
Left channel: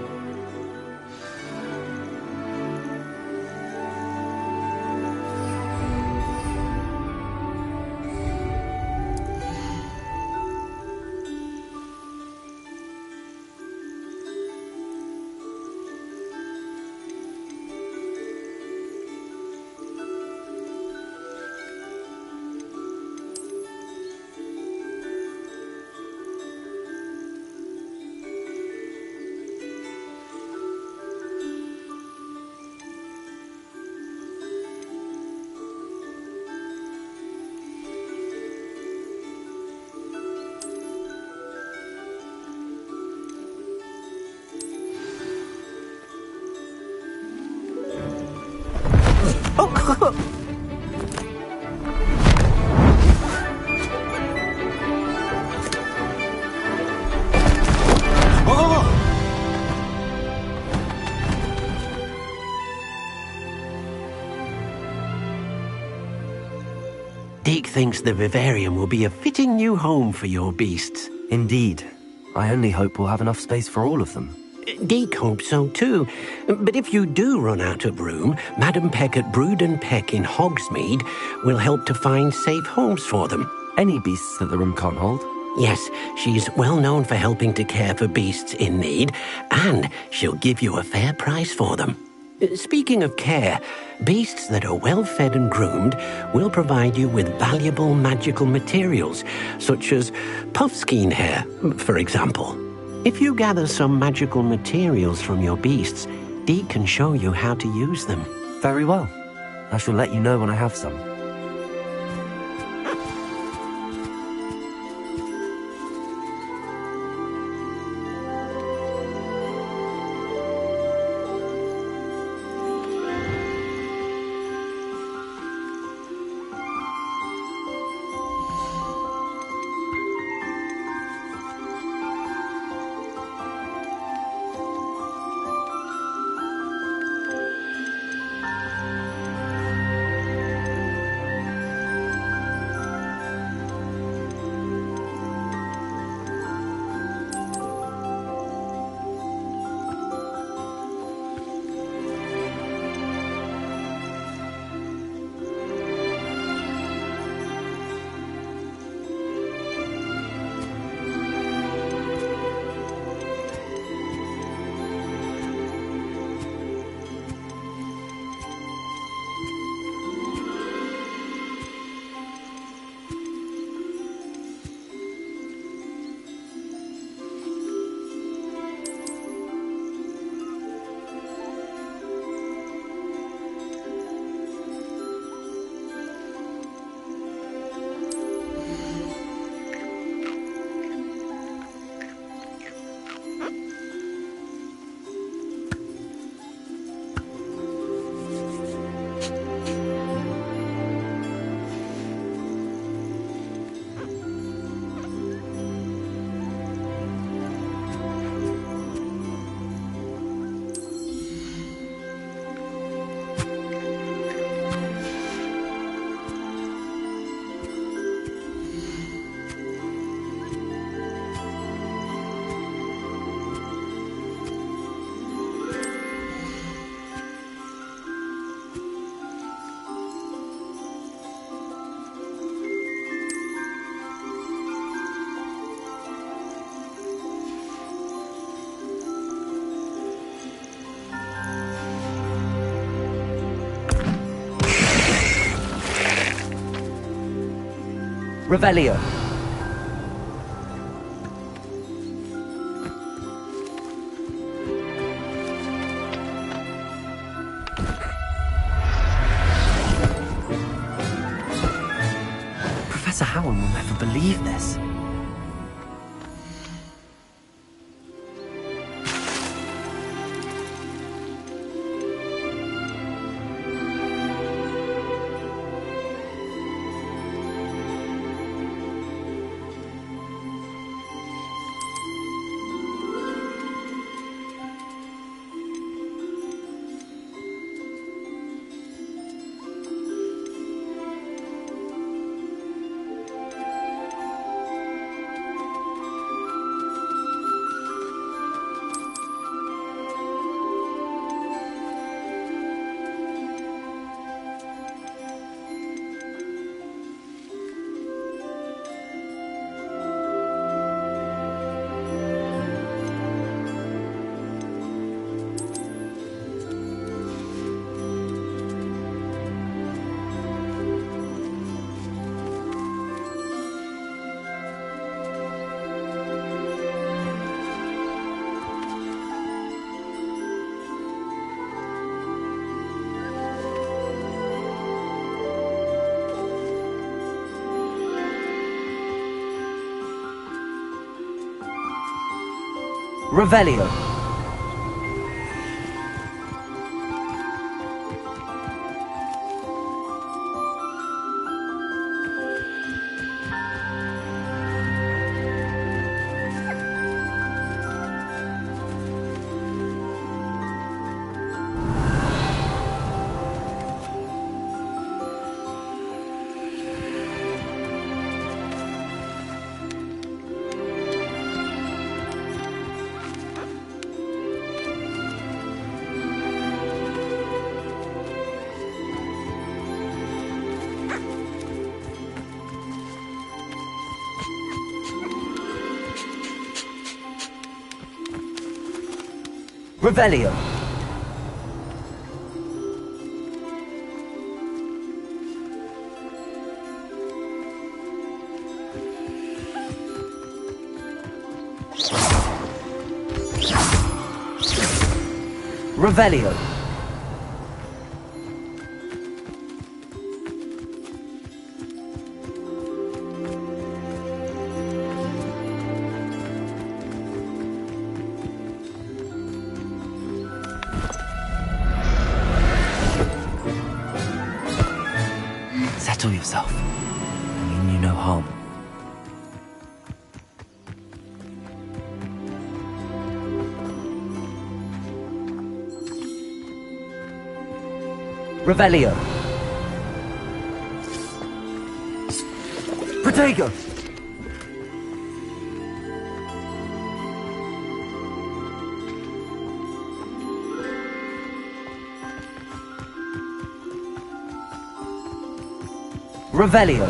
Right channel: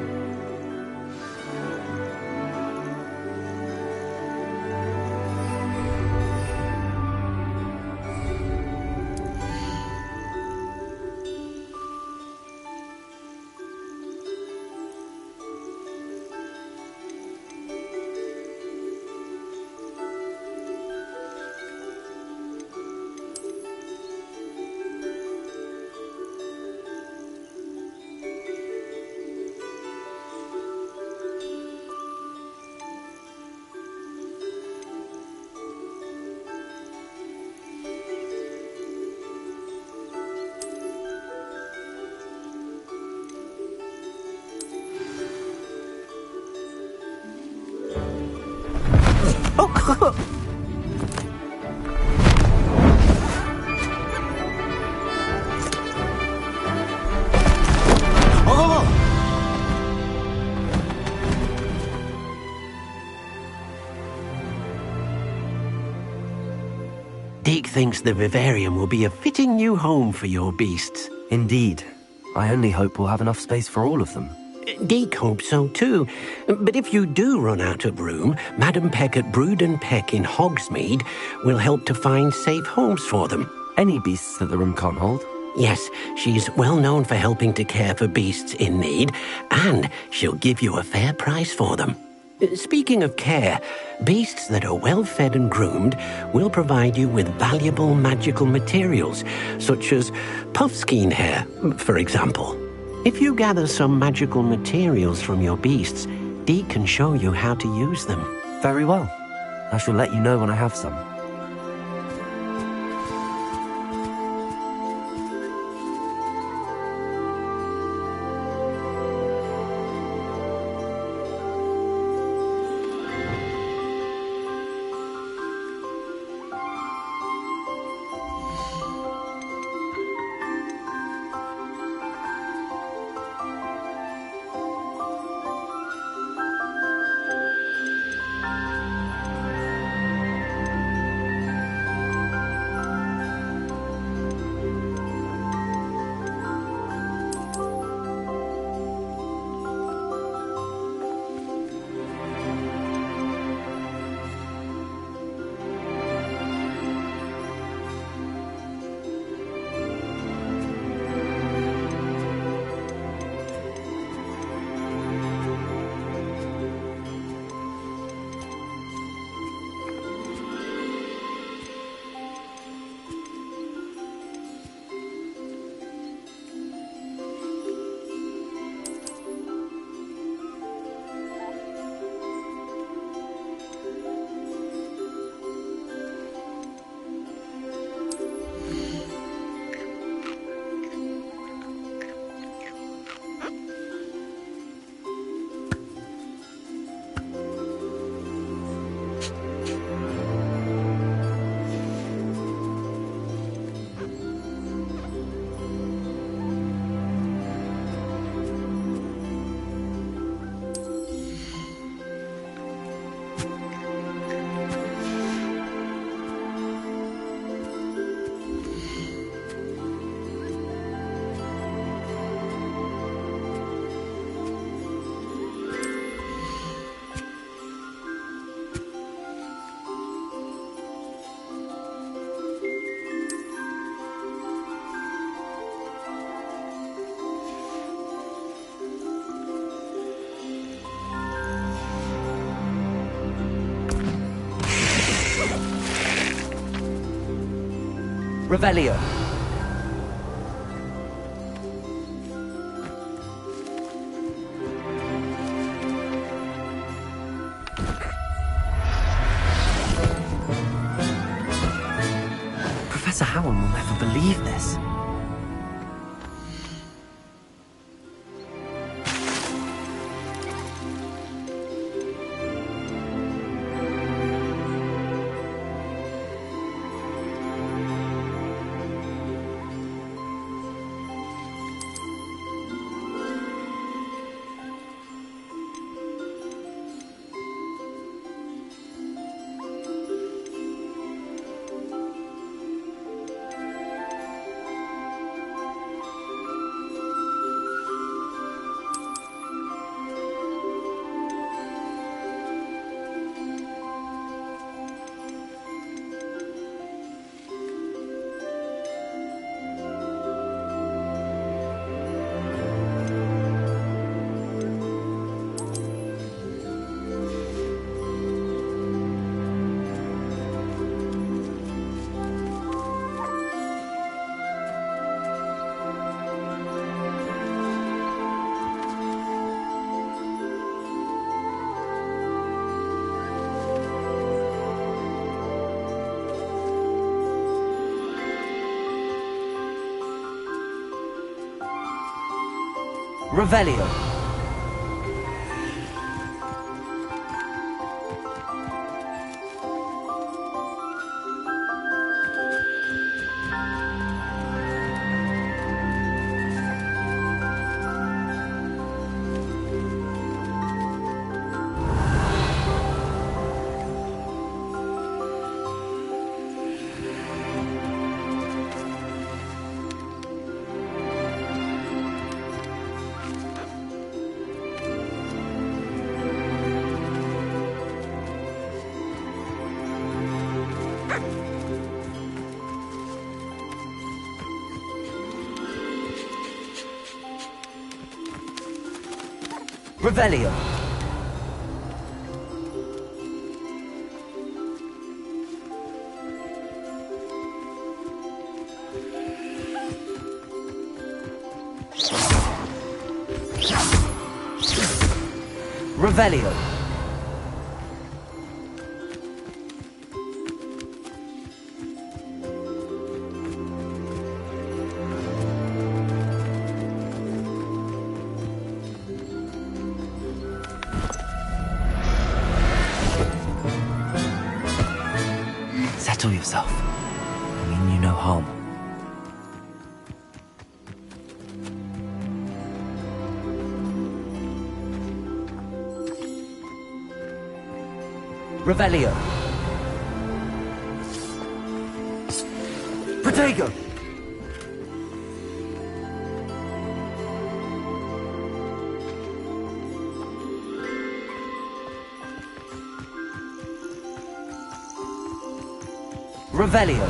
Deke thinks the vivarium will be a fitting new home for your beasts. Indeed. I only hope we'll have enough space for all of them. Deke hopes so too. But if you do run out of room, Madam Peck at Brood and Peck in Hogsmeade will help to find safe homes for them. Any beasts that the room can't hold? Yes, she's well known for helping to care for beasts in need, and she'll give you a fair price for them. Speaking of care, beasts that are well fed and groomed will provide you with valuable magical materials, such as puffskein hair, for example. If you gather some magical materials from your beasts, Deke can show you how to use them. Very well. I shall let you know when I have some. Revelio. Professor Howin will never believe this. Revelio. Revelio. Revelio. Settle yourself. I mean you no harm. Revelio. Protego. Revelio.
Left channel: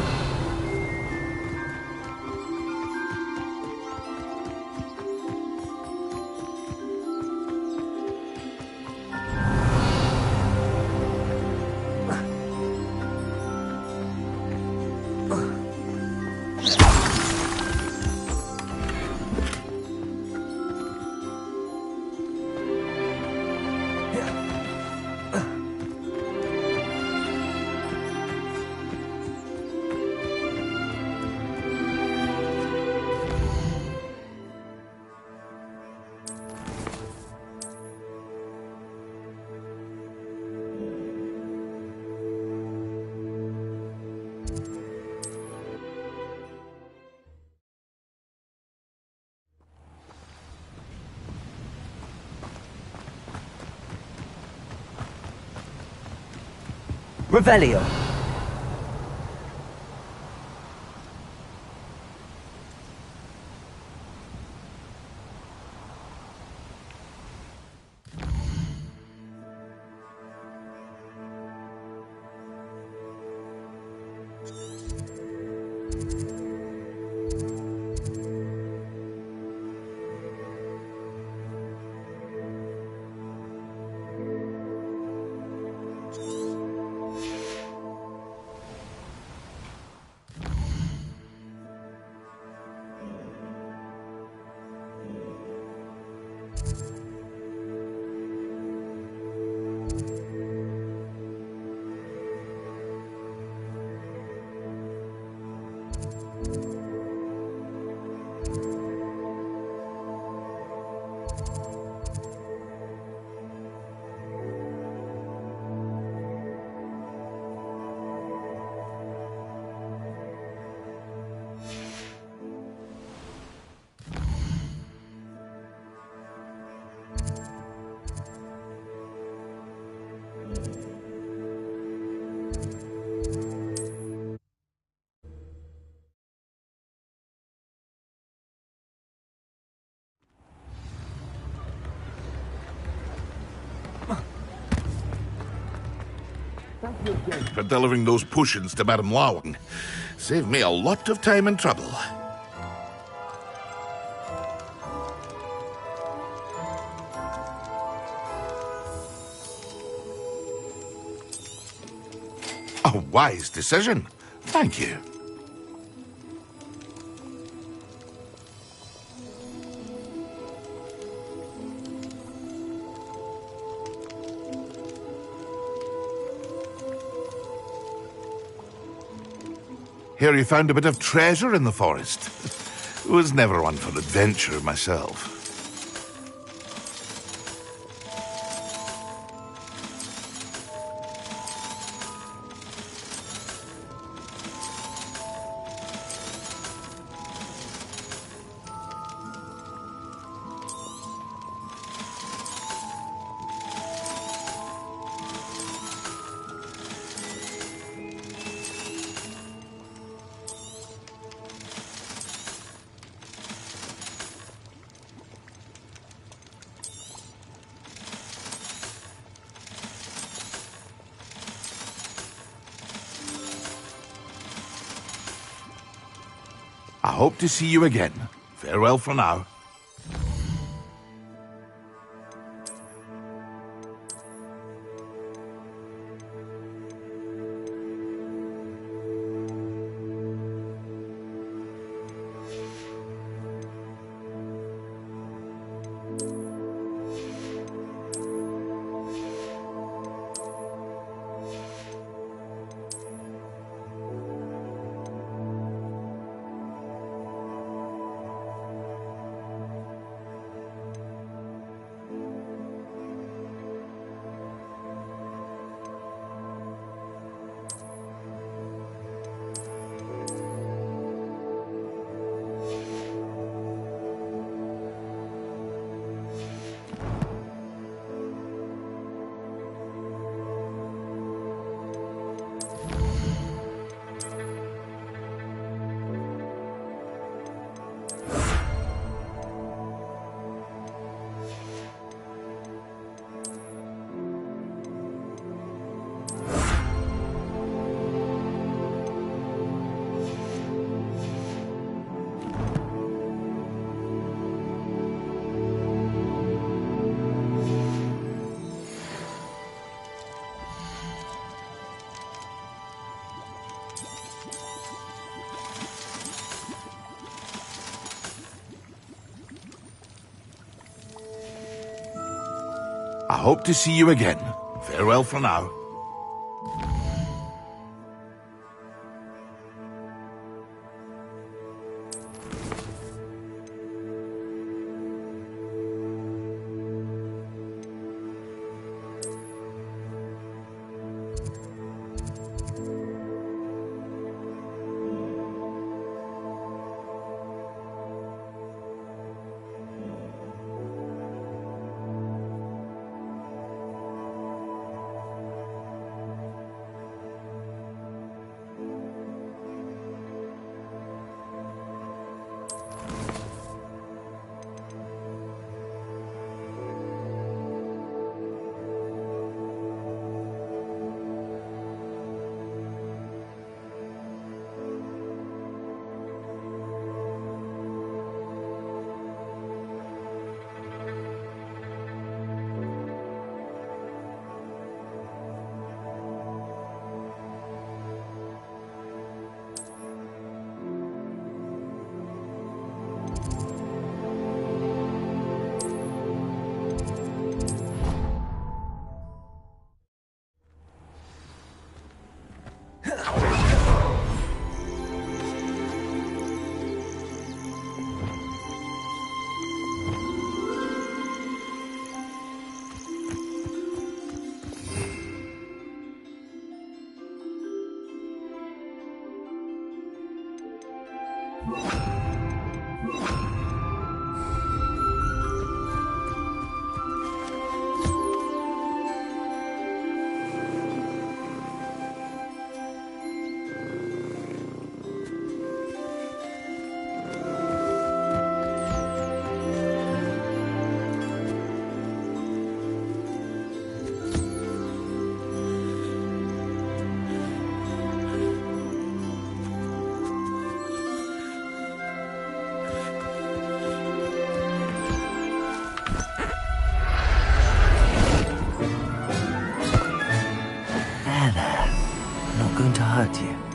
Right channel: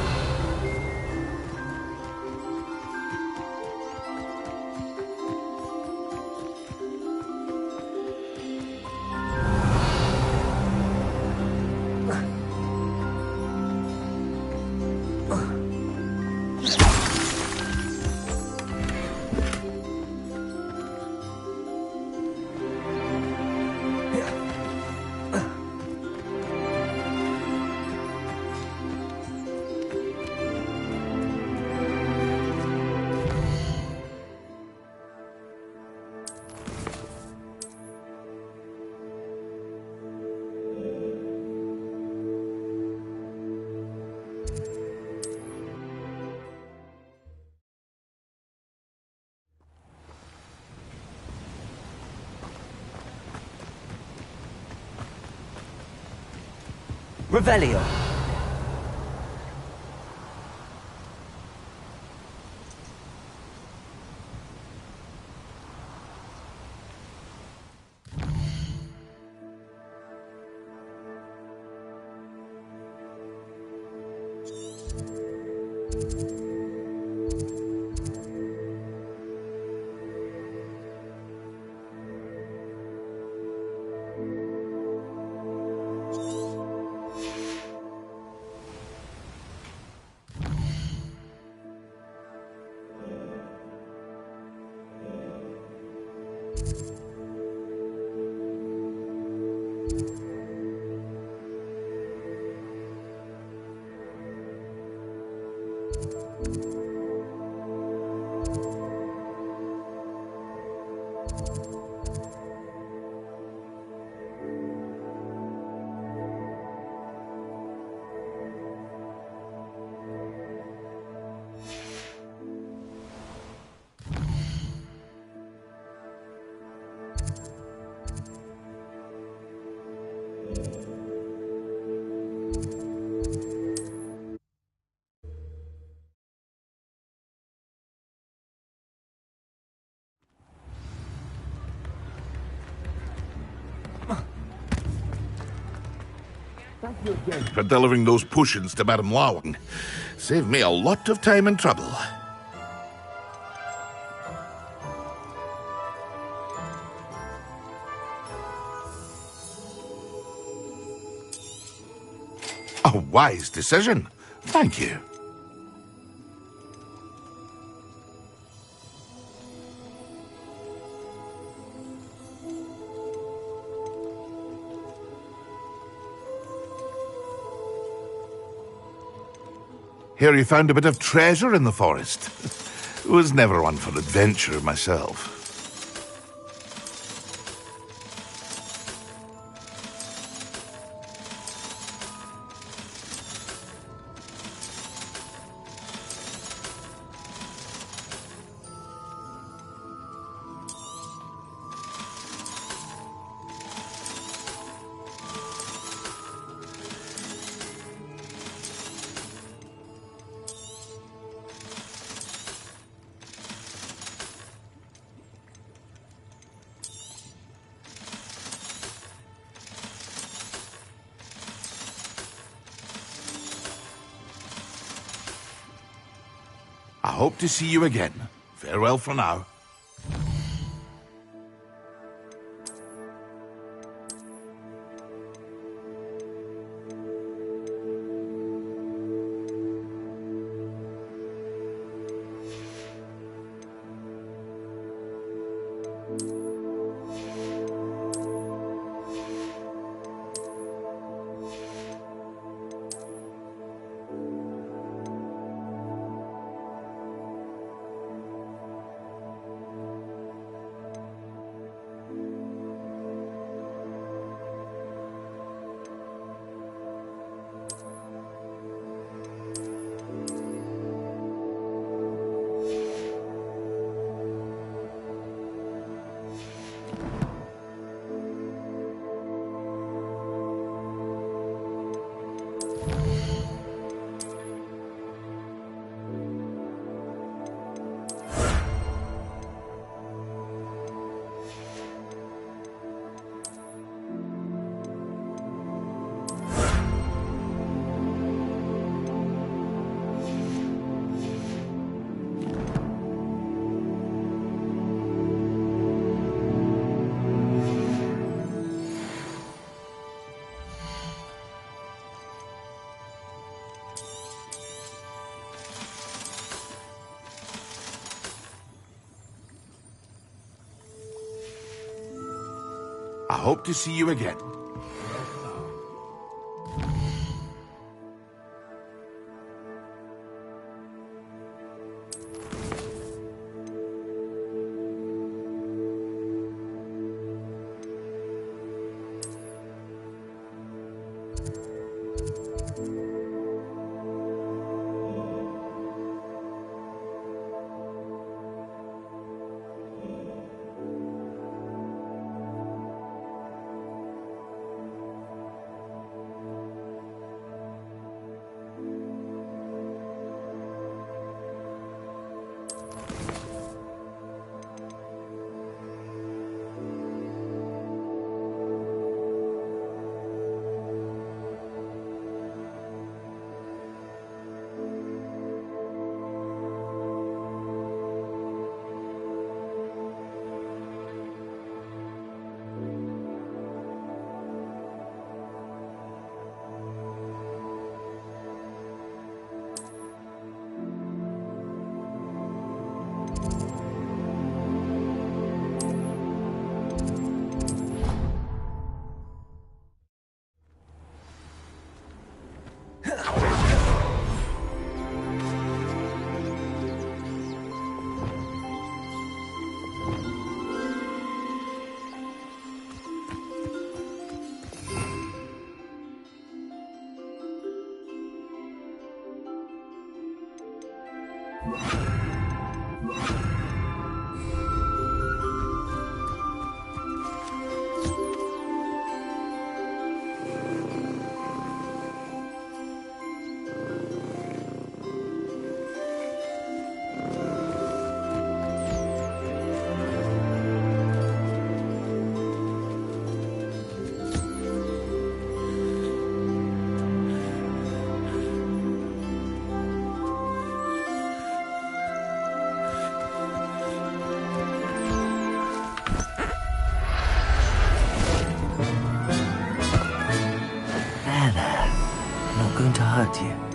Revelio. Thank you again for delivering those potions to Madame Lawing. Saved me a lot of time and trouble. A wise decision. Thank you. Hear you found a bit of treasure in the forest. Was never one for adventure myself. I hope to see you again. Farewell for now. I hope to see you again. Farewell for now. going to hurt you.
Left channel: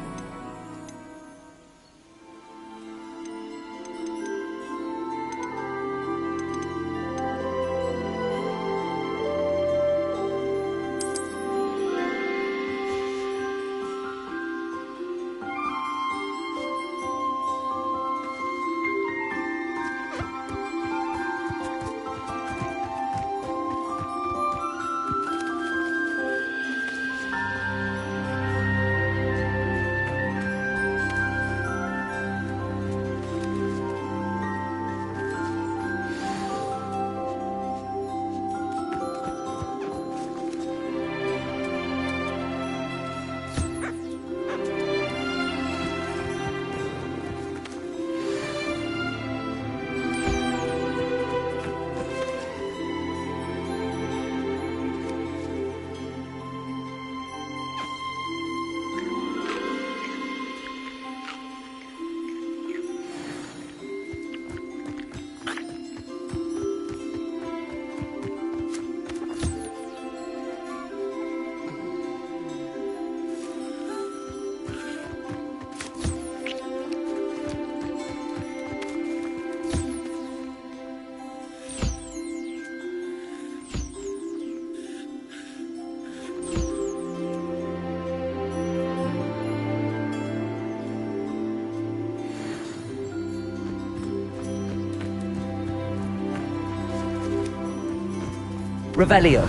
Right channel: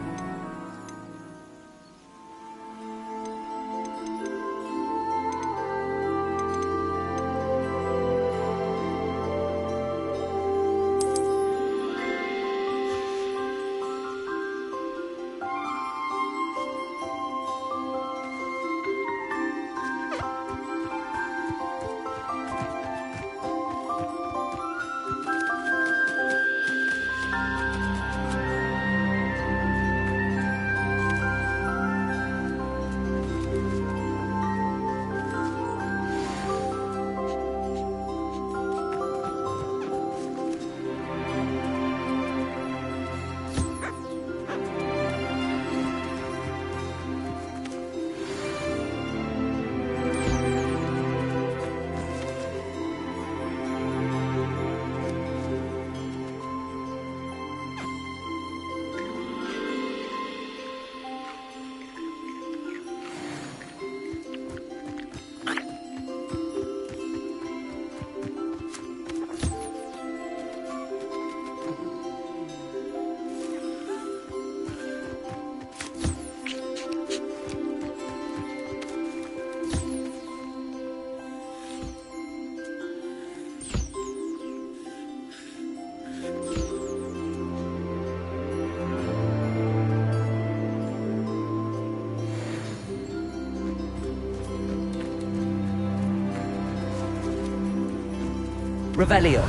Revelio.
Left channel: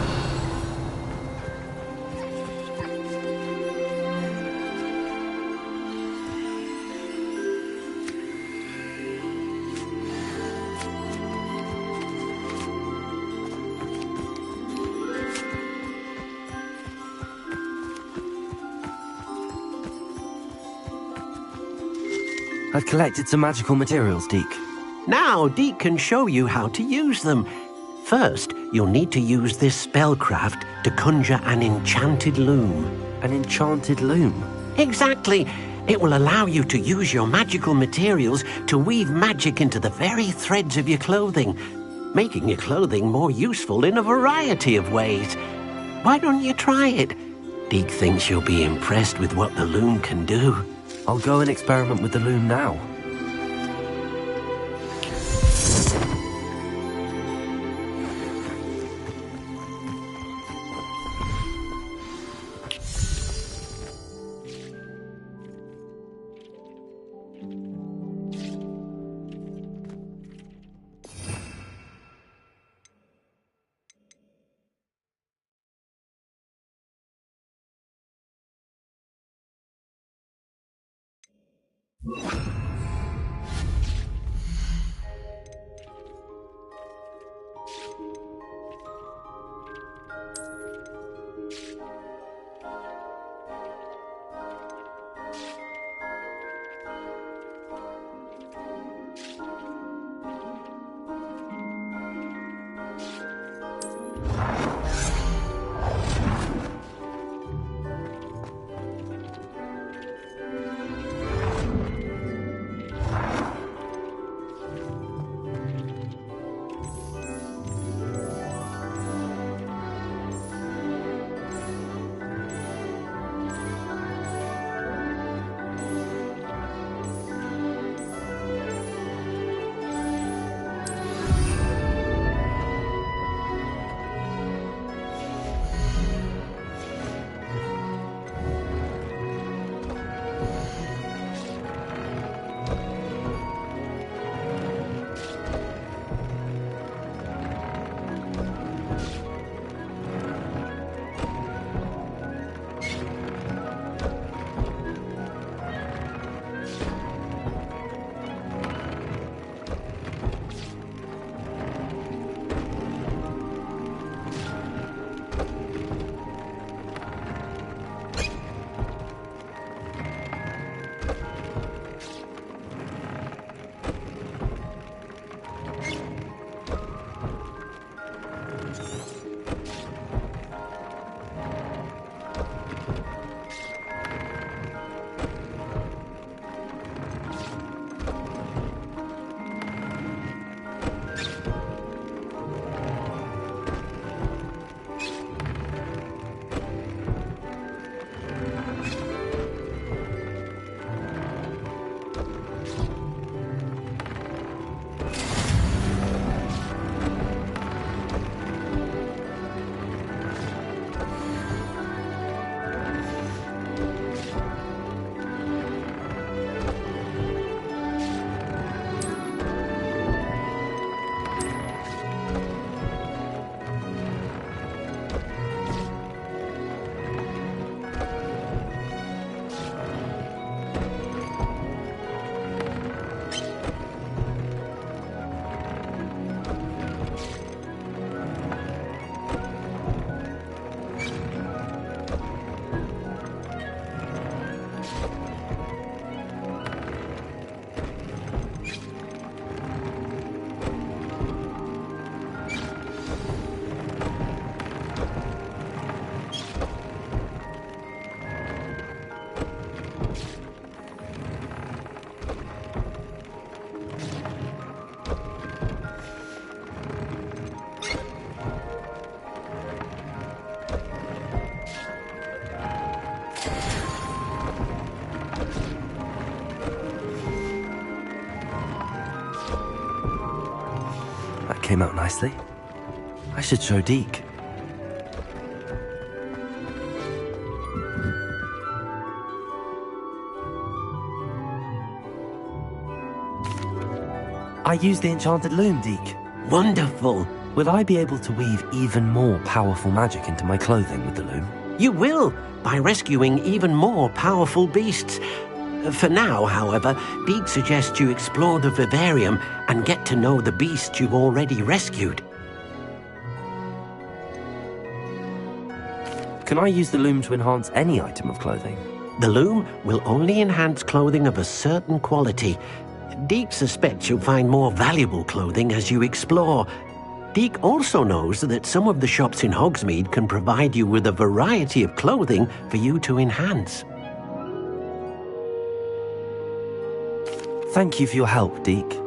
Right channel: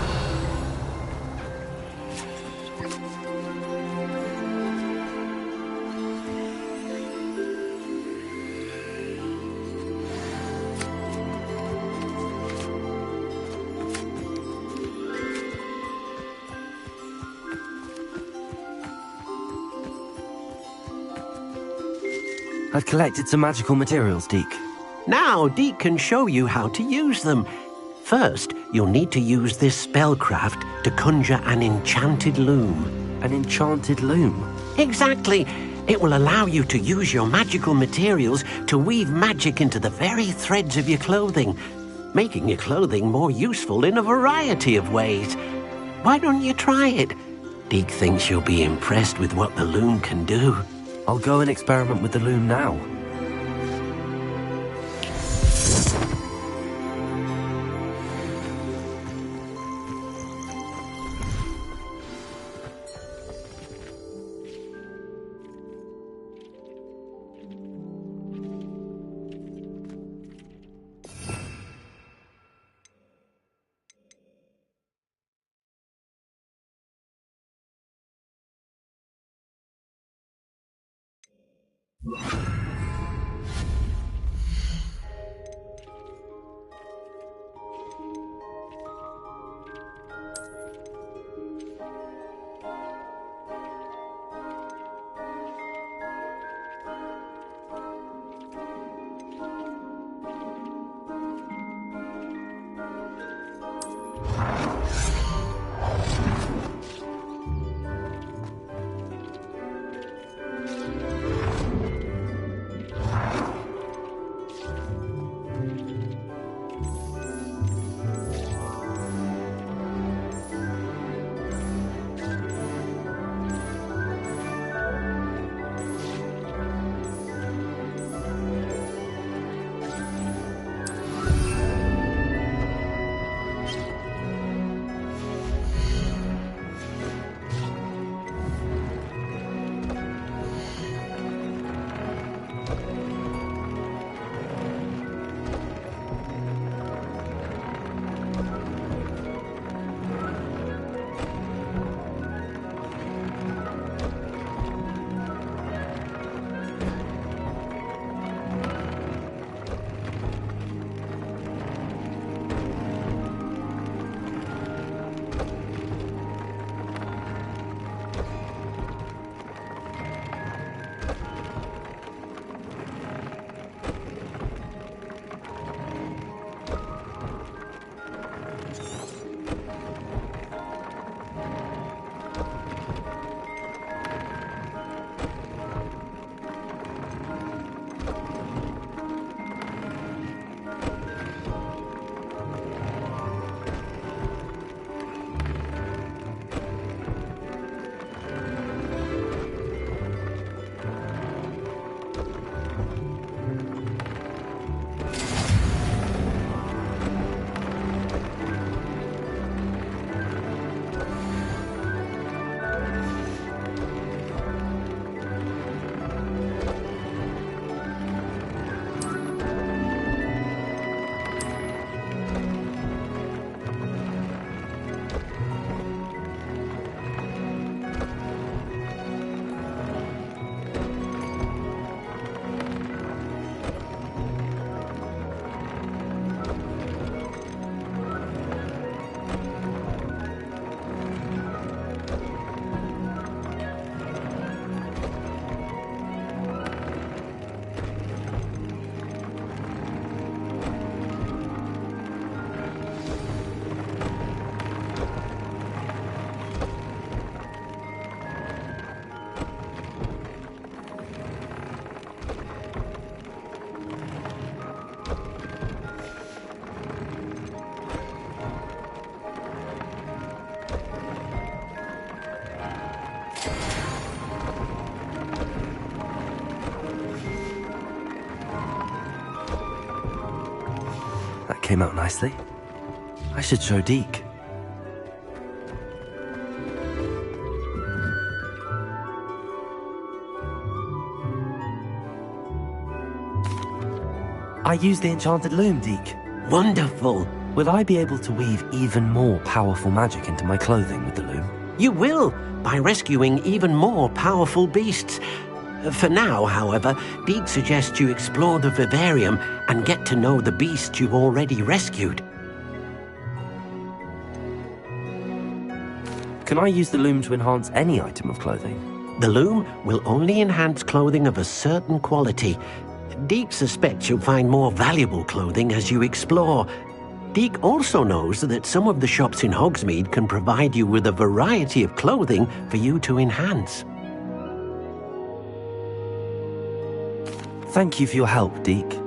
I've collected some magical materials, Deke. Now Deke can show you how to use them. First, you'll need to use this spellcraft to conjure an enchanted loom. An enchanted loom? Exactly. It will allow you to use your magical materials to weave magic into the very threads of your clothing, making your clothing more useful in a variety of ways. Why don't you try it? Deke thinks you'll be impressed with what the loom can do. I'll go and experiment with the loom now. came out nicely. I should show Deke. I used the enchanted loom, Deke. Wonderful. Will I be able to weave even more powerful magic into my clothing with the loom? You will, by rescuing even more powerful beasts. For now, however, Deke suggests you explore the vivarium and get to know the beasts you've already rescued. Can I use the loom to enhance any item of clothing? The loom will only enhance clothing of a certain quality. Deke suspects you'll find more valuable clothing as you explore. Deke also knows that some of the shops in Hogsmeade can provide you with a variety of clothing for you to enhance. Thank you for your help, Deke.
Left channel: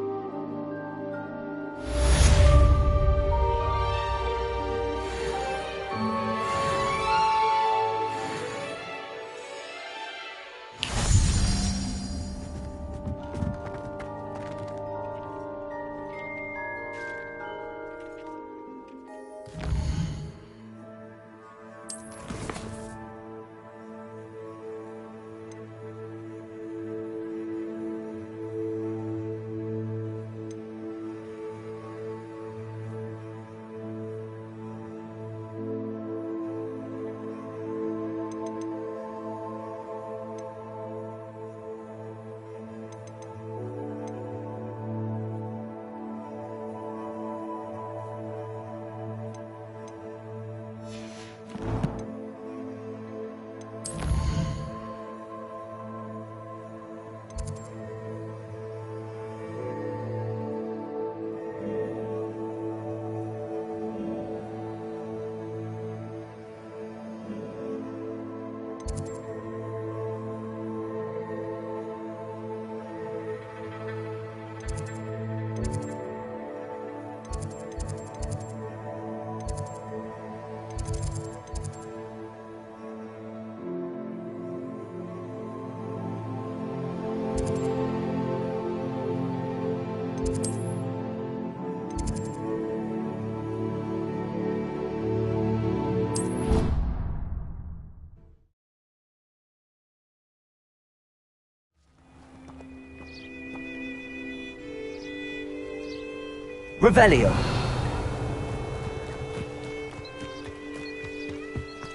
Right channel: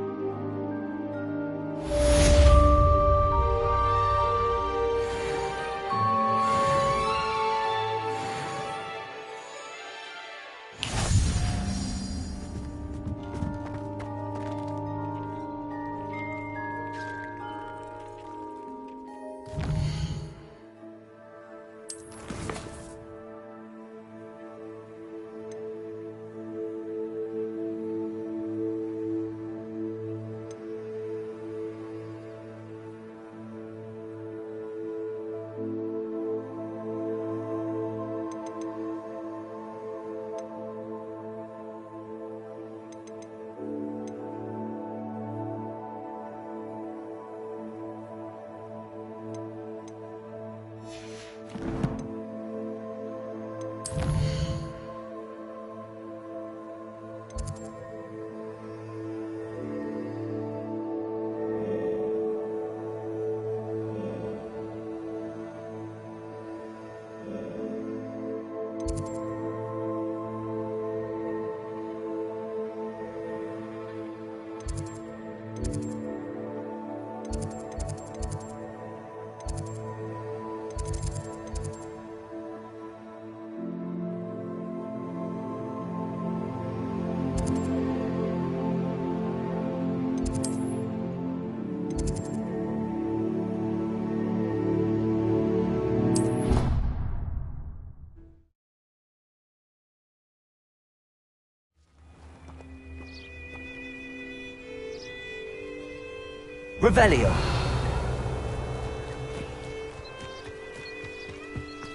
Revelio.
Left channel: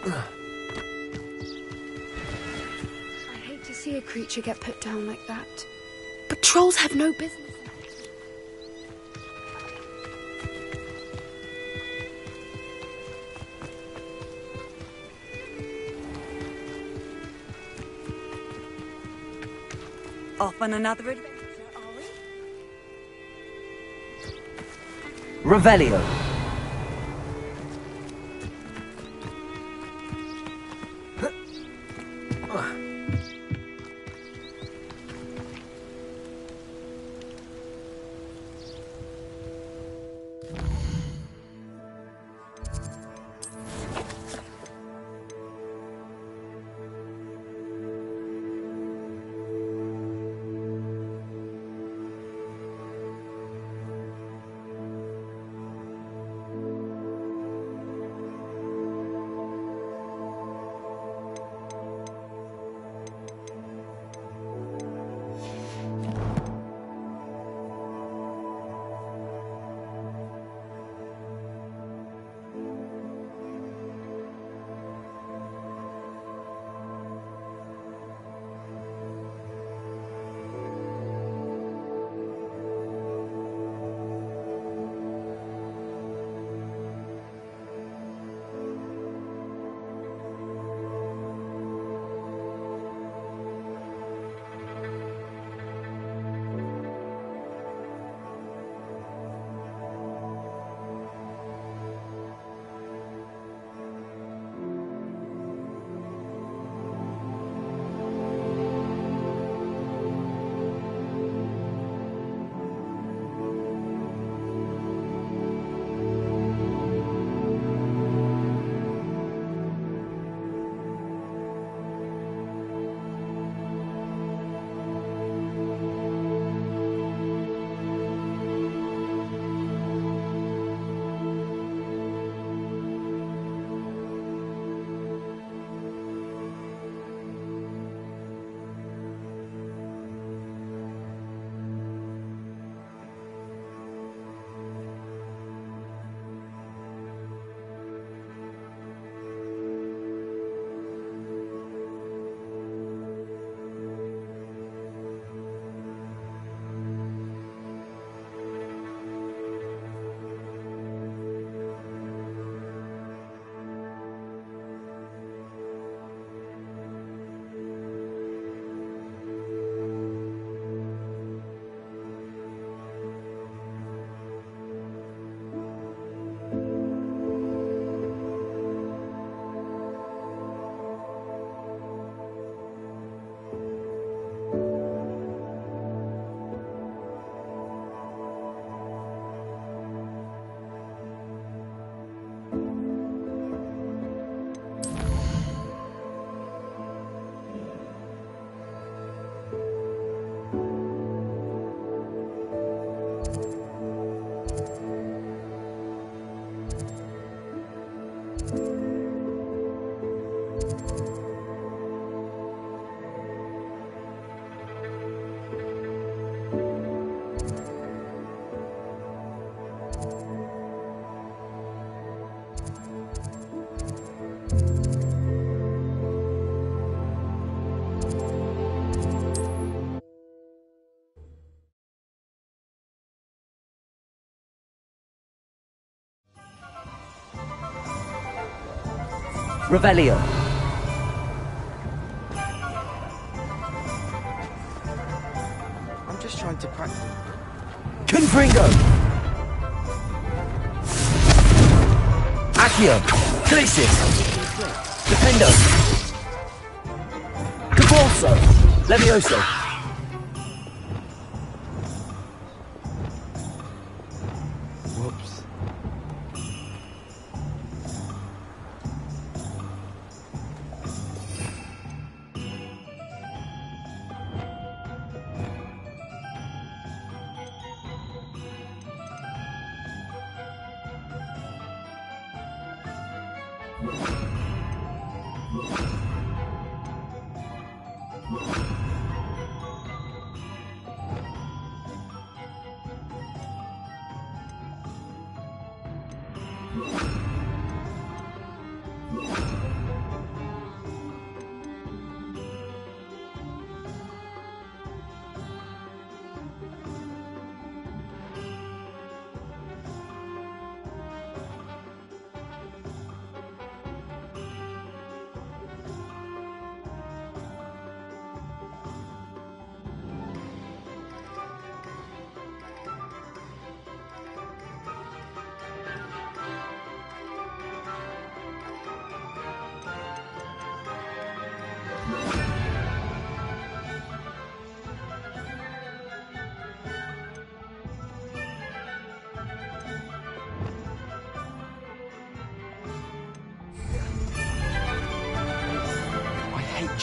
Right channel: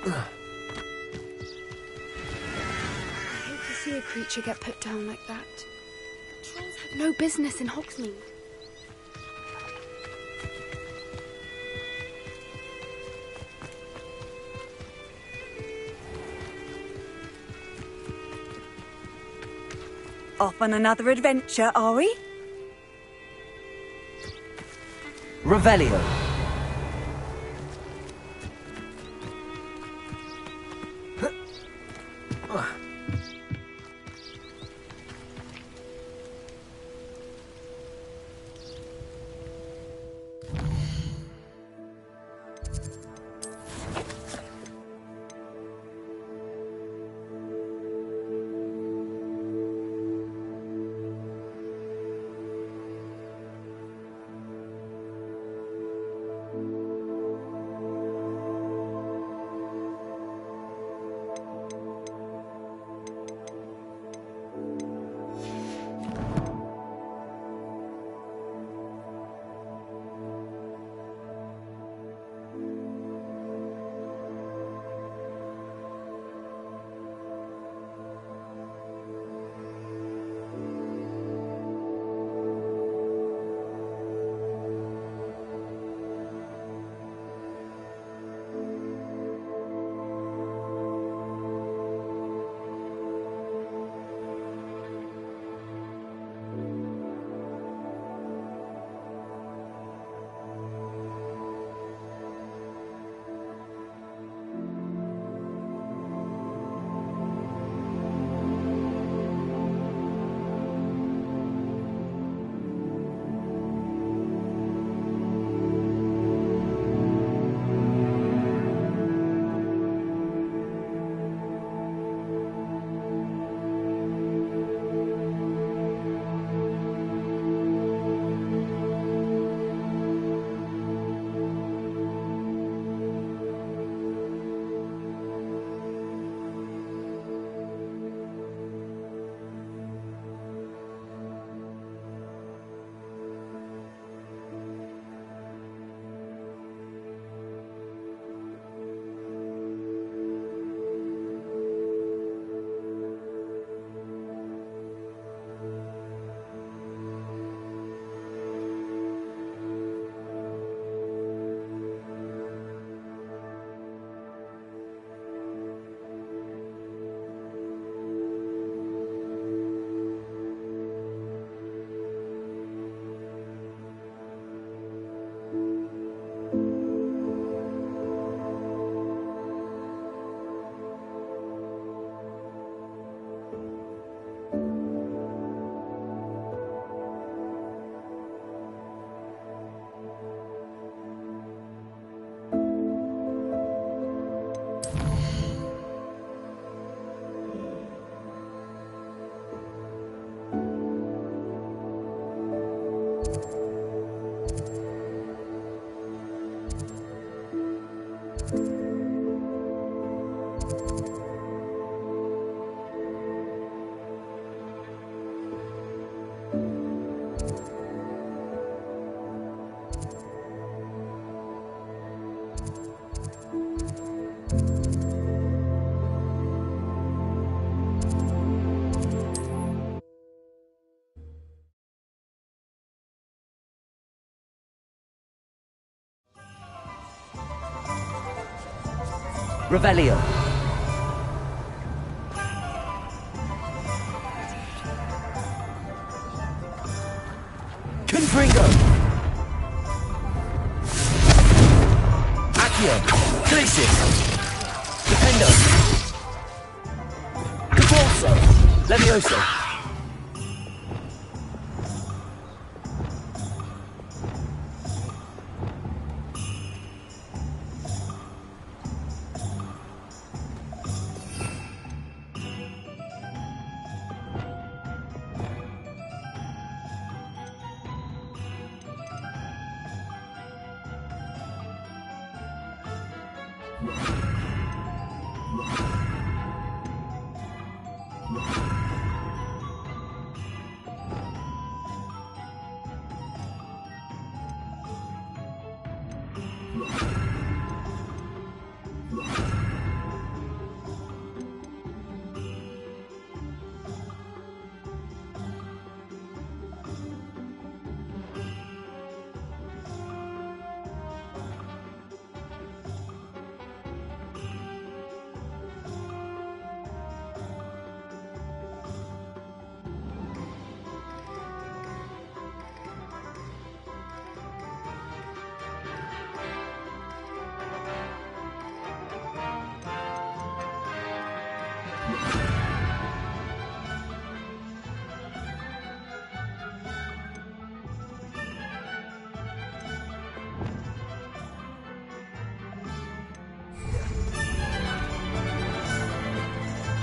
I hate to see a creature get put down like that. But trolls have no business in Hogsmeade. Off on another adventure, are we? Revelio. Revelio. I'm just trying to practice. Confringo. Accio. Glacis. Defendo. Cabalso. Levioso.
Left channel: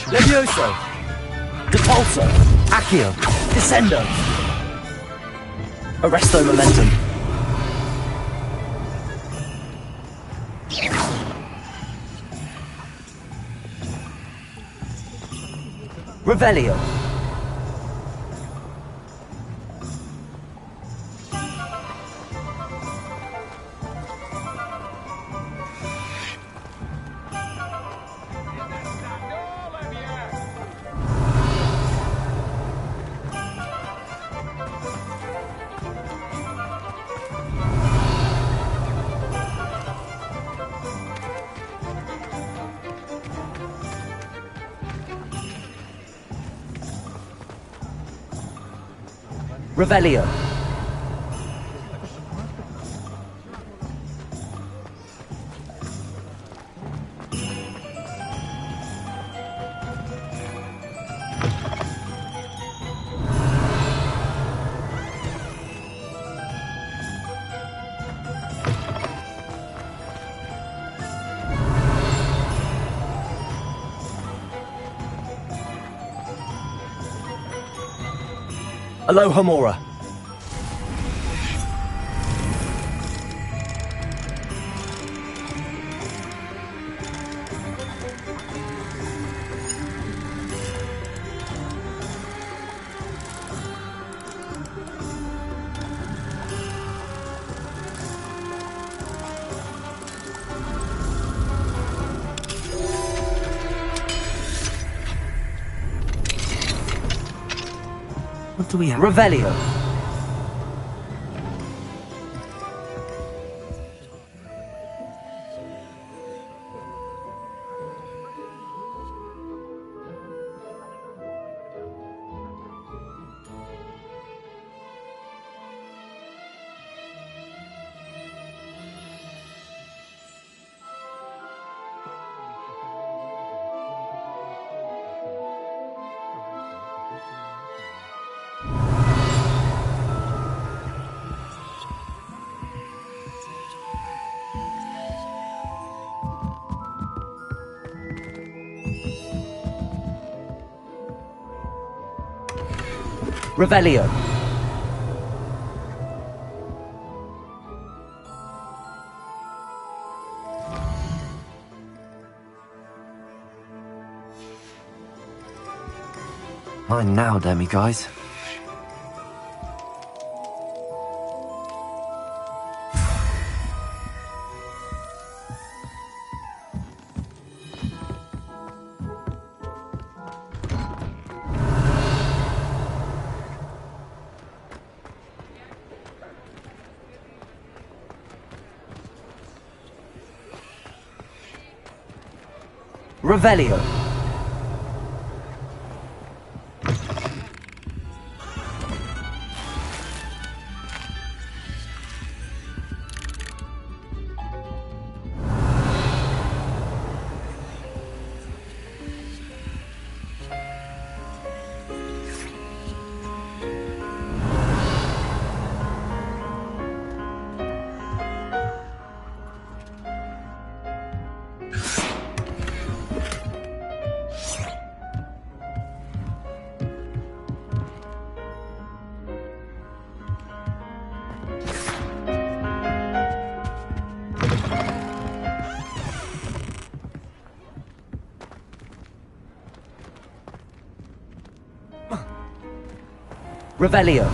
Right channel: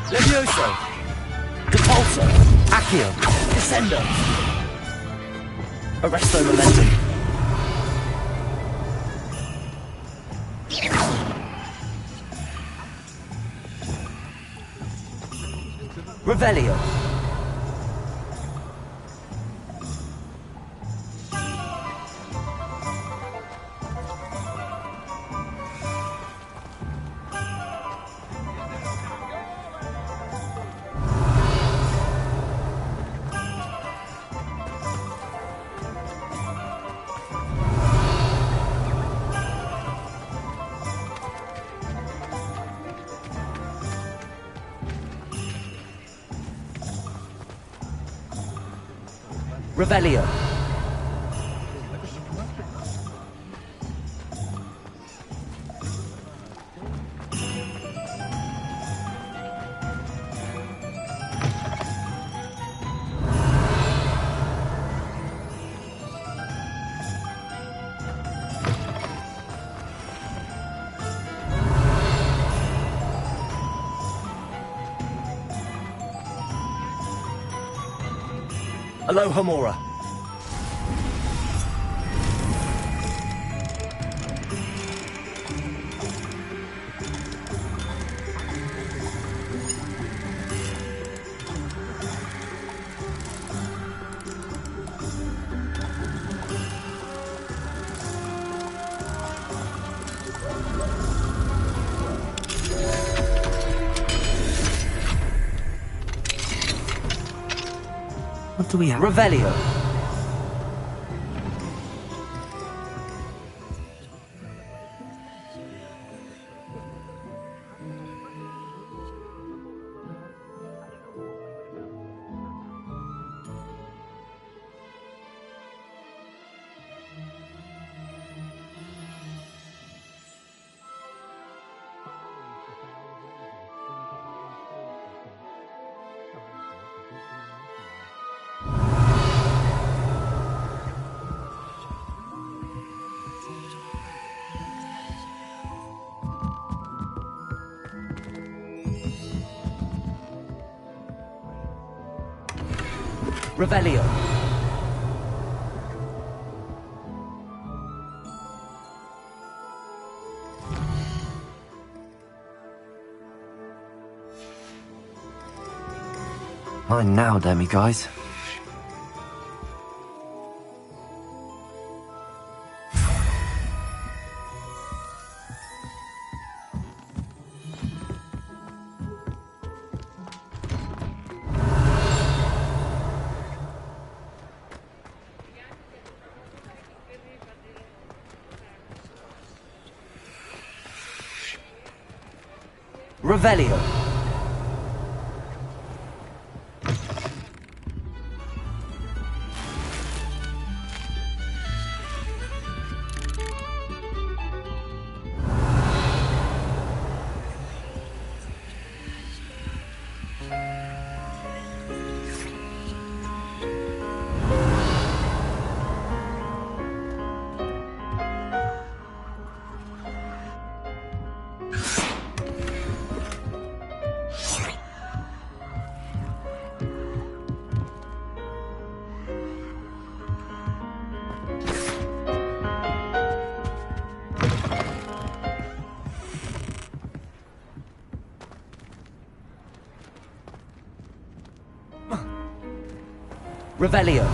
Levioso. Depulso. Accio. Descendo. Arresto momentum. Revelio. Revelio. Aloha Mora. What do we have? Revelio. Revelio. Mine now, demiguise. Revelio. Revelio.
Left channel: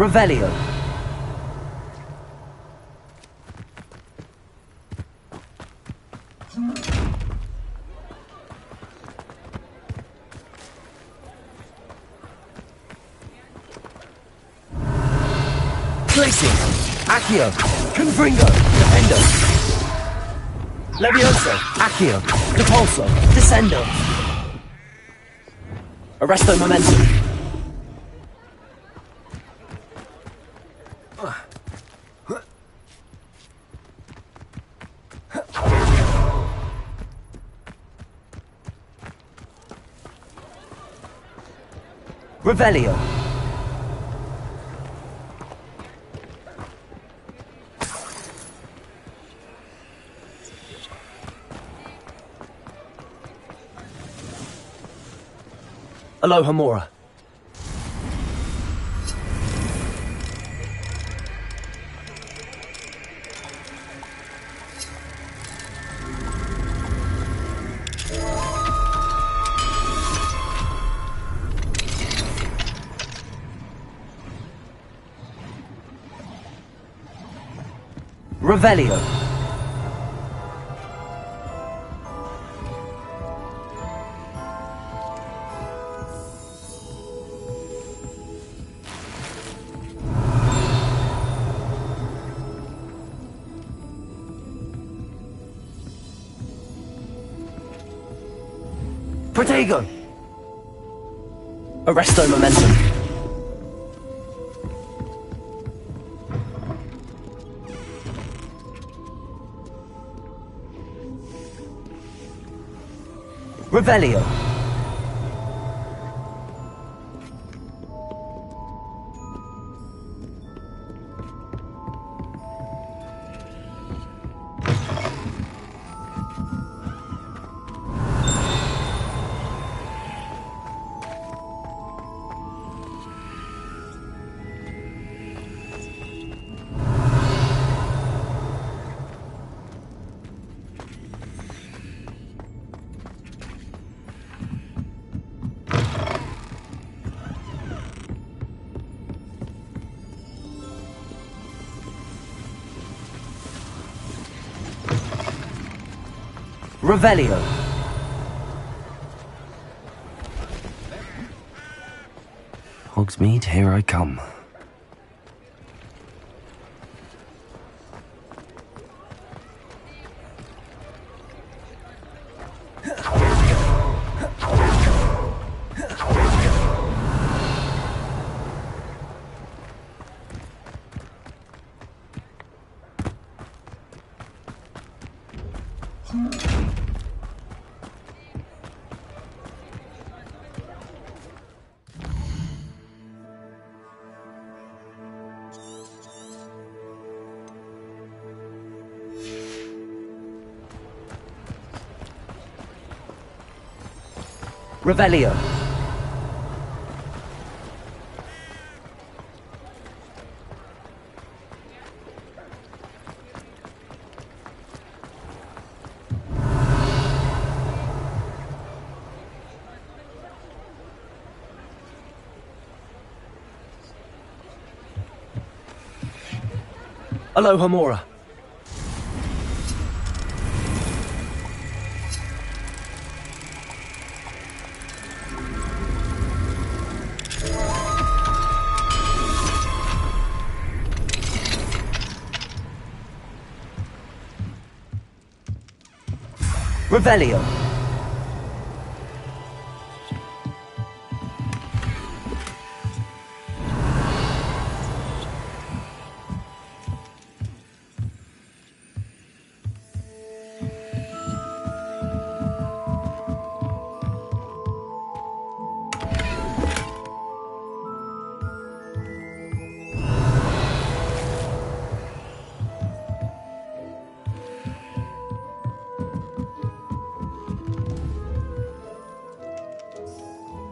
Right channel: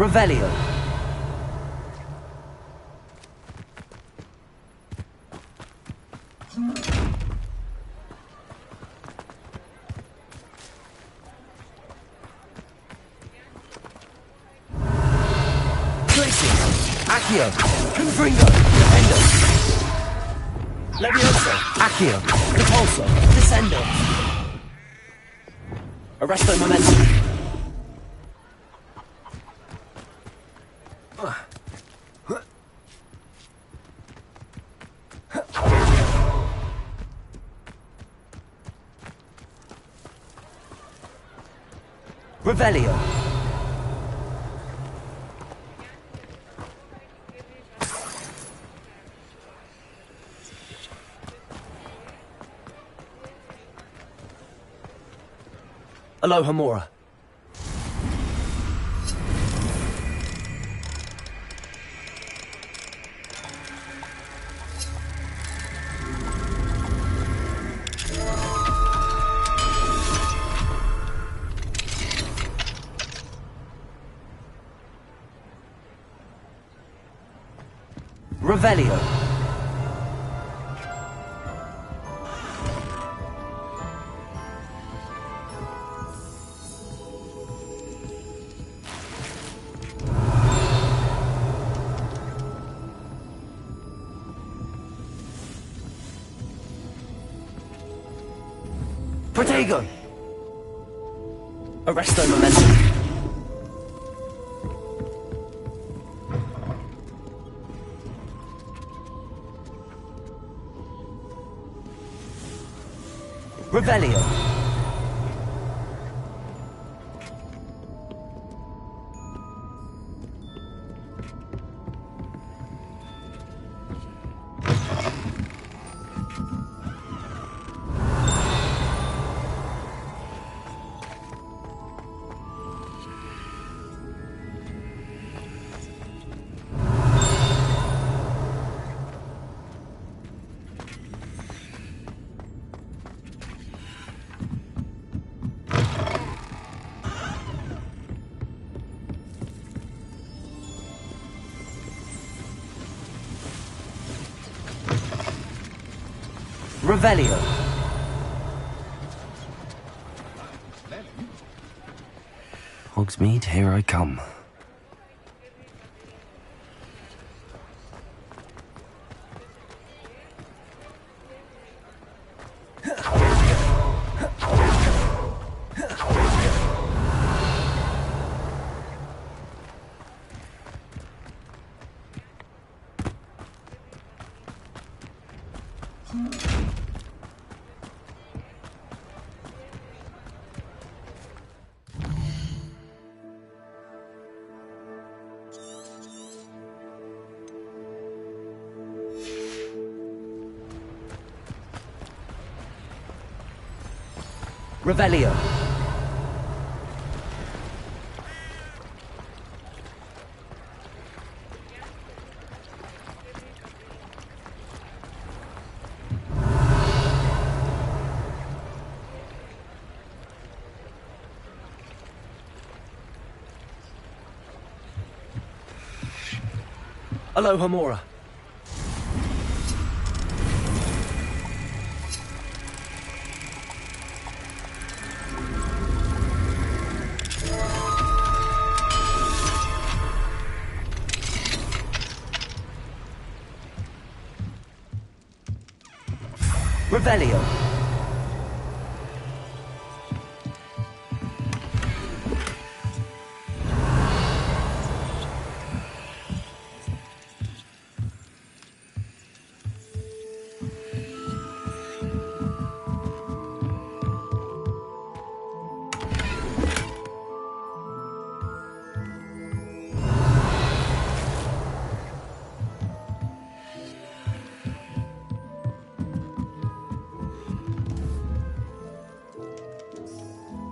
Revelio. Tracing. Accio. Confringo. Defendo. Levioso. Accio. Repulso. Descendo. Arresto momentum. Revelio. Aloha Mora. Revelio. Protego. Arresto momentum. Revelio. Revelio. Hogsmeade, here I come. Revelio. Aloha Mora. Revelio.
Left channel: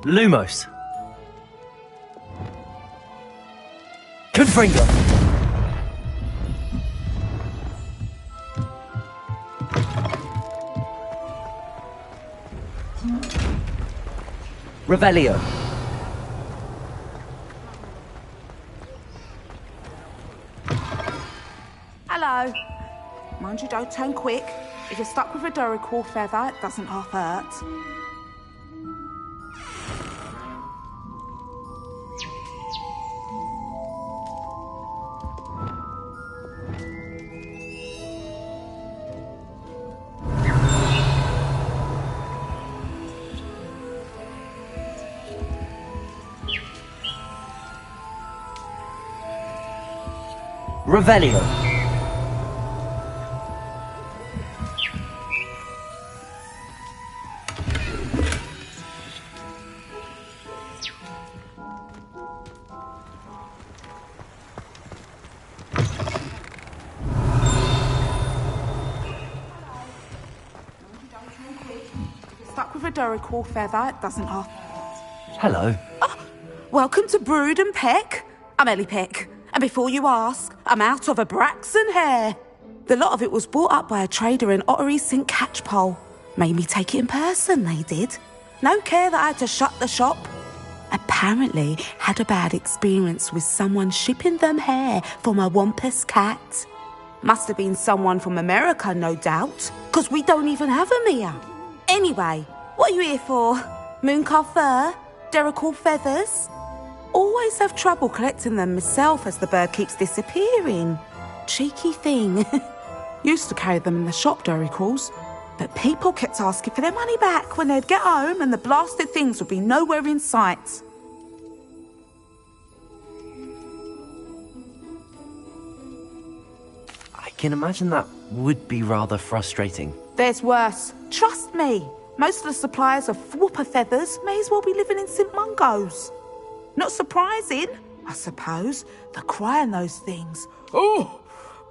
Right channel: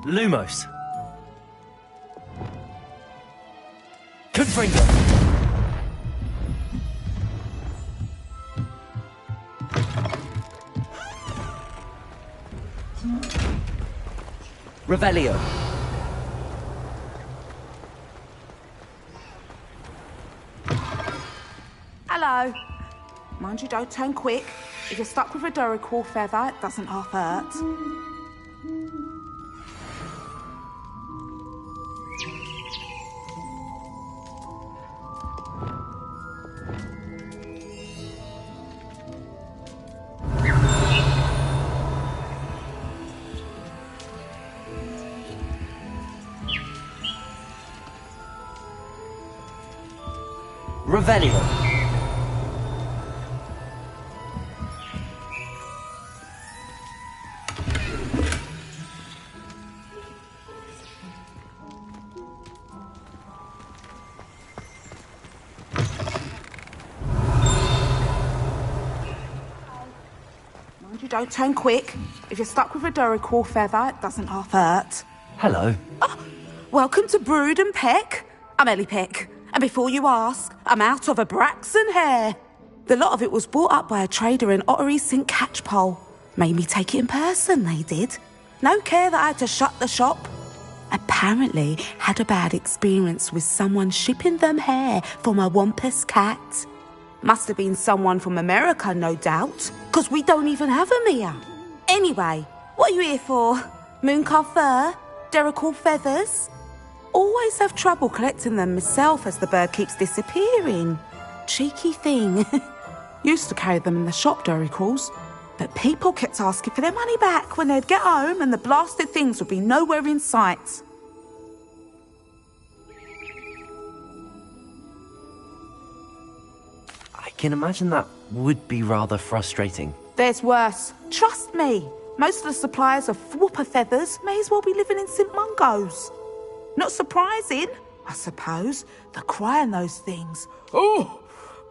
Lumos. Confringo. Revelio. Hello. Mind you, don't turn quick. If you're stuck with a Duracell feather, it doesn't half hurt. Revelio. Mind you, don't turn quick. If you're stuck with a Duracell feather, it doesn't half hurt. Hello. Oh, welcome to Brood and Peck. I'm Ellie Peck. And before you ask, I'm out of a Braxton hair. The lot of it was bought up by a trader in Ottery St. Catchpole. Made me take it in person, they did. No care that I had to shut the shop. Apparently had a bad experience with someone shipping them hair for my Wampus cat. Must have been someone from America, no doubt, because we don't even have them here. Anyway, what are you here for? Mooncalf fur? Duracell feathers? Always have trouble collecting them myself as the bird keeps disappearing. Cheeky thing. Used to carry them in the shop, Duracalls, but people kept asking for their money back when they'd get home and the blasted things would be nowhere in sight. I can imagine that would be rather frustrating. There's worse. Trust me. Most of the suppliers of whooper feathers may as well be living in St. Mungo's. Not surprising, I suppose, the cry in those things. Oh,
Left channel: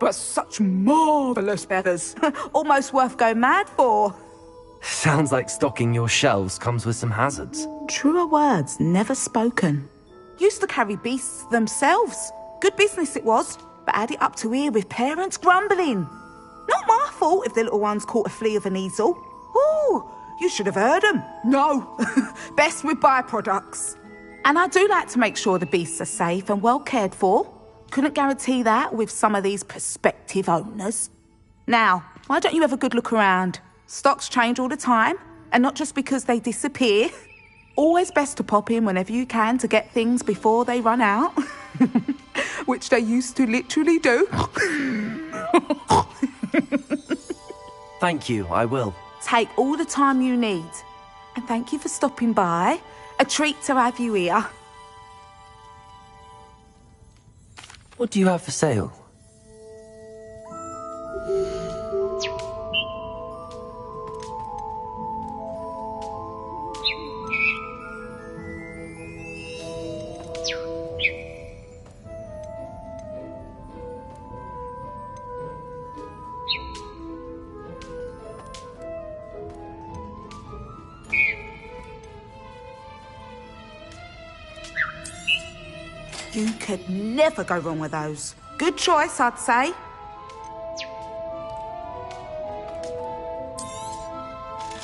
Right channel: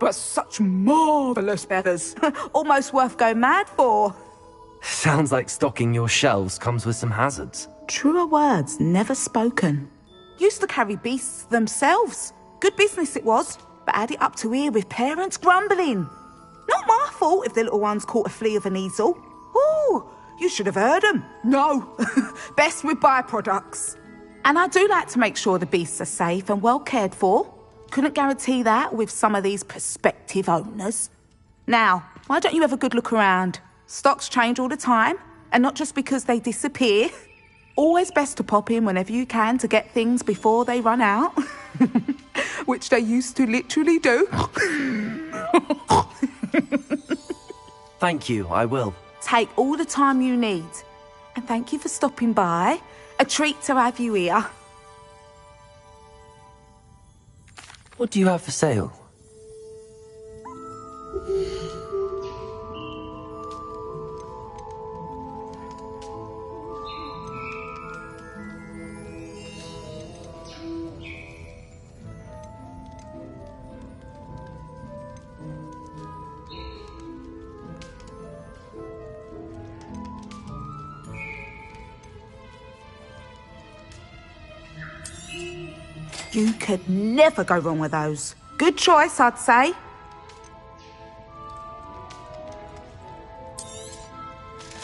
but such marvellous feathers. Almost worth going mad for. Sounds like stocking your shelves comes with some hazards. Truer words never spoken. Used to carry beasts themselves. Good business it was, but had it up to here with parents grumbling. Not my fault if the little ones caught a flea of an easel. Ooh, you should have heard them. No, best with byproducts. And I do like to make sure the beasts are safe and well cared for. Couldn't guarantee that with some of these prospective owners. Now, why don't you have a good look around? Stocks change all the time, and not just because they disappear. Always best to pop in whenever you can to get things before they run out. Which they used to literally do. Thank you, I will. Take all the time you need. And thank you for stopping by. A treat to have you here. What do you have for sale? You could never go wrong with those. Good choice, I'd say.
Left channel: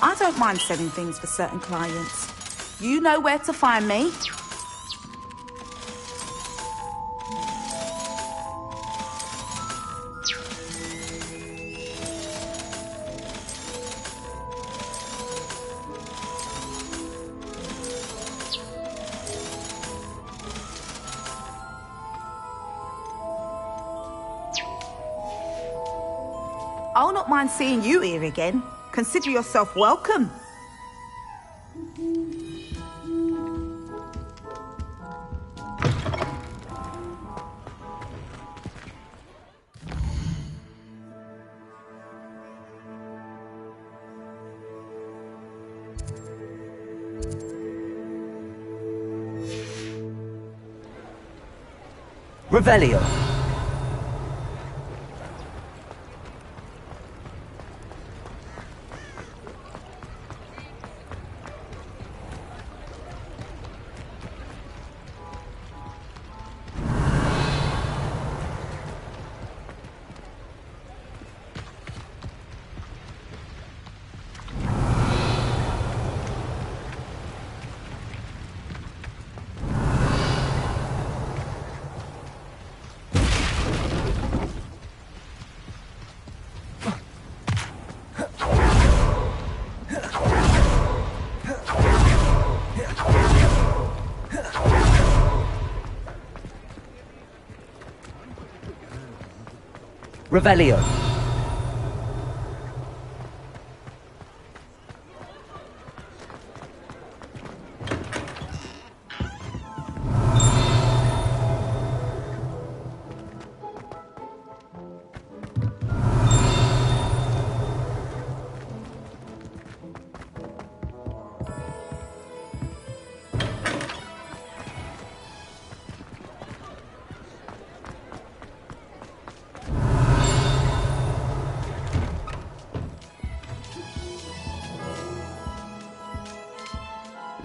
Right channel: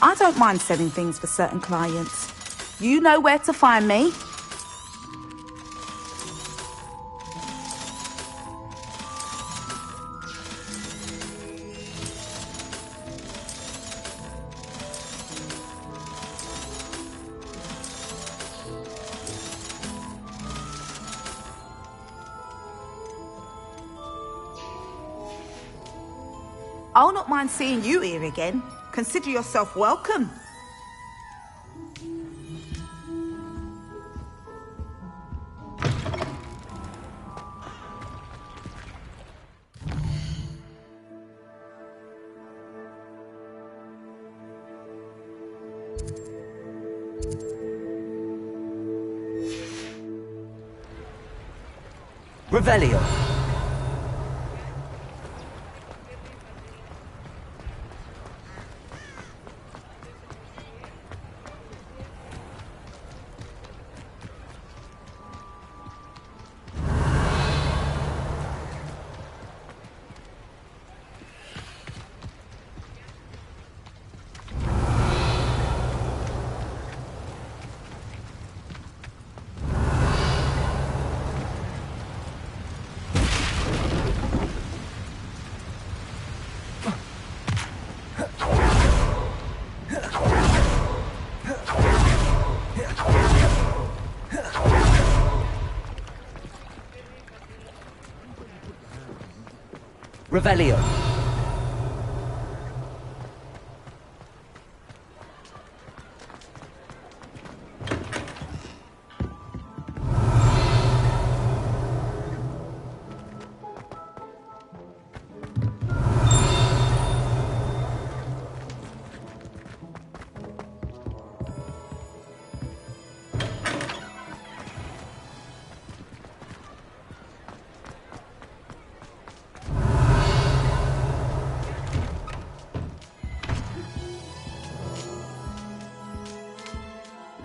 I don't mind selling things for certain clients. You know where to find me. I'll not mind seeing you here again. Consider yourself welcome. Revelio. Revelio.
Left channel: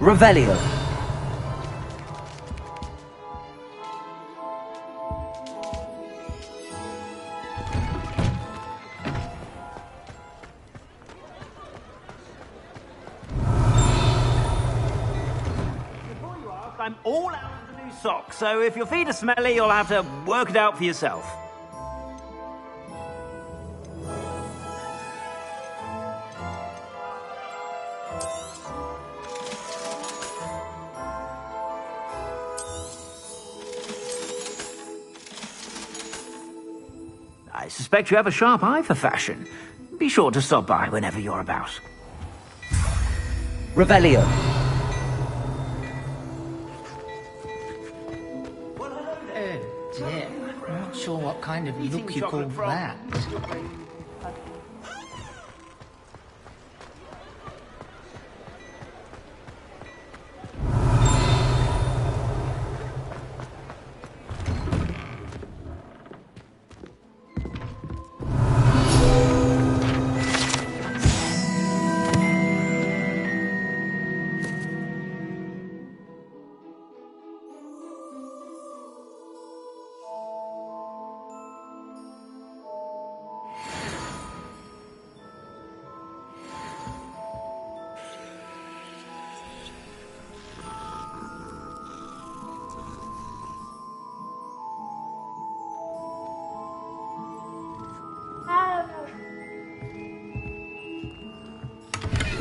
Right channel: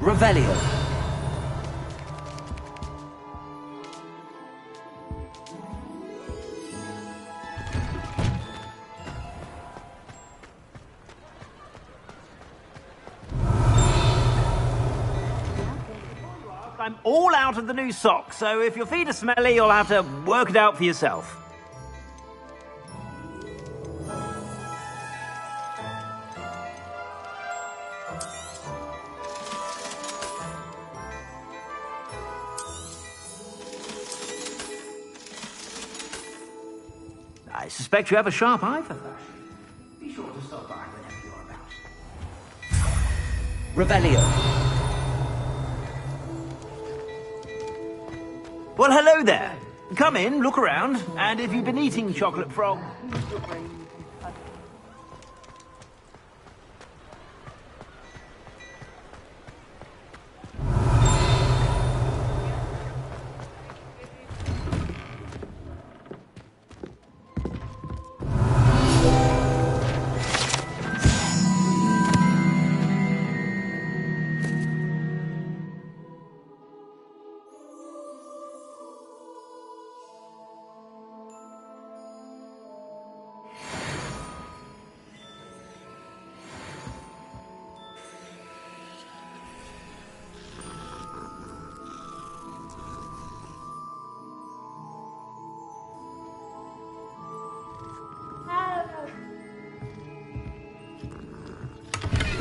Revelio. I'm all out of the new socks, so if your feet are smelly, you'll have to work it out for yourself. I suspect you have a sharp eye for fashion. Be sure to stop by whenever you're about. Revelio. Well, hello there. Come in, look around, and if you've been eating chocolate from...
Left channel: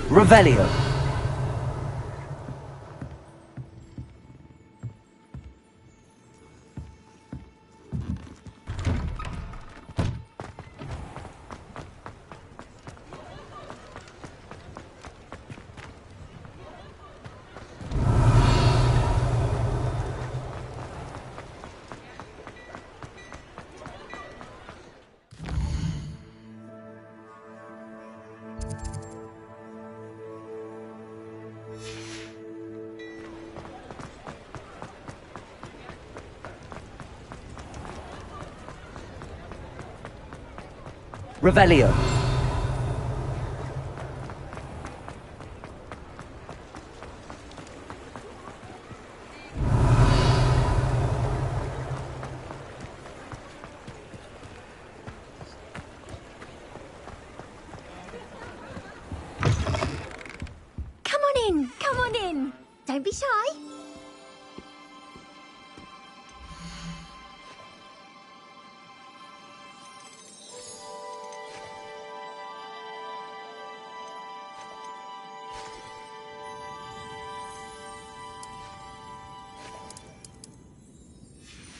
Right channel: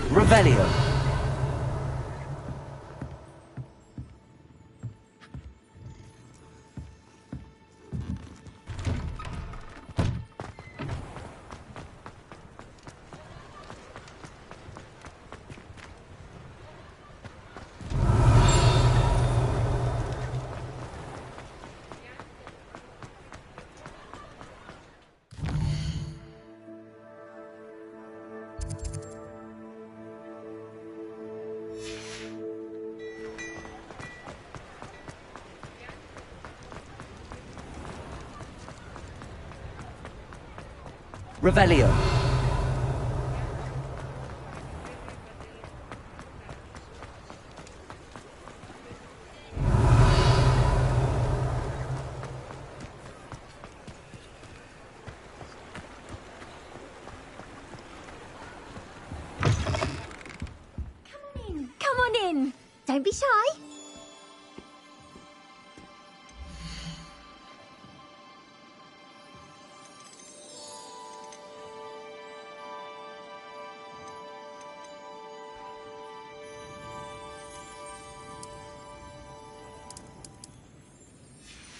Revelio. Revelio. Come on in. Don't be shy.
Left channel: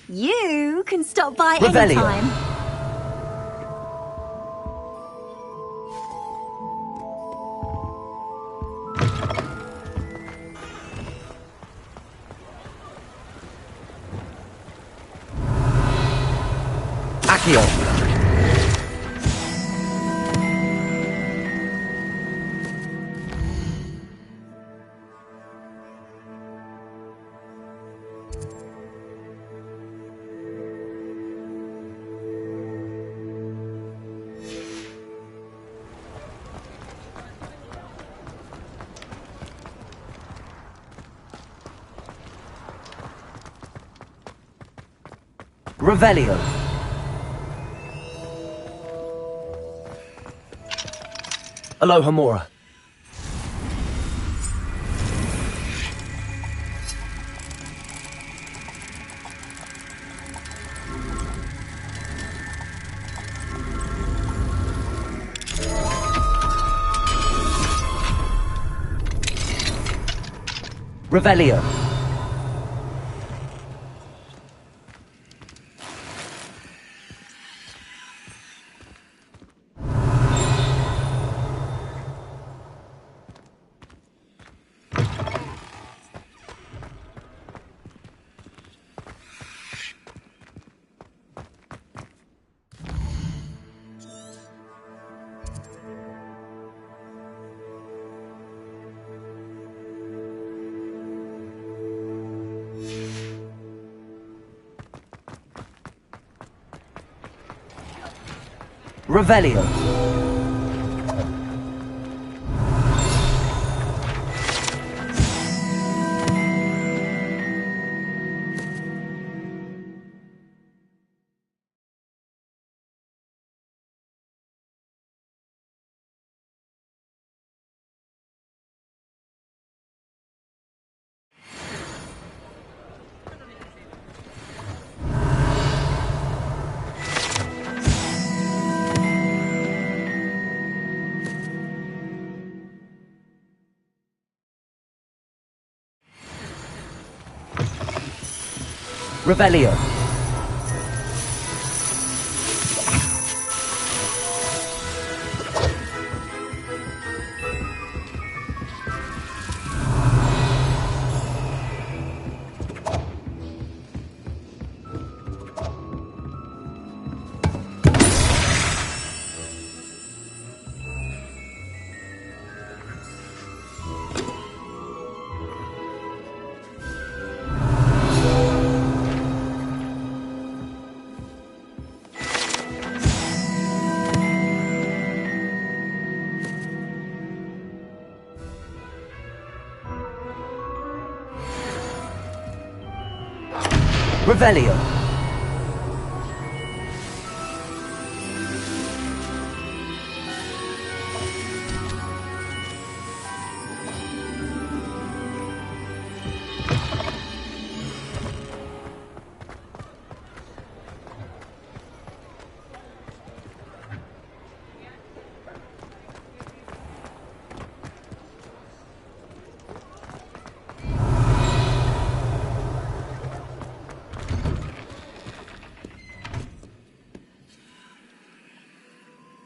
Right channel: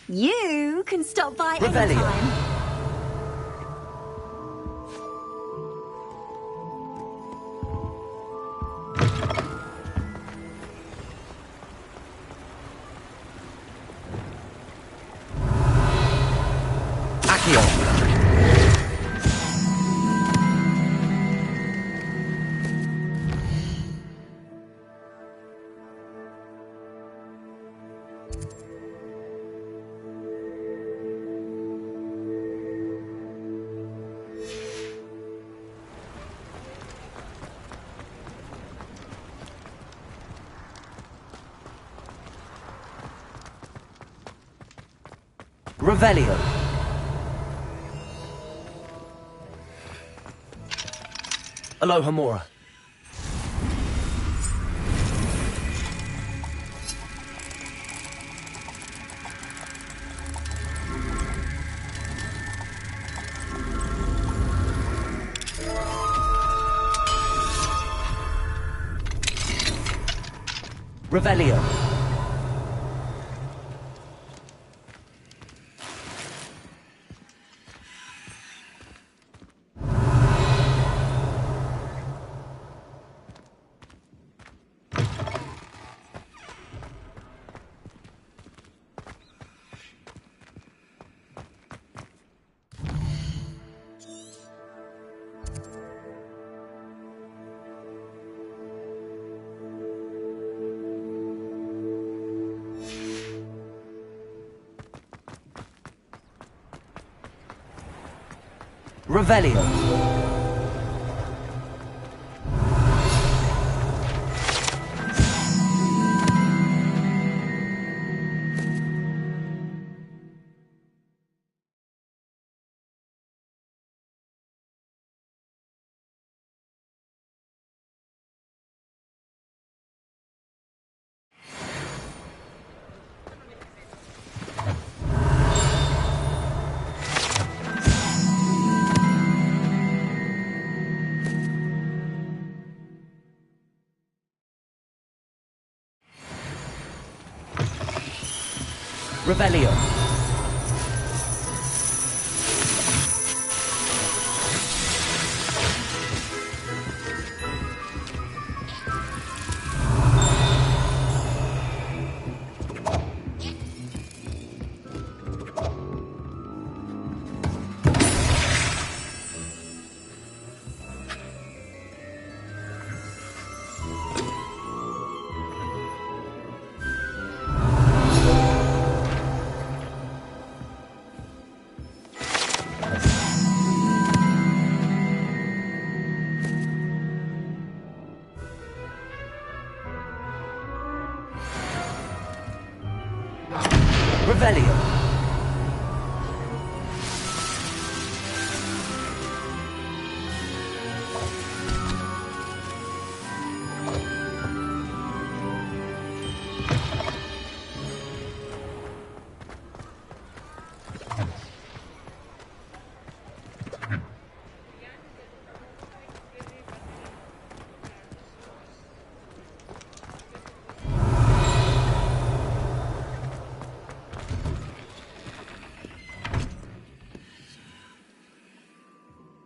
You can stop by Revelio. anytime. Accio. Revelio. Aloha Mora. Revelio. Revelio. Revelio. Revelio.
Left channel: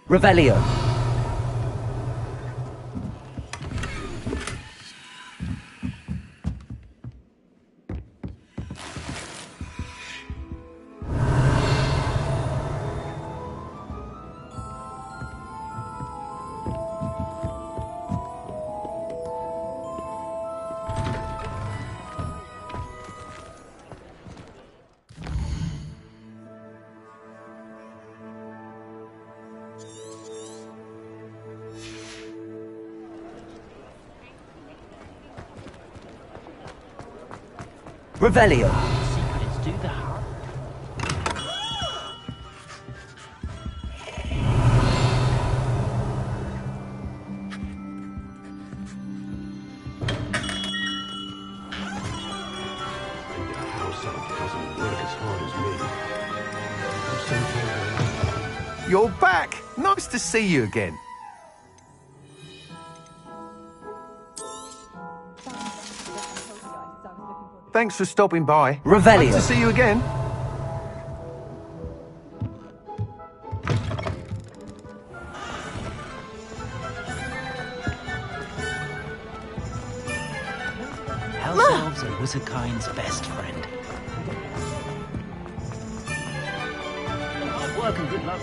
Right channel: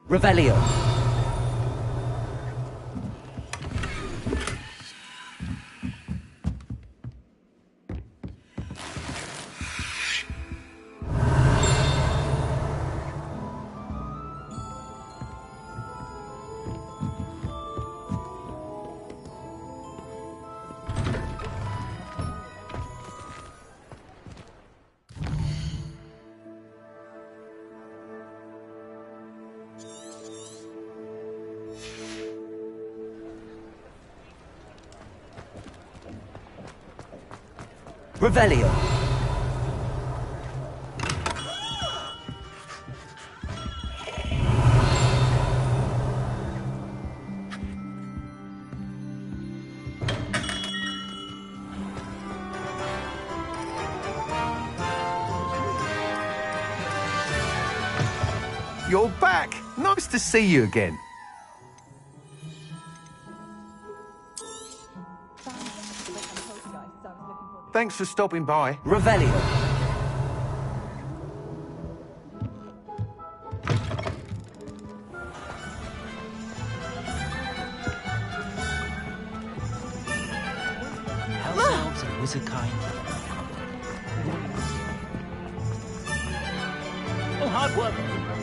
Revelio. Revelio. You're back! Nice to see you again. Thanks for stopping by. Revelio. Nice to see you again. House elves are wizardkind's best friend. Oh, hard Hard work and good luck.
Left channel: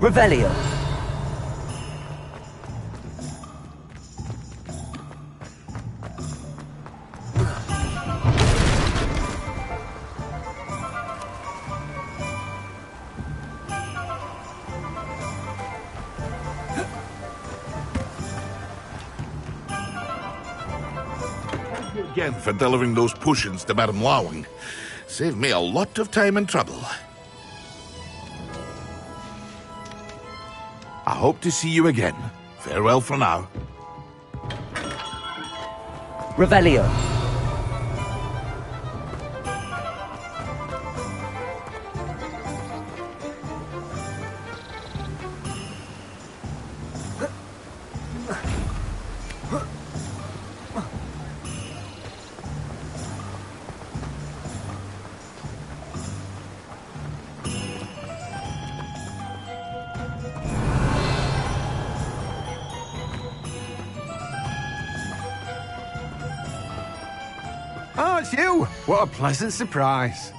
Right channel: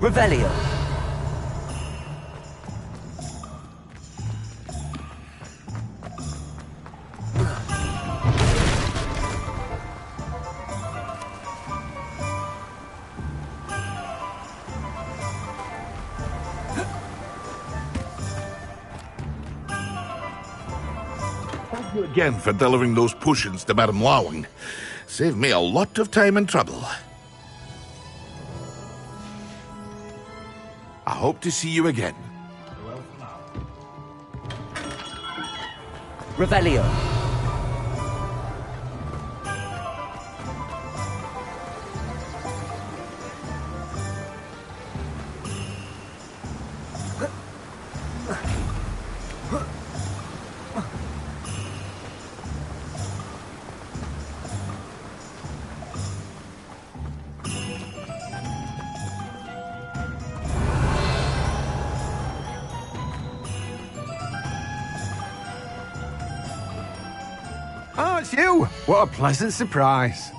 Revelio. Thank you again for delivering those potions to Madame Lawing. Saved me a lot of time and trouble. I hope to see you again. Farewell for now. Revelio. Oh, it's you! What a pleasant surprise.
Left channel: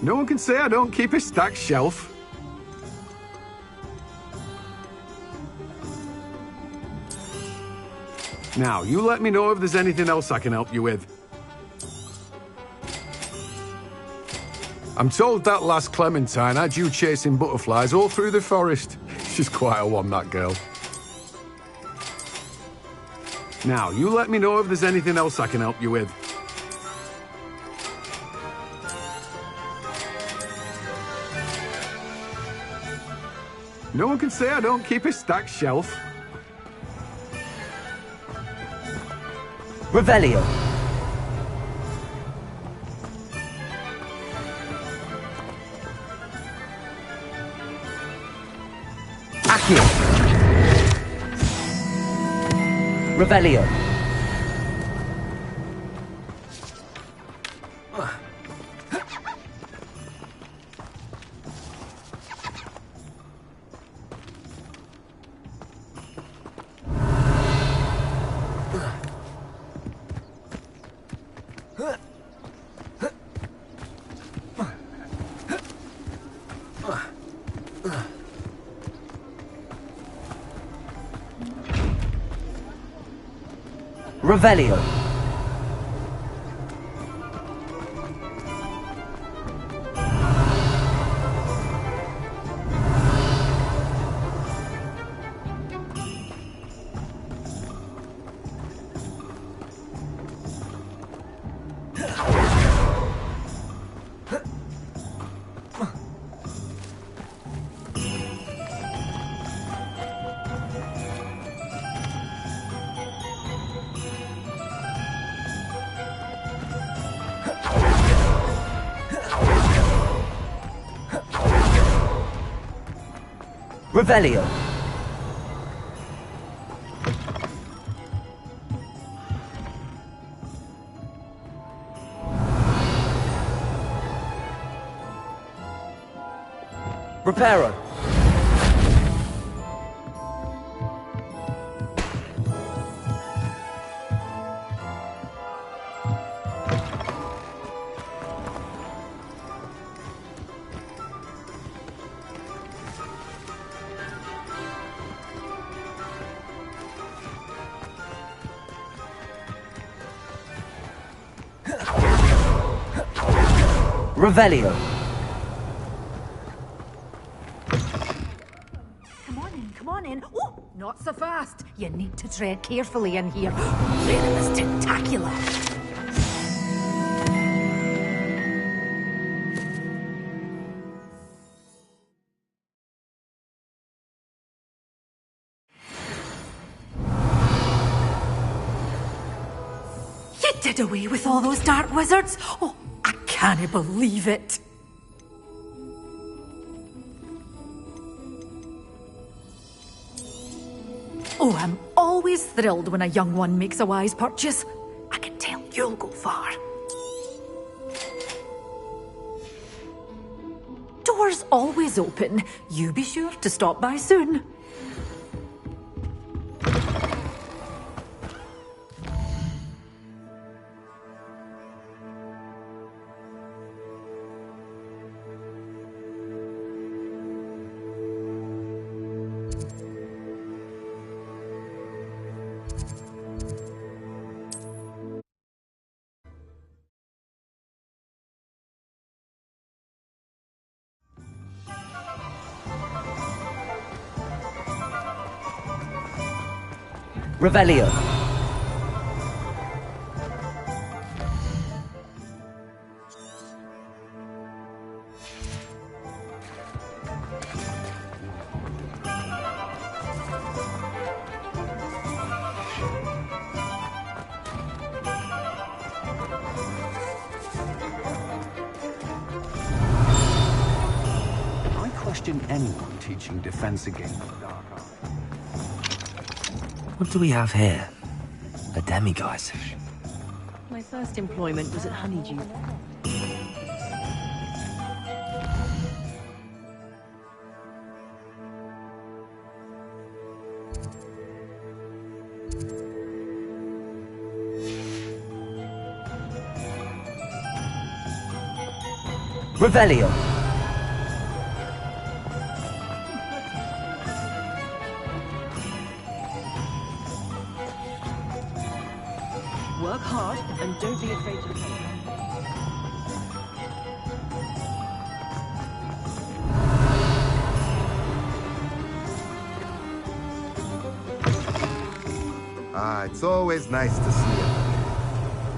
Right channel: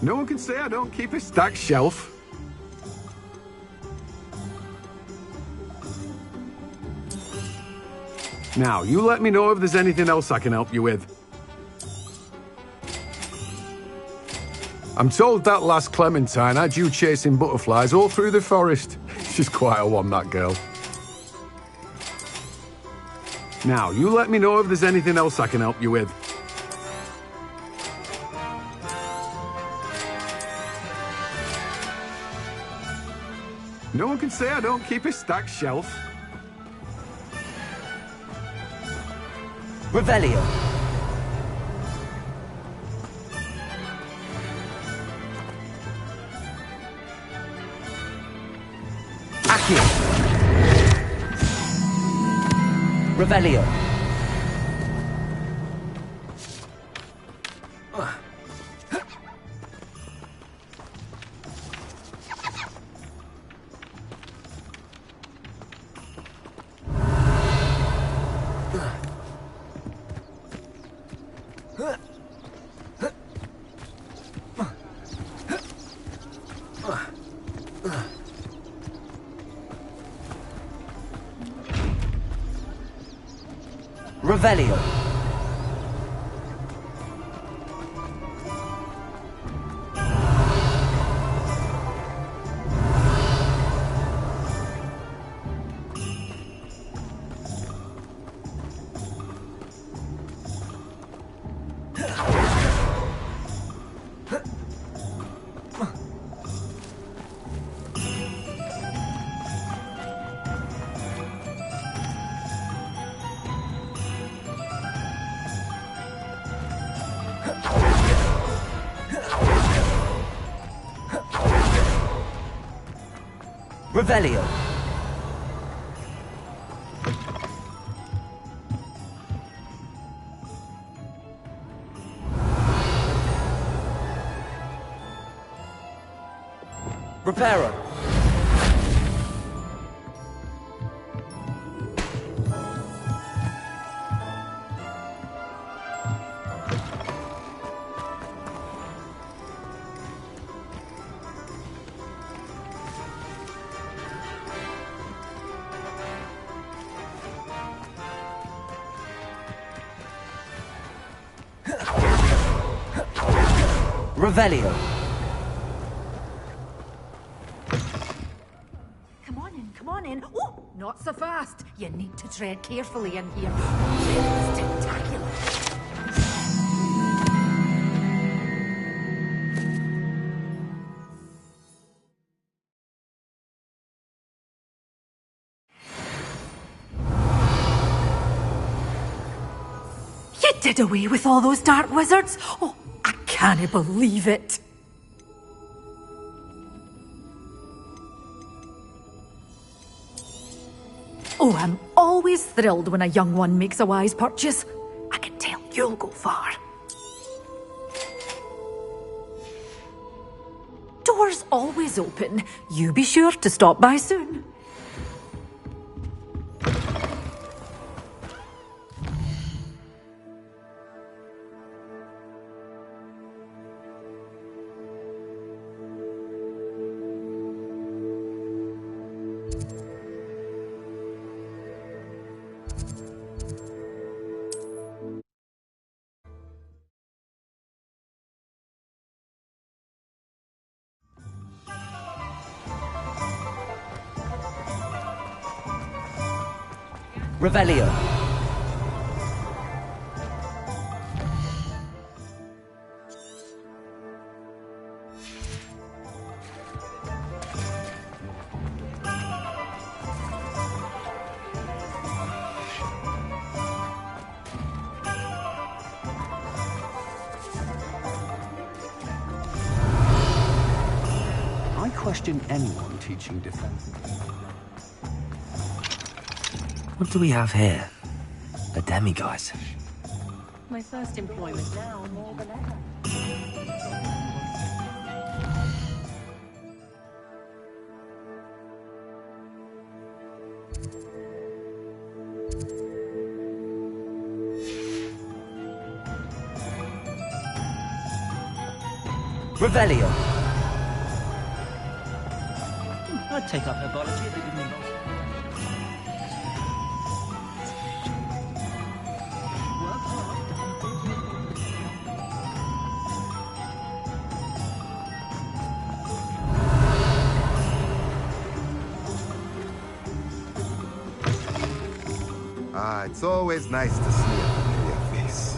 No one can say I don't keep a stacked shelf. Now, you let me know if there's anything else I can help you with. I'm told that last Clementine had you chasing butterflies all through the forest. She's quite a one, that girl. Now, you let me know if there's anything else I can help you with. No one can say I don't keep a stacked shelf. Revelio. Accio. Revelio. Revelio. Revelio. Reparo. Revelio. Come on in. Oh, not so fast. You need to tread carefully in here. Venomous tentacular. You did away with all those dark wizards? Oh, I can't believe it. Oh, I'm always thrilled when a young one makes a wise purchase. I can tell you'll go far. Doors always open. You be sure to stop by soon. Revelio. I question anyone teaching defense against the dark. What do we have here? A demiguise. My first employment was at Honeydew. Revelio. I'd take up her body. Work hard and don't be afraid to take It's always nice to see a familiar face.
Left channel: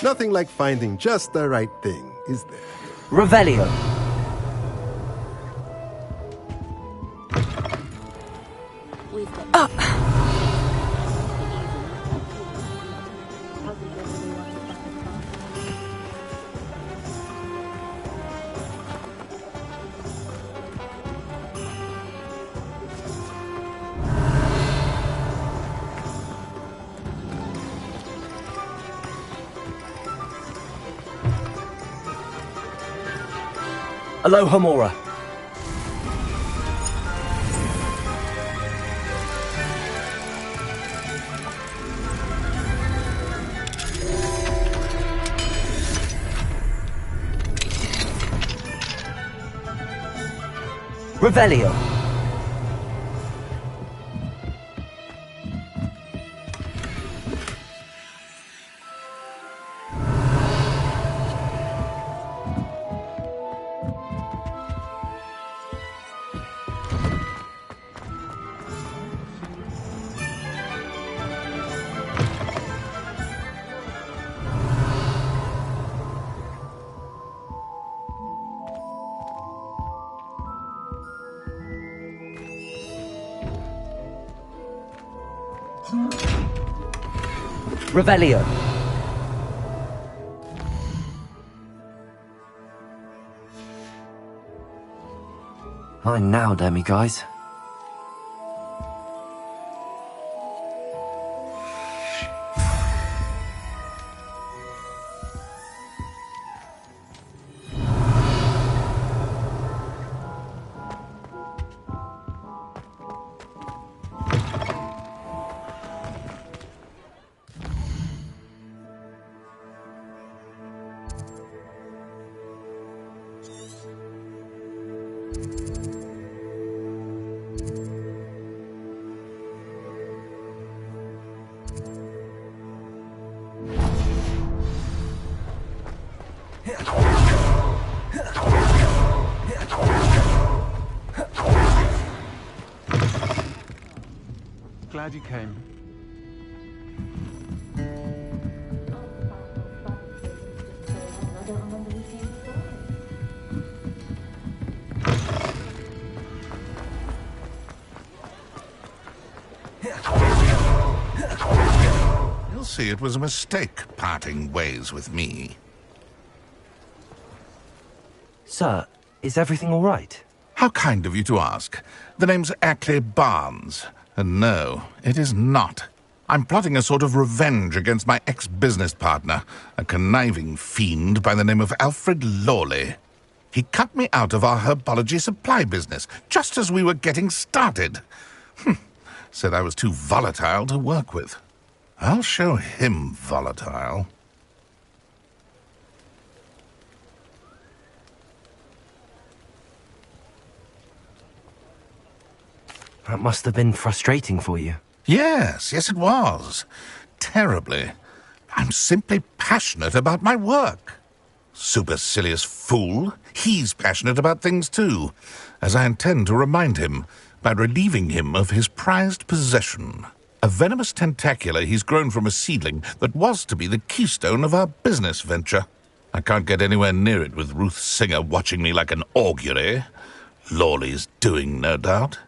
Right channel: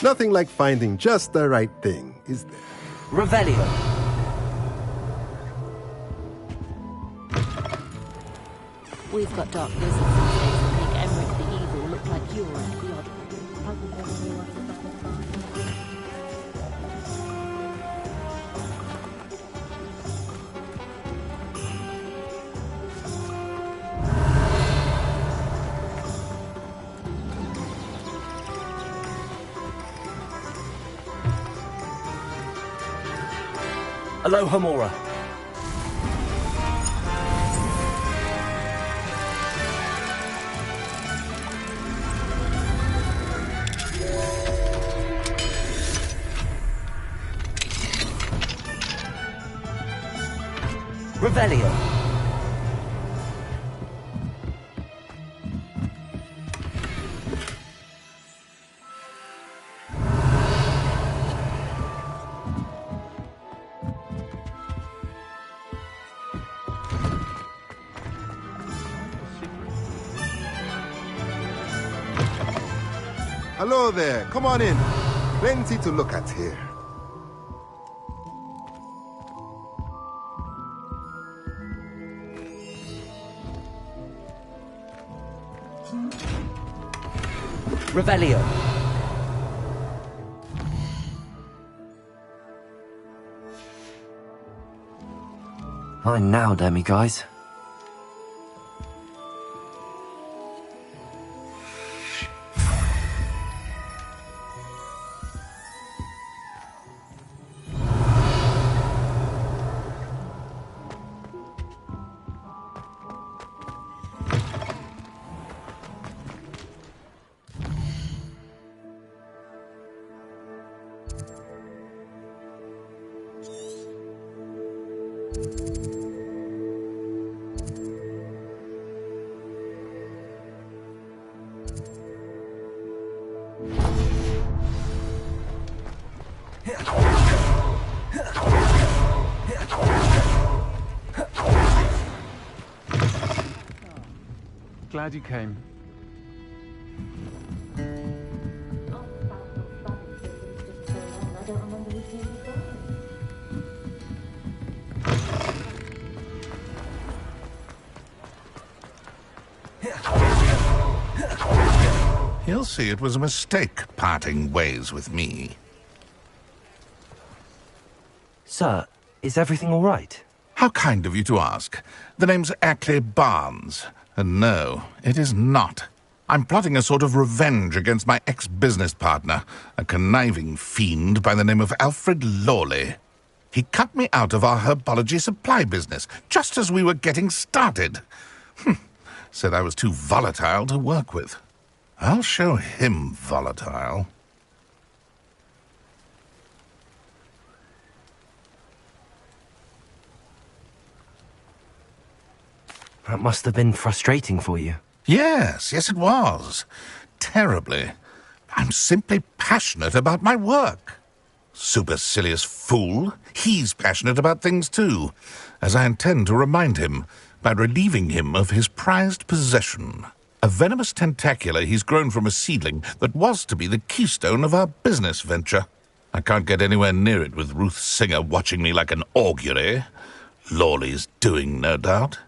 Nothing like finding just the right thing, is there? Revelio. We've got up. Aloha Mora. Revelio. Hello there. Come on in. Plenty to look at here. Revelio. Fine now, demiguise. Glad you came. You'll see it was a mistake parting ways with me. Sir, is everything all right? How kind of you to ask. The name's Ackley Barnes. And no, it is not. I'm plotting a sort of revenge against my ex-business partner, a conniving fiend by the name of Alfred Lawley. He cut me out of our herbology supply business, just as we were getting started. Said I was too volatile to work with. I'll show him volatile. That must have been frustrating for you. Yes, it was. Terribly. I'm simply passionate about my work. Supercilious fool. He's passionate about things too, as I intend to remind him by relieving him of his prized possession. A venomous tentacula he's grown from a seedling that was to be the keystone of our business venture. I can't get anywhere near it with Ruth Singer watching me like an augury. Lawley's doing, no doubt.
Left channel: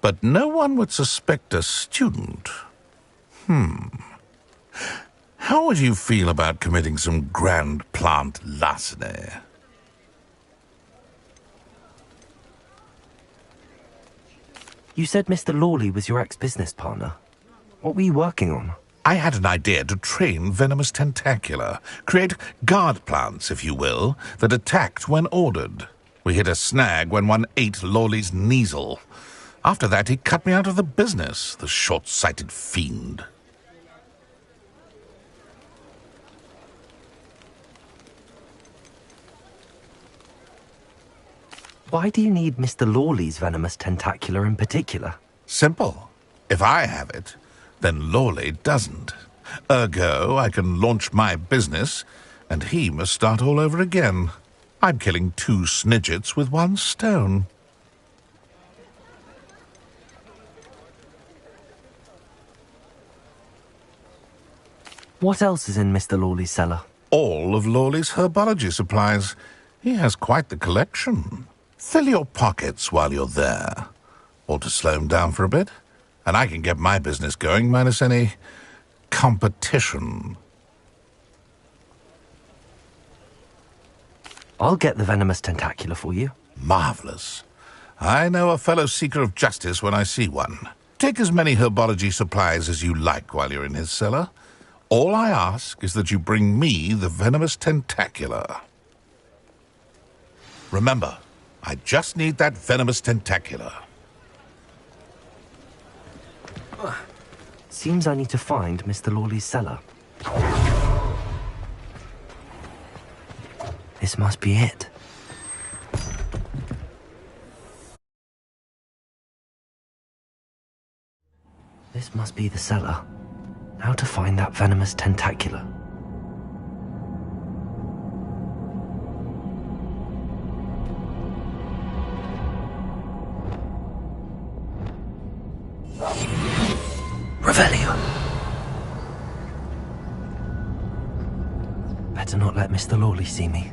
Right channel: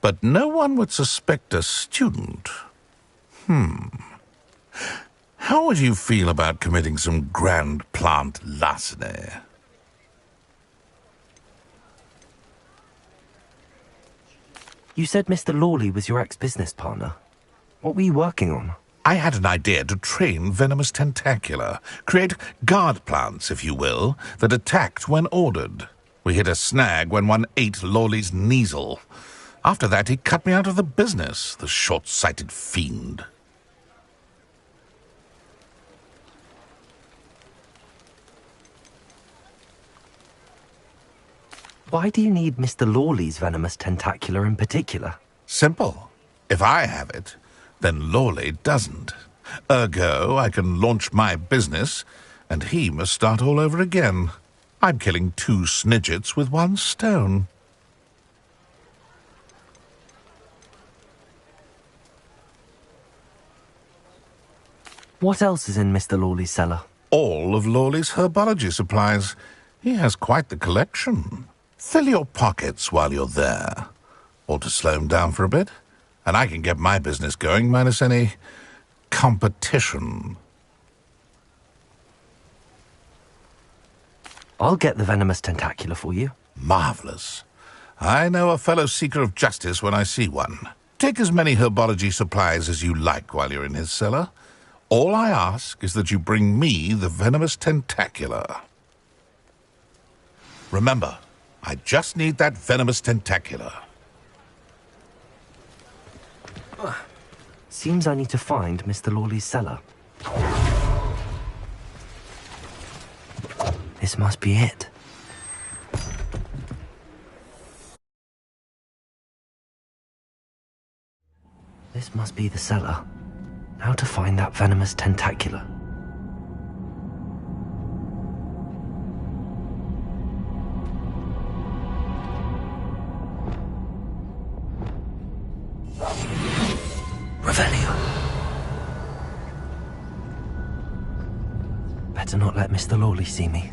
But no one would suspect a student. How would you feel about committing some grand plant larceny? You said Mr. Lawley was your ex-business partner. What were you working on? I had an idea to train venomous tentacula, create guard plants, if you will, that attacked when ordered. We hit a snag when one ate Lawley's Kneasel. After that, he cut me out of the business, the short-sighted fiend. Why do you need Mr. Lawley's venomous tentacula in particular? Simple. If I have it, then Lawley doesn't. Ergo, I can launch my business, and he must start all over again. I'm killing 2 snidgets with 1 stone. What else is in Mr. Lawley's cellar? All of Lawley's herbology supplies. He has quite the collection. Fill your pockets while you're there. Or to slow him down for a bit, and I can get my business going minus any competition. I'll get the venomous tentacula for you. Marvelous. I know a fellow seeker of justice when I see one. Take as many herbology supplies as you like while you're in his cellar. All I ask is that you bring me the venomous tentacula. Remember, I just need that venomous tentacula. Seems I need to find Mr. Lawley's cellar. This must be it. This must be the cellar. How to find that venomous tentacula? Revelio. Better not let Mr. Lawley see me.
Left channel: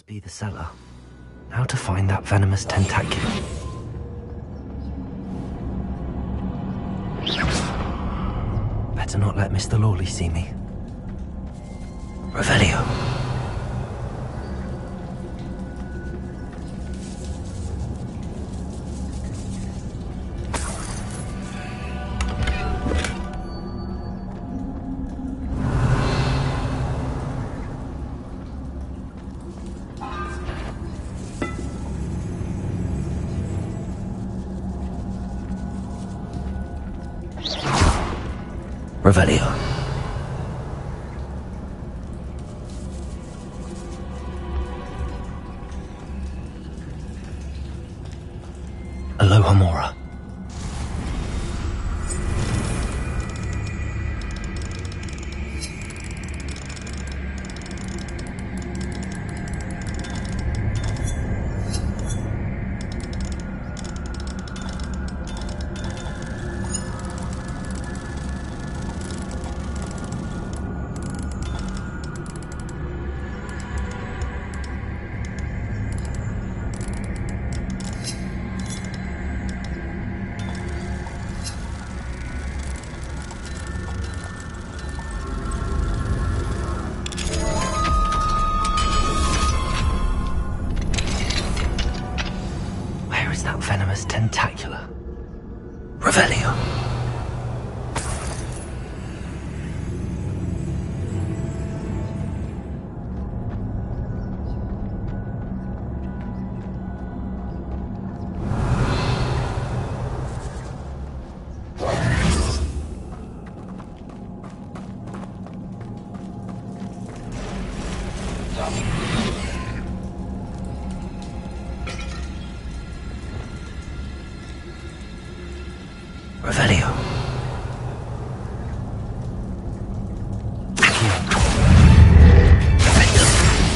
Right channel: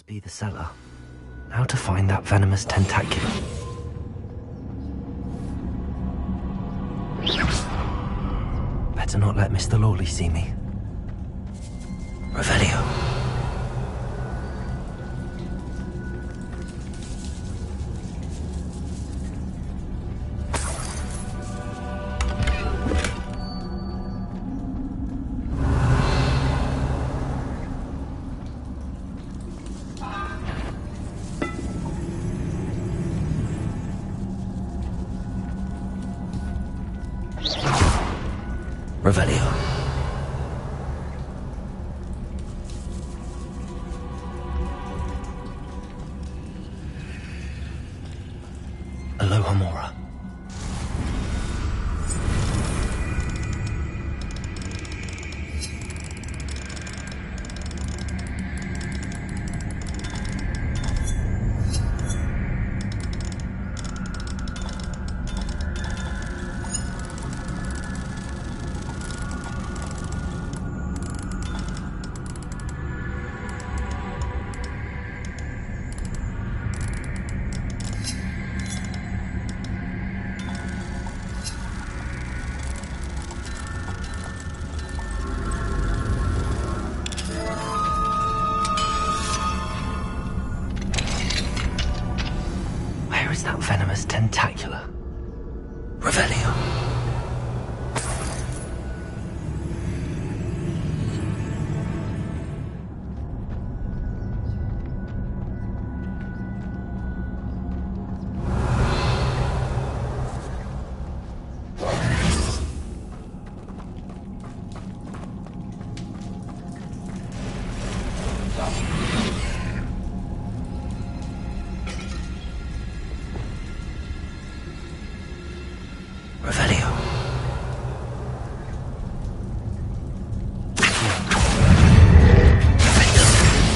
must be the cellar. How to find that venomous tentaculum? Better not let Mr. Lawley see me. Revelio. Revelio. Aloha Mora. That venomous tentacula. Revelio. Revelio.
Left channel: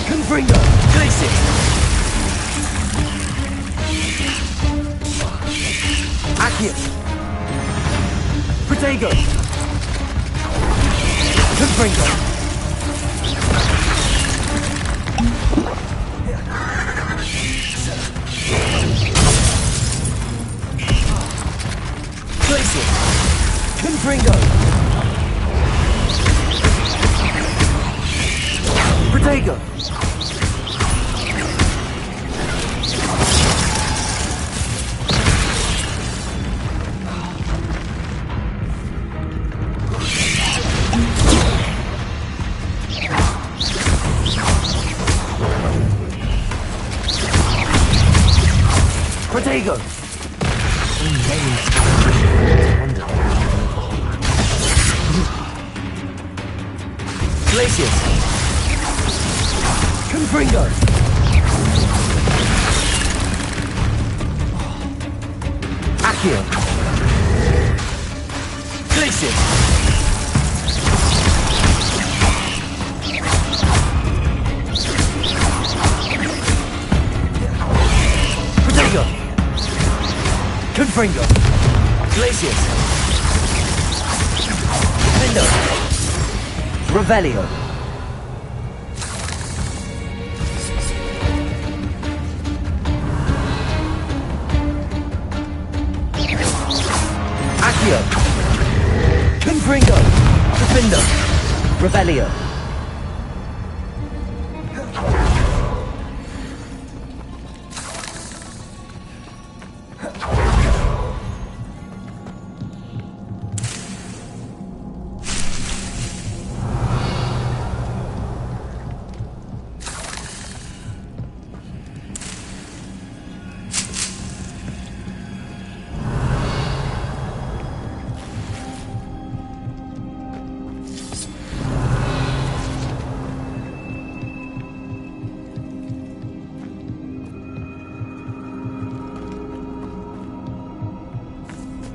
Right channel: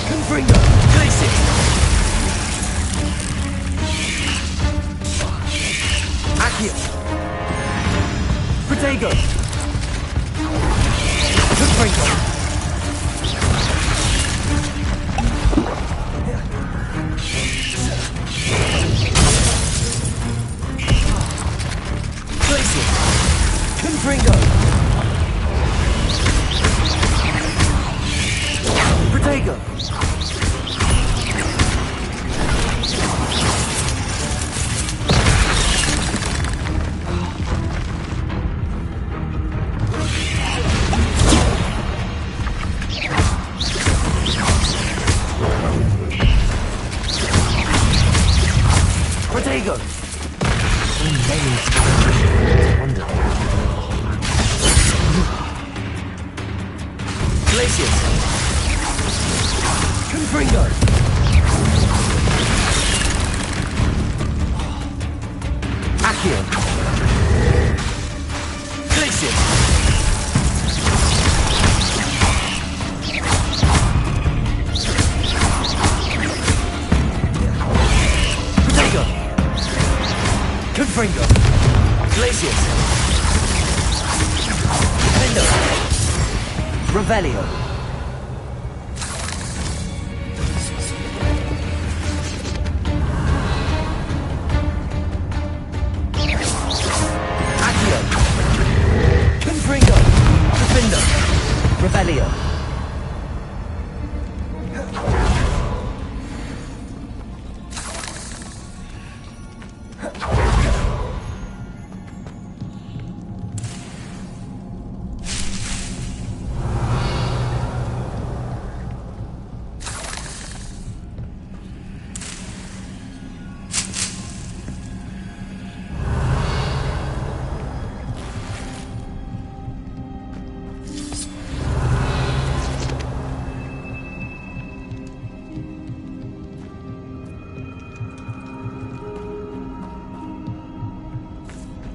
Confringo. Glacier. Accio. Protego. Confringo. Glacier. Confringo. Protego. Protego. Glacius. Confringo. Accio. Glacius. Protego. Confringo. Glacius. Defendo. Revelio. Accio. Confringo. Defendo. Revelio.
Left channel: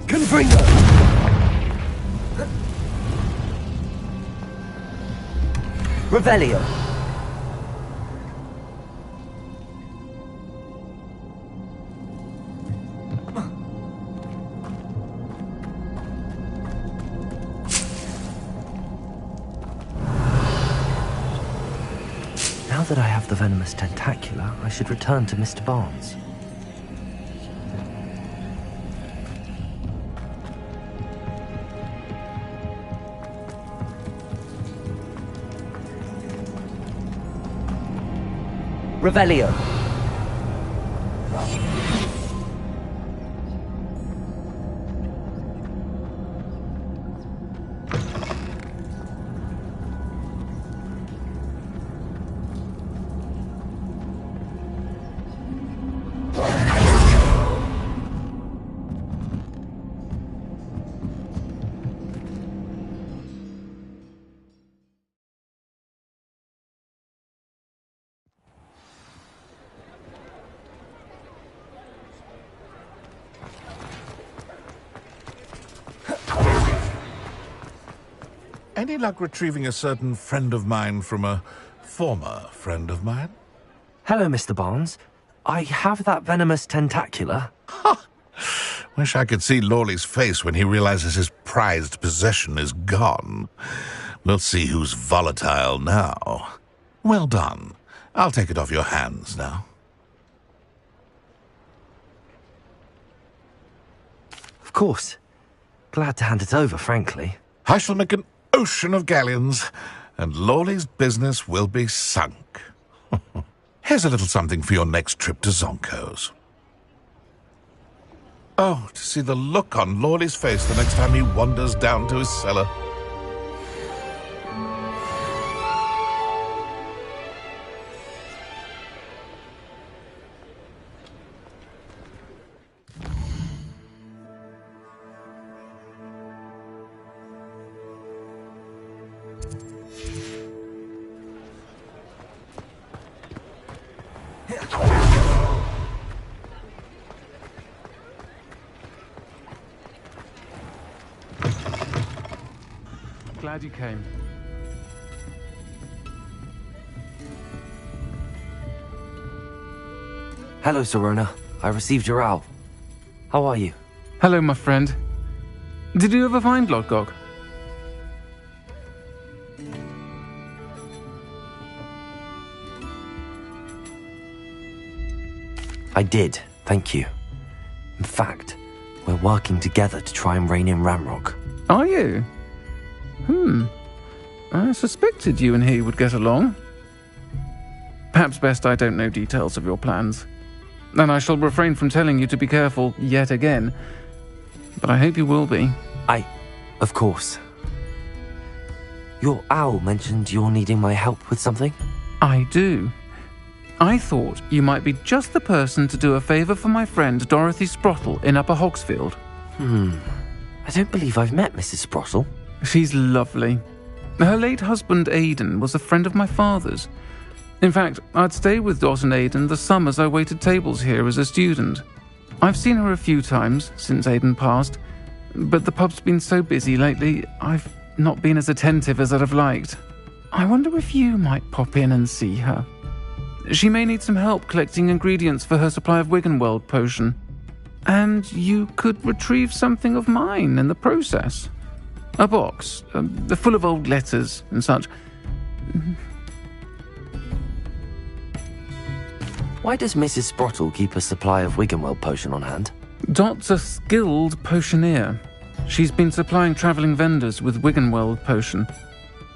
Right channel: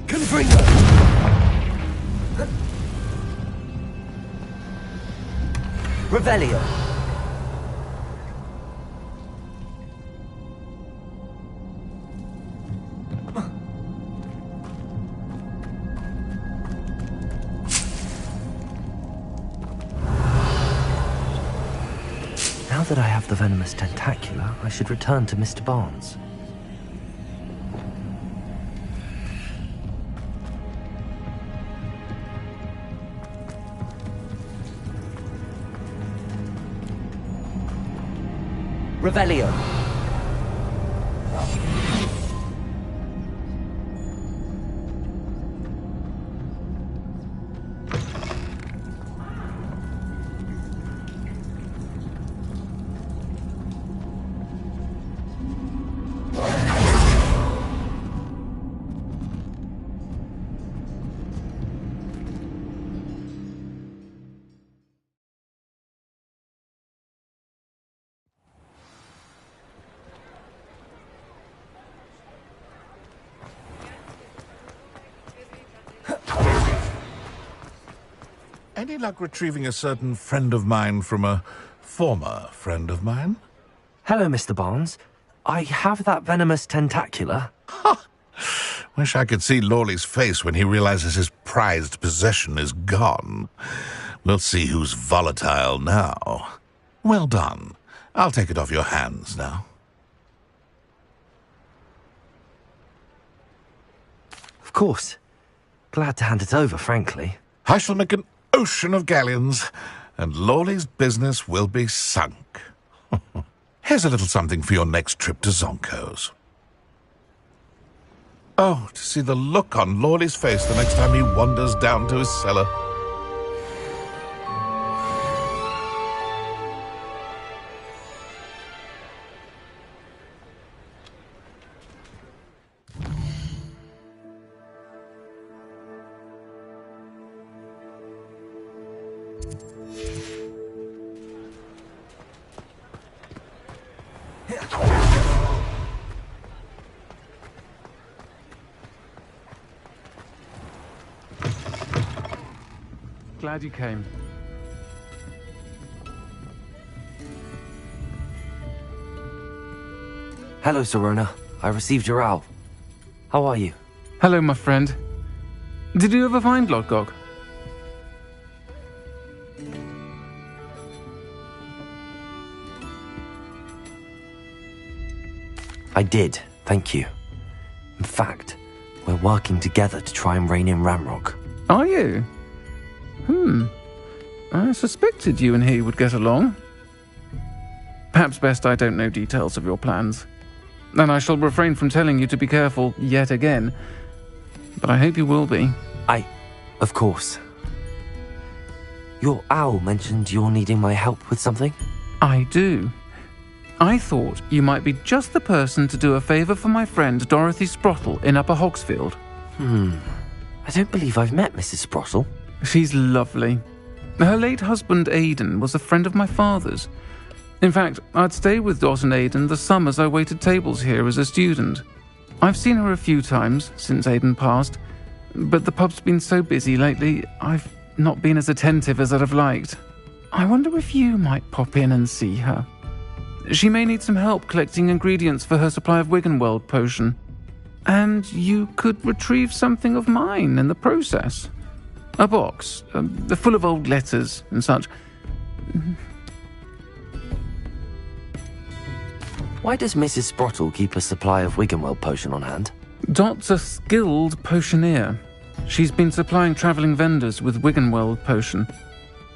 Confringo. Revelio. Now that I have the venomous tentacula, I should return to Mr. Barnes. Revelio. Any luck retrieving a certain friend of mine from a former friend of mine? Hello, Mr. Barnes. I have that venomous tentacula. Wish I could see Lawley's face when he realizes his prized possession is gone. We'll see who's volatile now. Well done. I'll take it off your hands now. Of course. Glad to hand it over, frankly. I shall make an ocean of galleons, and Lawley's business will be sunk. Here's a little something for your next trip to Zonko's. Oh, to see the look on Lawley's face the next time he wanders down to his cellar. Glad you came. Hello, Serona. I received your owl. How are you? Hello, my friend. Did you ever find Lodgok? I did, thank you. In fact, we're working together to try and rein in Ramrock. Are you? I suspected you and he would get along. Perhaps best I don't know details of your plans. And I shall refrain from telling you to be careful yet again. But I hope you will be. Of course. Your owl mentioned you're needing my help with something? I do. I thought you might be just the person to do a favour for my friend Dorothy Sprottle in Upper Hogsfield. I don't believe I've met Mrs. Sprottle. She's lovely. Her late husband Aidan was a friend of my father's. In fact, I'd stay with Dot and Aidan the summers I waited tables here as a student. I've seen her a few times since Aidan passed, but the pub's been so busy lately, I've not been as attentive as I'd have liked. I wonder if you might pop in and see her. She may need some help collecting ingredients for her supply of Wiggenweld potion. And you could retrieve something of mine in the process. A box, full of old letters and such. Why does Mrs. Sprottle keep a supply of Wiggenweld potion on hand? Dot's a skilled potioneer. She's been supplying travelling vendors with Wiggenweld potion.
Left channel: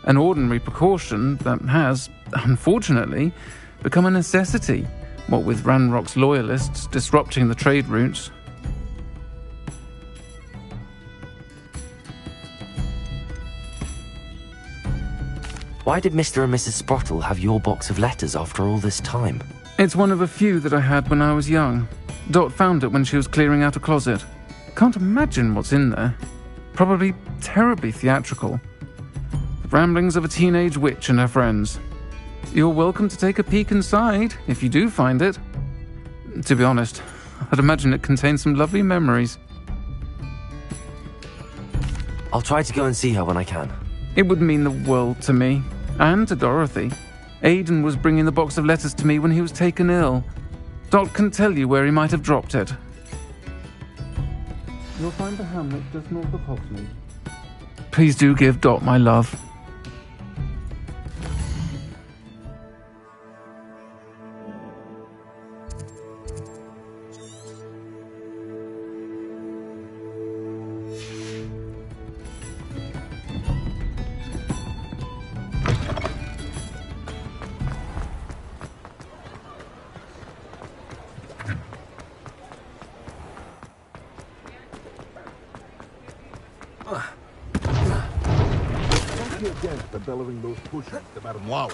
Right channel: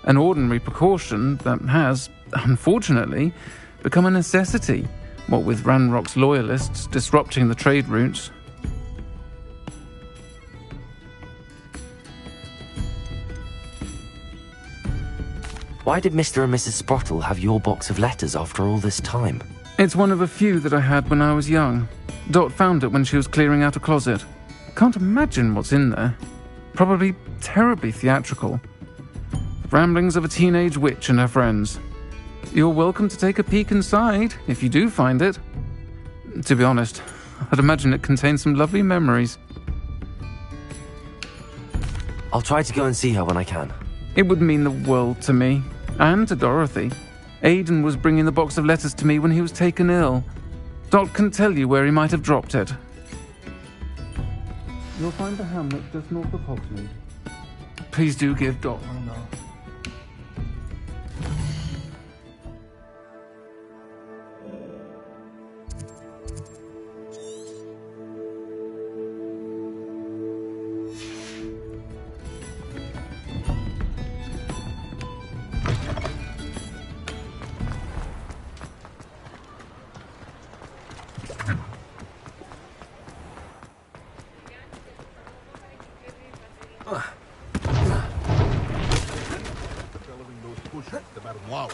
An ordinary precaution that has, unfortunately, become a necessity, what with Ranrock's loyalists disrupting the trade routes. Why did Mr. and Mrs. Sprottle have your box of letters after all this time? It's one of a few that I had when I was young. Dot found it when she was clearing out a closet. Can't imagine what's in there. Probably terribly theatrical. The ramblings of a teenage witch and her friends. You're welcome to take a peek inside, if you do find it. To be honest, I'd imagine it contains some lovely memories. I'll try to go and see her when I can. It would mean the world to me, and to Dorothy. Aidan was bringing the box of letters to me when he was taken ill. Dot can tell you where he might have dropped it. You'll find the hamlet just north of Hogsmeade. Please do give Dot my love. The bellowing those pushes, the bottom wow.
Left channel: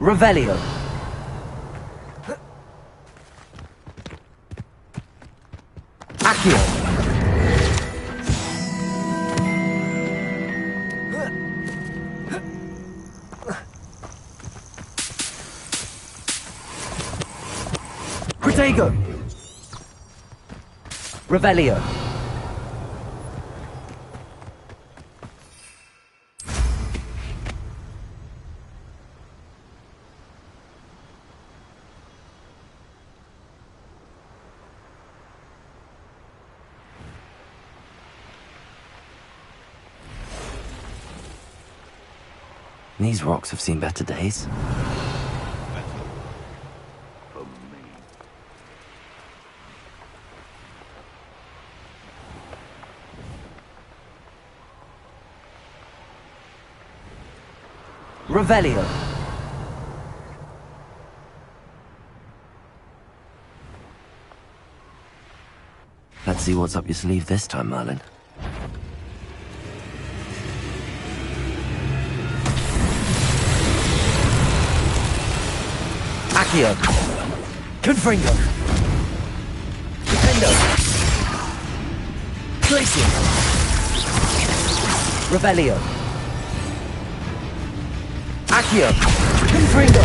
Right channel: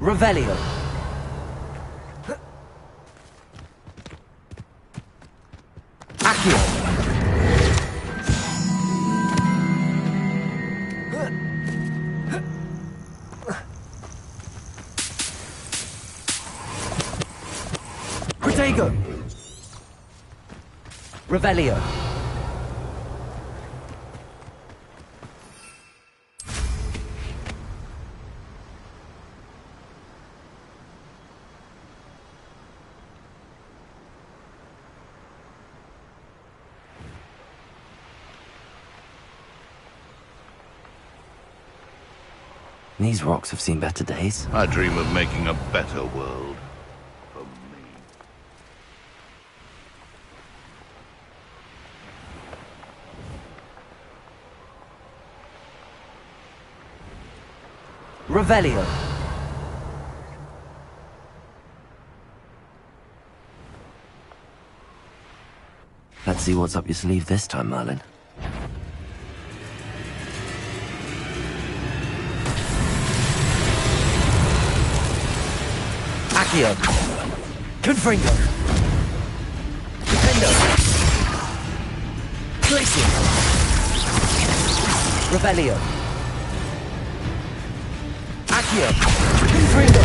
Revelio. Accio. Protego. Revelio. These rocks have seen better days. I dream of making a better world for me. Revelio. Let's see what's up your sleeve this time, Merlin. Accio. Confringo. Defendo. Glacier. Revelio. Accio. Confringo.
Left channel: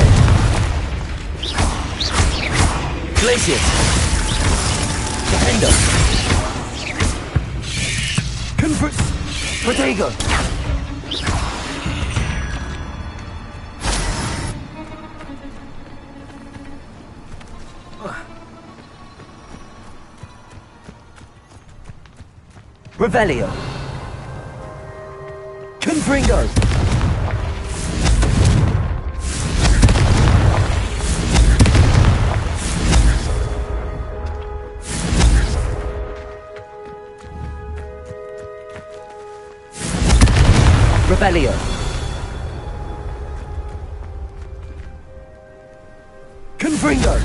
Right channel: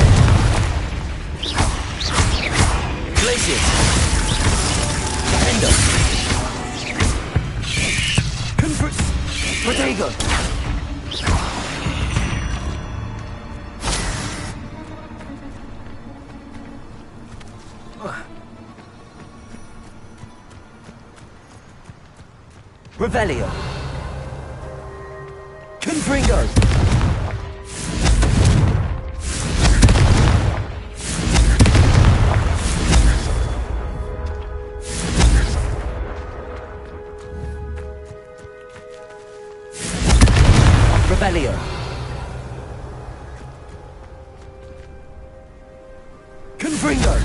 Glacier. Defendo. Protego. Revelio. Confringo. Revelio. Confringo.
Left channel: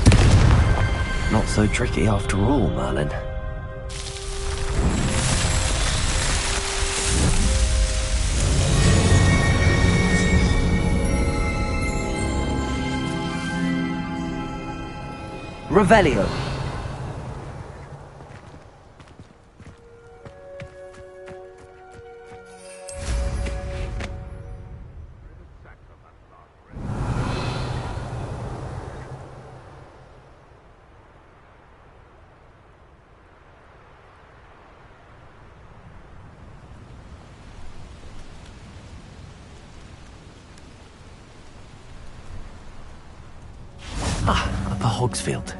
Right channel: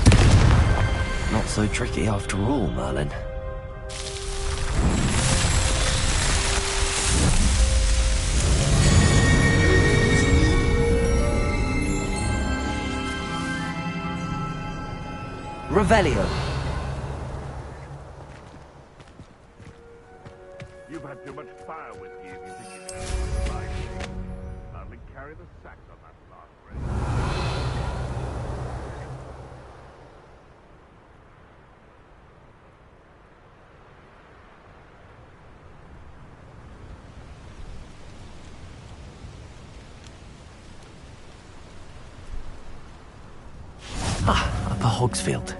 Not so tricky after all, Merlin. Revelio. You've had too much fire with you. I'll carry the sacks on that last race. Upper Hogsfield.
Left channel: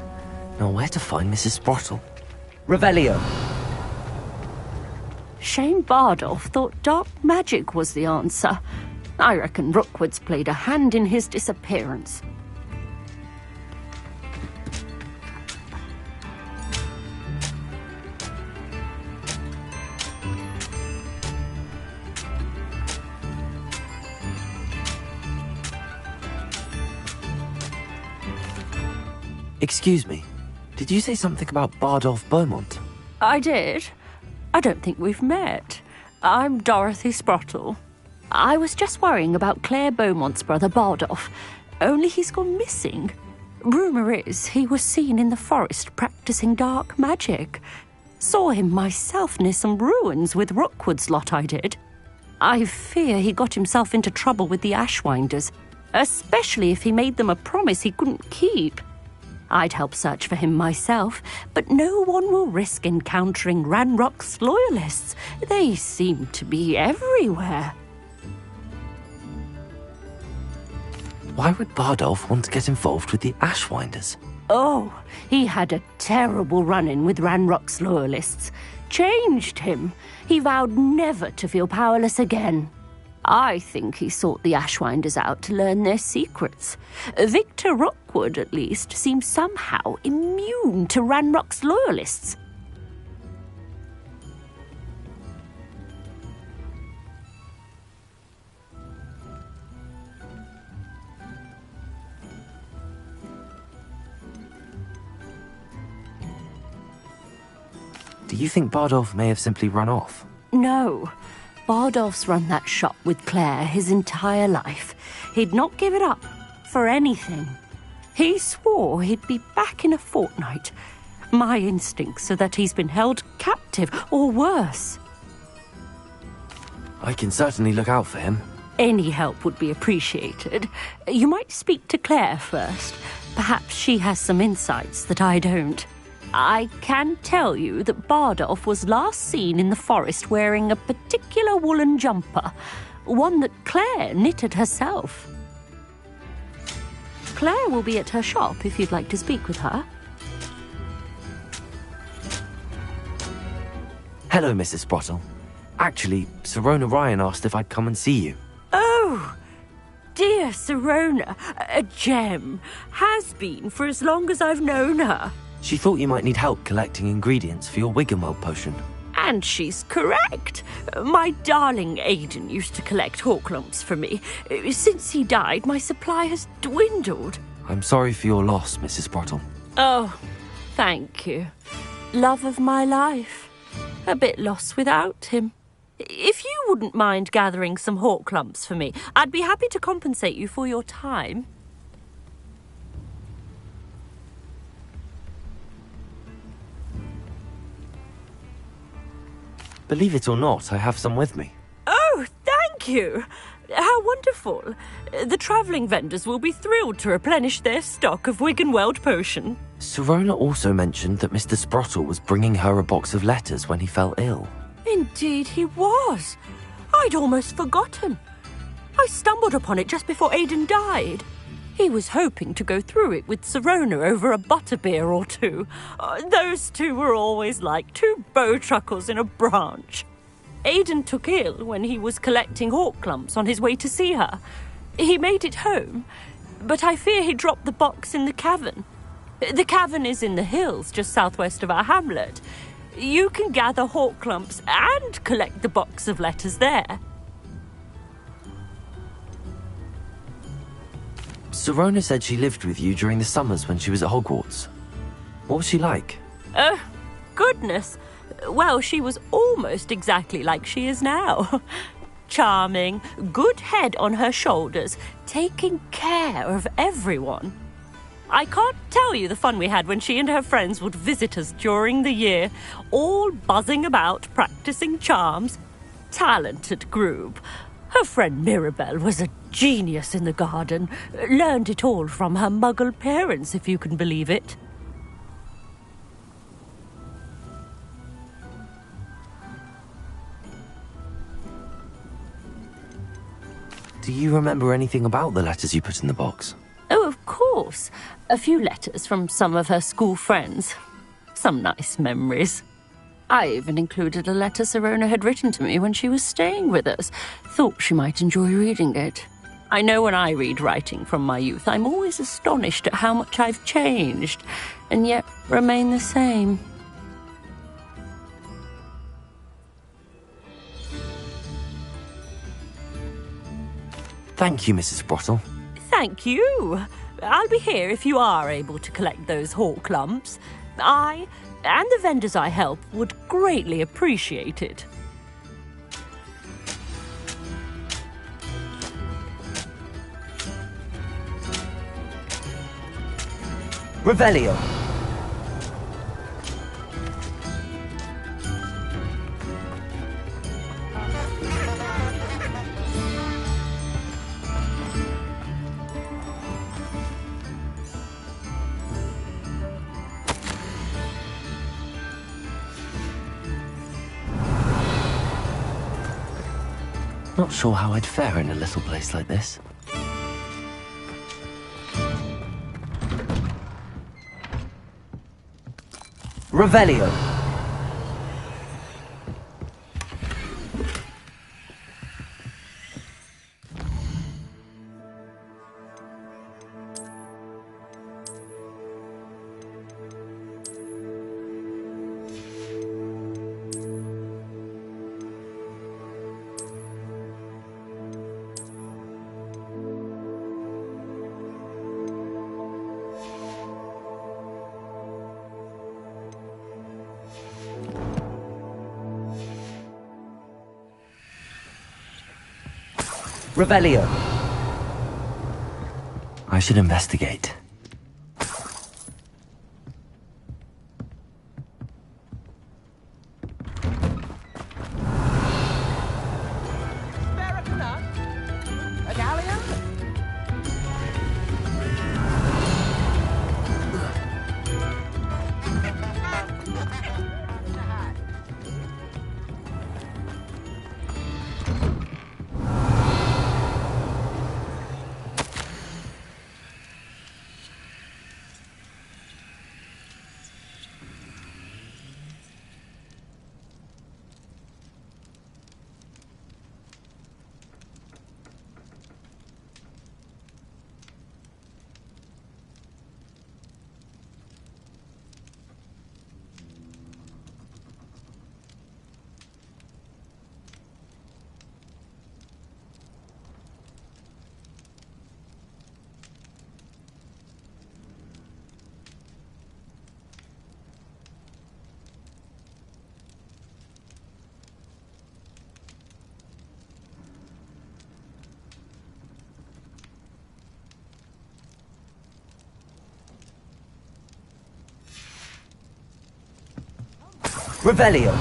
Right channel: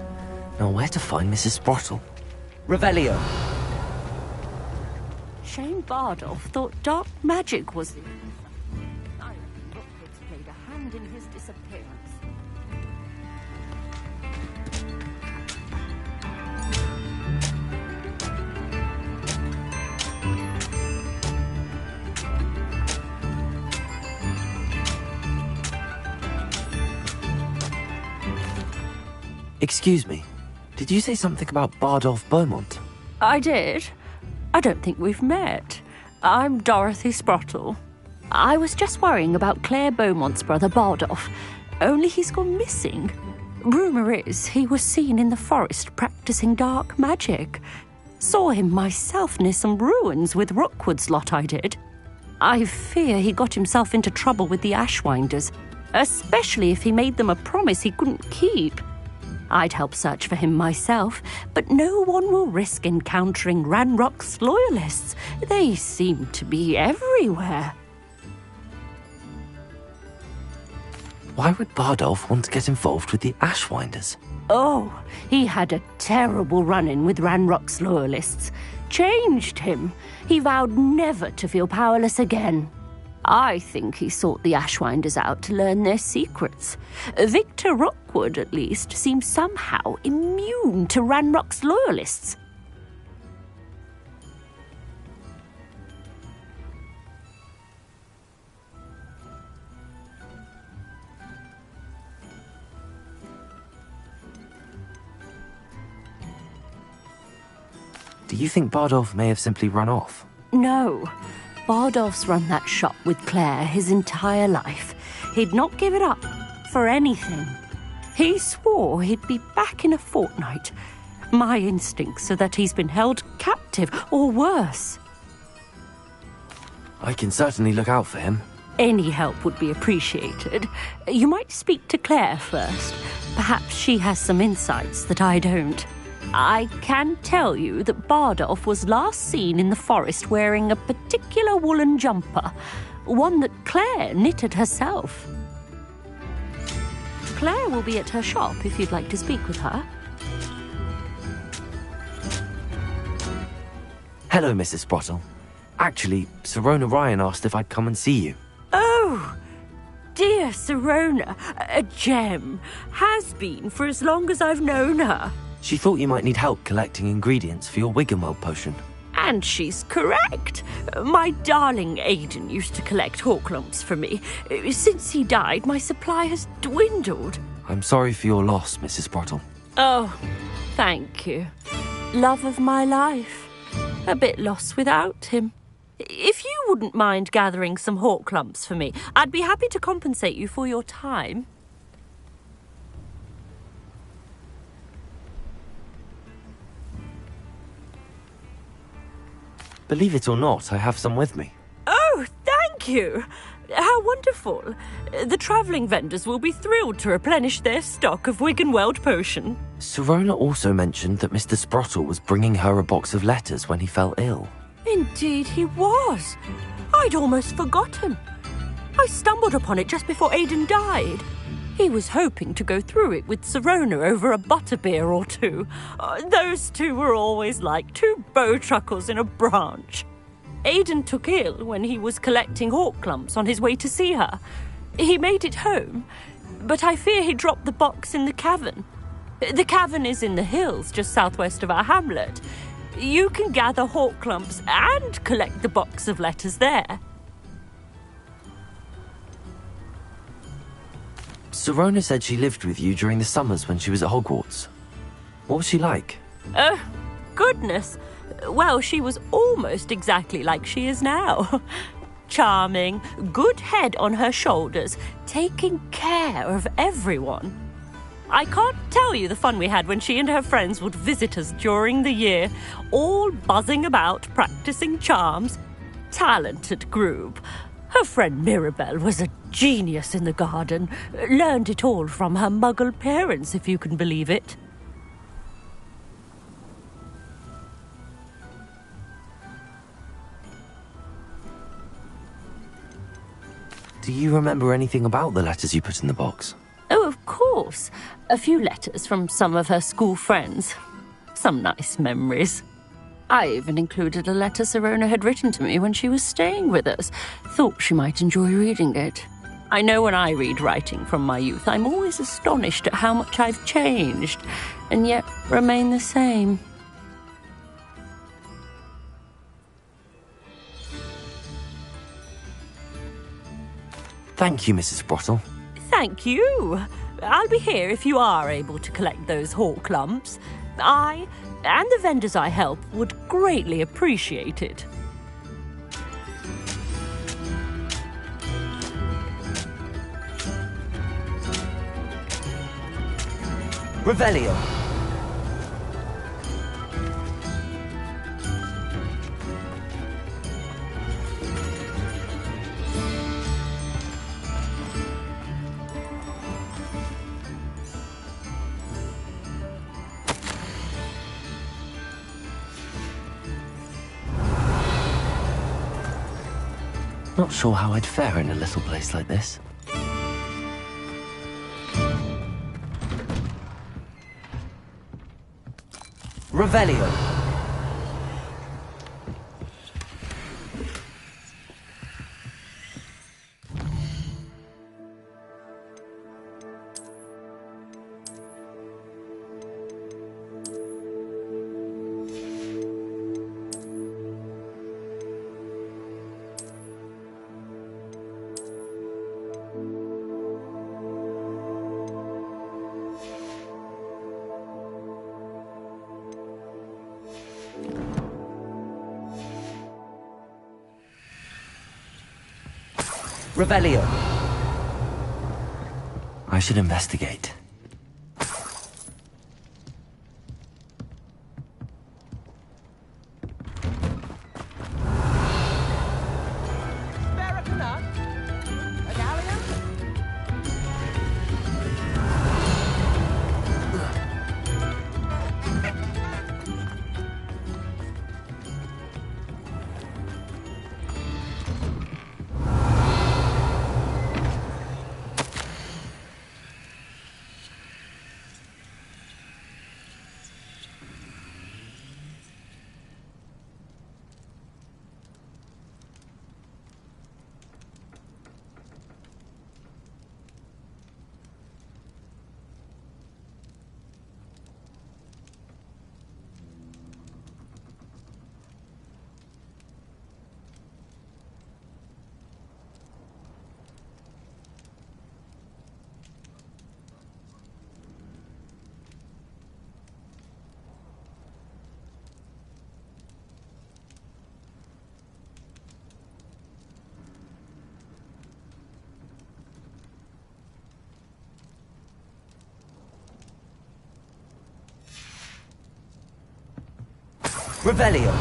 Now where to find Mrs. Sprottle? Revelio. Shane Bardolph thought dark magic was the answer. I reckon Rookwood's played a hand in his disappearance. Excuse me, did you say something about Bardolph Beaumont? I did. I don't think we've met. I'm Dorothy Sprottle. I was just worrying about Claire Beaumont's brother Bardolph, only he's gone missing. Rumour is he was seen in the forest practicing dark magic. Saw him myself near some ruins with Rookwood's lot I did. I fear he got himself into trouble with the Ashwinders, especially if he made them a promise he couldn't keep. I'd help search for him myself, but no one will risk encountering Ranrock's loyalists. They seem to be everywhere. Why would Bardolph want to get involved with the Ashwinders? Oh, he had a terrible run-in with Ranrock's loyalists. Changed him. He vowed never to feel powerless again. I think he sought the Ashwinders out to learn their secrets. Victor Rockwood, at least, seems somehow immune to Ranrock's loyalists. Do you think Bardolph may have simply run off? No. Bardolph's run that shop with Claire his entire life. He'd not give it up for anything. He swore he'd be back in a fortnight. My instincts are that he's been held captive, or worse. I can certainly look out for him. Any help would be appreciated. You might speak to Claire first. Perhaps she has some insights that I don't. I can tell you that Bardolph was last seen in the forest wearing a particular woolen jumper, one that Claire knitted herself. Claire will be at her shop if you'd like to speak with her. Hello, Mrs. Sprottle. Actually, Sirona Ryan asked if I'd come and see you. Oh, dear Sirona, a gem. Has been for as long as I've known her. She thought you might need help collecting ingredients for your Wiggenweld potion. And she's correct. My darling Aidan used to collect hawklumps for me. Since he died, my supply has dwindled. I'm sorry for your loss, Mrs. Sprottle. Oh, thank you. Love of my life. A bit lost without him. If you wouldn't mind gathering some hawklumps for me, I'd be happy to compensate you for your time. Believe it or not, I have some with me. Oh, thank you! How wonderful. The travelling vendors will be thrilled to replenish their stock of Wiggenweld potion. Sirona also mentioned that Mr. Sprottle was bringing her a box of letters when he fell ill. Indeed he was. I'd almost forgotten. I stumbled upon it just before Aidan died. He was hoping to go through it with Sirona over a butterbeer or two. Those two were always like two bowtruckles in a branch. Aidan took ill when he was collecting hawklumps on his way to see her. He made it home, but I fear he dropped the box in the cavern. The cavern is in the hills just southwest of our hamlet. You can gather hawklumps and collect the box of letters there. Sirona said she lived with you during the summers when she was at Hogwarts. What was she like? Goodness. Well, she was almost exactly like she is now. Charming, good head on her shoulders, taking care of everyone. I can't tell you the fun we had when she and her friends would visit us during the year, all buzzing about, practicing charms. Talented group. Her friend Mirabelle was a genius in the garden. Learned it all from her muggle parents, if you can believe it. Do you remember anything about the letters you put in the box? Oh, of course. A few letters from some of her school friends. Some nice memories. I even included a letter Sirona had written to me when she was staying with us. Thought she might enjoy reading it. I know when I read writing from my youth, I'm always astonished at how much I've changed, and yet remain the same. Thank you, Mrs. Sprottle. Thank you. I'll be here if you are able to collect those hawklumps. I and the vendors I help would greatly appreciate it. Revelio. Not sure how I'd fare in a little place like this. Revelio. Revelio. I should investigate. Revelio.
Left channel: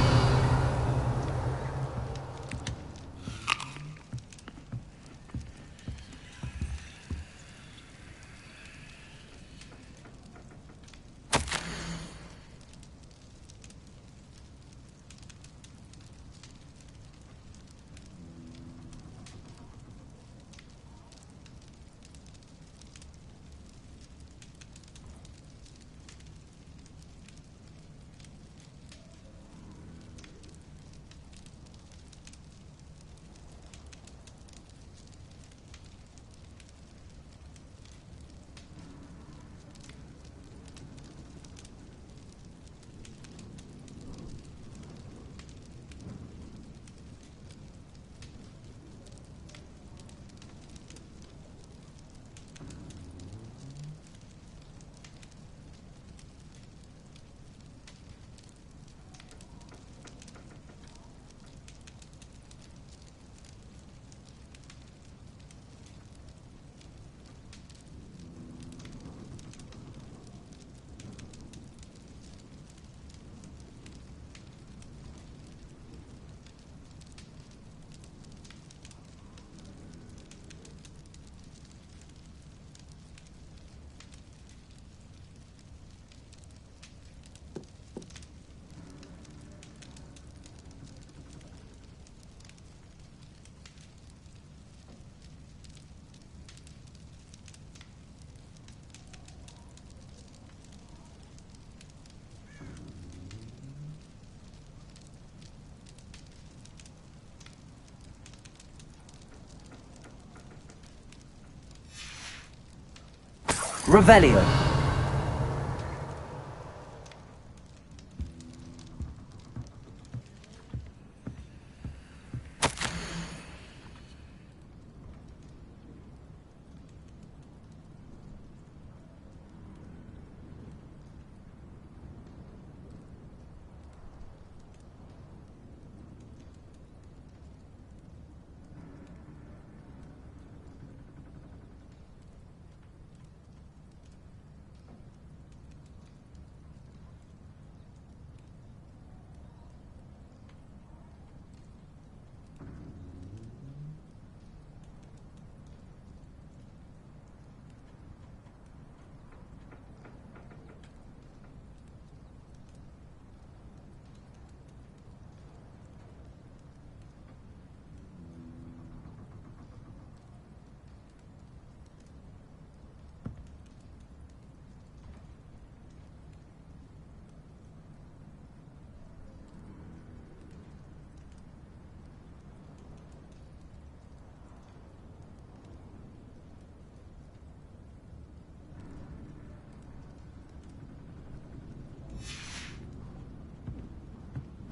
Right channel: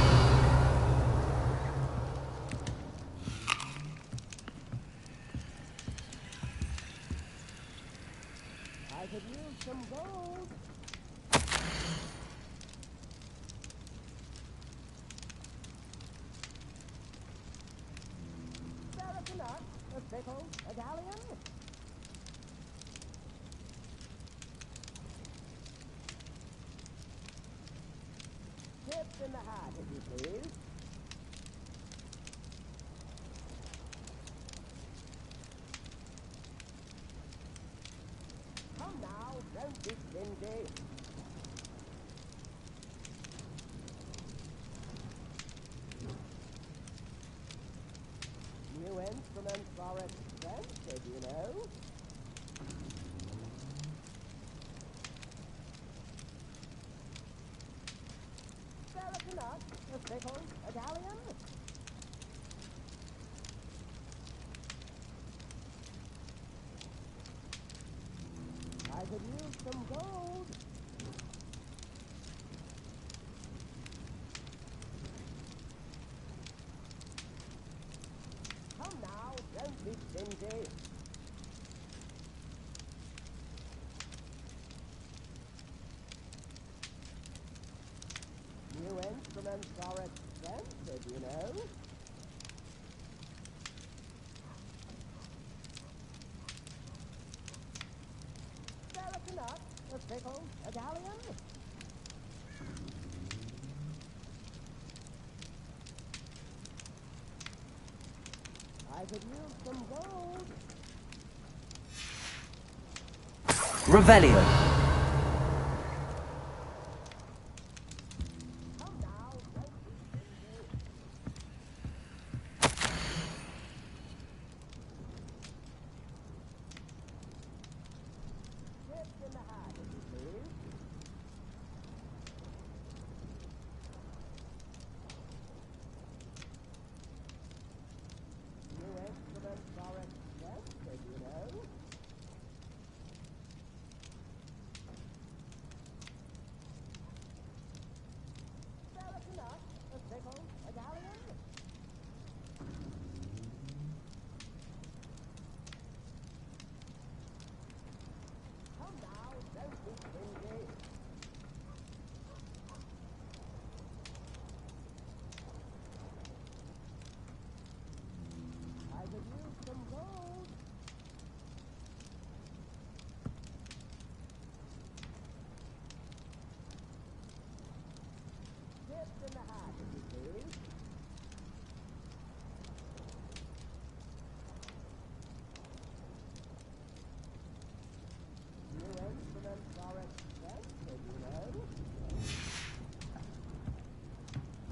Revelio.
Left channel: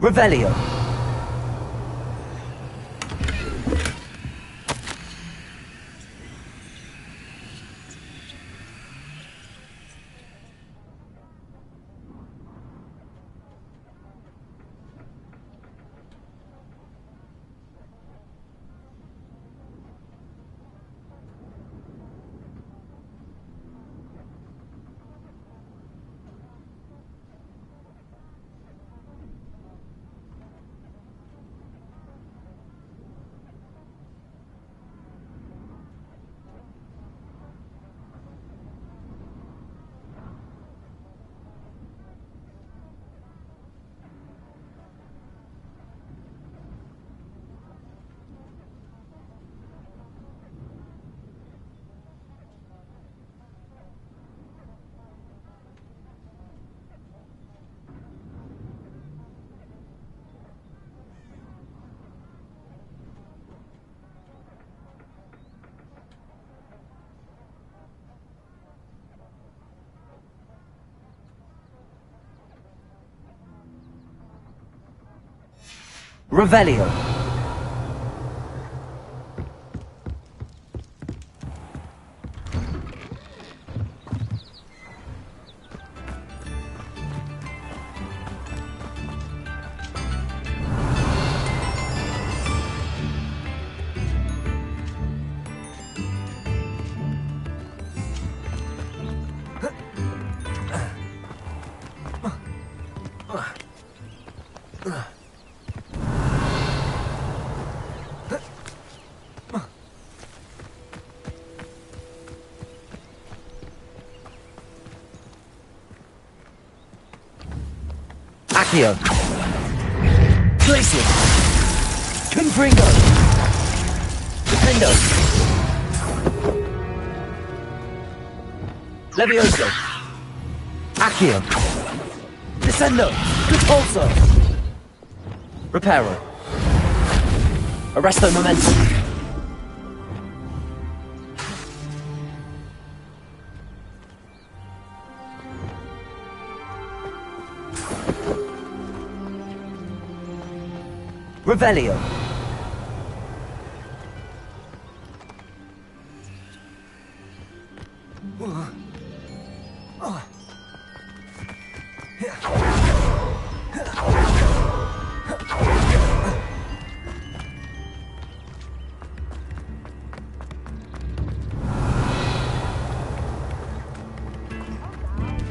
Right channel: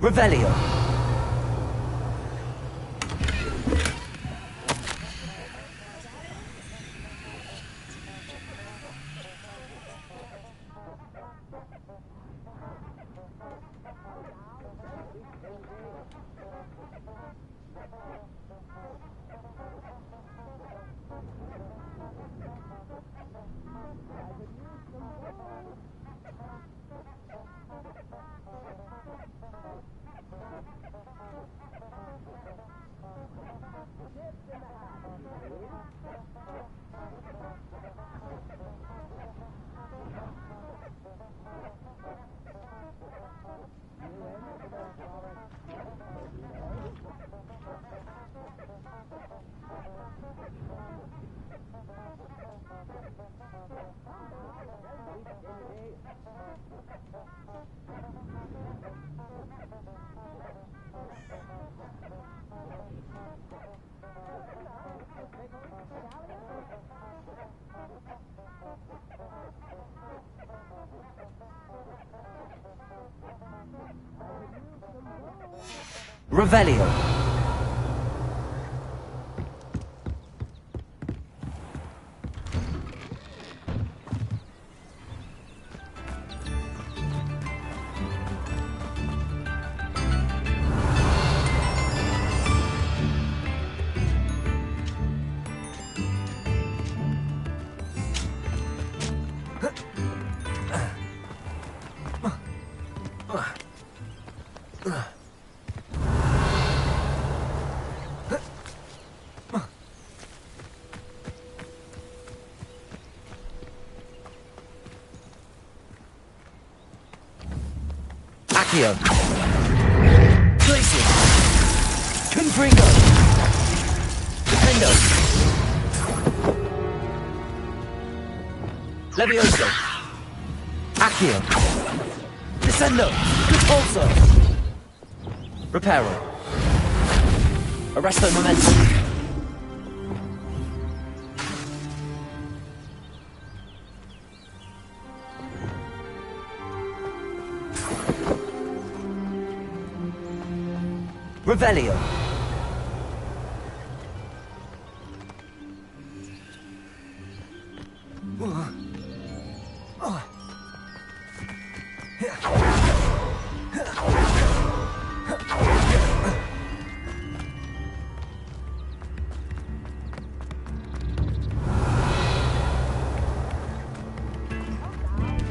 Revelio. Revelio. Accio. Glacier. Confringo. Defendo. Levioso. Accio. Descendo. Repulso. Reparo. Arresto momentum. Revelio.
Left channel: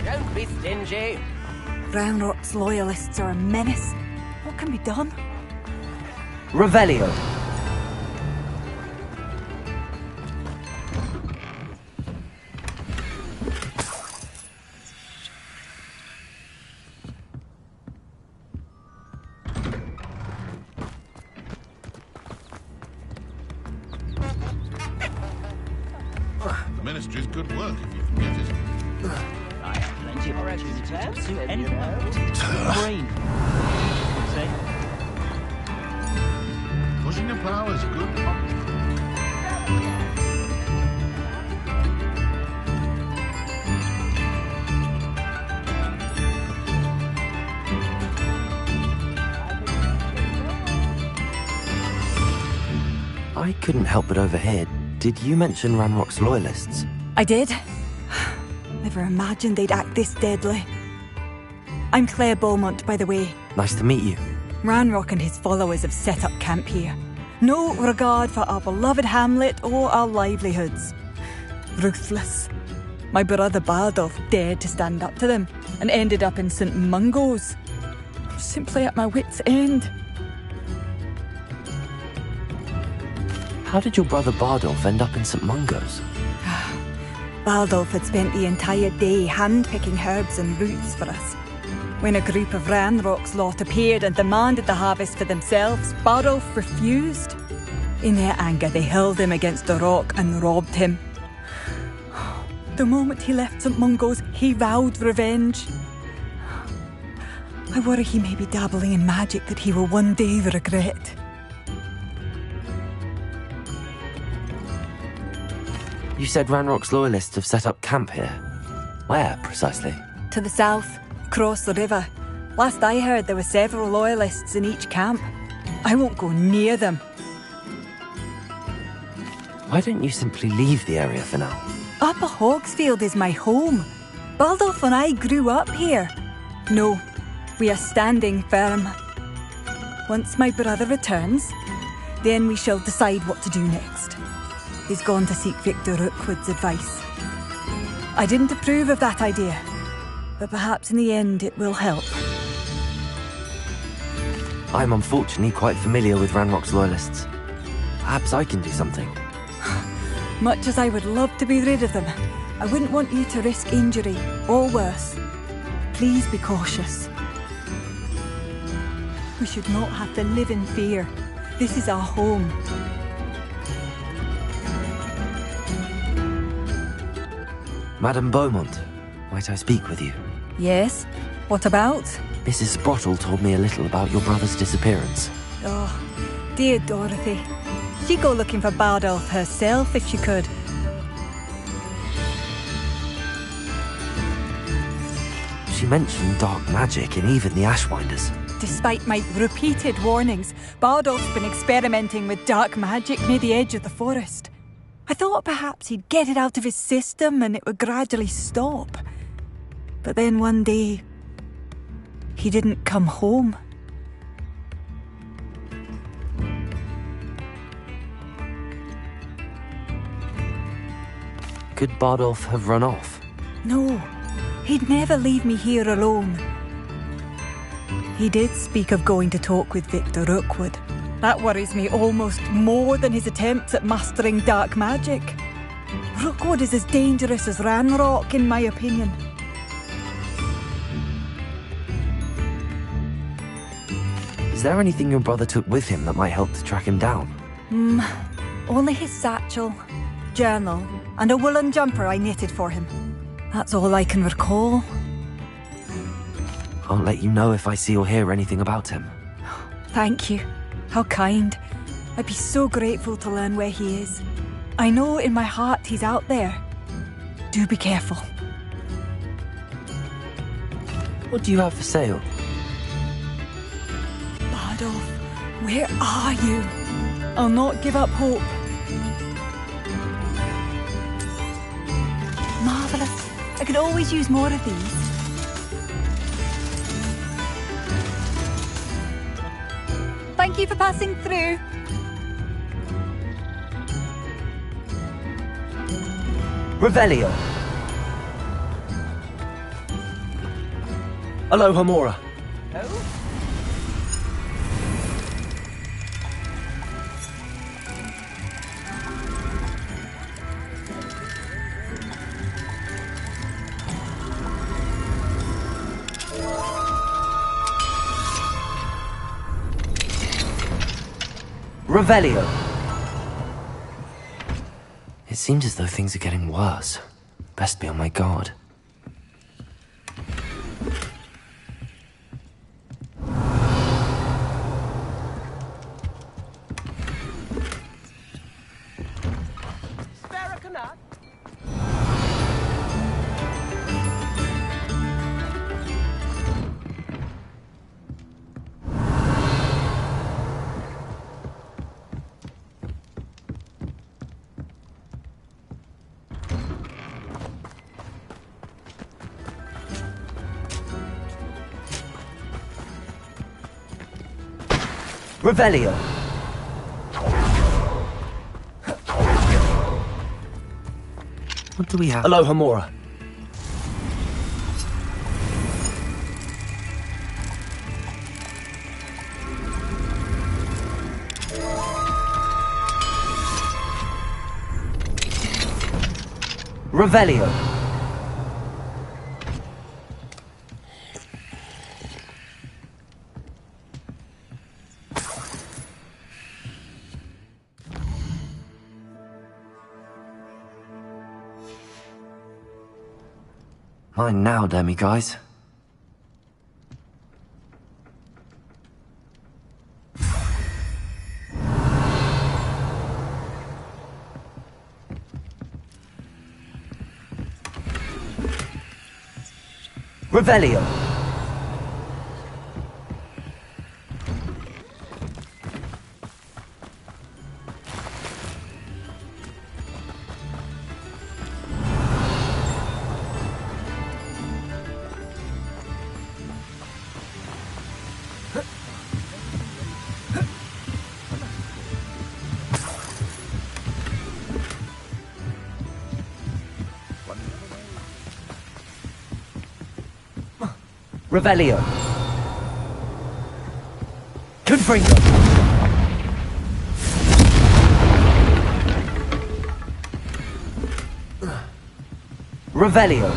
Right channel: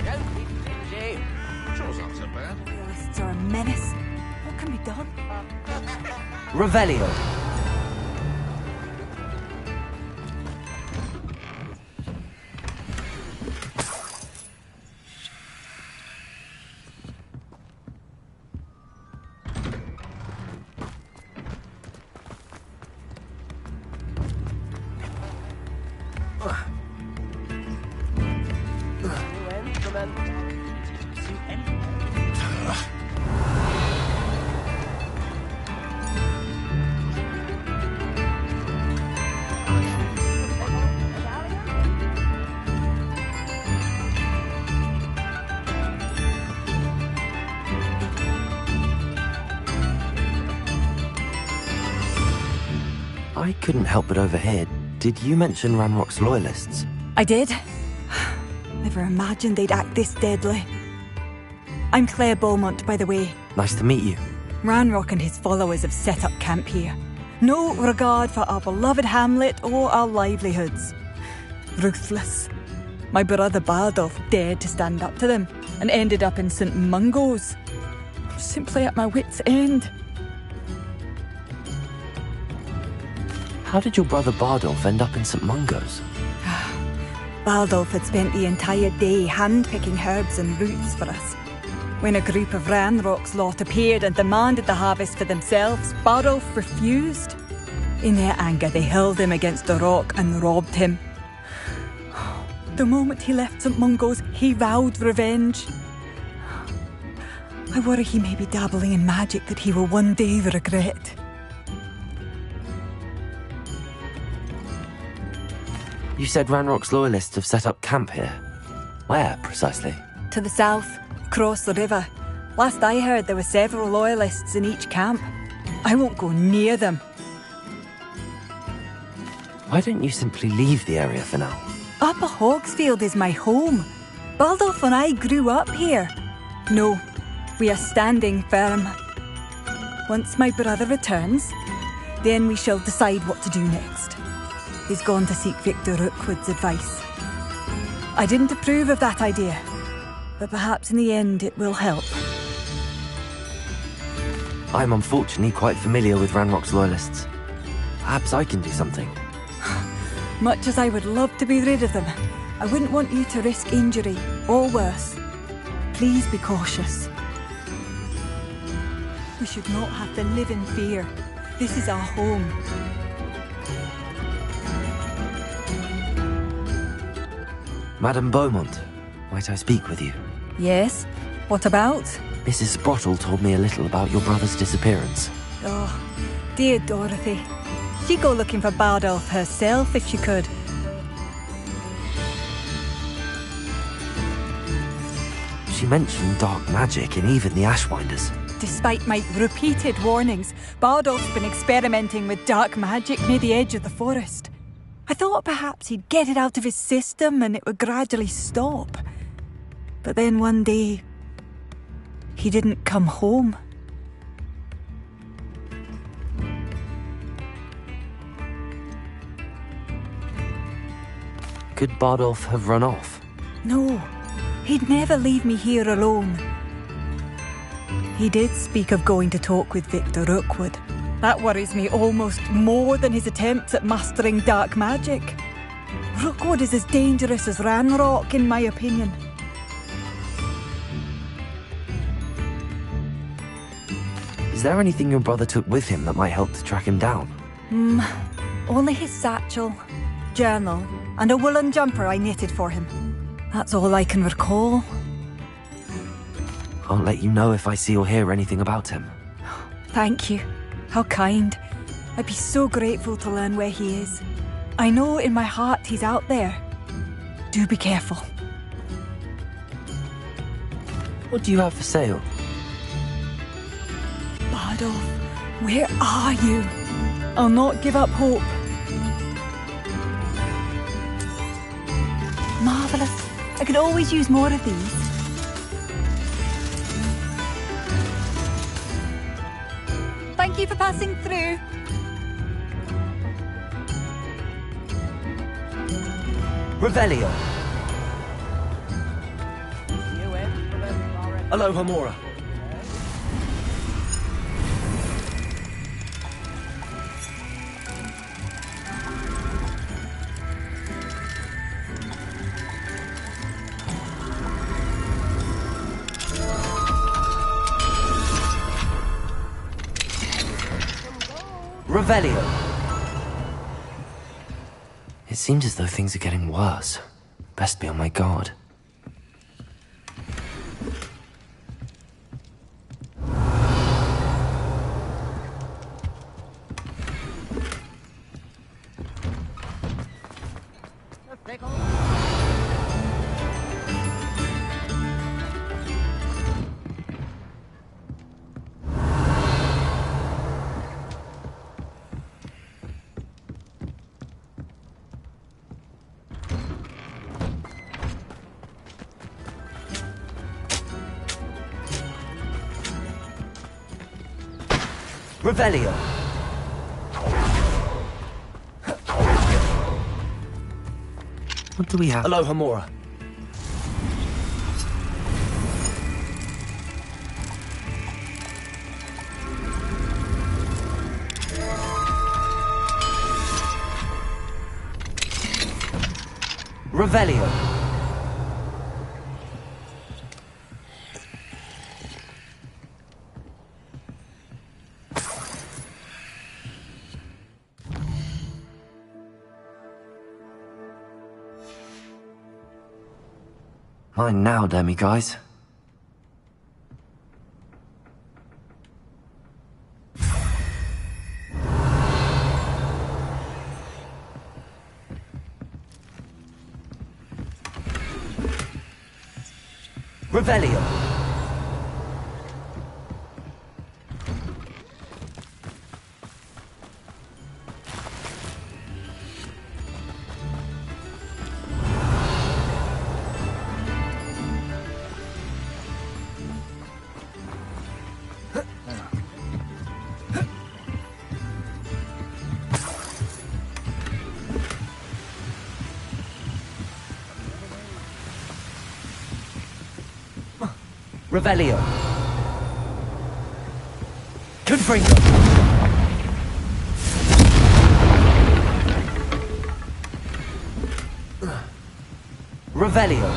Don't be stingy. Ranrock's loyalists are a menace. What can be done? Revelio. Ministry's good work. I couldn't help but overhear. Did you mention Ranrock's loyalists? I did. Never imagined they'd act this deadly. I'm Claire Beaumont, by the way. Nice to meet you. Ranrock and his followers have set up camp here. No regard for our beloved hamlet or our livelihoods. Ruthless. My brother Bardolph dared to stand up to them and ended up in St. Mungo's. I'm simply at my wit's end. How did your brother Bardolph end up in St. Mungo's? Bardolph had spent the entire day hand-picking herbs and roots for us. When a group of Ranrock's lot appeared and demanded the harvest for themselves, Bardolph refused. In their anger, they hurled him against a rock and robbed him. The moment he left St. Mungo's, he vowed revenge. I worry he may be dabbling in magic that he will one day regret. You said Ranrock's loyalists have set up camp here. Where, precisely? To the south, across the river. Last I heard, there were several loyalists in each camp. I won't go near them. Why don't you simply leave the area for now? Upper Hogsfield is my home. Baldolf and I grew up here. No, we are standing firm. Once my brother returns, then we shall decide what to do next. He's gone to seek Victor Rookwood's advice. I didn't approve of that idea, but perhaps in the end it will help. I'm unfortunately quite familiar with Ranrock's loyalists. Perhaps I can do something. Much as I would love to be rid of them, I wouldn't want you to risk injury, or worse. Please be cautious. We should not have to live in fear. This is our home. Madame Beaumont, might I speak with you? Yes? What about? Mrs. Sprottle told me a little about your brother's disappearance. Oh, dear Dorothy. She'd go looking for Bardolph herself if she could. She mentioned dark magic and even the Ashwinders. Despite my repeated warnings, Bardolph's been experimenting with dark magic near the edge of the forest. I thought perhaps he'd get it out of his system and it would gradually stop. But then one day, he didn't come home. Could Bardolph have run off? No, he'd never leave me here alone. He did speak of going to talk with Victor Rookwood. That worries me almost more than his attempts at mastering dark magic. Rookwood is as dangerous as Ranrock, in my opinion. Is there anything your brother took with him that might help to track him down? Only his satchel, journal, and a woolen jumper I knitted for him. That's all I can recall. I'll let you know if I see or hear anything about him. Thank you. How kind. I'd be so grateful to learn where he is. I know in my heart he's out there. Do be careful. What do you have for sale? Bardolph, where are you? I'll not give up hope. Marvellous. I could always use more of these. Thank you for passing through. Revelio. Aloha Mora. Revelio. It seems as though things are getting worse. Best be on my guard. Revelio. What do we have? Aloha Mora. Revelio. Mine now, Demi guys. Revelio. Revelio. Confringo. Revelio.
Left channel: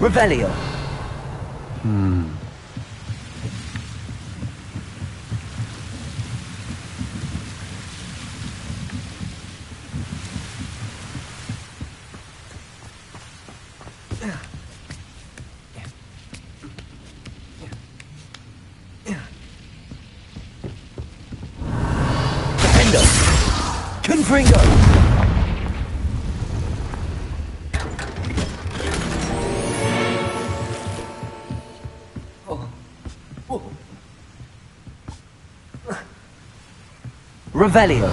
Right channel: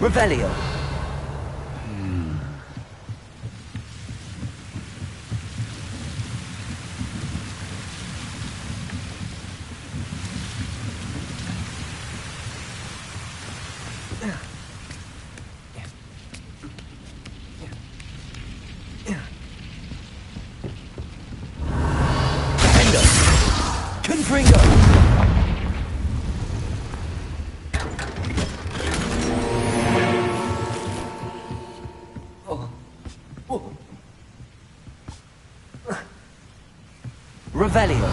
Revelio. Confringo. Revelio.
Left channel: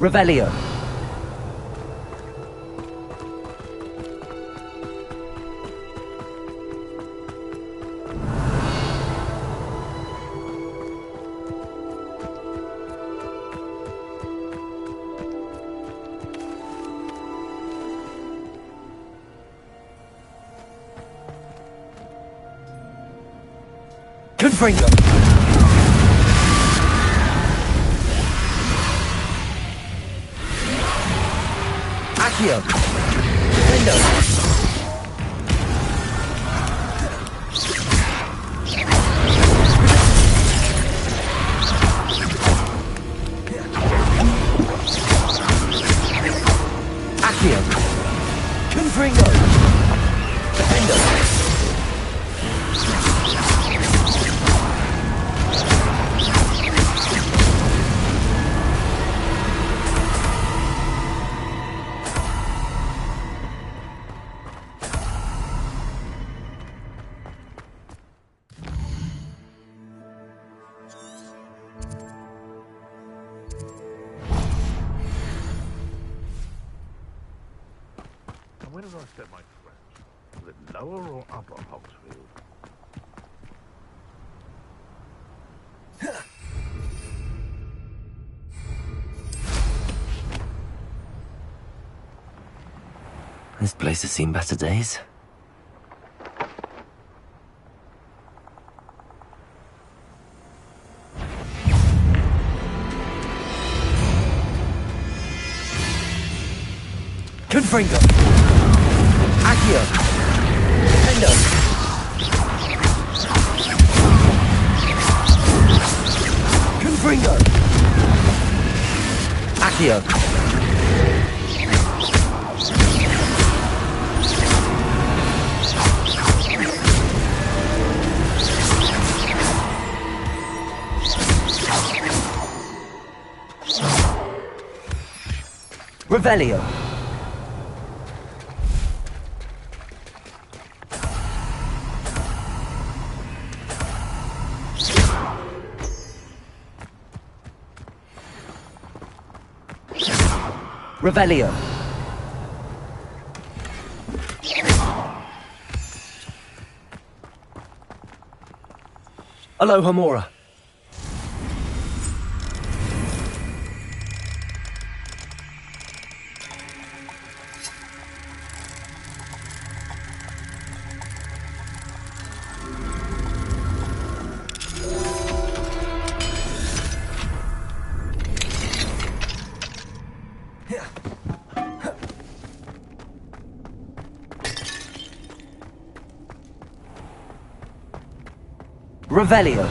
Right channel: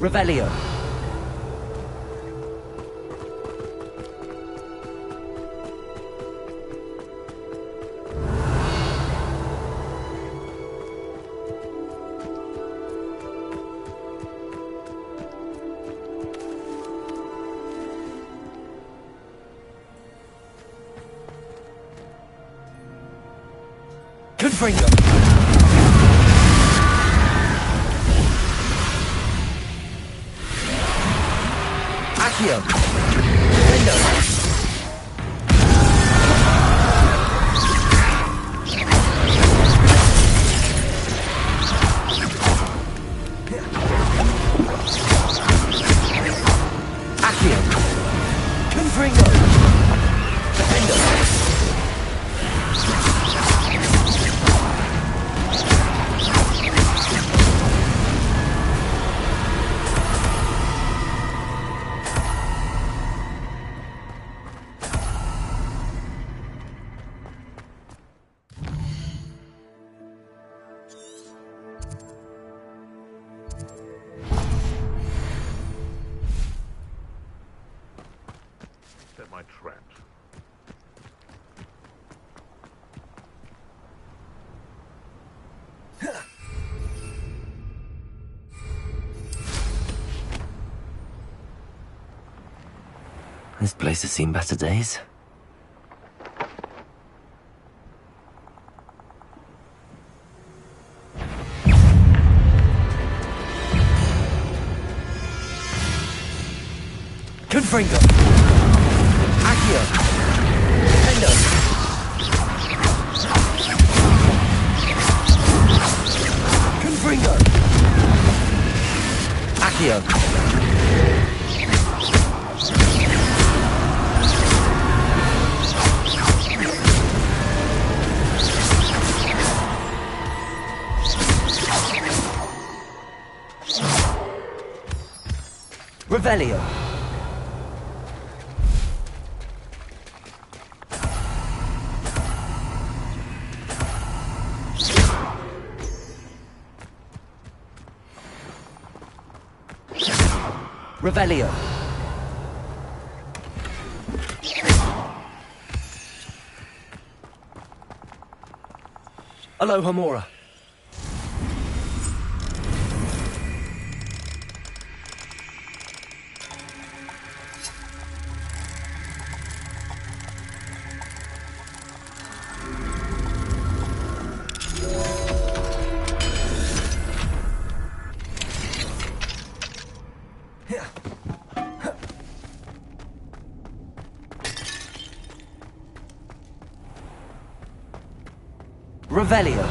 Revelio. Confringo. Accio. Window. Accio. Confringo. Defendo. Where did I set my traps? Is it lower or upper Hogsfield? This place has seen better days. Confringo. Accio. Defendo. Confringo. Accio. Revelio. Revelio. Aloha Mora. Revelio.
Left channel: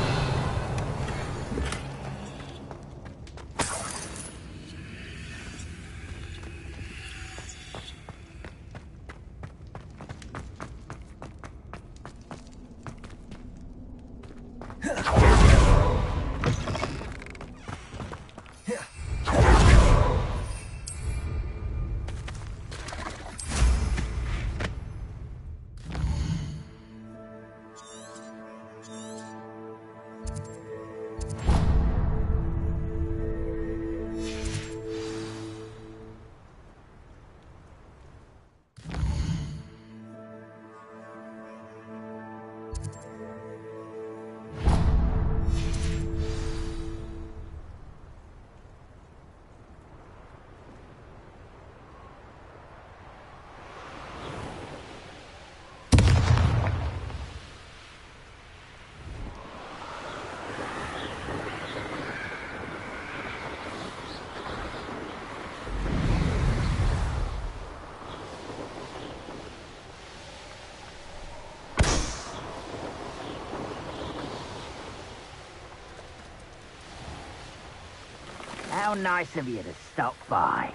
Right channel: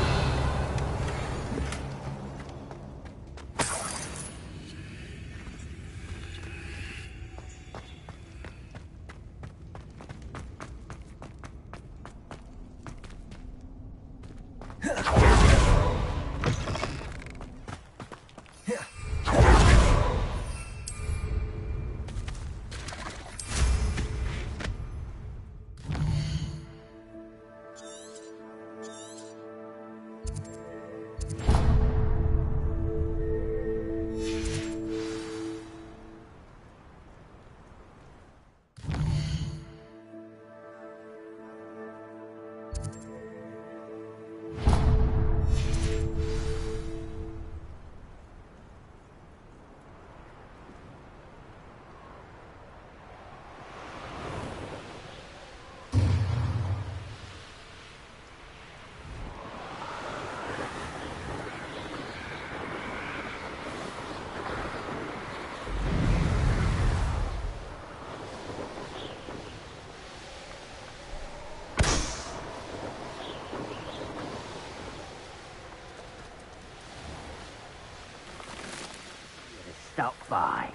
How nice of you to stop by.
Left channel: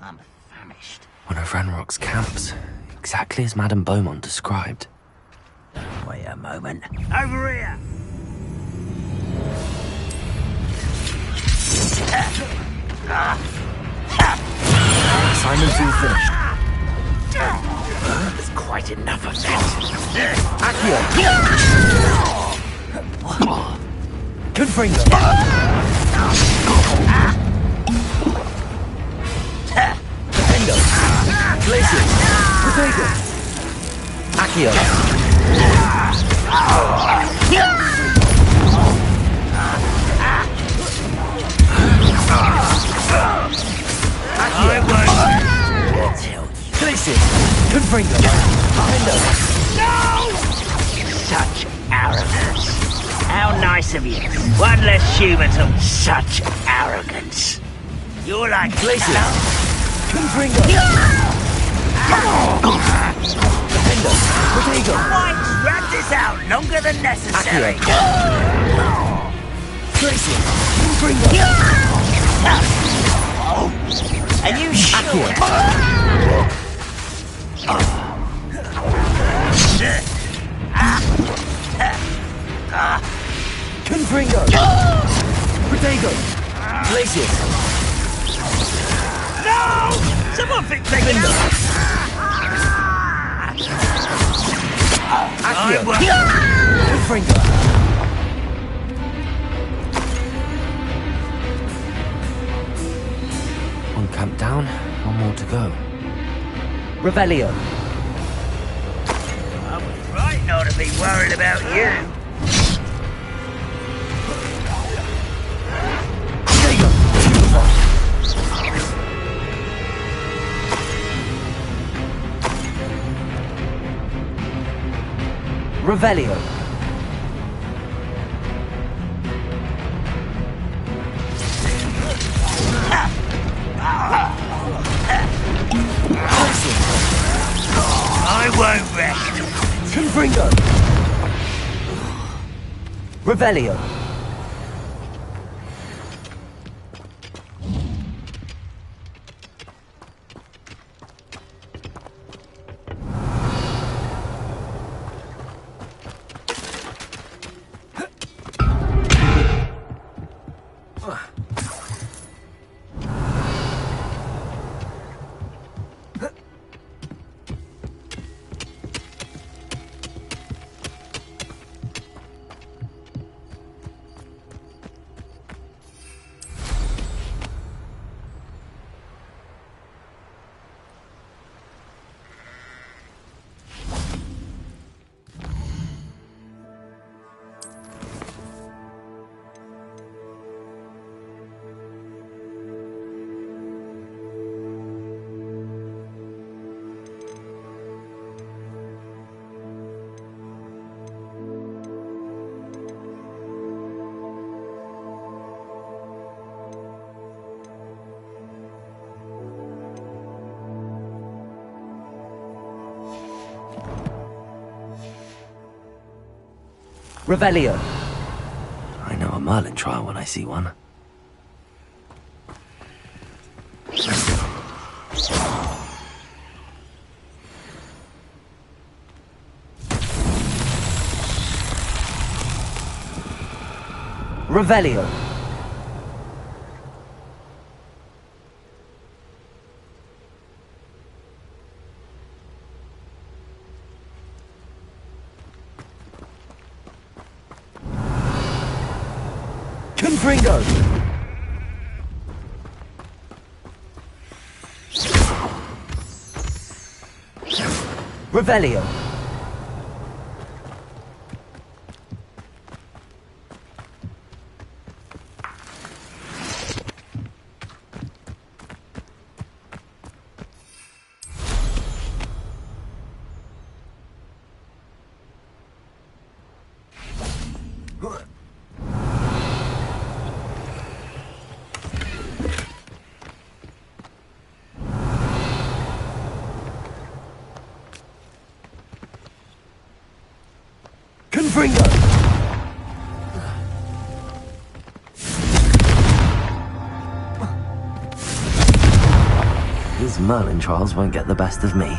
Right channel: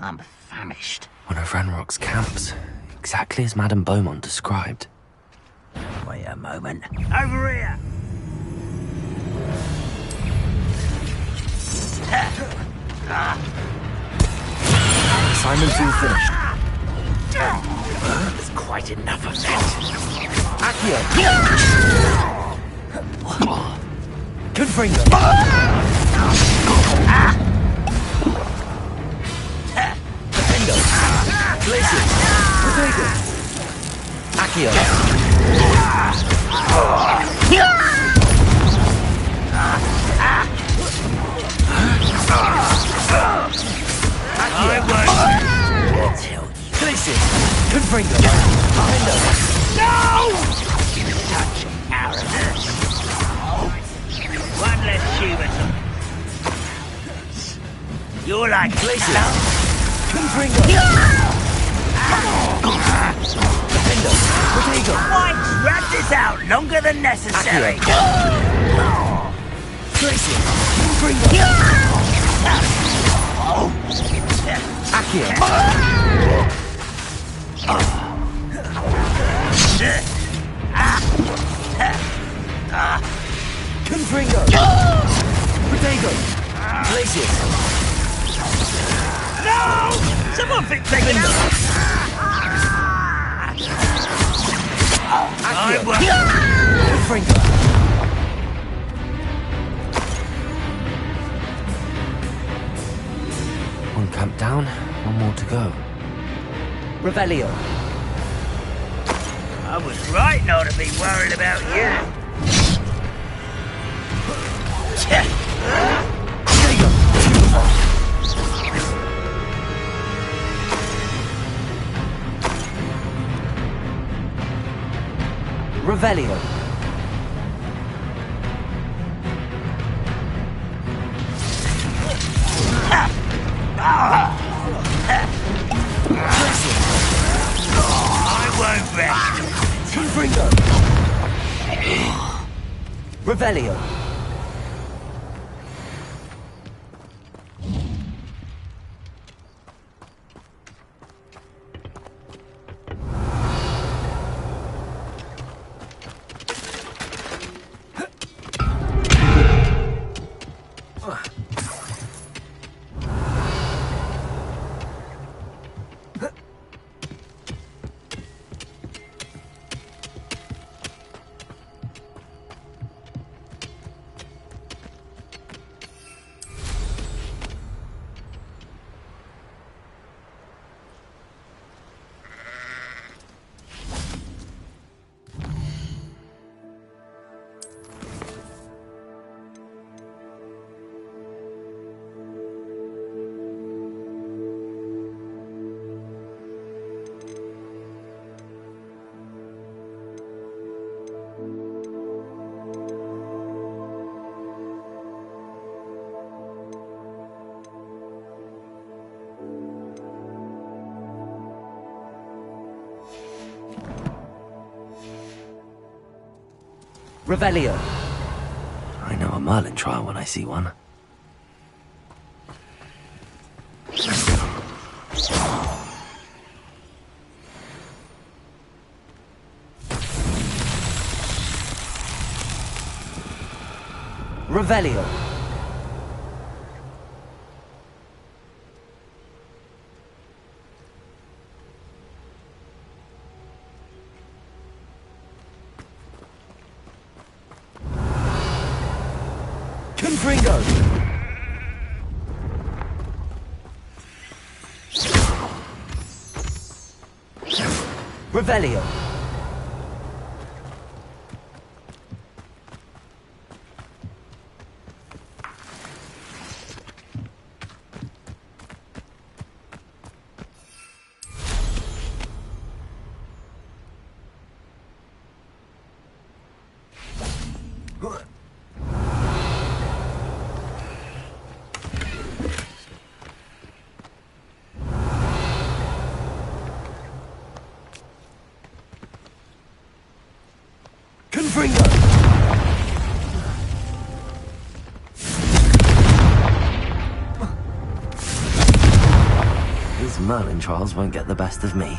I'm famished. One of Ranrock's camps, exactly as Madame Beaumont described. Wait a moment. Over here! Assignment's all finished. There's quite enough of that. Accio. Confringo. Defendo. Glacier. Protego. Accio. Glacier. Confringo. Defendo. No! Such arrogance. How nice of you. One less human of such arrogance. You're like Glacier. Confringo. Defendo. Protego. Why drag this out longer than necessary? Glacier. Confringo. Confringo. Protego. Glacier. No! Someone fix it up! Confringo. One camp down, one more to go. Revelio. I was right not to be worried about you. Revelio. I won't rest. Confringo. Revelio. Revelio. I know a Merlin trial when I see one. Revelio. Confringo. Revelio. Confringo. These Merlin trials won't get the best of me.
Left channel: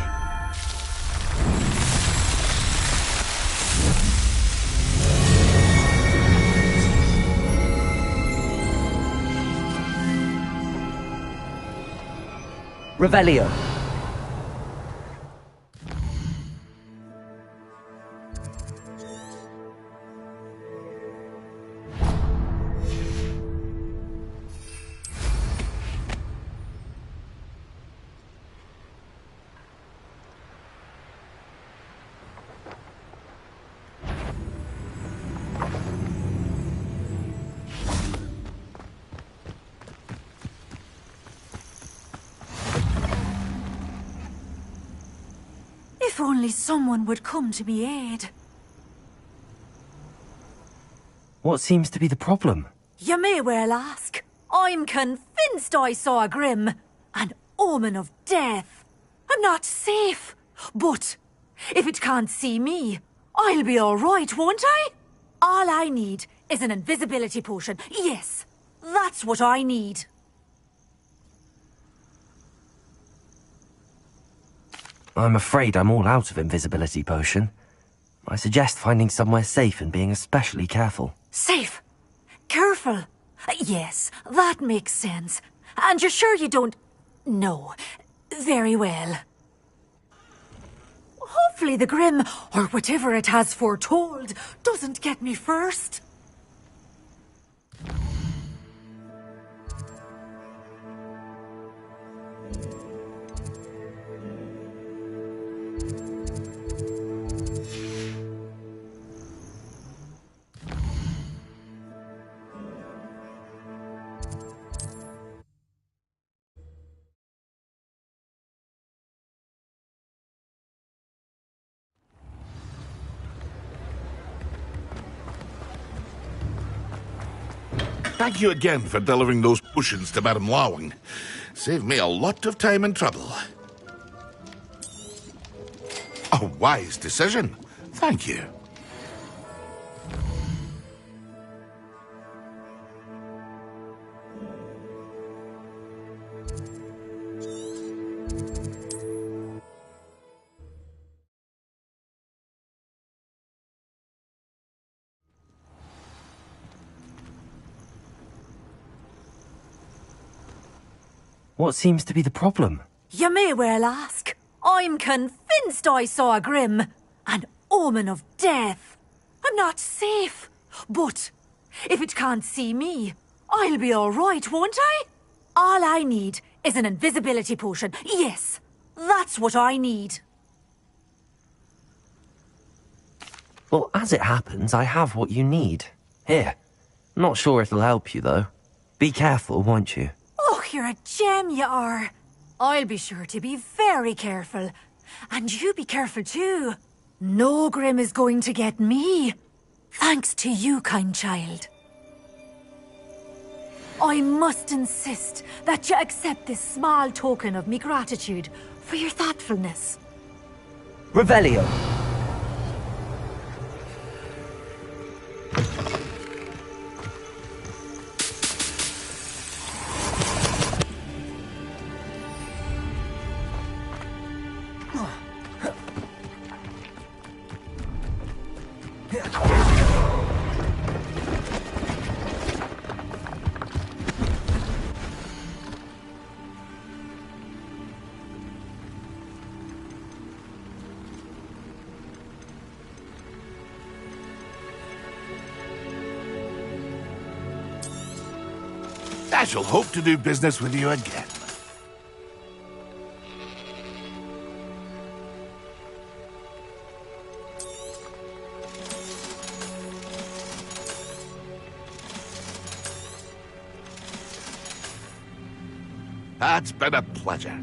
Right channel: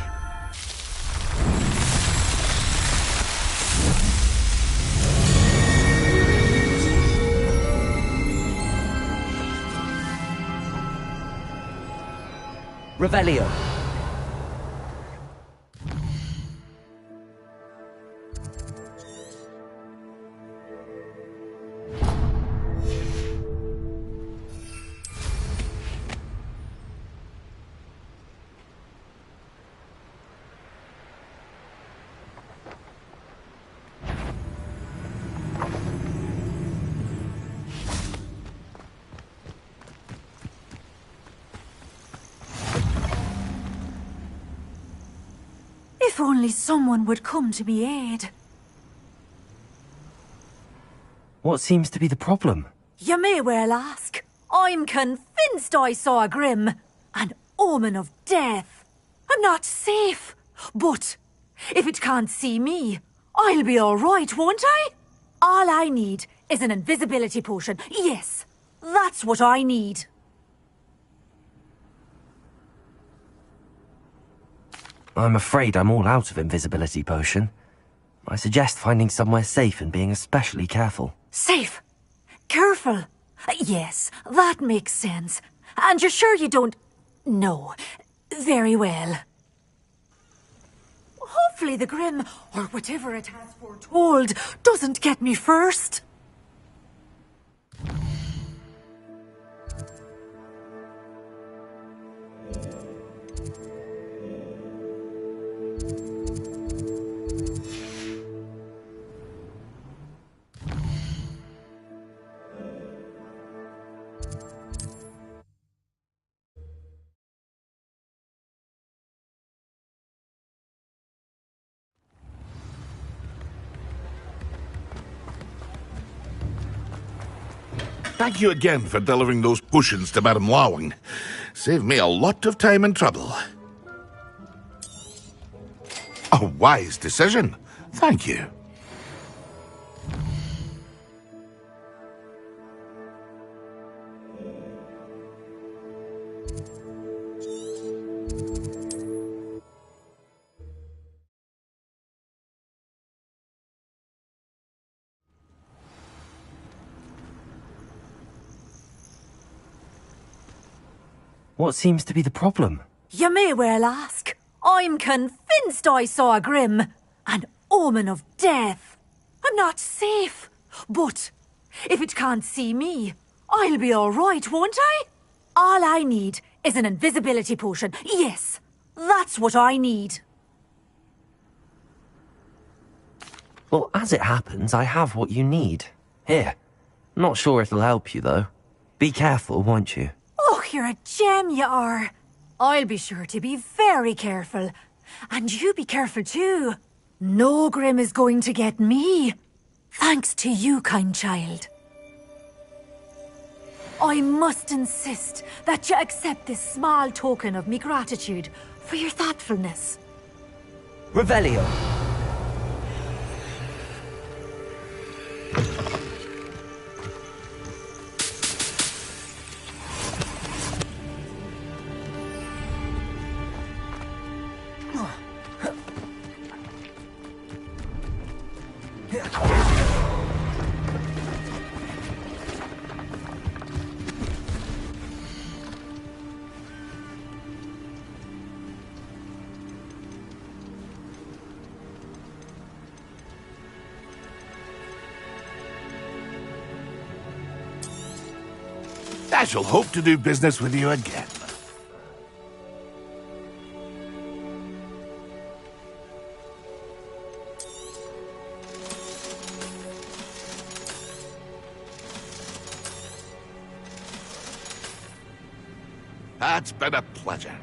Revelio. If only someone would come to me aid. What seems to be the problem? You may well ask. I'm convinced I saw a Grim, an omen of death. I'm not safe, but if it can't see me, I'll be all right, won't I? All I need is an invisibility potion. Yes, that's what I need. I'm afraid I'm all out of invisibility potion. I suggest finding somewhere safe and being especially careful. Safe? Careful? Yes, that makes sense. And you're sure you don't... No. Very well. Hopefully the Grim, or whatever it has foretold, doesn't get me first. Thank you again for delivering those potions to Madame Lawing. Saved me a lot of time and trouble. A wise decision. Thank you. What seems to be the problem? You may well ask. I'm convinced I saw a Grim, an omen of death. I'm not safe, but if it can't see me, I'll be all right, won't I? All I need is an invisibility potion. Yes, that's what I need. Well, as it happens, I have what you need. Here. Not sure it'll help you, though. Be careful, won't you? Oh, you're a gem, you are. I'll be sure to be very careful. And you be careful too. No Grim is going to get me. Thanks to you, kind child. I must insist that you accept this small token of me gratitude for your thoughtfulness. Revelio. I shall hope to do business with you again. It's been a pleasure.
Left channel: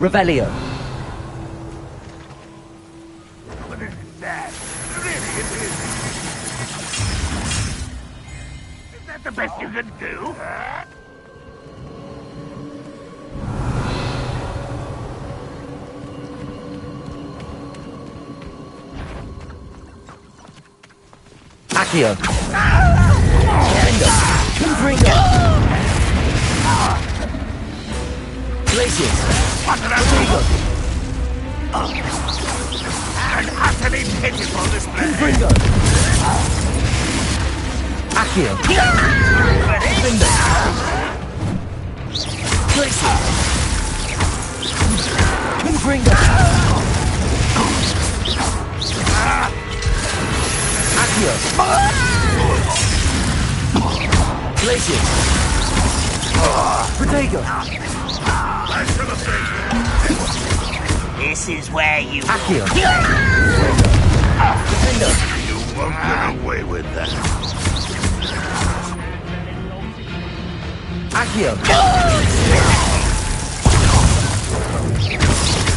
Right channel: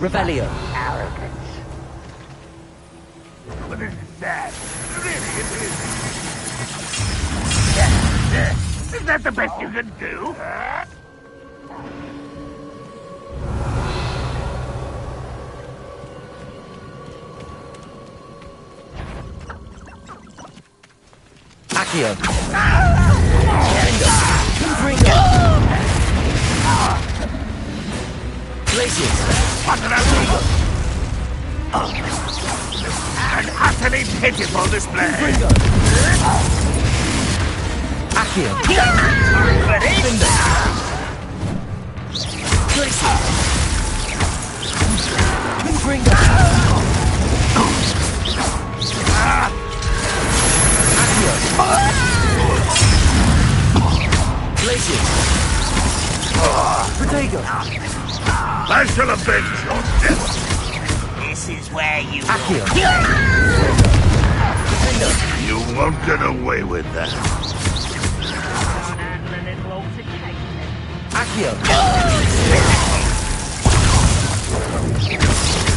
Revelio. But this is sad. Really, it is. Is that the best you can do? Accio. Confringo. Glacius. What an An utterly pitiful display. Confringo. Accio. Confringo. Glacius. Confringo. Accio. Glacius. Protego. Flash of the bench. This is where you Accio. You won't get away with that. Accio.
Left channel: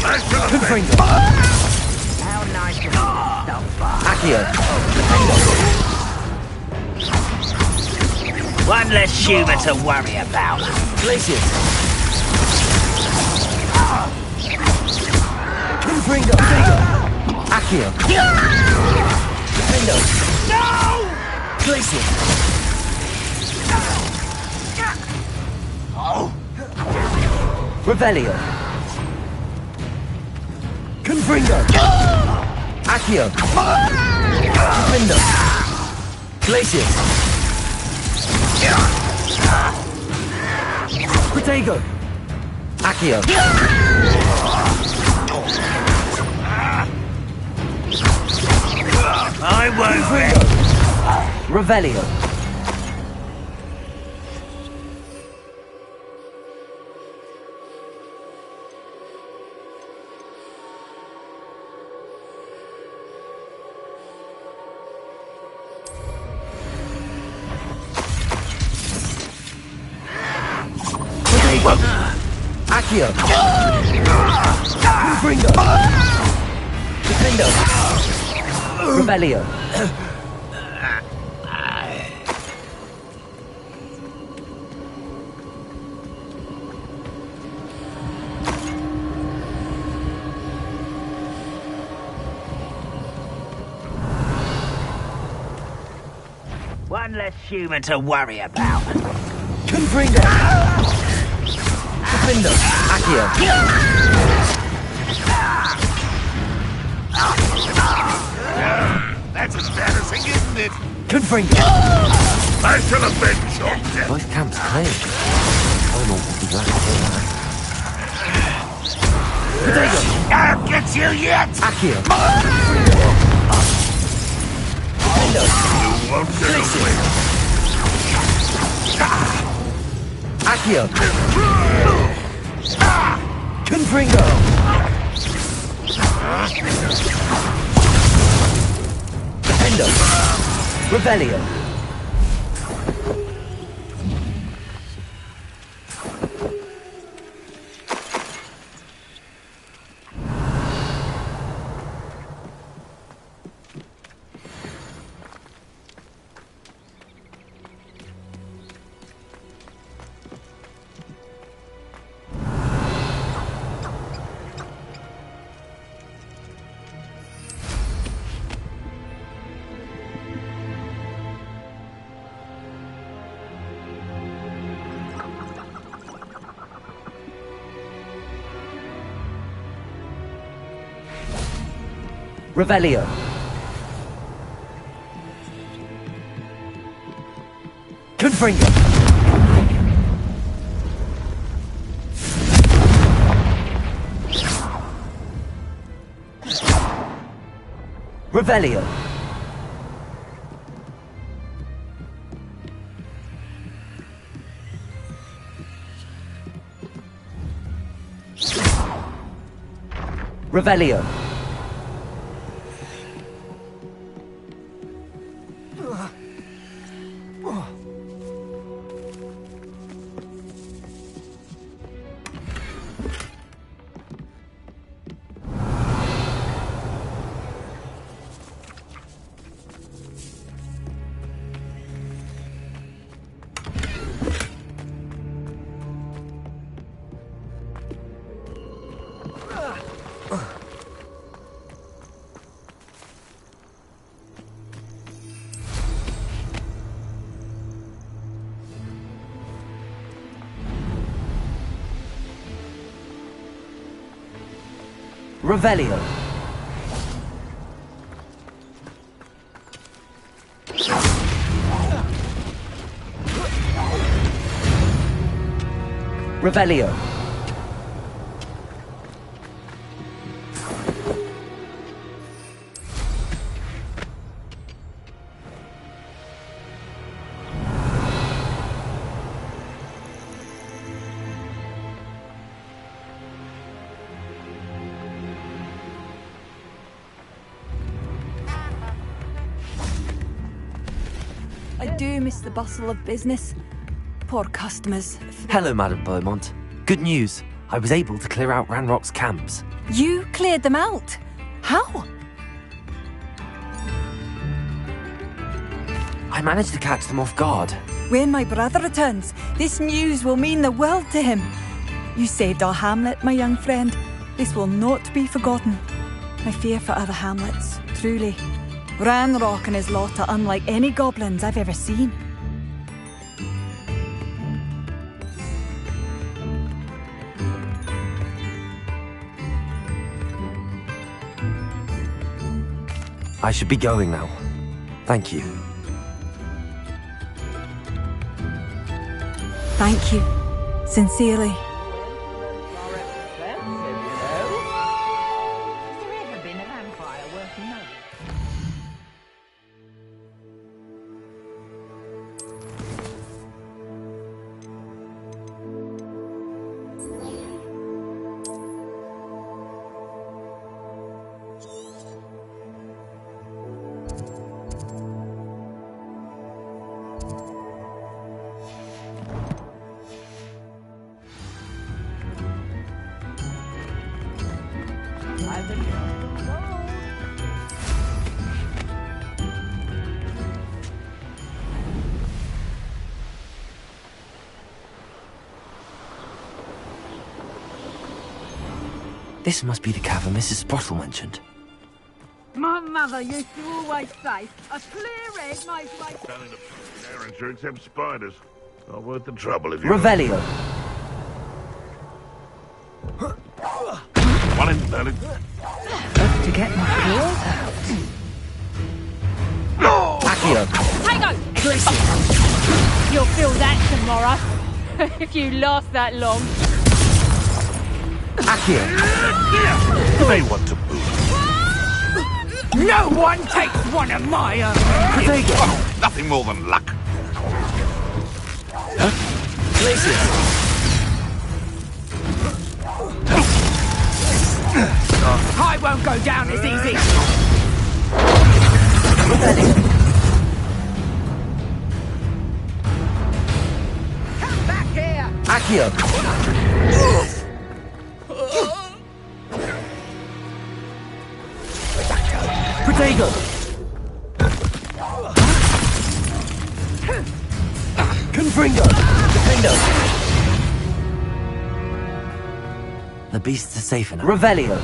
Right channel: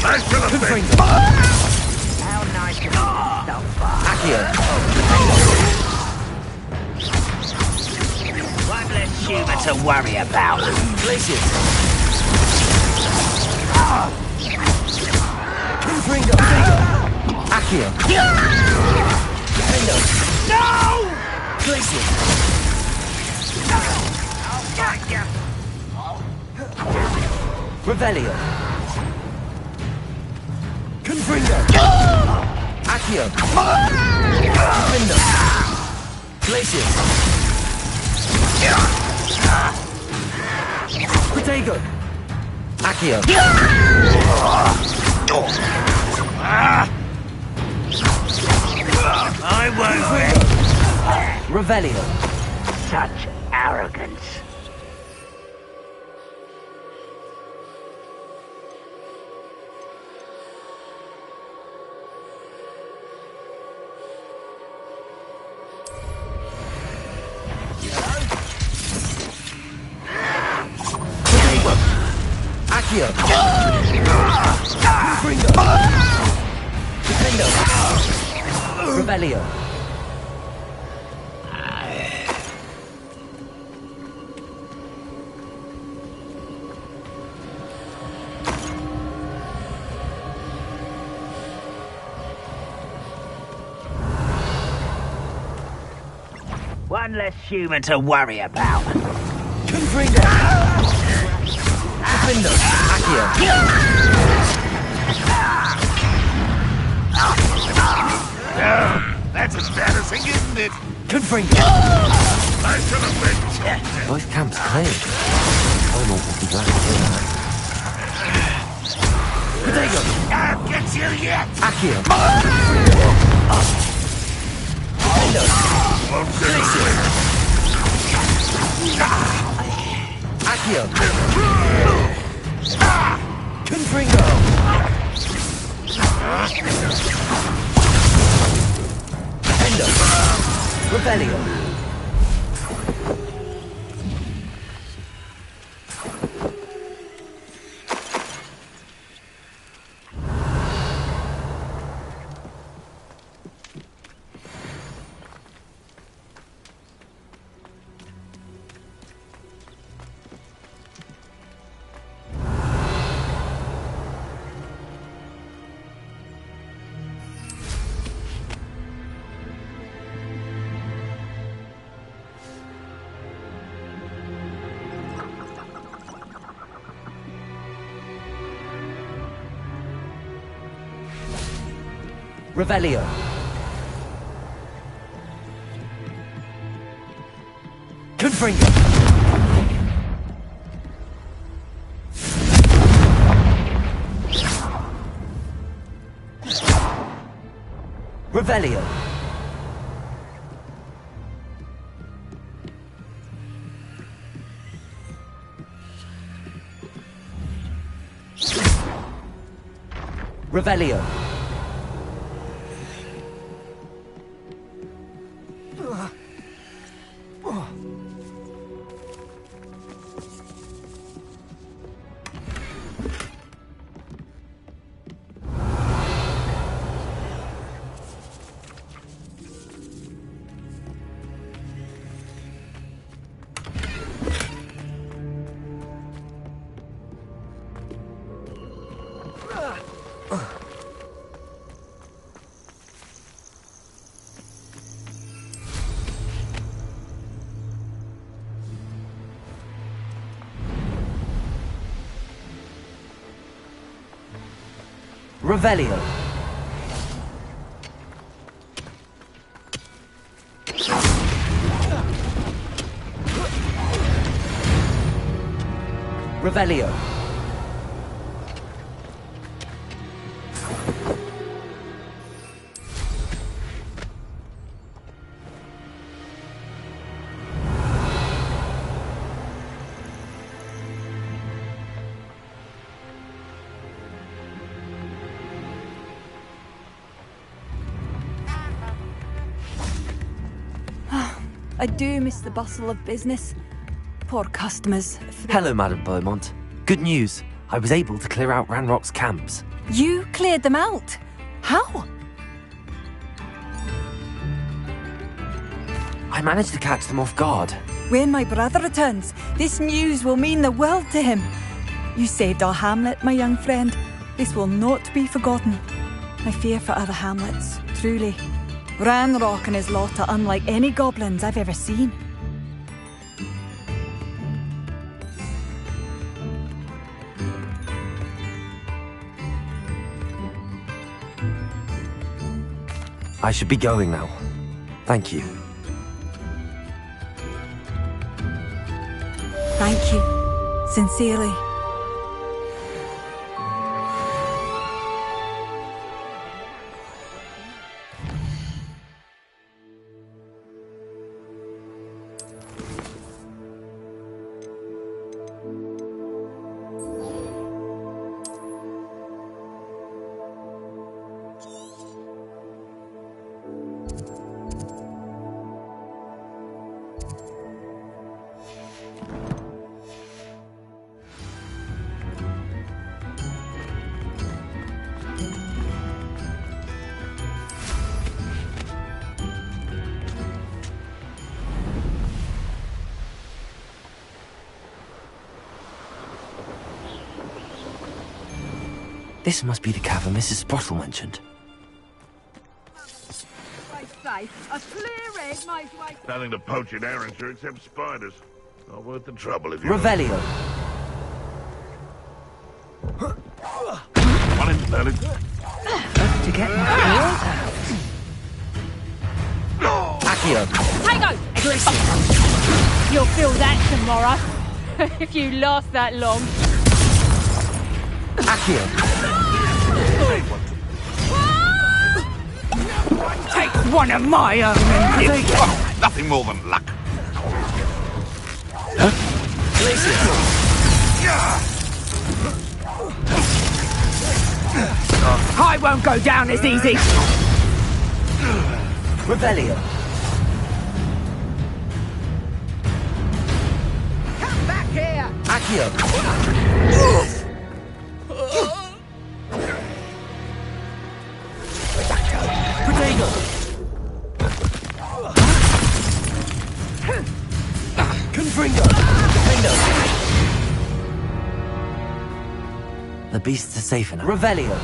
Flash of the bench. How nice to be stuff. Accio. One less human to worry about. Glacius. Confringo. Accio. Confringo. No! Glacius. Revelio. Confringo. Accio. Confringo. Glacius. Protego. Accio. I won't win. Revelio. Such arrogance. Accio. Confringo. Defendo. Revelio. One less human to worry about. Confringo. Defendo. Accio. That's embarrassing, isn't it? Confringo. Flash of the bench. Both camps cleared. Paimon will be glad to hear that. Protego. I'll get you yet. Accio. Defendo. Won't get away. Accio. Confringo. Defendo. Revelio. Revelio. Confringo. Revelio. Revelio. Revelio. Revelio. I do miss the bustle of business. Poor customers. Hello, Madam Beaumont. Good news. I was able to clear out Ranrock's camps. You cleared them out? How? I managed to catch them off guard. When my brother returns, this news will mean the world to him. You saved our hamlet, my young friend. This will not be forgotten. I fear for other hamlets, truly. Ranrock and his lot are unlike any goblins I've ever seen. I should be going now. Thank you. Thank you. Sincerely. This must be the cavern Mrs. Sprottle mentioned. My mother used to always say, a clear head makes way... Nothing to poach in Arrowshire except spiders. Not worth the trouble if you... Revelio. One in, darling. To get my claws out. Accio. Tango! You'll feel that tomorrow. If you last that long. Accio. They want to move. No one takes one of my own. Oh, nothing more than luck. I won't go down as easy. Rebellion. Come back here. Accio. Protego. Confringo. Defendo. The beasts are safe enough. Revelio.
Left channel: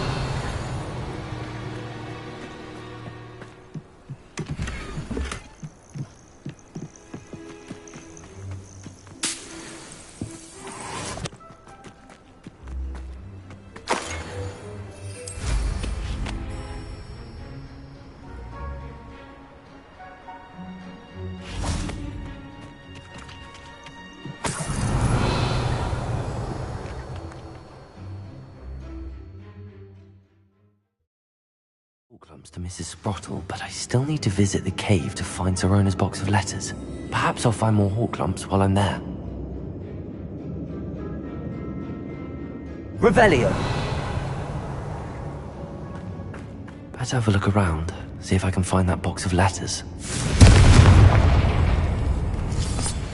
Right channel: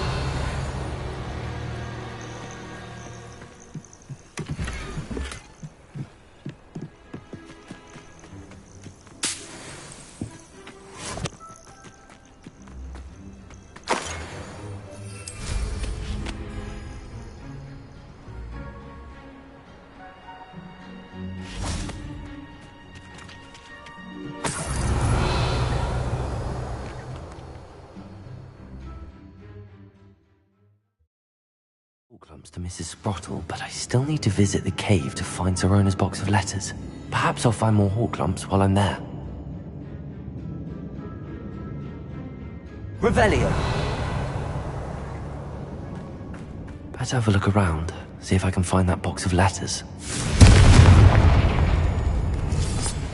Horklumps to Mrs. Sprottle, but I still need to visit the cave to find Sirona's box of letters. Perhaps I'll find more Horklumps while I'm there. Revelio. Better have a look around, see if I can find that box of letters.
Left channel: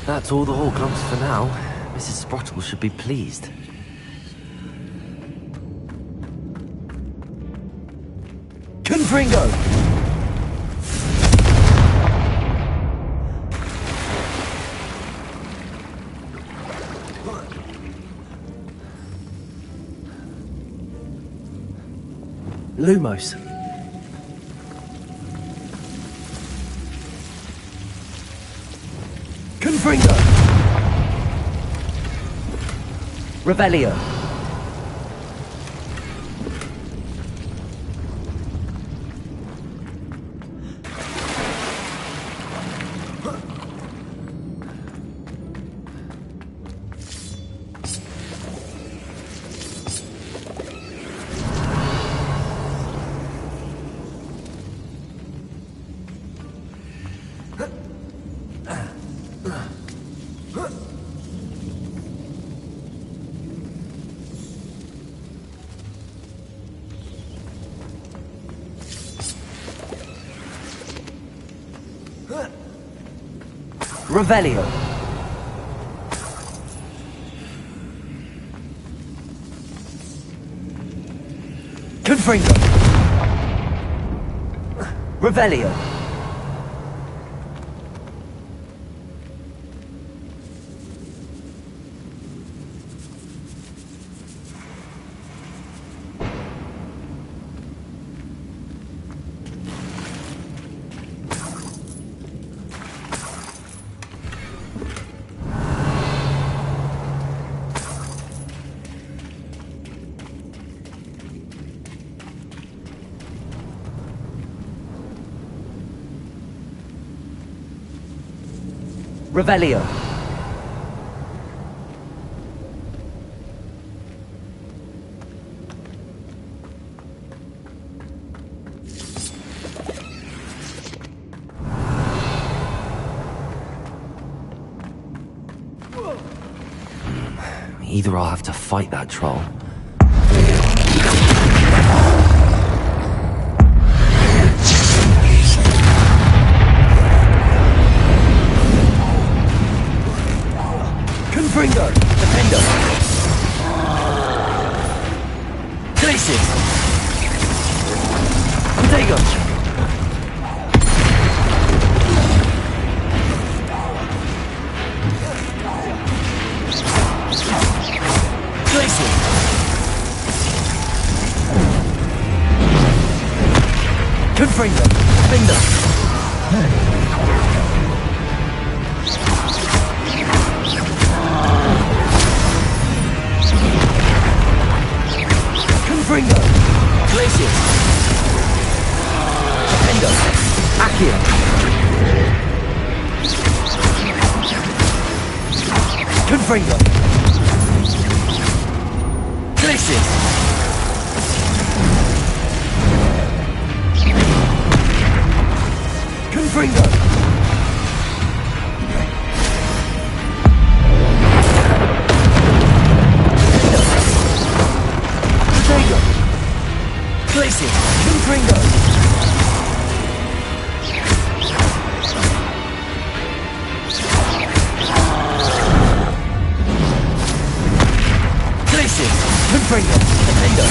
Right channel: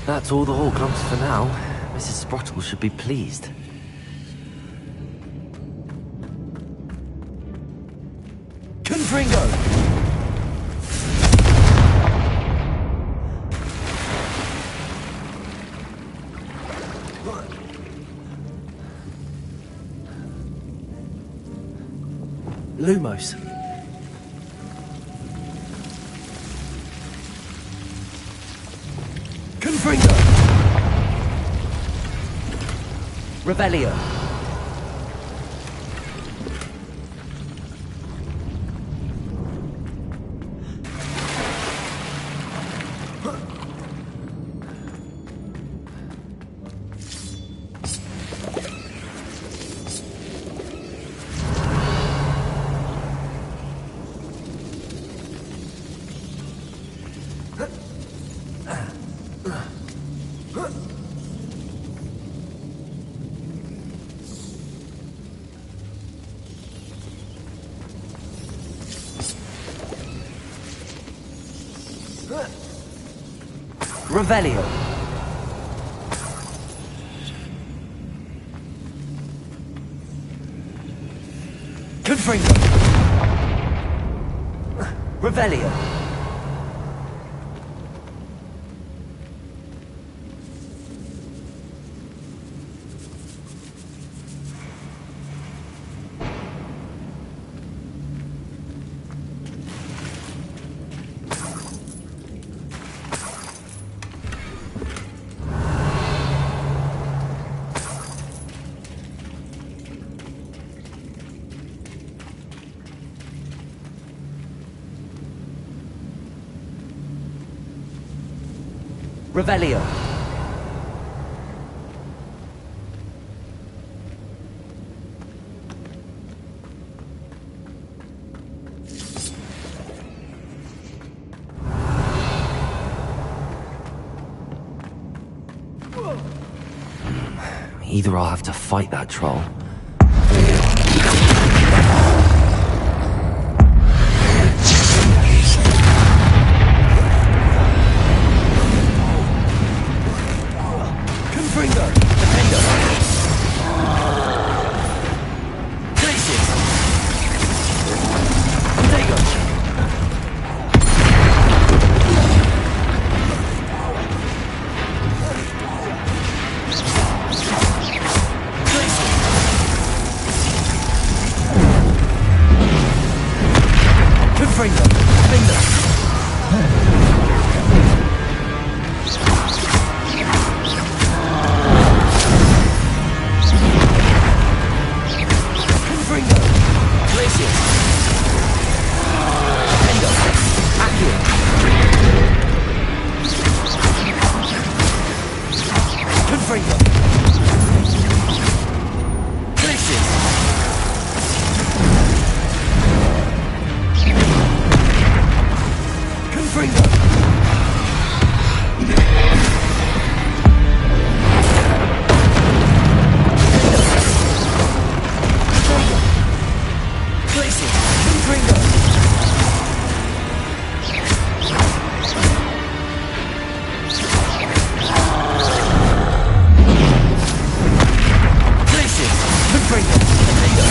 That's all the Horklumps for now. Mrs. Sprottle should be pleased. Confringo! Lumos. Confringo! Revelio. Revelio. Confringo. Revelio. Revelio. Either I'll have to fight that troll. Confringo. Defendo. Glacius. Protego. Confringo. Defendo. Confringo. Glacius. Defendo. Accio. Confringo. Glacius. Confringo. Protego. Glacius. Confringo. Glacius. Confringo. Defendo.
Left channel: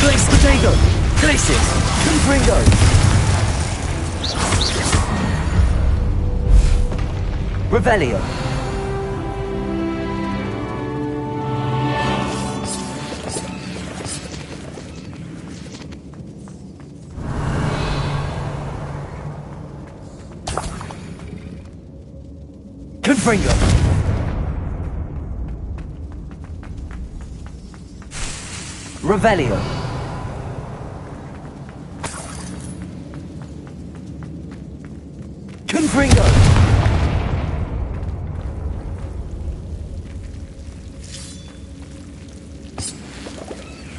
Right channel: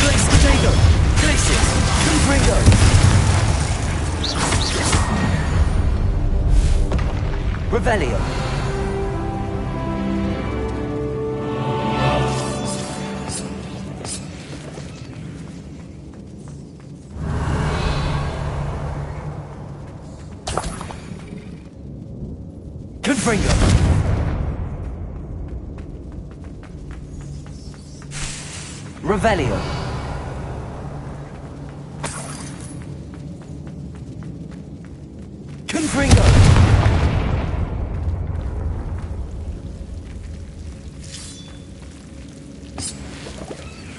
Glace Protego. Glacius. Confringo. Revelio. Confringo. Revelio. Confringo.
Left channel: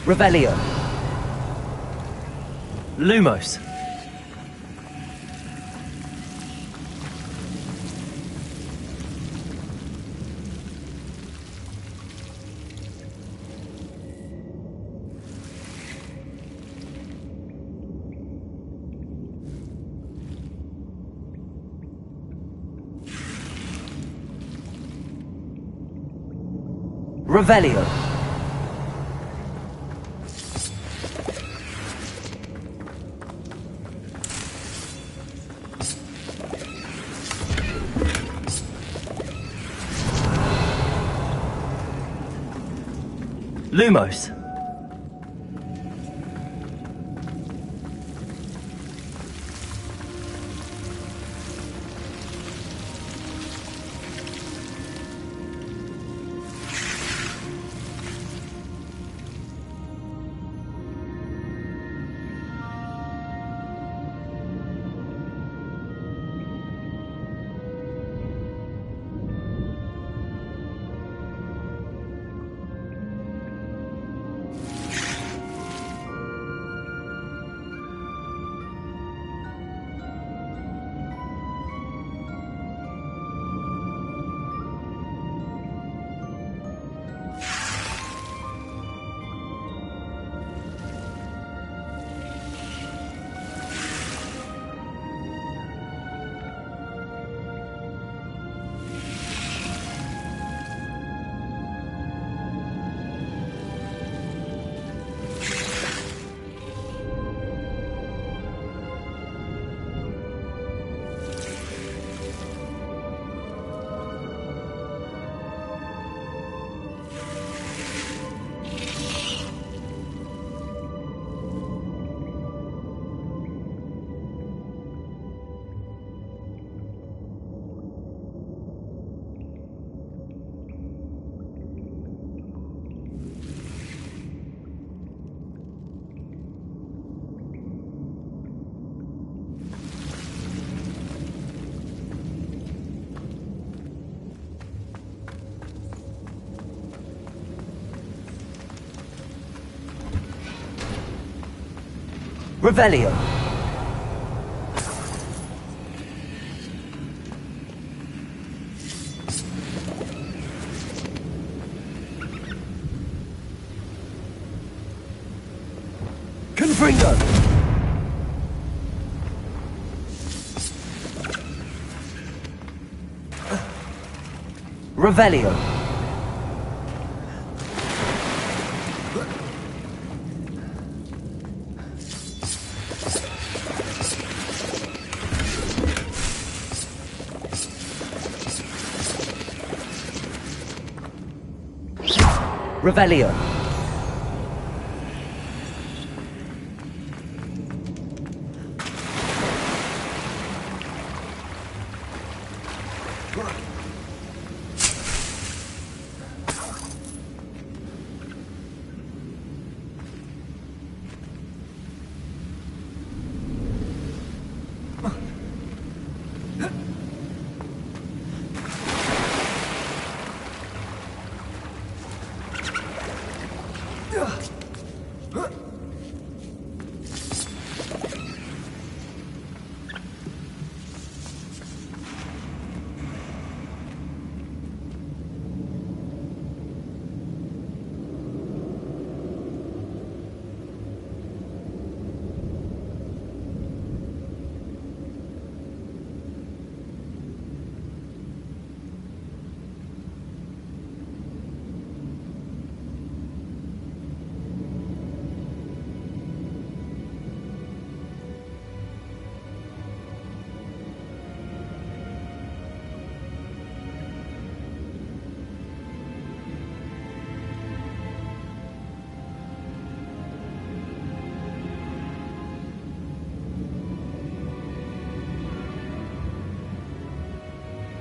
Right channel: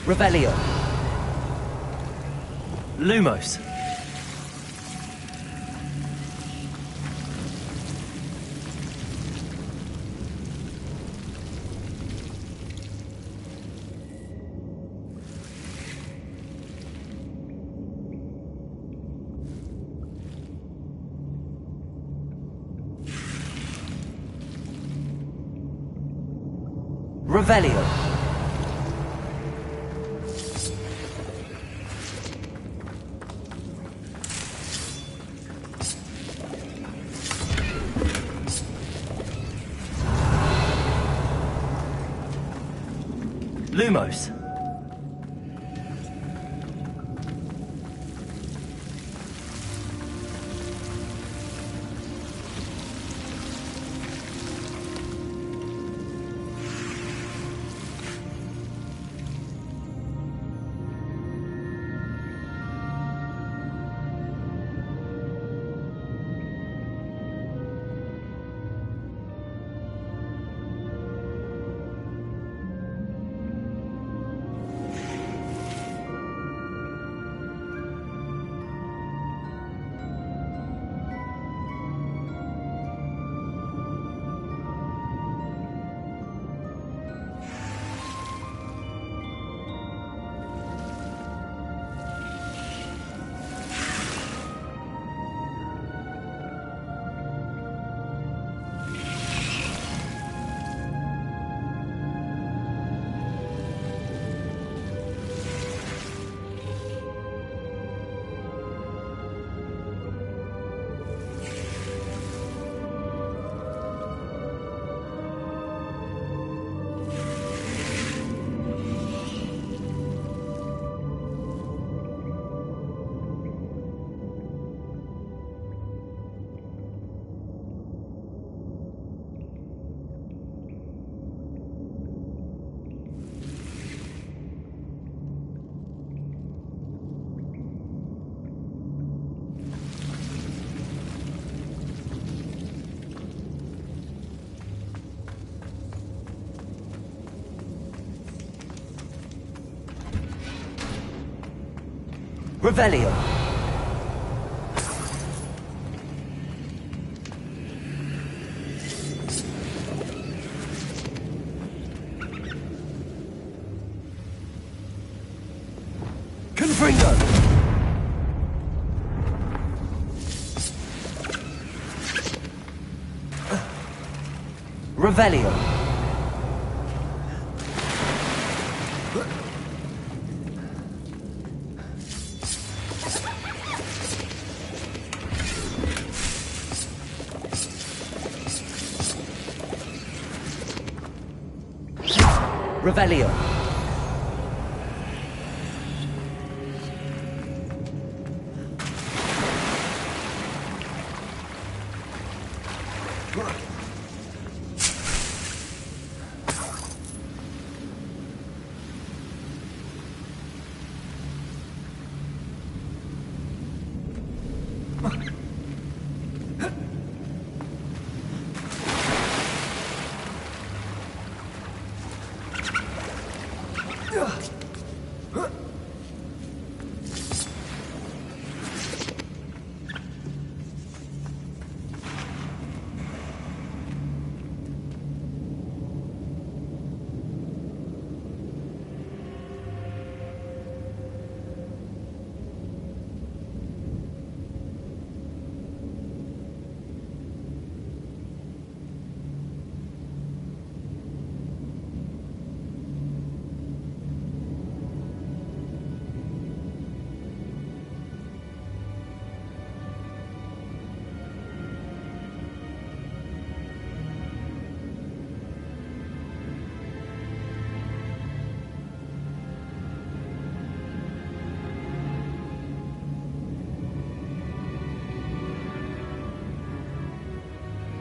Revelio. Lumos. Revelio. Lumos. Revelio. Confringo. Revelio. Revelio.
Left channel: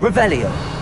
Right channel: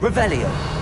Revelio.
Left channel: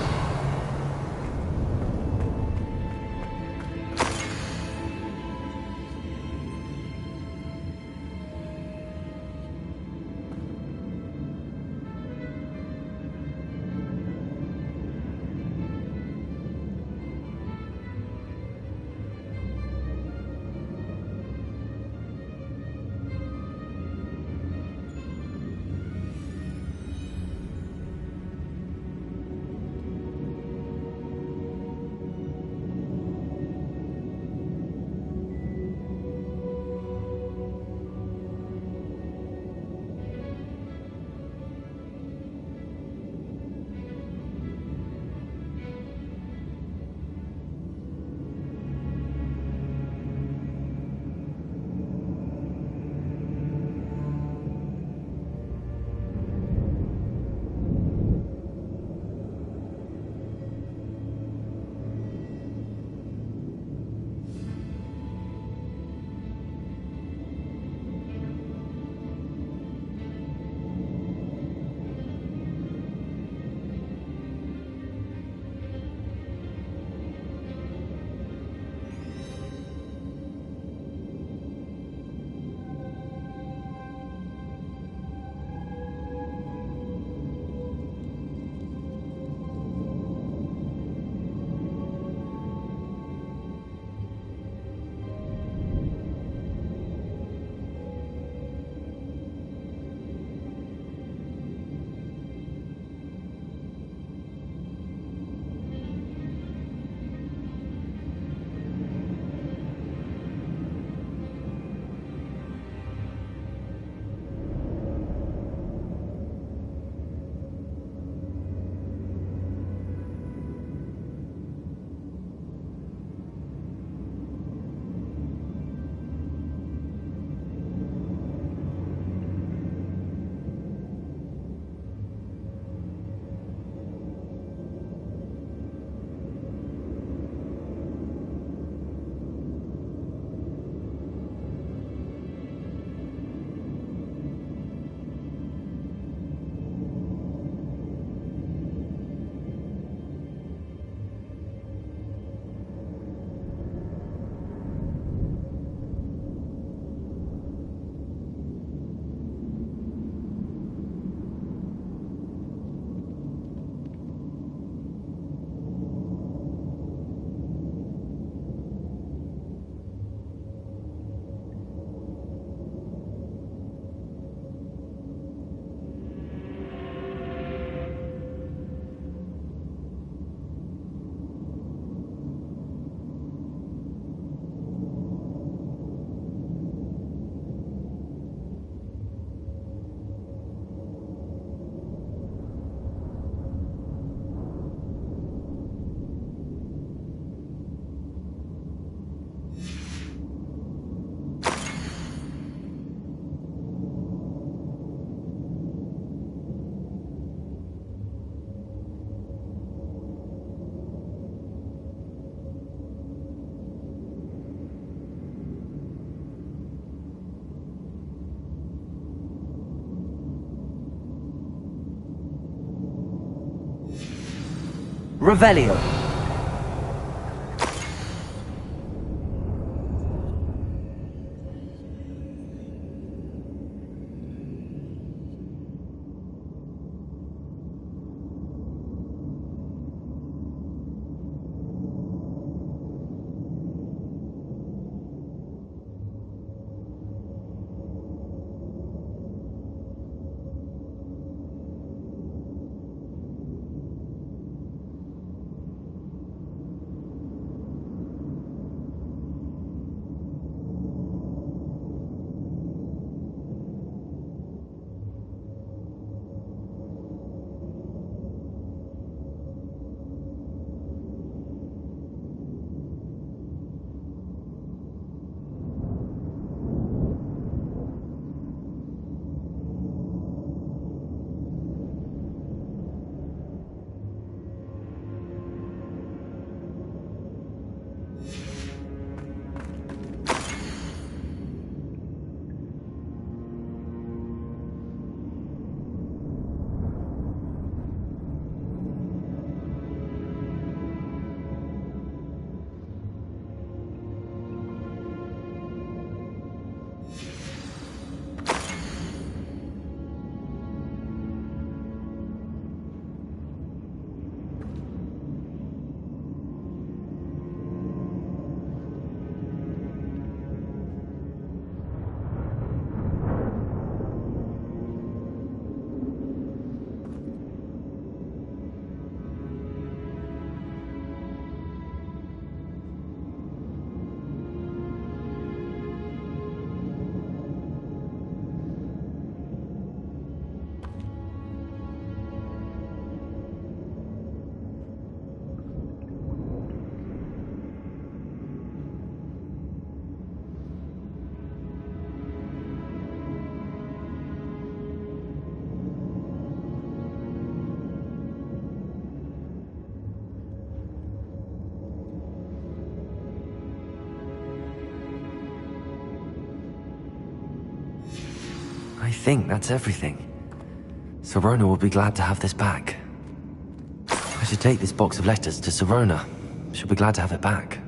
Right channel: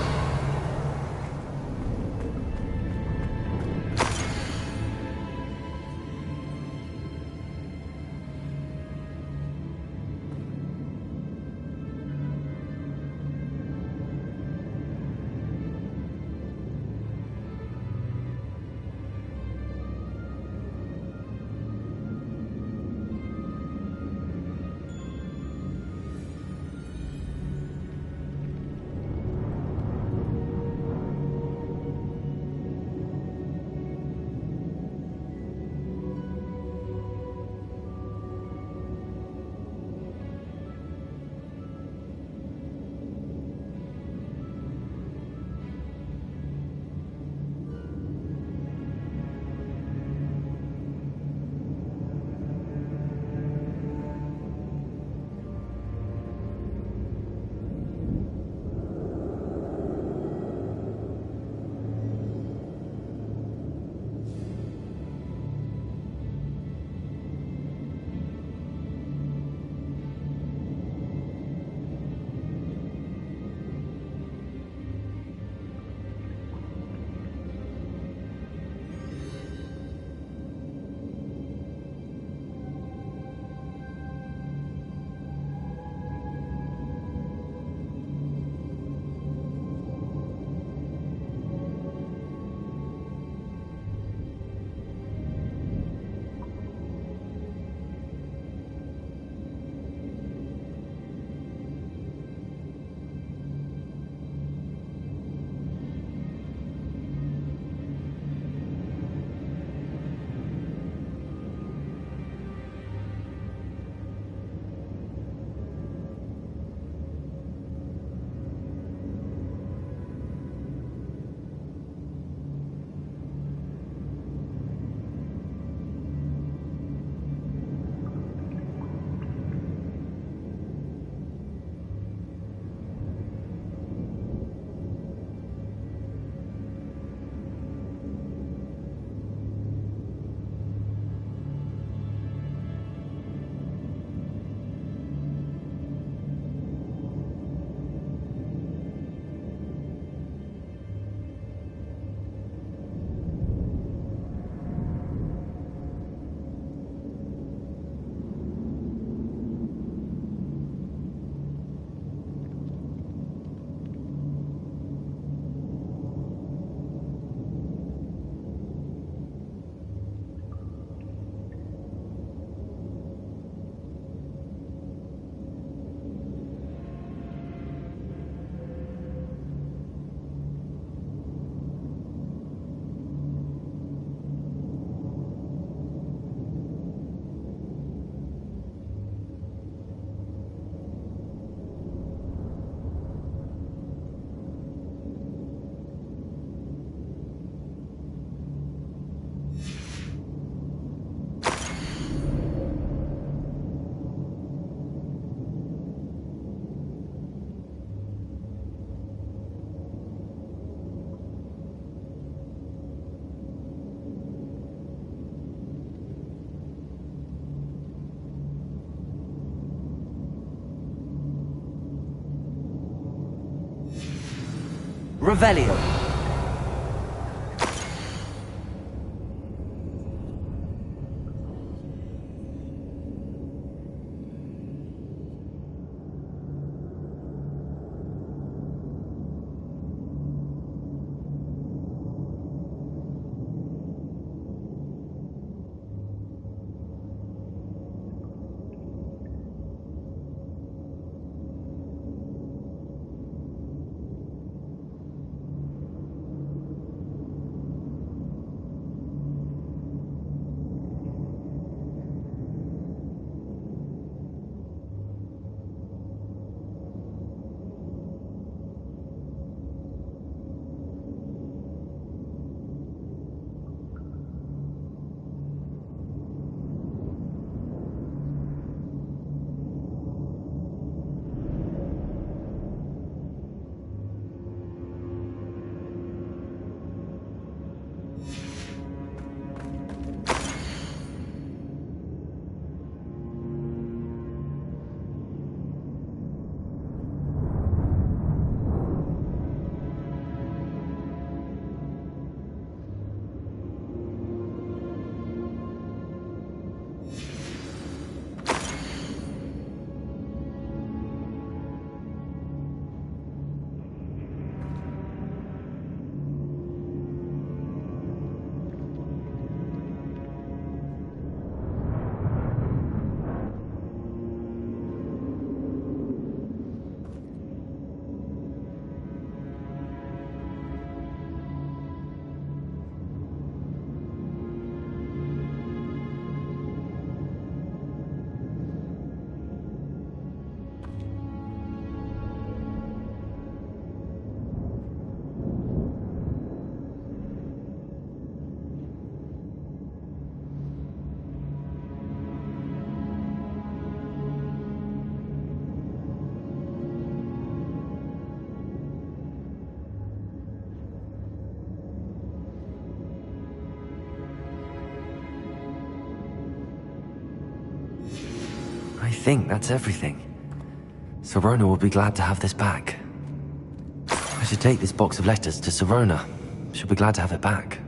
Revelio. I think that's everything. Sirona will be glad to have this back. I should take this box of letters to Sirona. She'll be glad to have it back.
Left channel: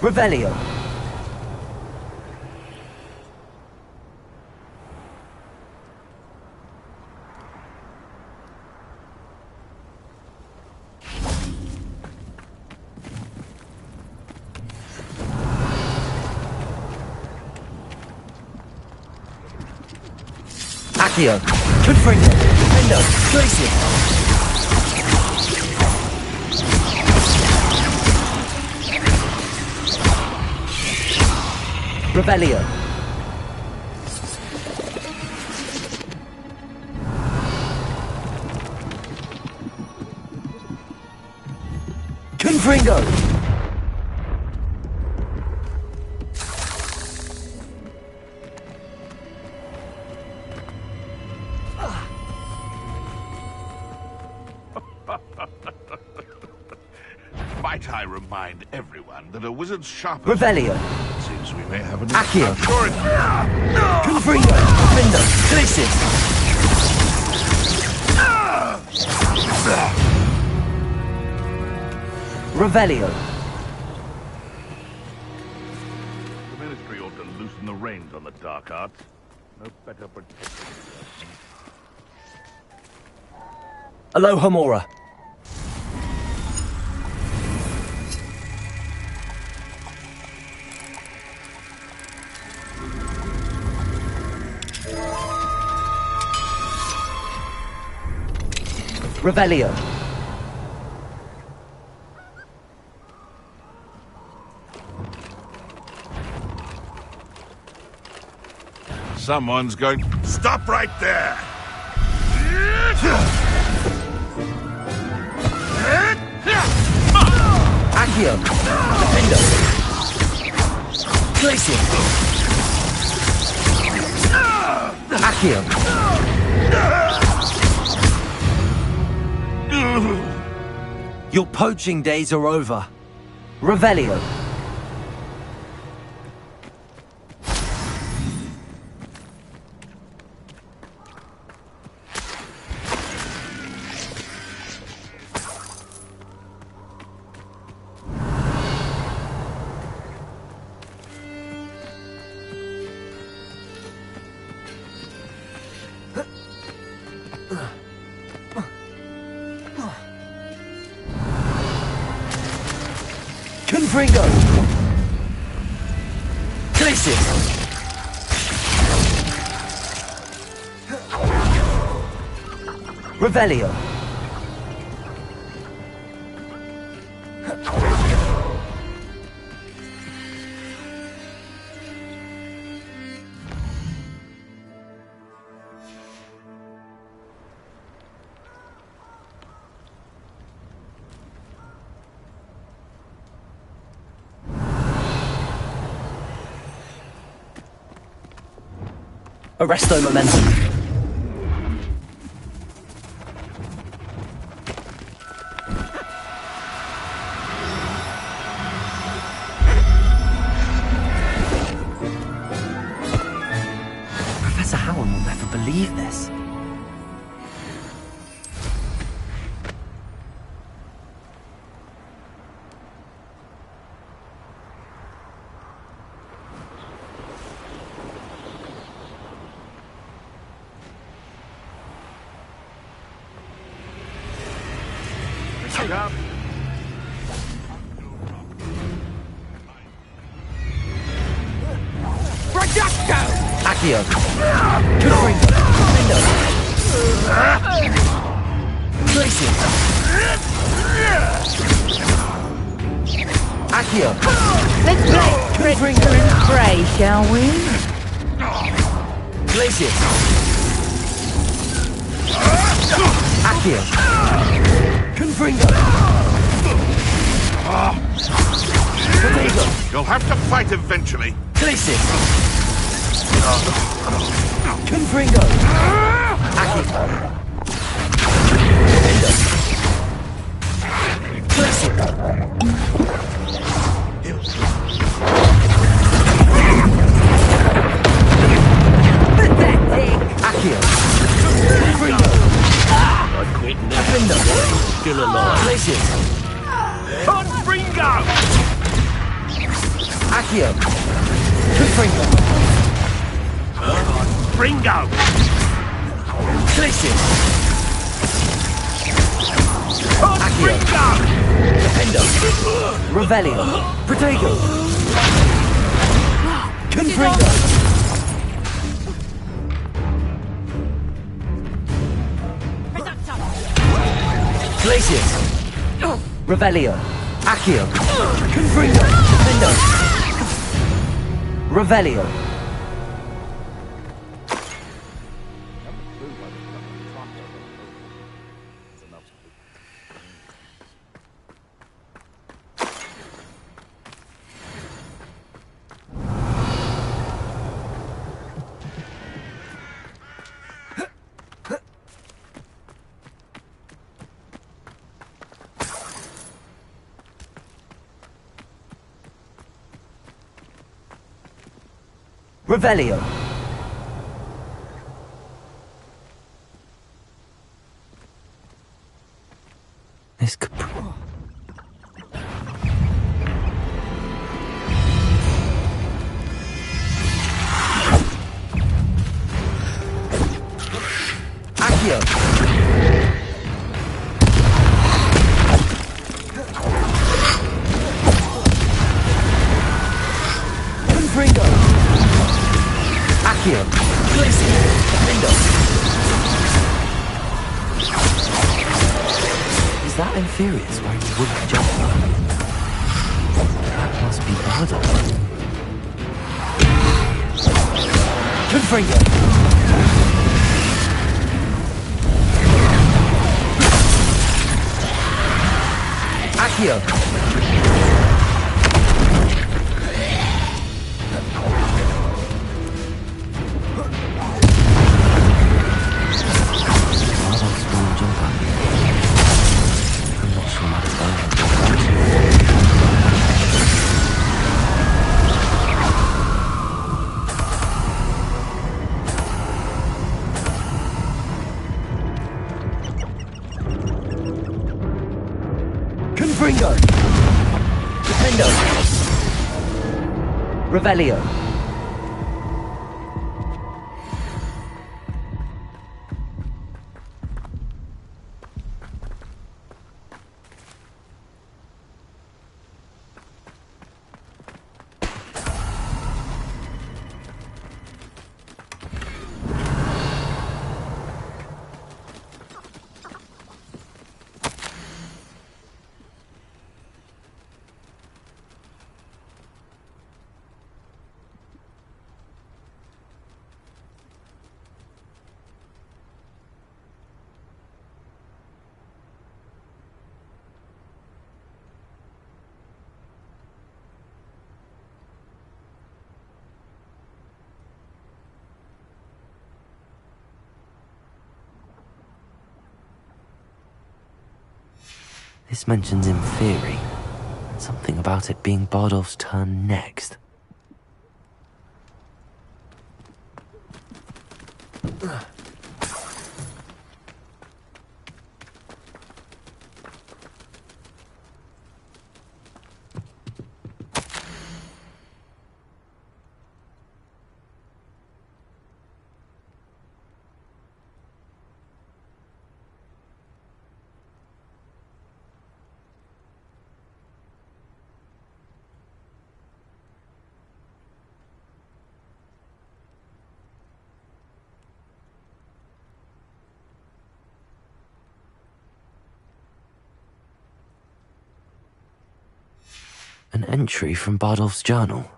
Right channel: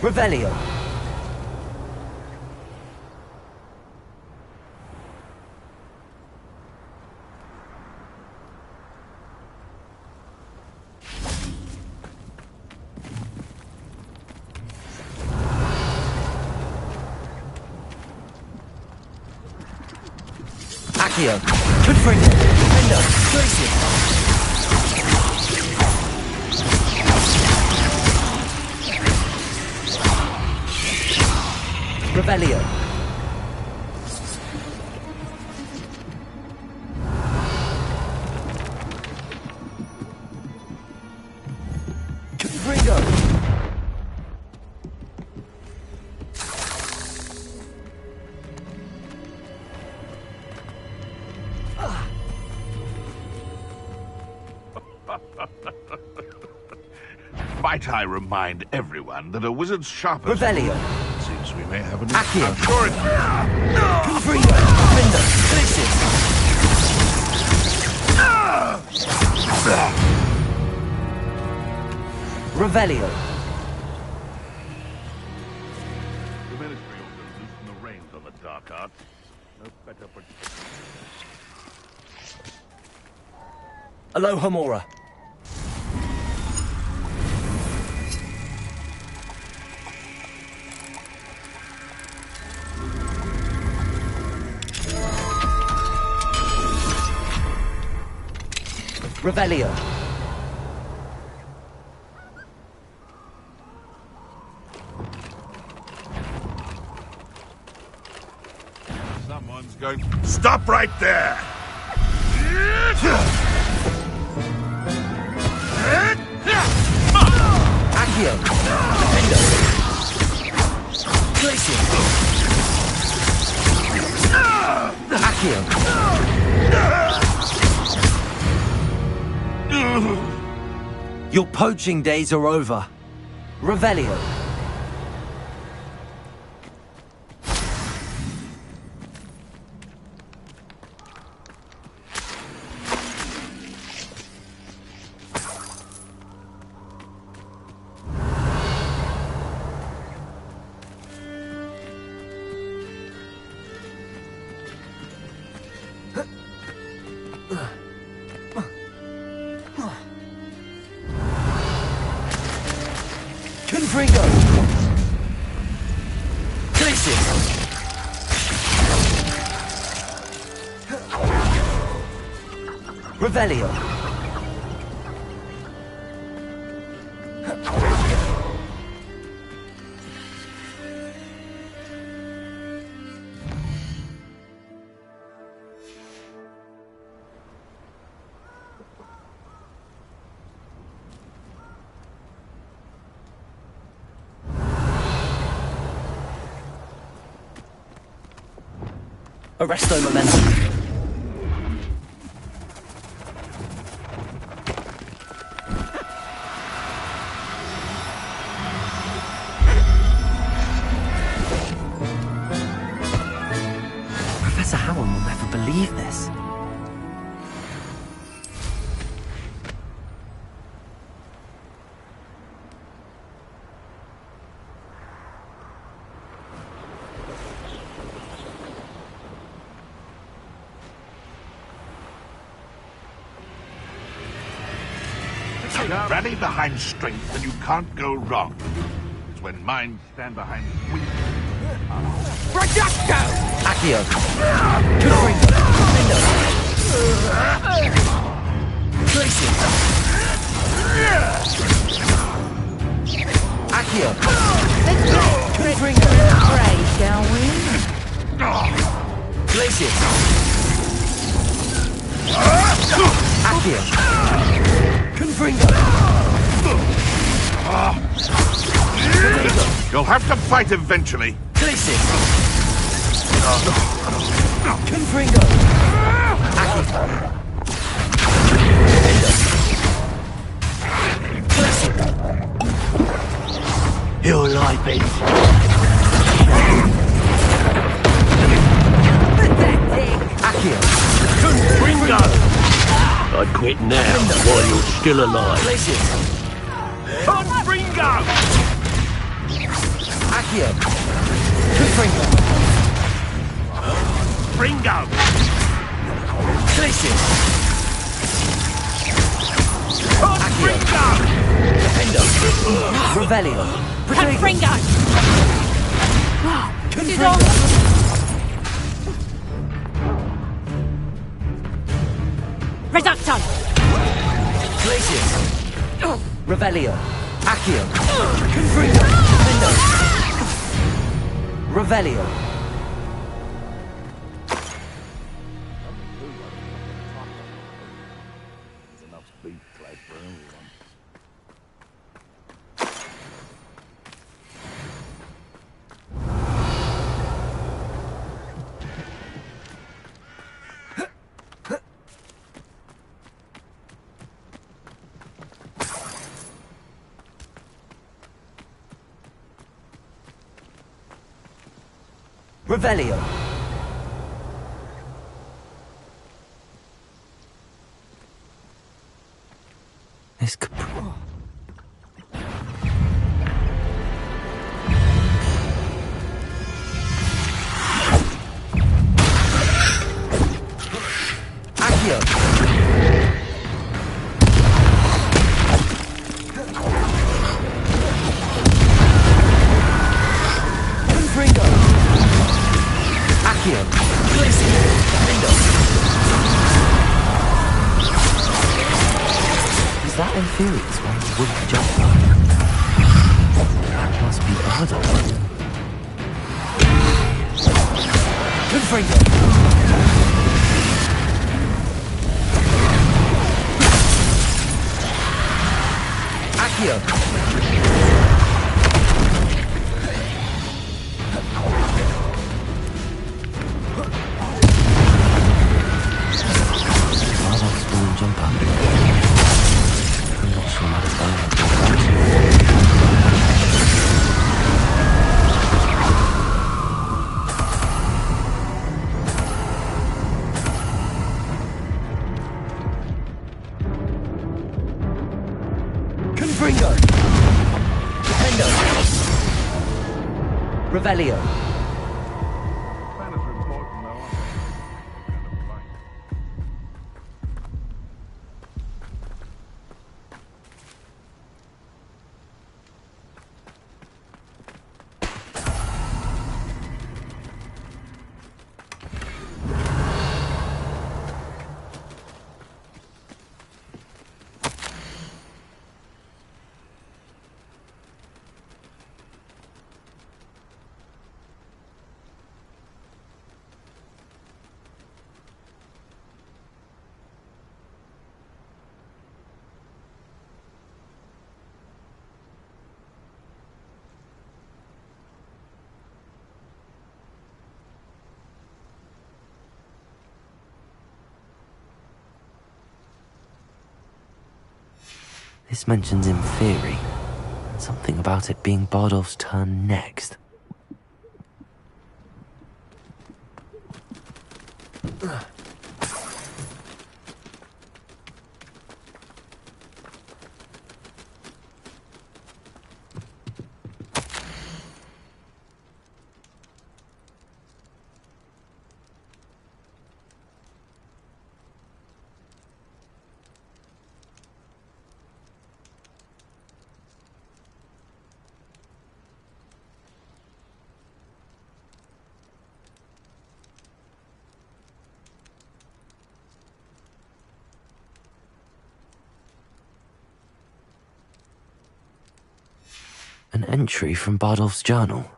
Revelio. Accio. Confringo. Window. Glacier. Revelio. Confringo. Might I remind everyone that a wizard's sharpest... Revelio. Seems we may have an... Accio. I'm sure it... Confringo. Window. Glacier. Revelio. The Ministry ought to loosen the reins on the dark arts. No better protection. Alohomora. Revelio. Someone's going... Stop right there! Accio. Defendo. Glacier. Accio. Your poaching days are over. Revelio. Confringo! Glacier! Revelio! Arresto momentum. Professor Howard will never believe this. Rally behind strength, and you can't go wrong. It's when minds stand behind weak. Projecto! Accio! Confringo! Defendo! Glacier! Accio! Let's play Confringo and pray, shall we? Glacier! Accio! Confringo! You'll have to fight eventually. Glacier! Confringo! Accio! Glacier! You'll like me. Pathetic! Accio! Confringo! I'd quit now while you're still alive. Glacier! Confringo! Accio! Confringo! Fringo! Glacier! Accio! Confringo! Defendo! Revelio! Protego! Confringo! Reducto! Glacier! Revelio! Accio! Confringo! Defendo! Revelio! Revelio! This could... Accio! Confringo! Accio! Glacier! Defendo! that Inferior's wearing a wooden jumper? That must be Bardo. Confringo! Accio! Confringo! Defendo! Revelio! This mentions Inferi, and something about it being Bardolph's turn next. An entry from Bardolph's journal.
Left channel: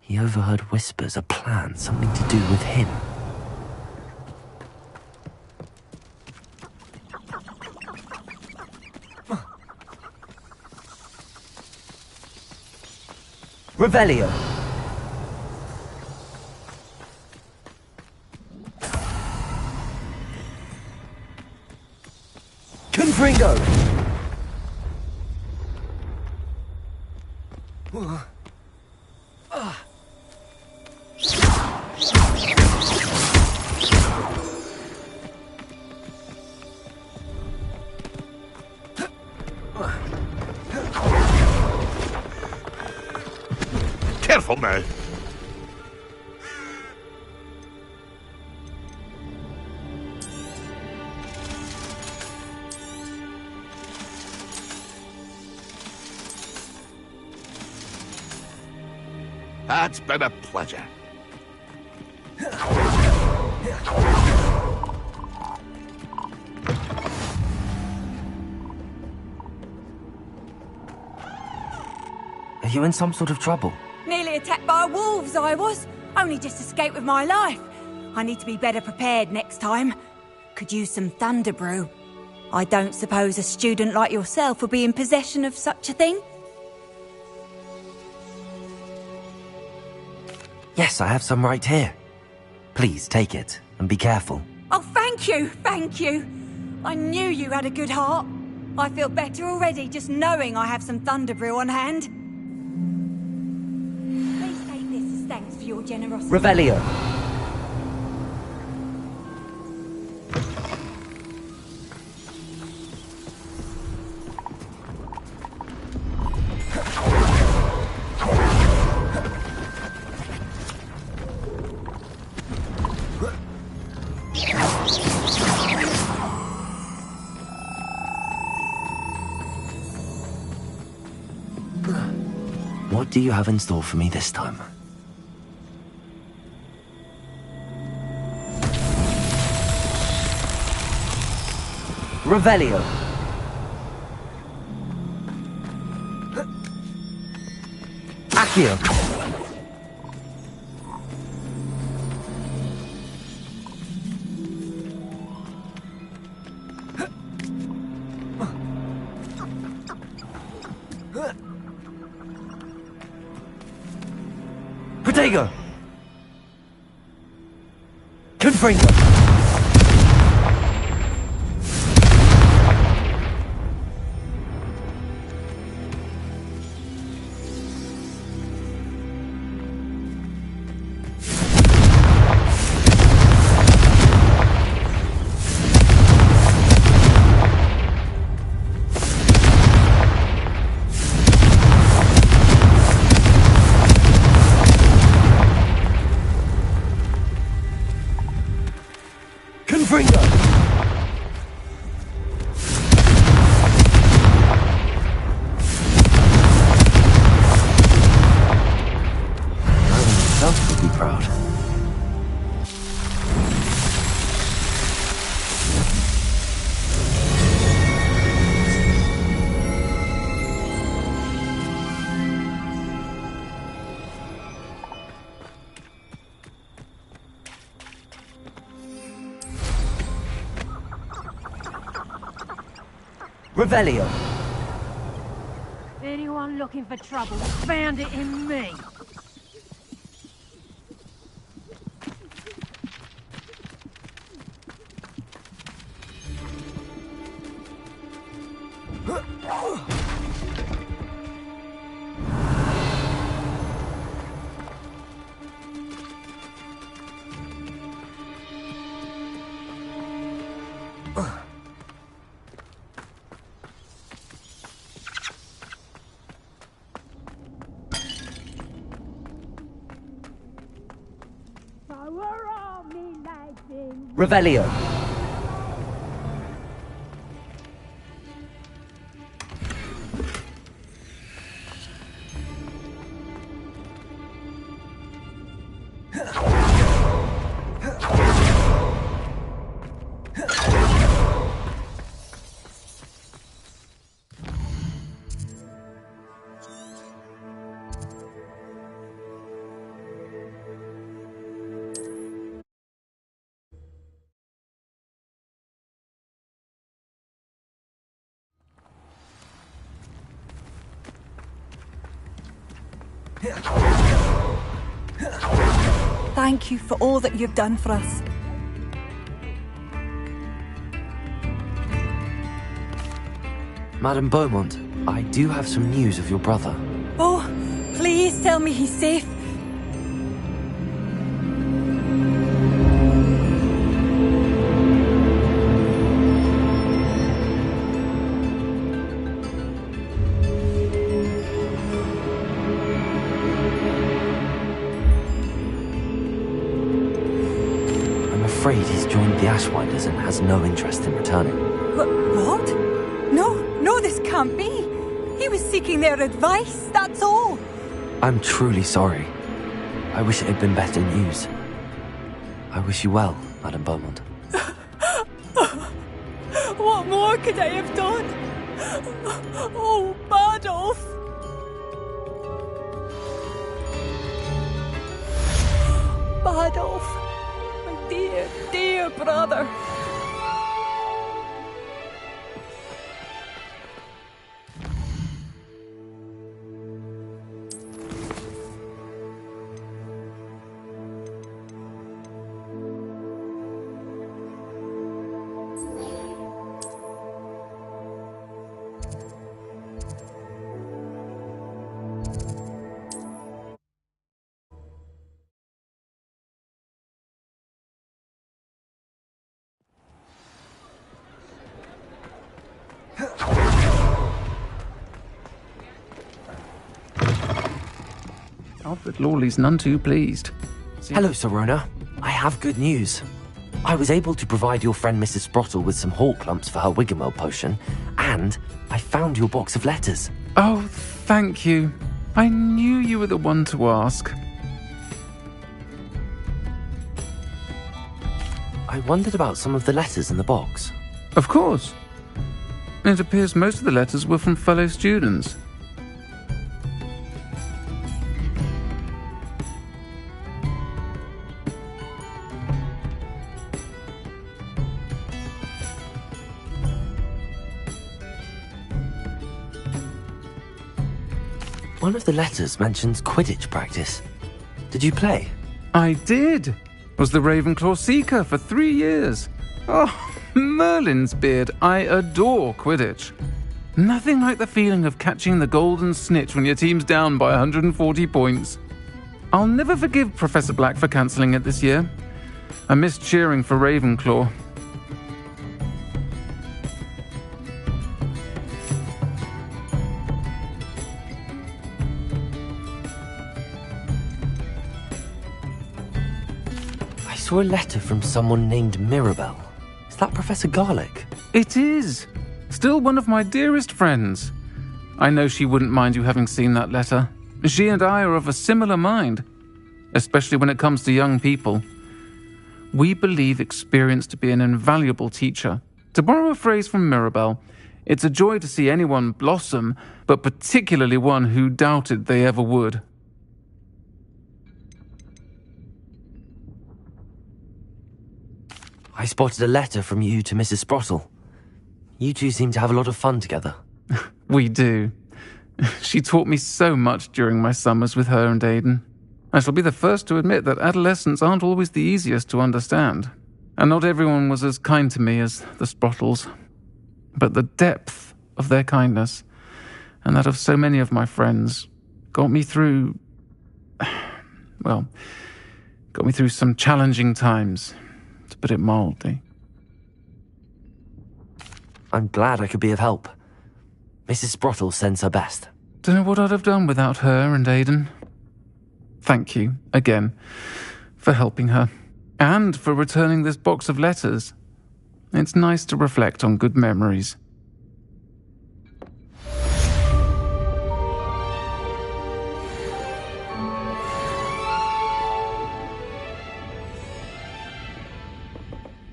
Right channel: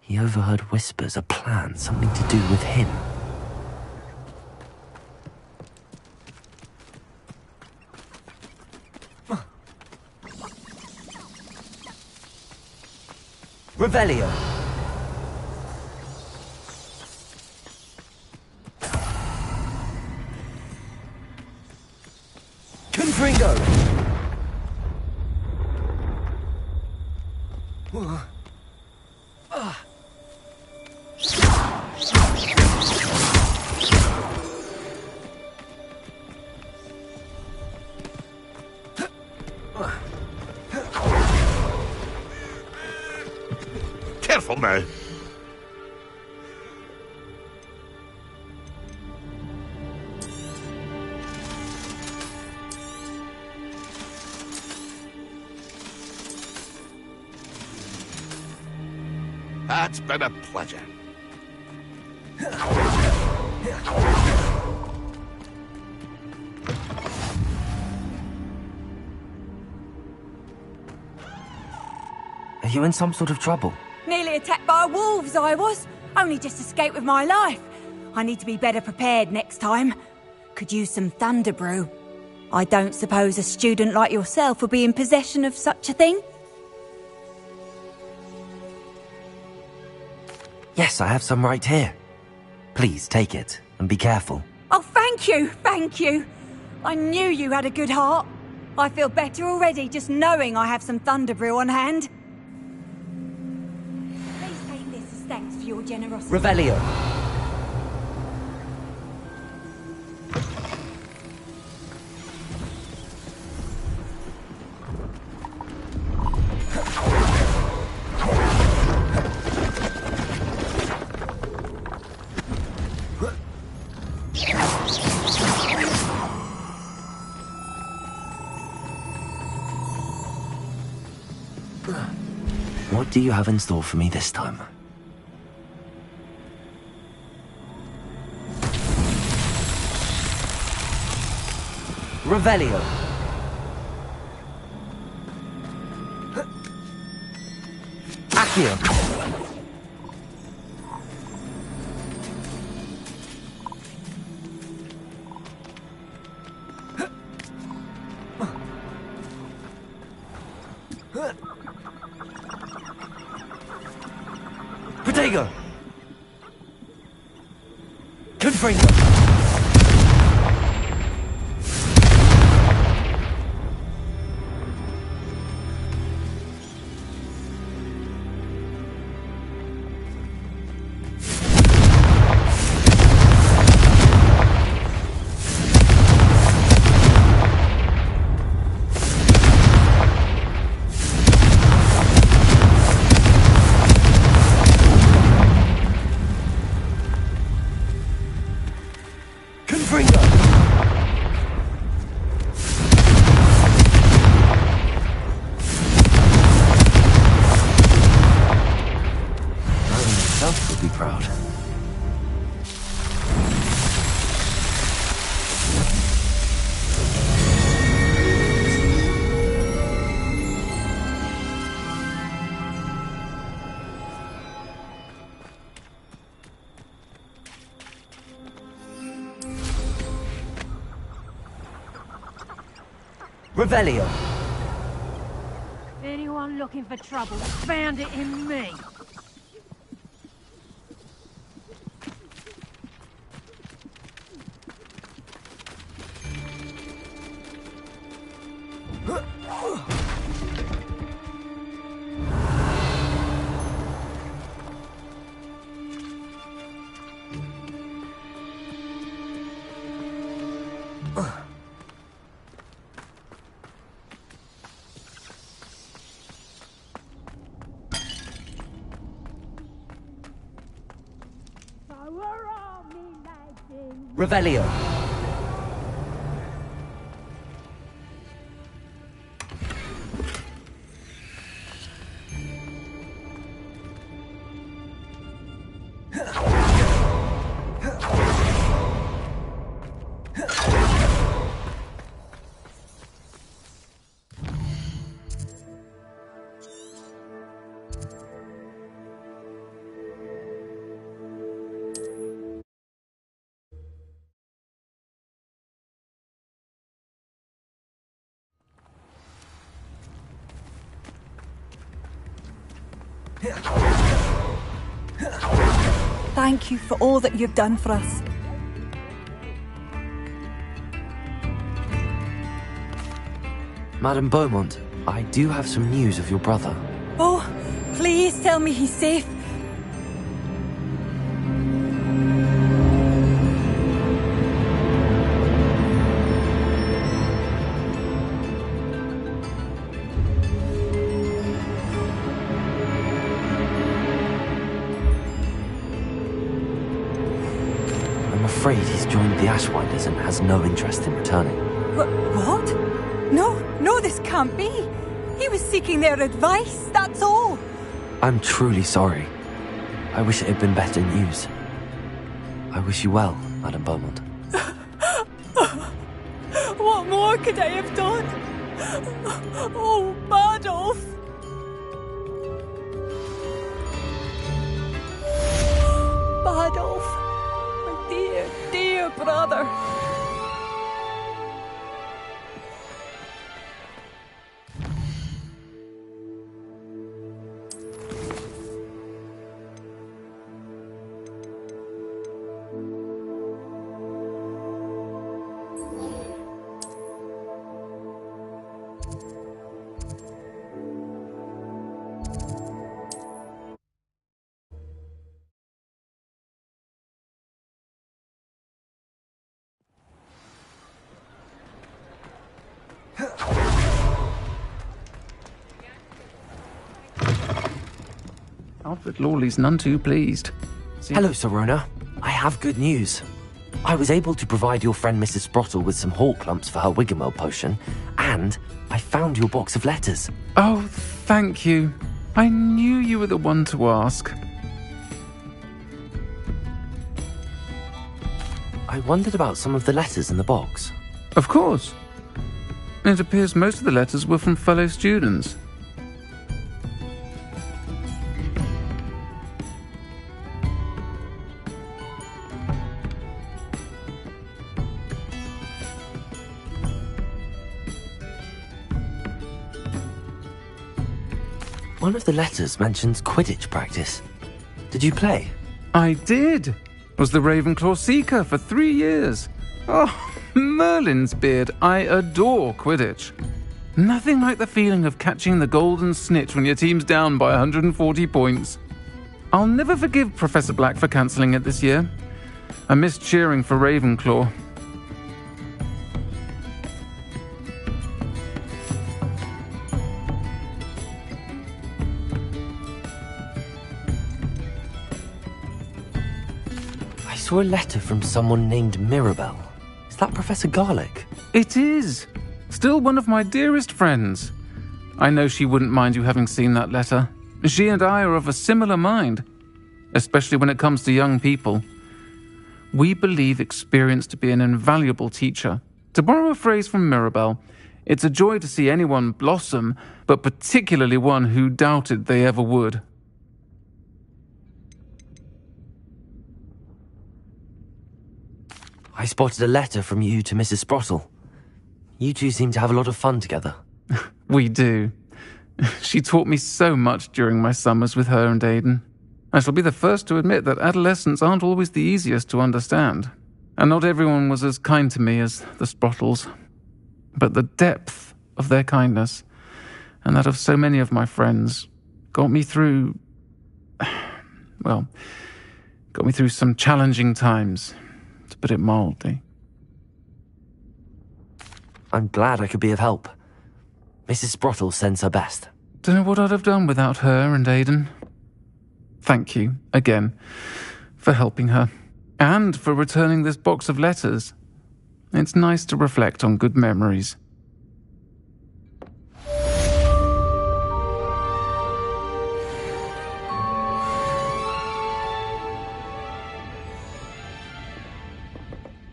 He overheard whispers, a plan, something to do with him. Revelio! Confringo! Careful now. That's been a pleasure. Are you in some sort of trouble? Nearly attacked by wolves, I was. Only just escaped with my life. I need to be better prepared next time. Could use some thunder brew. I don't suppose a student like yourself will be in possession of such a thing? Yes, I have some right here. Please take it, and be careful. Oh, thank you, thank you. I knew you had a good heart. I feel better already just knowing I have some thunder brew on hand. Please take this as thanks for your generosity. Revelio. What do you have in store for me this time? Revelio. Accio. Protego. Confringo. Confringo. Merlin himself would be proud. Revelio. Anyone looking for trouble found it in me. Revelio. Thank you for all that you've done for us. Madame Beaumont, I do have some news of your brother. Oh, please tell me he's safe. I'm afraid he's joined the Ashwinders and has no interest in returning. What? No, this can't be. He was seeking their advice, that's all. I'm truly sorry. I wish it had been better news. I wish you well, Madame Beaumont. What more could I have done? Oh, Badolf! Badolf, my dear, dear brother. Alfred Lawley's none too pleased. Hello, Sorona. I have good news. I was able to provide your friend Mrs. Sprottle with some hawk lumps for her Wiggenweld potion, and I found your box of letters. Oh, thank you. I knew you were the one to ask. I wondered about some of the letters in the box. Of course. It appears most of the letters were from fellow students. One of the letters mentions Quidditch practice. Did you play? I did. Was the Ravenclaw Seeker for 3 years. Oh, Merlin's beard. I adore Quidditch. Nothing like the feeling of catching the golden snitch when your team's down by 140 points. I'll never forgive Professor Black for cancelling it this year. I missed cheering for Ravenclaw. I saw a letter from someone named Mirabelle. Is that Professor Garlick? It is. Still one of my dearest friends. I know she wouldn't mind you having seen that letter. She and I are of a similar mind, especially when it comes to young people. We believe experience to be an invaluable teacher. To borrow a phrase from Mirabelle, it's a joy to see anyone blossom, but particularly one who doubted they ever would. I spotted a letter from you to Mrs. Sprottle. You two seem to have a lot of fun together. We do. She taught me so much during my summers with her and Aidan. I shall be the first to admit that adolescents aren't always the easiest to understand, and not everyone was as kind to me as the Sprottles. But the depth of their kindness, and that of so many of my friends, got me through some challenging times, to put it mildly. I'm glad I could be of help. Mrs. Sprottle sends her best. Don't know what I'd have done without her and Aidan. Thank you, again, for helping her, and for returning this box of letters. It's nice to reflect on good memories.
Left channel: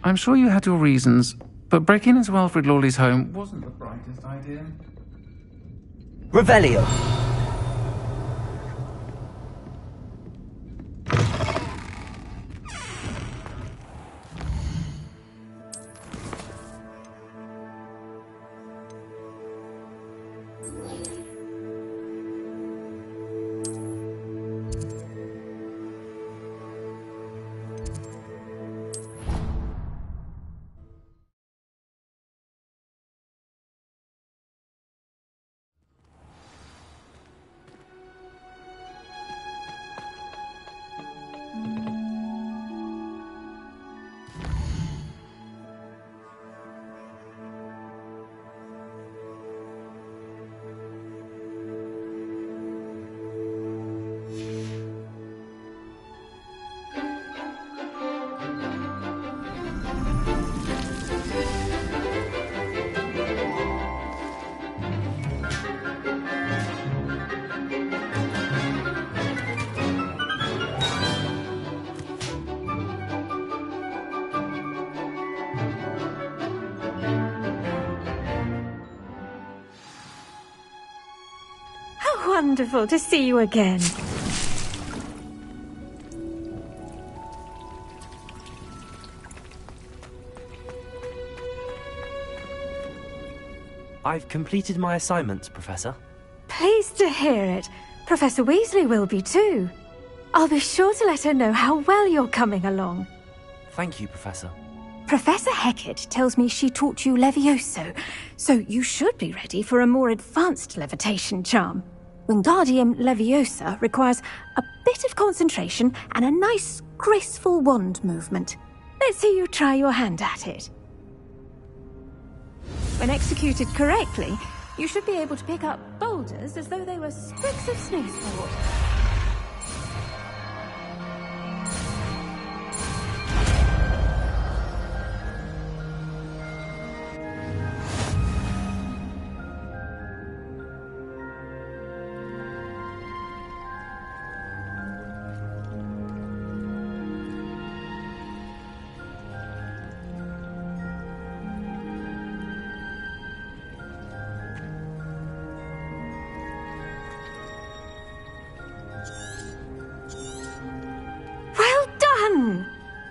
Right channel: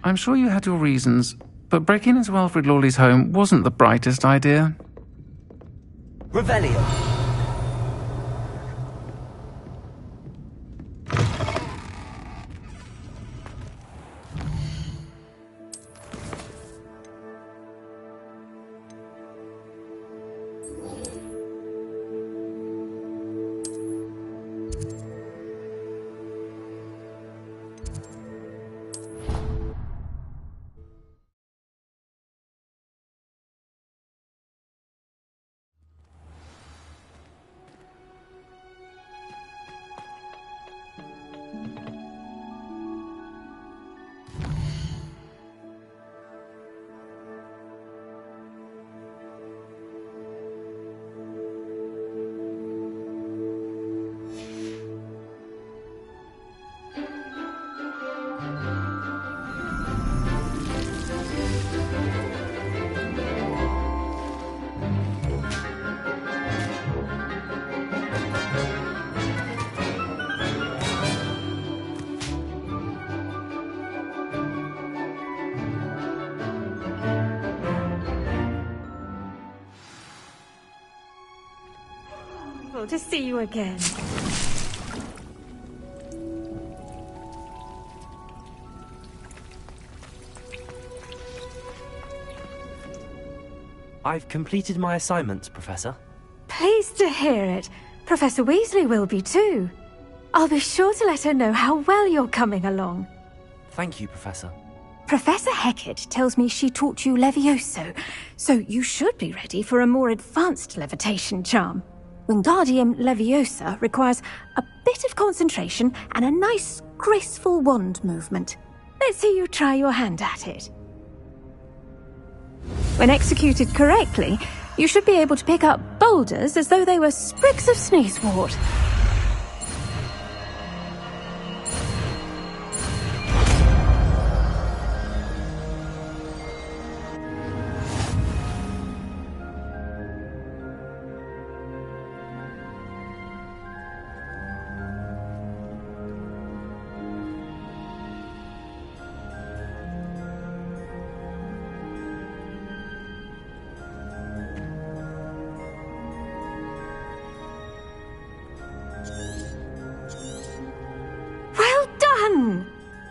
I'm sure you had your reasons, but breaking into Alfred Lawley's home wasn't the brightest idea. Revelio. Wonderful to see you again. I've completed my assignments, Professor. Pleased to hear it. Professor Weasley will be too. I'll be sure to let her know how well you're coming along. Thank you, Professor. Professor Hecat tells me she taught you Levioso, so you should be ready for a more advanced levitation charm. Wingardium Leviosa requires a bit of concentration and a nice, graceful wand movement. Let's see you try your hand at it. When executed correctly, you should be able to pick up boulders as though they were sprigs of sneezewort.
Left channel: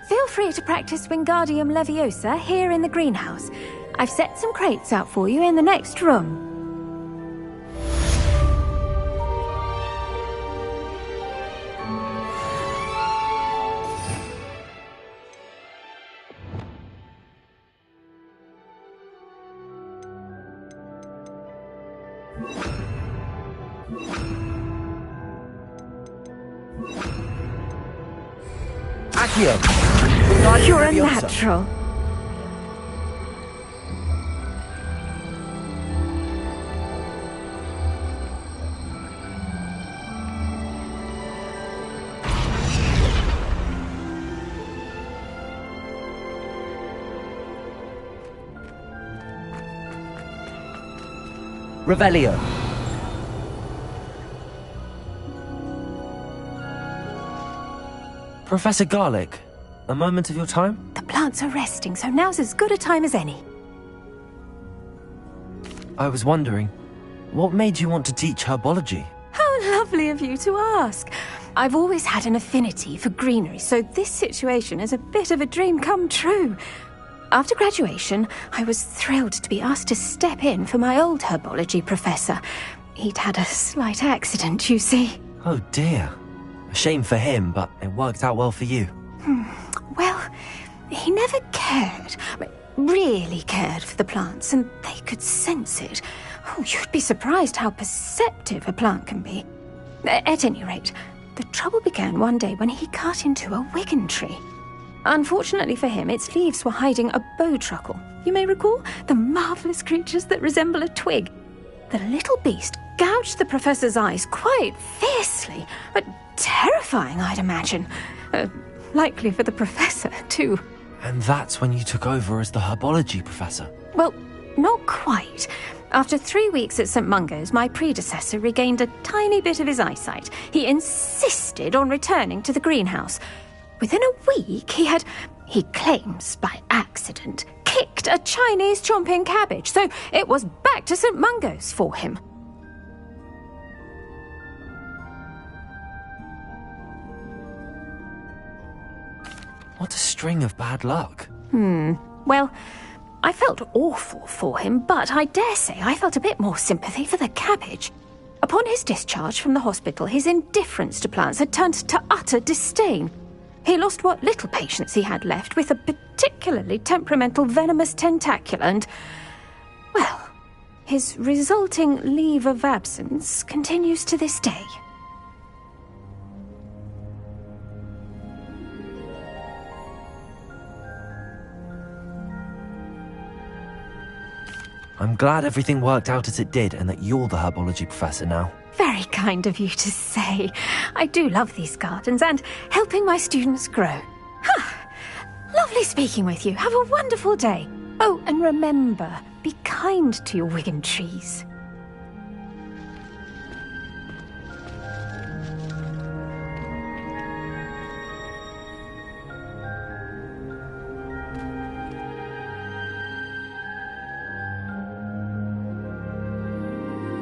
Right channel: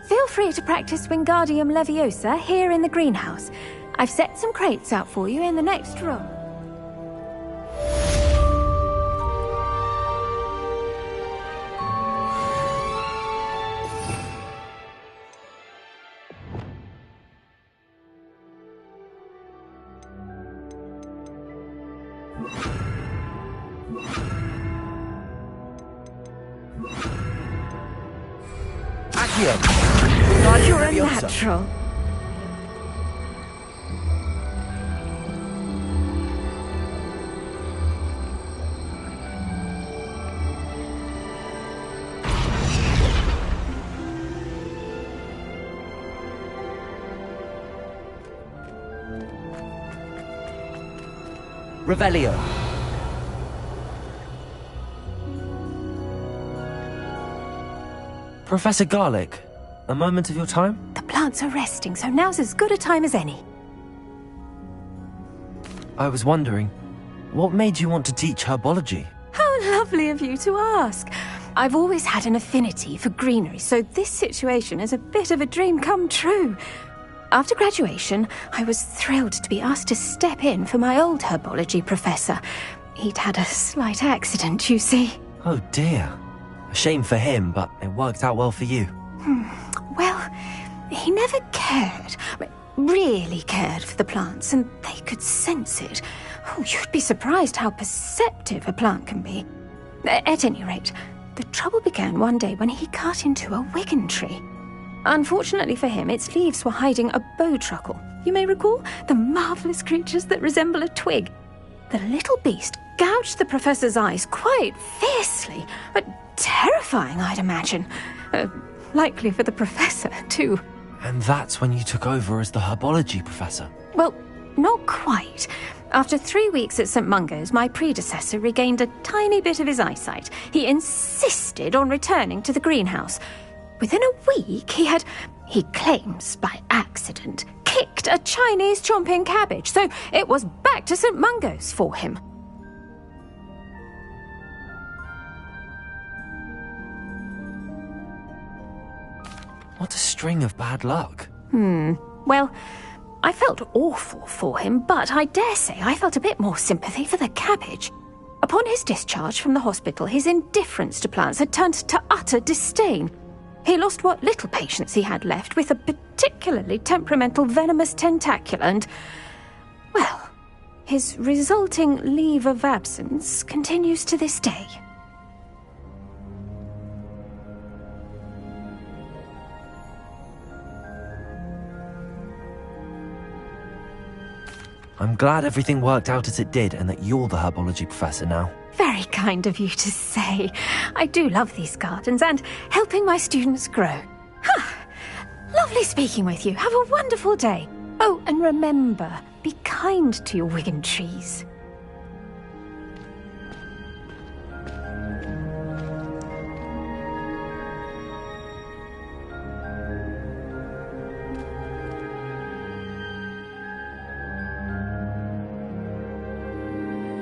Feel free to practice Wingardium Leviosa here in the greenhouse. I've set some crates out for you in the next room. Accio! You're a natural. Revelio. Professor Garlic, a moment of your time? The plants are resting, so now's as good a time as any. I was wondering, what made you want to teach herbology? How lovely of you to ask. I've always had an affinity for greenery, so this situation is a bit of a dream come true. After graduation, I was thrilled to be asked to step in for my old herbology professor. He'd had a slight accident, you see. Oh dear. A shame for him, but it worked out well for you. Well, he never cared, really cared for the plants, and they could sense it. Oh, you'd be surprised how perceptive a plant can be. At any rate, the trouble began one day when he cut into a wigan tree. Unfortunately for him, its leaves were hiding a bowtruckle. You may recall the marvellous creatures that resemble a twig. The little beast gouged the professor's eyes quite fiercely, but terrifying, I'd imagine. Likely for the professor, too. And that's when you took over as the herbology professor? Well, not quite. After 3 weeks at St. Mungo's, my predecessor regained a tiny bit of his eyesight. He insisted on returning to the greenhouse. Within a week, he claims by accident, kicked a Chinese chomping cabbage, so it was back to St. Mungo's for him. What a string of bad luck. Well, I felt awful for him, but I dare say I felt a bit more sympathy for the cabbage. Upon his discharge from the hospital, his indifference to plants had turned to utter disdain. He lost what little patience he had left with a particularly temperamental venomous tentacula and, well, his resulting leave of absence continues to this day. I'm glad everything worked out as it did and that you're the herbology professor now. Very kind of you to say. I do love these gardens and helping my students grow. Lovely speaking with you. Have a wonderful day. Oh, and remember, be kind to your wigan trees.